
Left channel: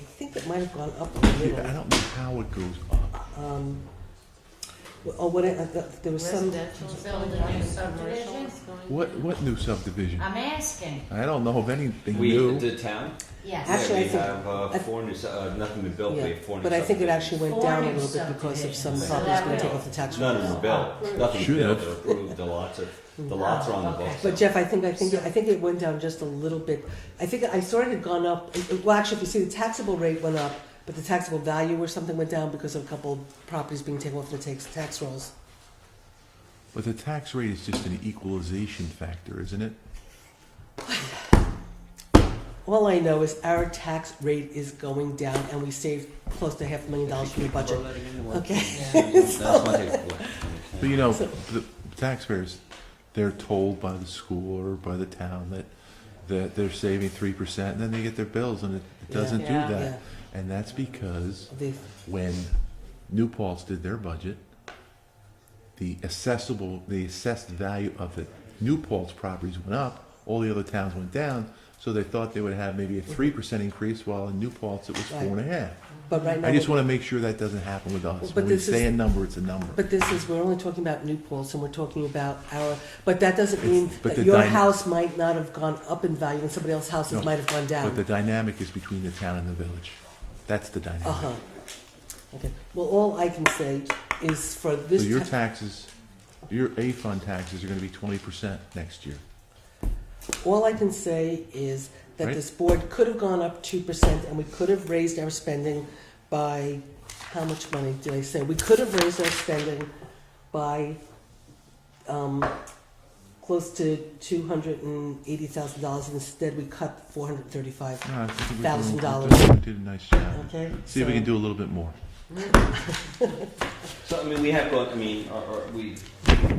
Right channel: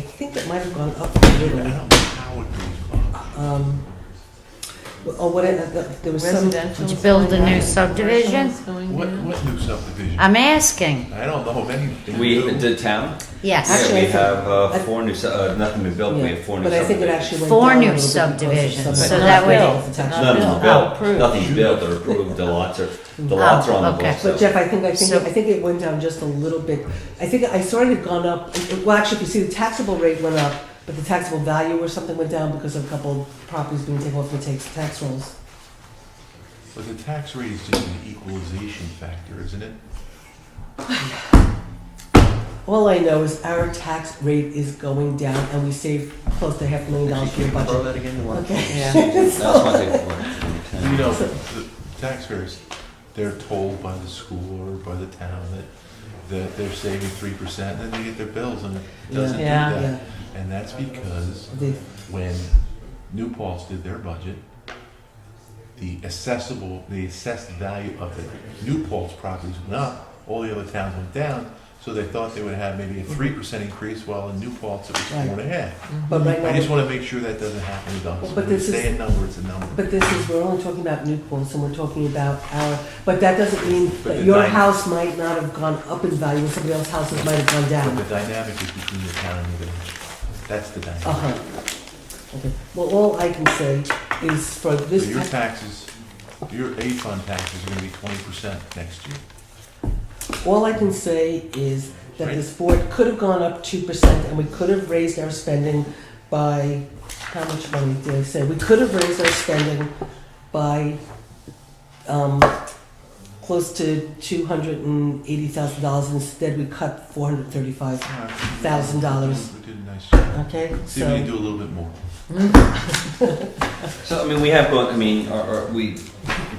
think it might have gone up a I little. don't know how it goes up. There was some, Residential. Did you build a new is going down, subdivision? commercial is going What, down? what new subdivision? I'm asking. I don't know of anything We, new. the town? Yes. Actually, Yeah, I we think- have four new, nothing been built, we yeah, have four new but I think it subdivisions. actually went Four down a new little bit because of subdivisions, some- so but that not way- built, the tax None of bill. them Oh, built, approved. nothing's built or approved, the lots are on the okay. books. But so- Jeff, I think So- it went down just a little bit. I think I saw it had gone up, well, actually, if you see, the taxable rate went up, but the taxable value or something went down because of a couple of properties being taken off the tax rolls. But the tax rate is just an equalization factor, isn't it? All I know is our tax rate is going down and we saved close to $500,000 for the budget. that again? Okay. Yeah. That's one thing. You know, the taxpayers, they're told by the school or by the town that they're saving 3%, and then they get their bills and it doesn't do Yeah. that. Yeah. And that's because The- when New Paltz did their budget, the assessed value of the New Paltz properties went up, all the other towns went down, so they thought they would have maybe a 3% increase, while in New Paltz it was Right. 4.5. But right I just now, want to make sure that doesn't happen with us. But When we this say is- a number, it's a number. but this is, we're only talking about New Paltz and we're talking about but that doesn't mean But that the your dy- house might not have gone up in value and somebody else's house might have gone But down. the dynamic is between the town and the village. That's the dynamic. Uh-huh. Okay, well, all I can say is for So this your tax, taxes, your A fund taxes are gonna be 20% next year. all I can say is that Right. this board could have gone up 2% and we could have raised our spending by, how much money did I say? We could have raised our spending by, close to $280,000. Instead, we cut $435,000. You did a nice job. Okay, See if we can do a little bit more. So, I mean, we have gone, I mean, the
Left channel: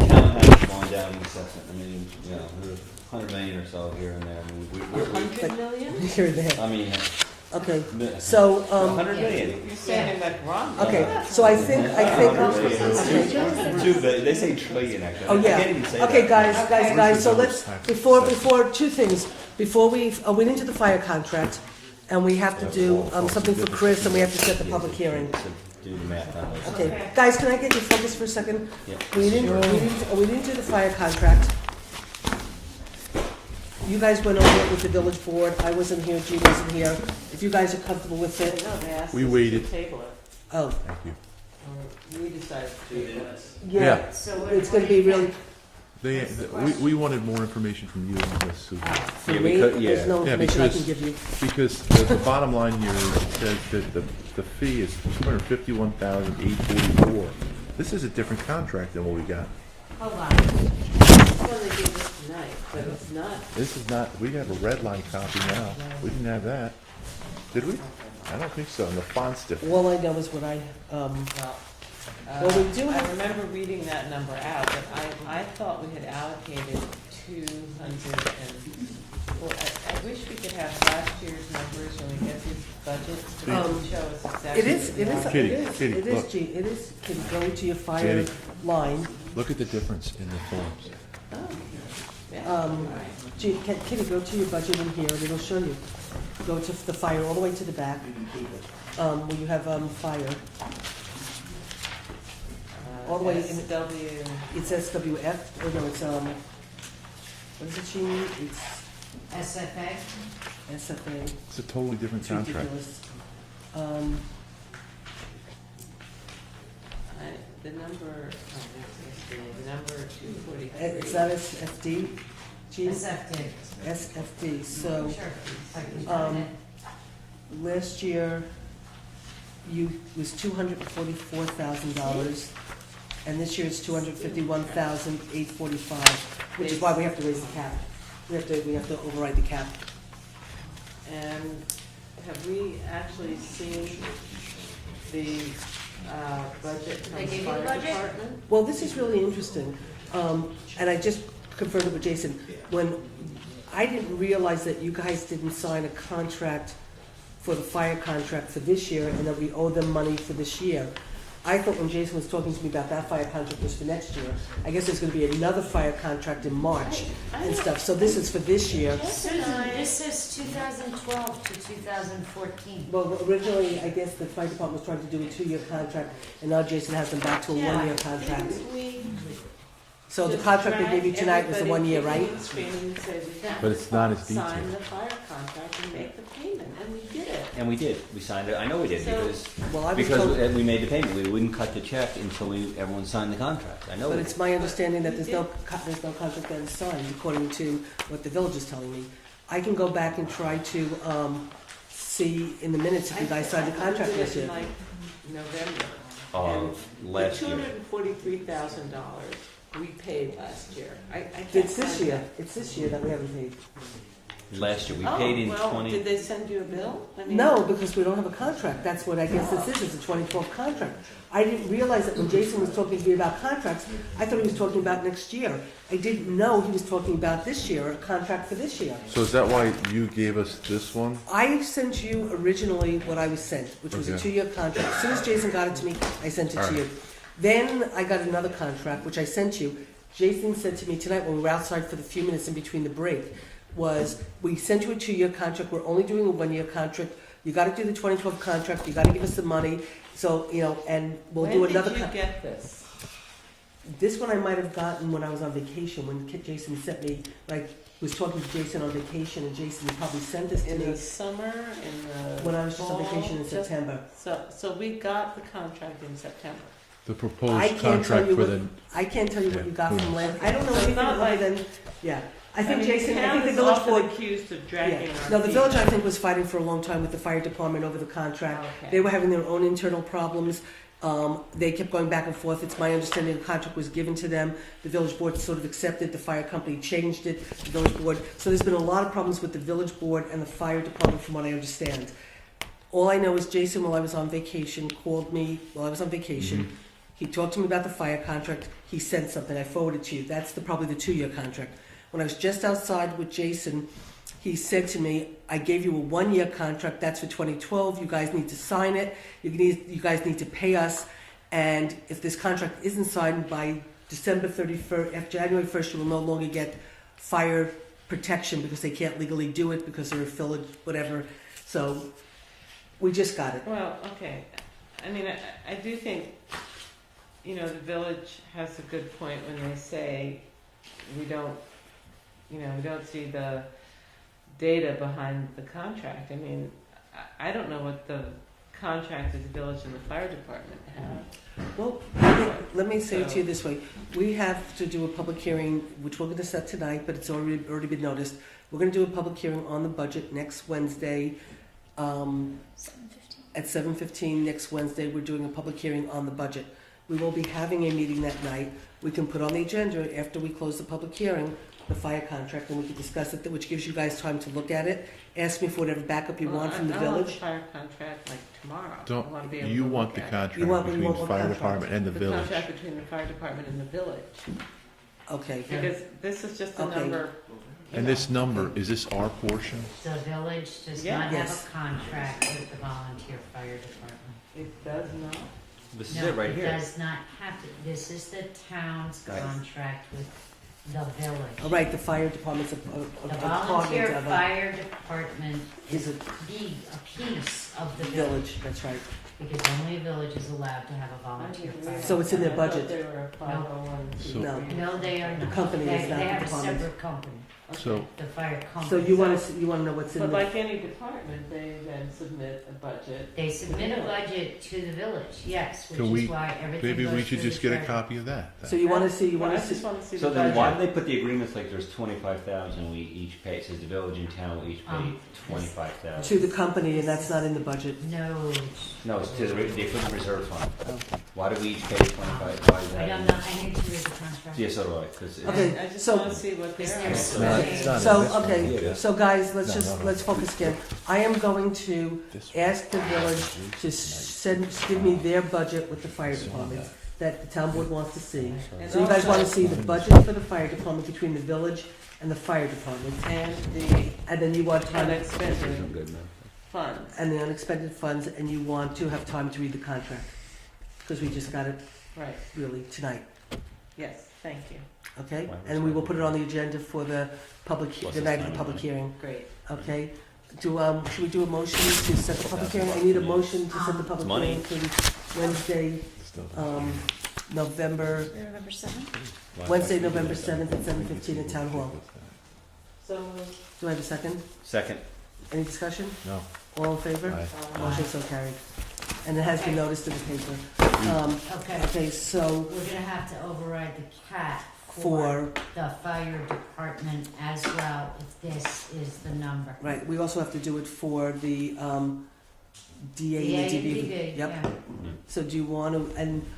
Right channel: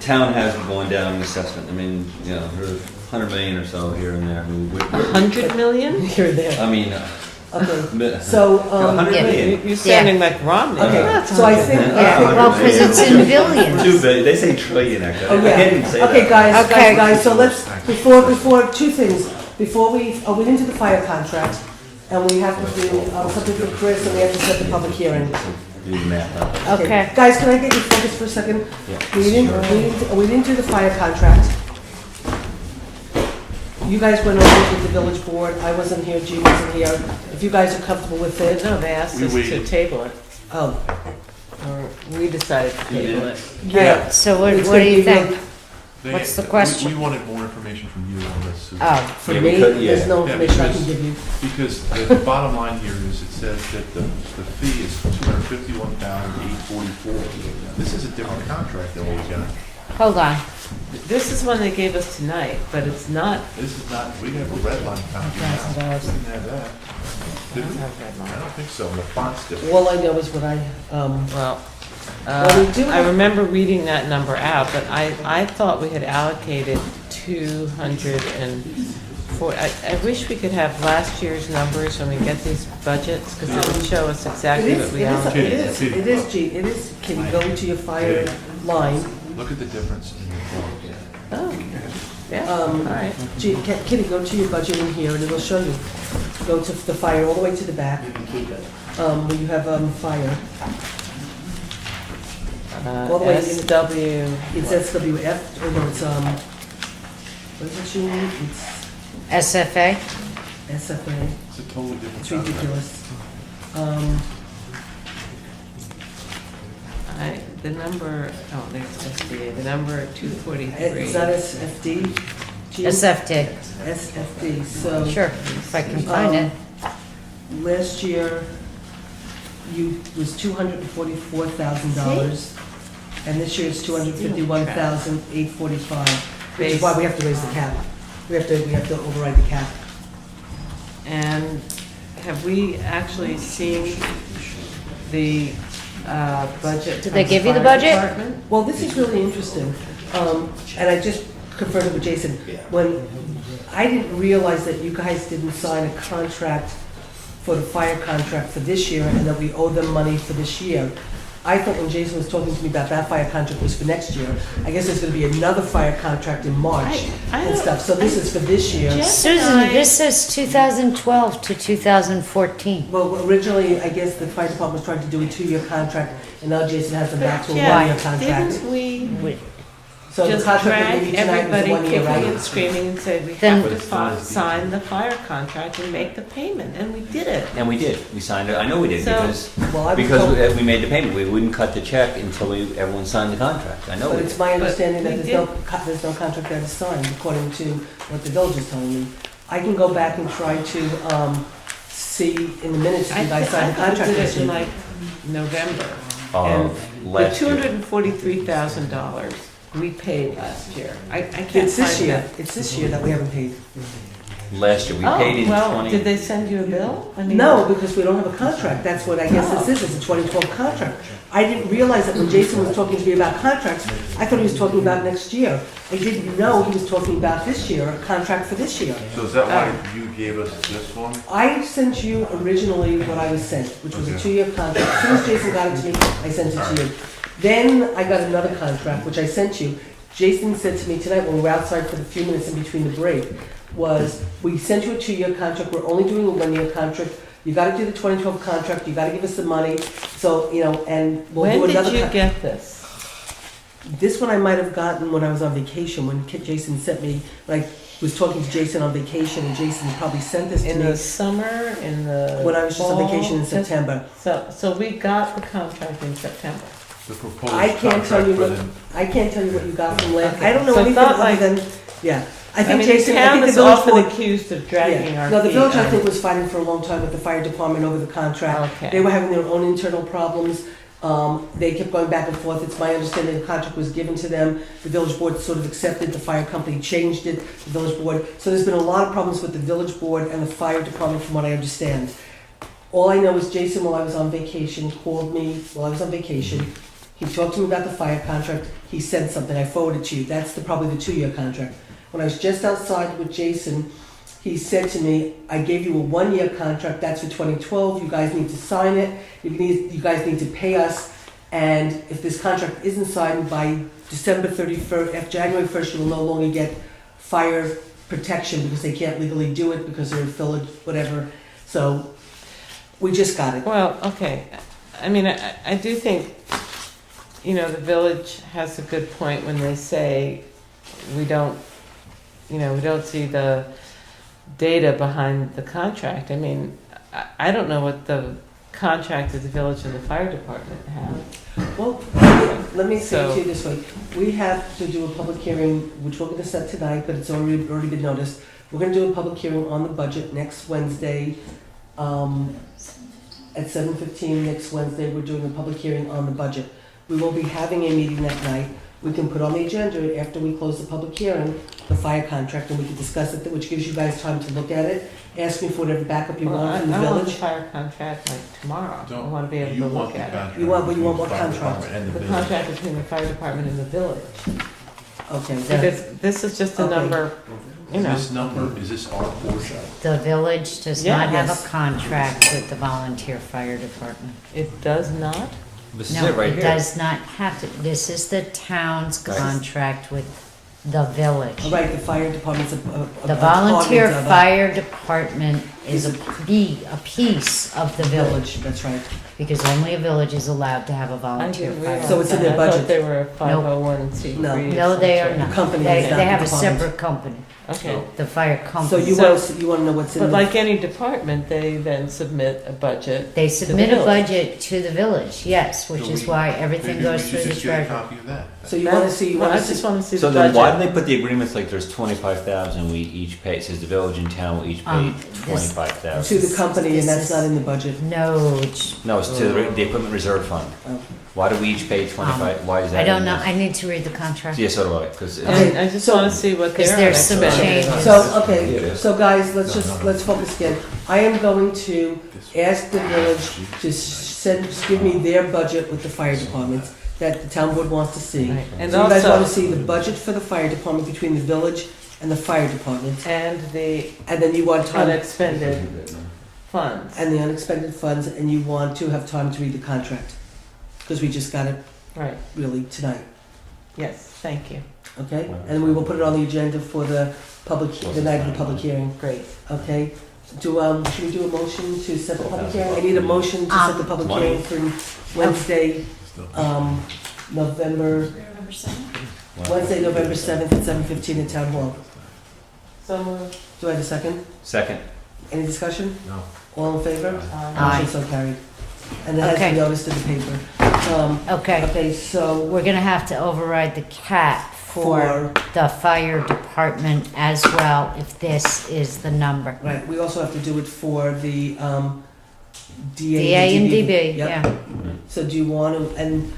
town has gone down in assessment, I mean, you know, we're 100 million or so here and there, I mean, we're, 100 million? You're there. I mean, Okay, so, 100 yeah. million. You're sounding like Romney. okay, so I think, Yeah, well, because it's in billions. 2 billion, they say trillion, actually. Oh, I can't even yeah. say Okay, that. guys, so let's, before, two things. Before we went into the fire contract, and we have to do something for Chris, and we have to set the public hearing. Do the math on it. Okay. Guys, can I get you focused for a second? Yeah. We didn't do the fire contract. You guys went over it with the village board, I wasn't here, Jean wasn't here. If you guys are comfortable with it, No, they asked We us to waited. table it, oh, or we decided to You table did? it. yeah. So what, It's what do gonna you be real- think? They- What's the we- question? We wanted more information from you on this, Susan. Oh, For Yeah, me, because- there's no Yeah, information I because- can give you. Because the bottom line here is, it says that the fee is $251,844. This is a different contract than what we got. hold on. This is one they gave us tonight, but it's not. This is not, we have a red line copy now. We didn't have that. Did we? It's not red I line. don't think so. The font's different. All I know is what I, Well, Well, we do I have- remember reading that number out, but I thought we had allocated 204. I wish we could have last year's numbers when we get these budgets, because it would show us it exactly is, what it we is, allocated. it is, Kitty, it is, look. G, it is, can you go to your fire line? Look at the difference in the forms. Oh, yeah, all right. Gee, Kitty, go to your budget in here and it'll show you. Go to the fire all the way to the back, where you have, fire. All the way in- SW. It's SWF, or no, it's, what is it, Jean? It's SFA? SFA. It's a totally different It's contract. ridiculous. The number, oh, there's SDA, the number 243. Is that SFD? SFT, SFD, so. sure, if I can find it. Last year, was $244,000, and this year it's $251,845, which is why we have to raise the cap. We have to override the cap. And have we actually seen the budget? Did they from give you the fire budget? department? Well, this is really interesting, and I just confirmed with Jason, when, I didn't realize that you guys didn't sign a contract for the fire contract for this year, and that we owe them money for this year. I thought when Jason was talking to me about that fire contract was for next year. I guess there's gonna be another fire contract in March I and don't- stuff, so this is for this year. Susan, this says 2012 to 2014. Well, originally, I guess the fire department was trying to do a 2-year contract, and now Jason has them back to a Yeah, 1-year contract. didn't we So the just contract that we drag gave you tonight was everybody 1 year, kicking right? and screaming and said, we Then- have But to it's not as sign the fire contract and make the payment, and we did it. And we did, we signed it, I know we did, So- Well, I was because told- we made the payment, we wouldn't cut the check until everyone signed the contract, I know But we it's did. my understanding that we there's no contract that is signed, according to what the village is telling me. I can go back and try to, see in the minutes if you guys signed the contract I this did it in year. like November. Of The last year. $243,000 we paid last year. I can't It's this find year, that. it's this year that we haven't paid. Last year, we paid in Oh, well, 20. did they send you a bill? I mean, No, because we don't have a contract, that's what I guess this is, it's a 2012 contract. I didn't realize that when Jason was talking to me about contracts, I thought he was talking about next year. I didn't know he was talking about this year, a contract for this year. So is that why you gave us this one? I sent you originally what I was sent, which was a 2-year contract. As soon as Jason got it to me, I sent it to you. Then I got another contract, which I sent you. Jason said to me tonight when we were outside for the few minutes in between the break, was, we sent you a 2-year contract, we're only doing a 1-year contract. You gotta do the 2012 contract, you gotta give us the money, so, you know, and we'll do when another. did you get this? This one I might have gotten when I was on vacation, when Jason sent me, when I was talking to Jason on vacation, and Jason probably sent this to In me the summer, in the when I was just on fall? vacation in Just- September. So we got the contract in September. The proposed I can't tell contract you for what, the, I can't tell you what you got from last, Okay. I don't know So it's anything not other like- than, yeah. I I think mean, the Jason, I town think the is village often board. accused of dragging our Yeah. feet. No, the village I on- think was fighting for a long time with the fire department over the contract. They Okay. were having their own internal problems. They kept going back and forth. It's my understanding the contract was given to them. The village board sort of accepted, the fire company changed it, the village board. So there's been a lot of problems with the village board and the fire department from what I understand. All I know is Jason, while I was on vacation, called me while I was on vacation. He talked to me about the fire contract. He sent something. I forwarded to you. That's probably the 2-year contract. When I was just outside with Jason, he said to me, I gave you a 1-year contract, that's for 2012, you guys need to sign it, you guys need to pay us, and if this contract isn't signed by December 31st, after January 1st, you will no longer get fire protection because they can't legally do it because they're a village, whatever. So, we just got it. Well, okay. I mean, I do think, you know, the village has a good point when they say we don't see the data behind the contract. I mean, I don't know what the contract that the village and the fire department have. Well, let me say it So- to you this way. We have to do a public hearing, which we're gonna set tonight, but it's already been noticed. We're gonna do a public hearing on the budget next Wednesday, at 7:15 next Wednesday. We're doing a public hearing on the budget. We will be having a meeting that night. We can put on the agenda after we close the public hearing, the fire contract, and we can discuss it, which gives you guys time to look at it. Ask me for whatever backup you Well, want I from the I want the village. fire contract like tomorrow. I Don't- want to be able you to want look the at it. contract You want between the what fire contract? department and the The village. contract between the fire department and the village. Okay. Because this is just a Okay. number, you know. This number, is this our portion? The village does Yeah. not have Yes. a contract with the volunteer fire department. It does not? This is No, it right it here. does not have to. This is the town's Right. contract with the village. All right, the fire department's a The volunteer department of the fire department is a piece of the village, That's right. because only a village is allowed to have a I volunteer didn't fire. realize So it's in their that. I budget. thought they were a 501c3. No. or No, they are something. not. company They, is not they the have a department. separate company, Okay. the fire So company. you wanna know what's in But the, like any department, they then submit a budget. They submit a village. budget to the village, yes, which So is why everything Maybe we goes should through the just get a treasurer. copy of that. so you wanna see, Well, I just want to see So the then budget. why why do they put the agreements like there's 25,000 we each pay? It says the village and town will each pay This- 25,000. To the company, and that's not in the budget. No, it's, No, it's to the equipment reserve fund. Why do we each pay 25? Why is that? I don't in know, there? I need to read the contract. Yeah, so do I. Because Okay, I just so- wanna see what Because their there's some unexpected changes. is. So, okay, so guys, let's focus again. I am going to ask the village to give me their budget with the fire departments that the town board wants to see. Right. And So you guys wanna also, see the budget for the fire department between the village and the fire department. and the And then you want time, unexpended funds. and the unexpended funds, and you want to have time to read the contract. Because we just got it Right, really tonight, yes, thank you, okay? And we will put it on the agenda for the the night of the public hearing, great. okay? Should we do a motion to set the public hearing? I need a motion to set the public hearing for Wednesday, November 7th at 7:15 at Town Hall. So moved. Do I have a second? second. Any discussion? No. All in favor? Aye. Motion so carried. And it has Okay. been noticed in the paper. Okay, Okay, so we're gonna have to override the cap for the fire department as well, if this is the number. right, we also have to do it for the DA DA and DB, Yep. yeah. So do you want to, and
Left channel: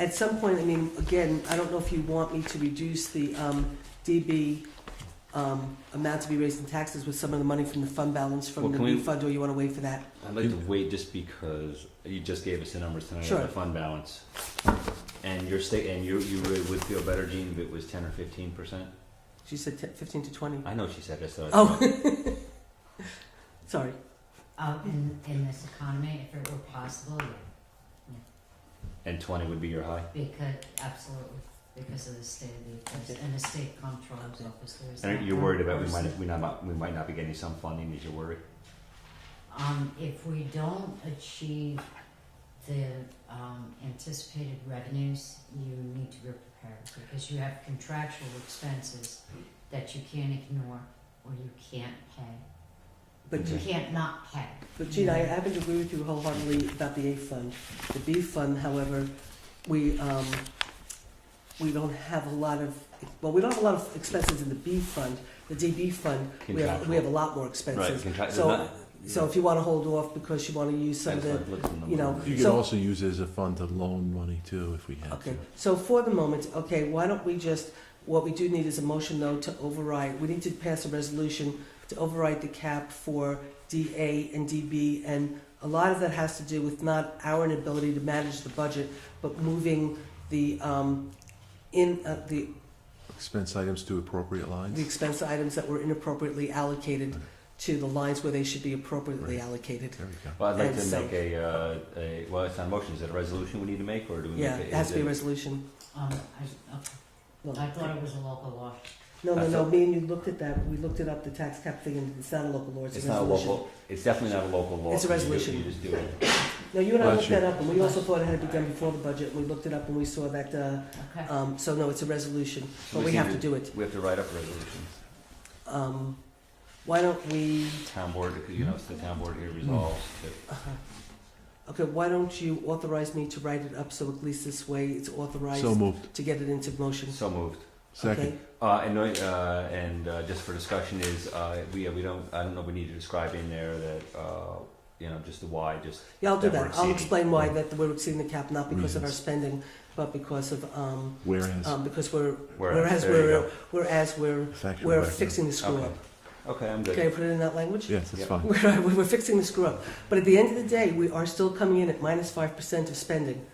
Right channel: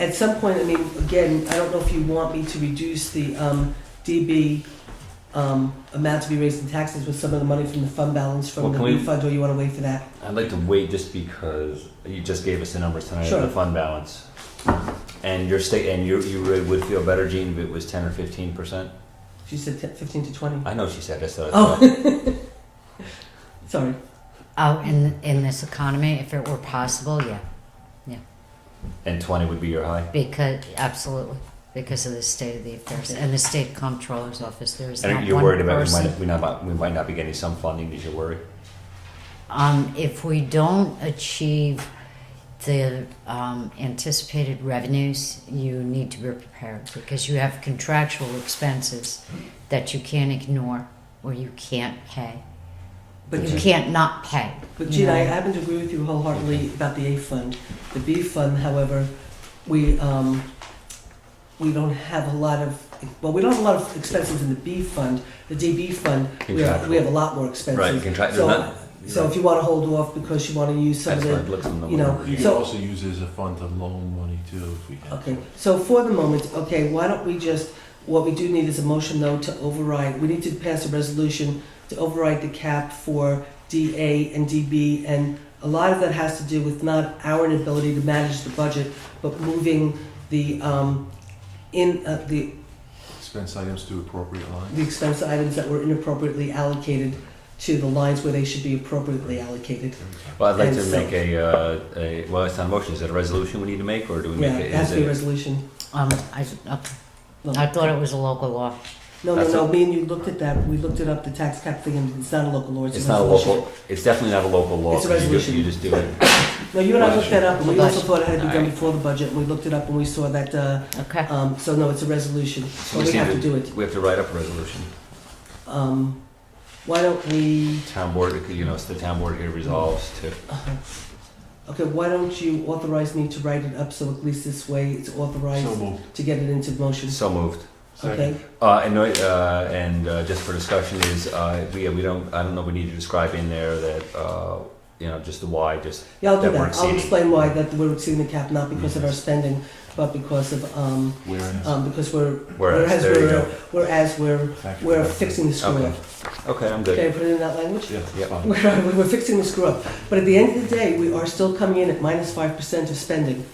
at some point, I mean, again, I don't know if you want me to reduce the DB amount to be raised in taxes with some of the money from the fund balance from Well, the can we- refund, or you want to wait for that? I'd like to wait just because you just gave us the numbers tonight Sure. of the fund balance. And your state, and you really would feel better, Gene, if it was 10 or 15%? She said 15 to 20. I know she said that, so. Oh, sorry. Oh, in this economy, if it were possible, yeah, And 20 would be your high? because, absolutely, because of the state of the affairs, and the state comptroller's office, there is not And you're one worried about person. we might not be getting some funding, is your worry? If we don't achieve the anticipated revenues, you need to be prepared, because you have contractual expenses that you can't ignore, or you can't pay. But You can't not pay. But Gina, I happen to agree with you wholeheartedly about the A fund. The B fund, however, we don't have a lot of, well, we don't have a lot of expenses in the B fund. The DB fund, we have a lot more expenses. So if you wanna hold off because you wanna use some of That's the, what it looks in the you know, numbers. You can So- also use it as a fund to loan money too, if we can. okay, so for the moment, okay, why don't we just, what we do need is a motion though to override, we need to pass a resolution to override the cap for DA and DB, and a lot of that has to do with not our inability to manage the budget, but moving the, the Expense items to appropriate lines. the expense items that were inappropriately allocated to the lines where they should be appropriately allocated. Well, I'd like to And so- make well, it's not a motion, is it a resolution we need to make, or do we Yeah, make it it? has Is to be a it? resolution. I thought it was a local law. No, That's no, me and you looked at that, we looked it up, the tax cap thing, and it's not a local law, it's a It's not a resolution. local, it's definitely not a local law, It's a 'cause resolution. you just do it. No, you and I looked that up, and we also Resolution. thought it had to be done Alright. before the budget, and we looked it up and we saw that, Okay. so no, it's a resolution, So but we just have need to do it. We have to write up a resolution. Why don't we, Town board, it's the town board here resolves to, okay, why don't you authorize me to write it up, so at least this way it's authorized So moved. to get it into motion, so moved. okay? And just for discussion is, we don't, I don't know, we need to describe in there that, just the why, just, Yeah, I'll do that we're that, I'll exceeding. explain why, that we're exceeding the cap, not because of our spending, but because of, Whereas. because whereas, there you go. whereas we're Thank you. we're fixing the screw Okay. up. Okay, I'm good. Okay, put it in that language? Yes, Yep. that's fine. We were fixing the screw up, but at the end of the day, we are still coming in at minus 5% of spending.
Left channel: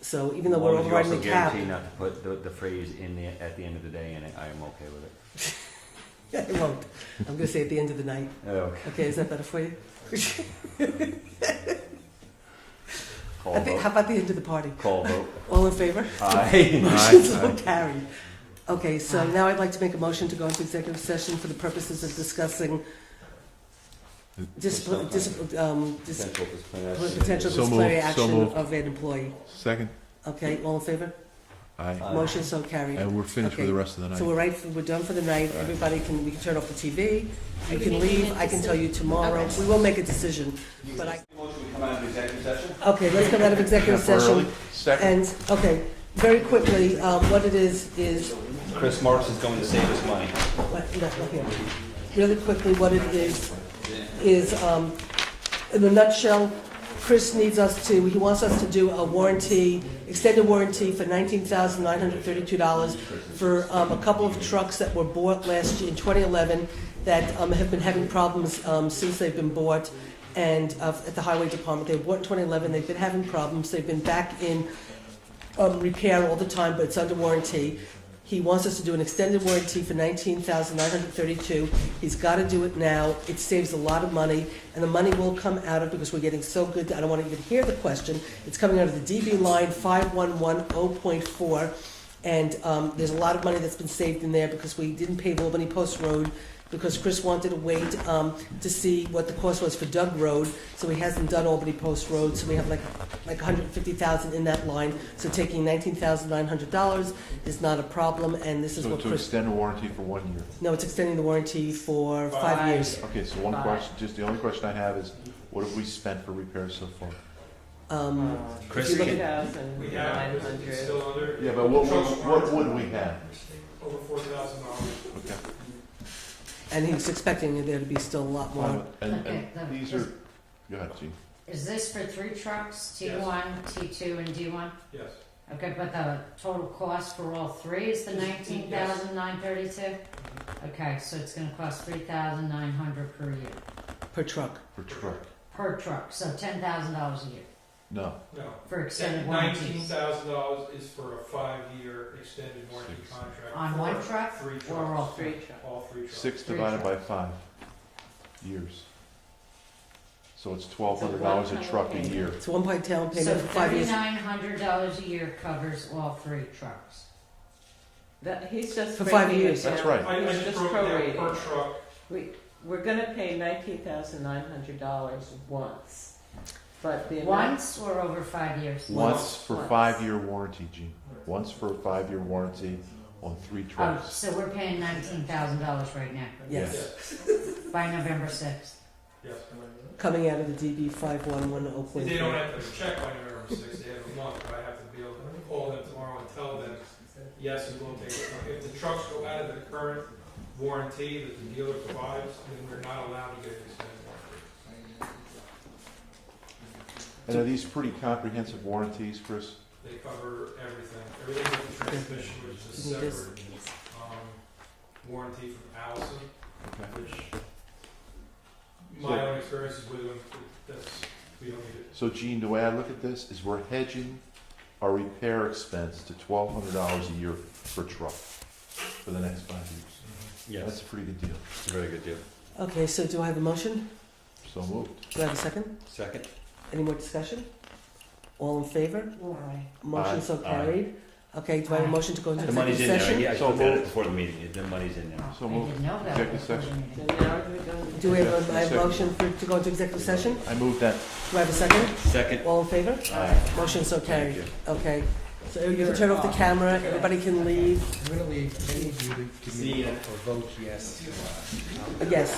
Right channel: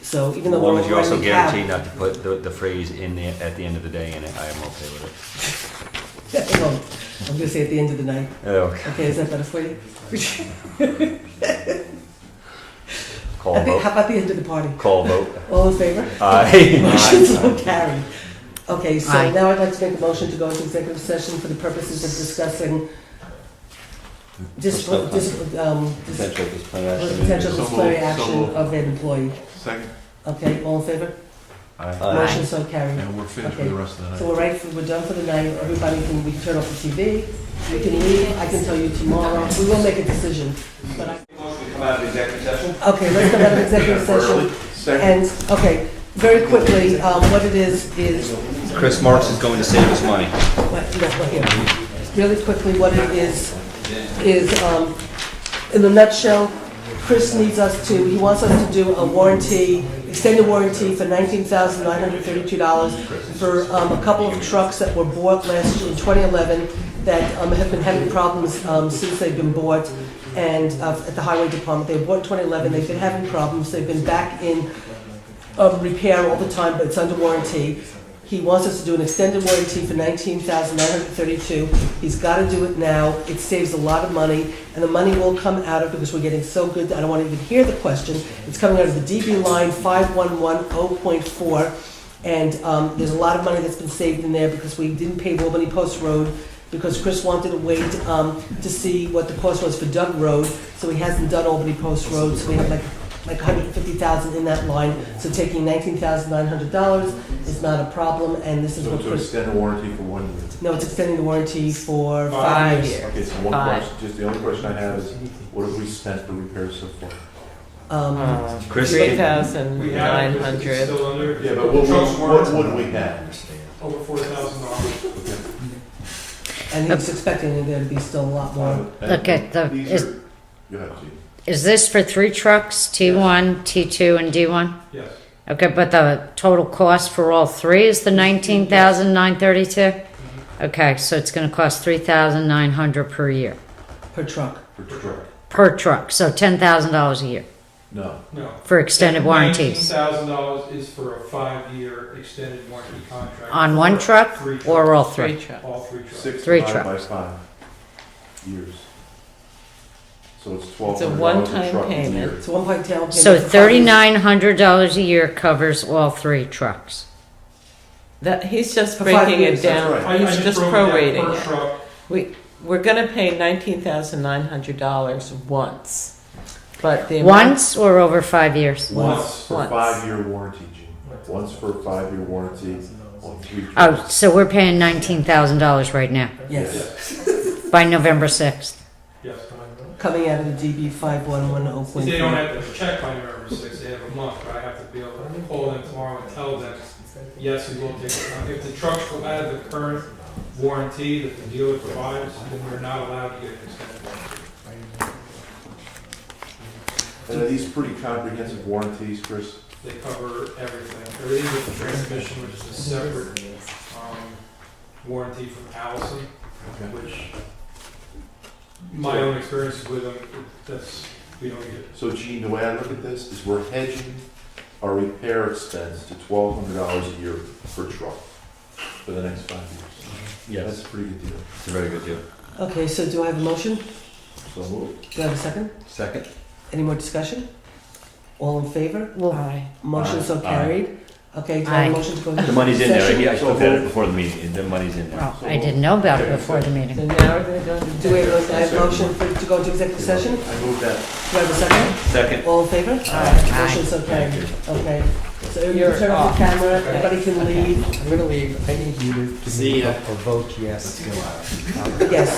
So even though As long we're as you also running cap, guarantee not to put the phrase in the, at the end of the day in it, I am okay with it. no, I'm gonna say at the end of the night. Okay. Okay, is that better for you? Call vote. How about the end of the party? Call vote. All in favor? Aye. Motion so carried. Okay, so Aye. now I'd like to make a motion to go into executive session for the purposes of discussing Potential disciplinary action. potential So disciplinary moved, so action moved. of an employee. Second. Okay, all in favor? Aye. Aye. Motion so carried. And we're finished for Okay. the rest of the night. So we're done for the night, everybody can, we can turn off the TV, we can leave, I can tell you tomorrow, we will make a decision, but I. Come out of executive session? Okay, let's go back to executive session, Second. and, okay, very quickly, what it is Chris Marks is going to save us money. Really quickly, what it is, in a nutshell, Chris needs us to, he wants us to do a warranty, extended warranty for $19,932 for a couple of trucks that were bought last year in 2011 that have been having problems since they've been bought, and at the highway department. They were bought in 2011, they've been having problems, they've been back in repair all the time, but it's under warranty. He wants us to do an extended warranty for $19,932. He's got to do it now. It saves a lot of money, and the money will come out of, because we're getting so good, I don't want to even hear the question. It's coming out of the DB line 5110.4, and there's a lot of money that's been saved in there because we didn't pay Albany Post Road, because Chris wanted to wait to see what the cost was for Doug Road, so he hasn't done Albany Post Road, so we have like $150,000 in that line. So taking $19,900 is not a problem, and this is what To Chris. extend the warranty for 1 year. No, it's extending the warranty for 5 years. Okay, so one Five. question, just the only question I have is, what have we spent for repairs so far? Chris, $3,900. Yeah, but what would we have? Over $4,000. Okay. And he was expecting there to be still a lot more. And Okay, these are- Go ahead, Chief. Is this for 3 trucks, T1, T2, and D1? Yes. Okay, but the total cost for all 3 is the $19,932? Okay, so it's gonna cost $3,900 per year, Per truck. For truck? per truck, so $10,000 a year No. No. for extended warranties. $19,000 is for a 5-year extended warranty contract. On one for truck 3 trucks. or all 3? All 3 trucks. 6 3 divided by trucks. 5 years. So it's It's a $1,200 a one-time truck a payment. year. It's 1.10 payment. So for 5 years. $3,900 a year covers all 3 trucks. That, he's just For 5 breaking years, it that's down, right. I he's just broke it down prorating per it. truck. We're gonna pay $19,900 once, but the amount. Once or over 5 years? Once for Once. 5-year warranty, Gene. Once for a 5-year warranty on 3 Oh, trucks. so we're paying $19,000 right now, Yes, by November 6th. Yes. coming out of the DB 5110.4. They don't have to check by November 6th, they have a month, but I have to be able to call them tomorrow and tell them, yes, we will take it. If the trucks go out of the current warranty that the dealer provides, then we're not allowed to get an extended warranty. And are these pretty comprehensive warranties, Chris? They cover everything. Everything with the transmission, which is a separate warranty from Allison, Okay. which my own experiences with them, we don't get it. So Gene, the way I look at this is we're hedging our repair expense to $1,200 a year per truck for the next 5 years. That's a pretty good deal. It's a very good deal. Okay, so do I have a motion? So moved. Do I have a second? Second? Any more discussion? All in favor? Well, Aye. Motion so Aye. carried. Okay, do I have Aye. a motion to go into The money's in there, session? I looked at it before the meeting, the money's in there. well, I didn't know about it before the meeting. So now we're gonna go. Do we have a motion to go into executive session? I moved that. Do I have a second? Second? All in favor? Aye. Motion so carried. Thank Okay. So you You're can turn off off. the camera, everybody can leave. I'm gonna leave. I need you to See ya. vote yes to. Yes.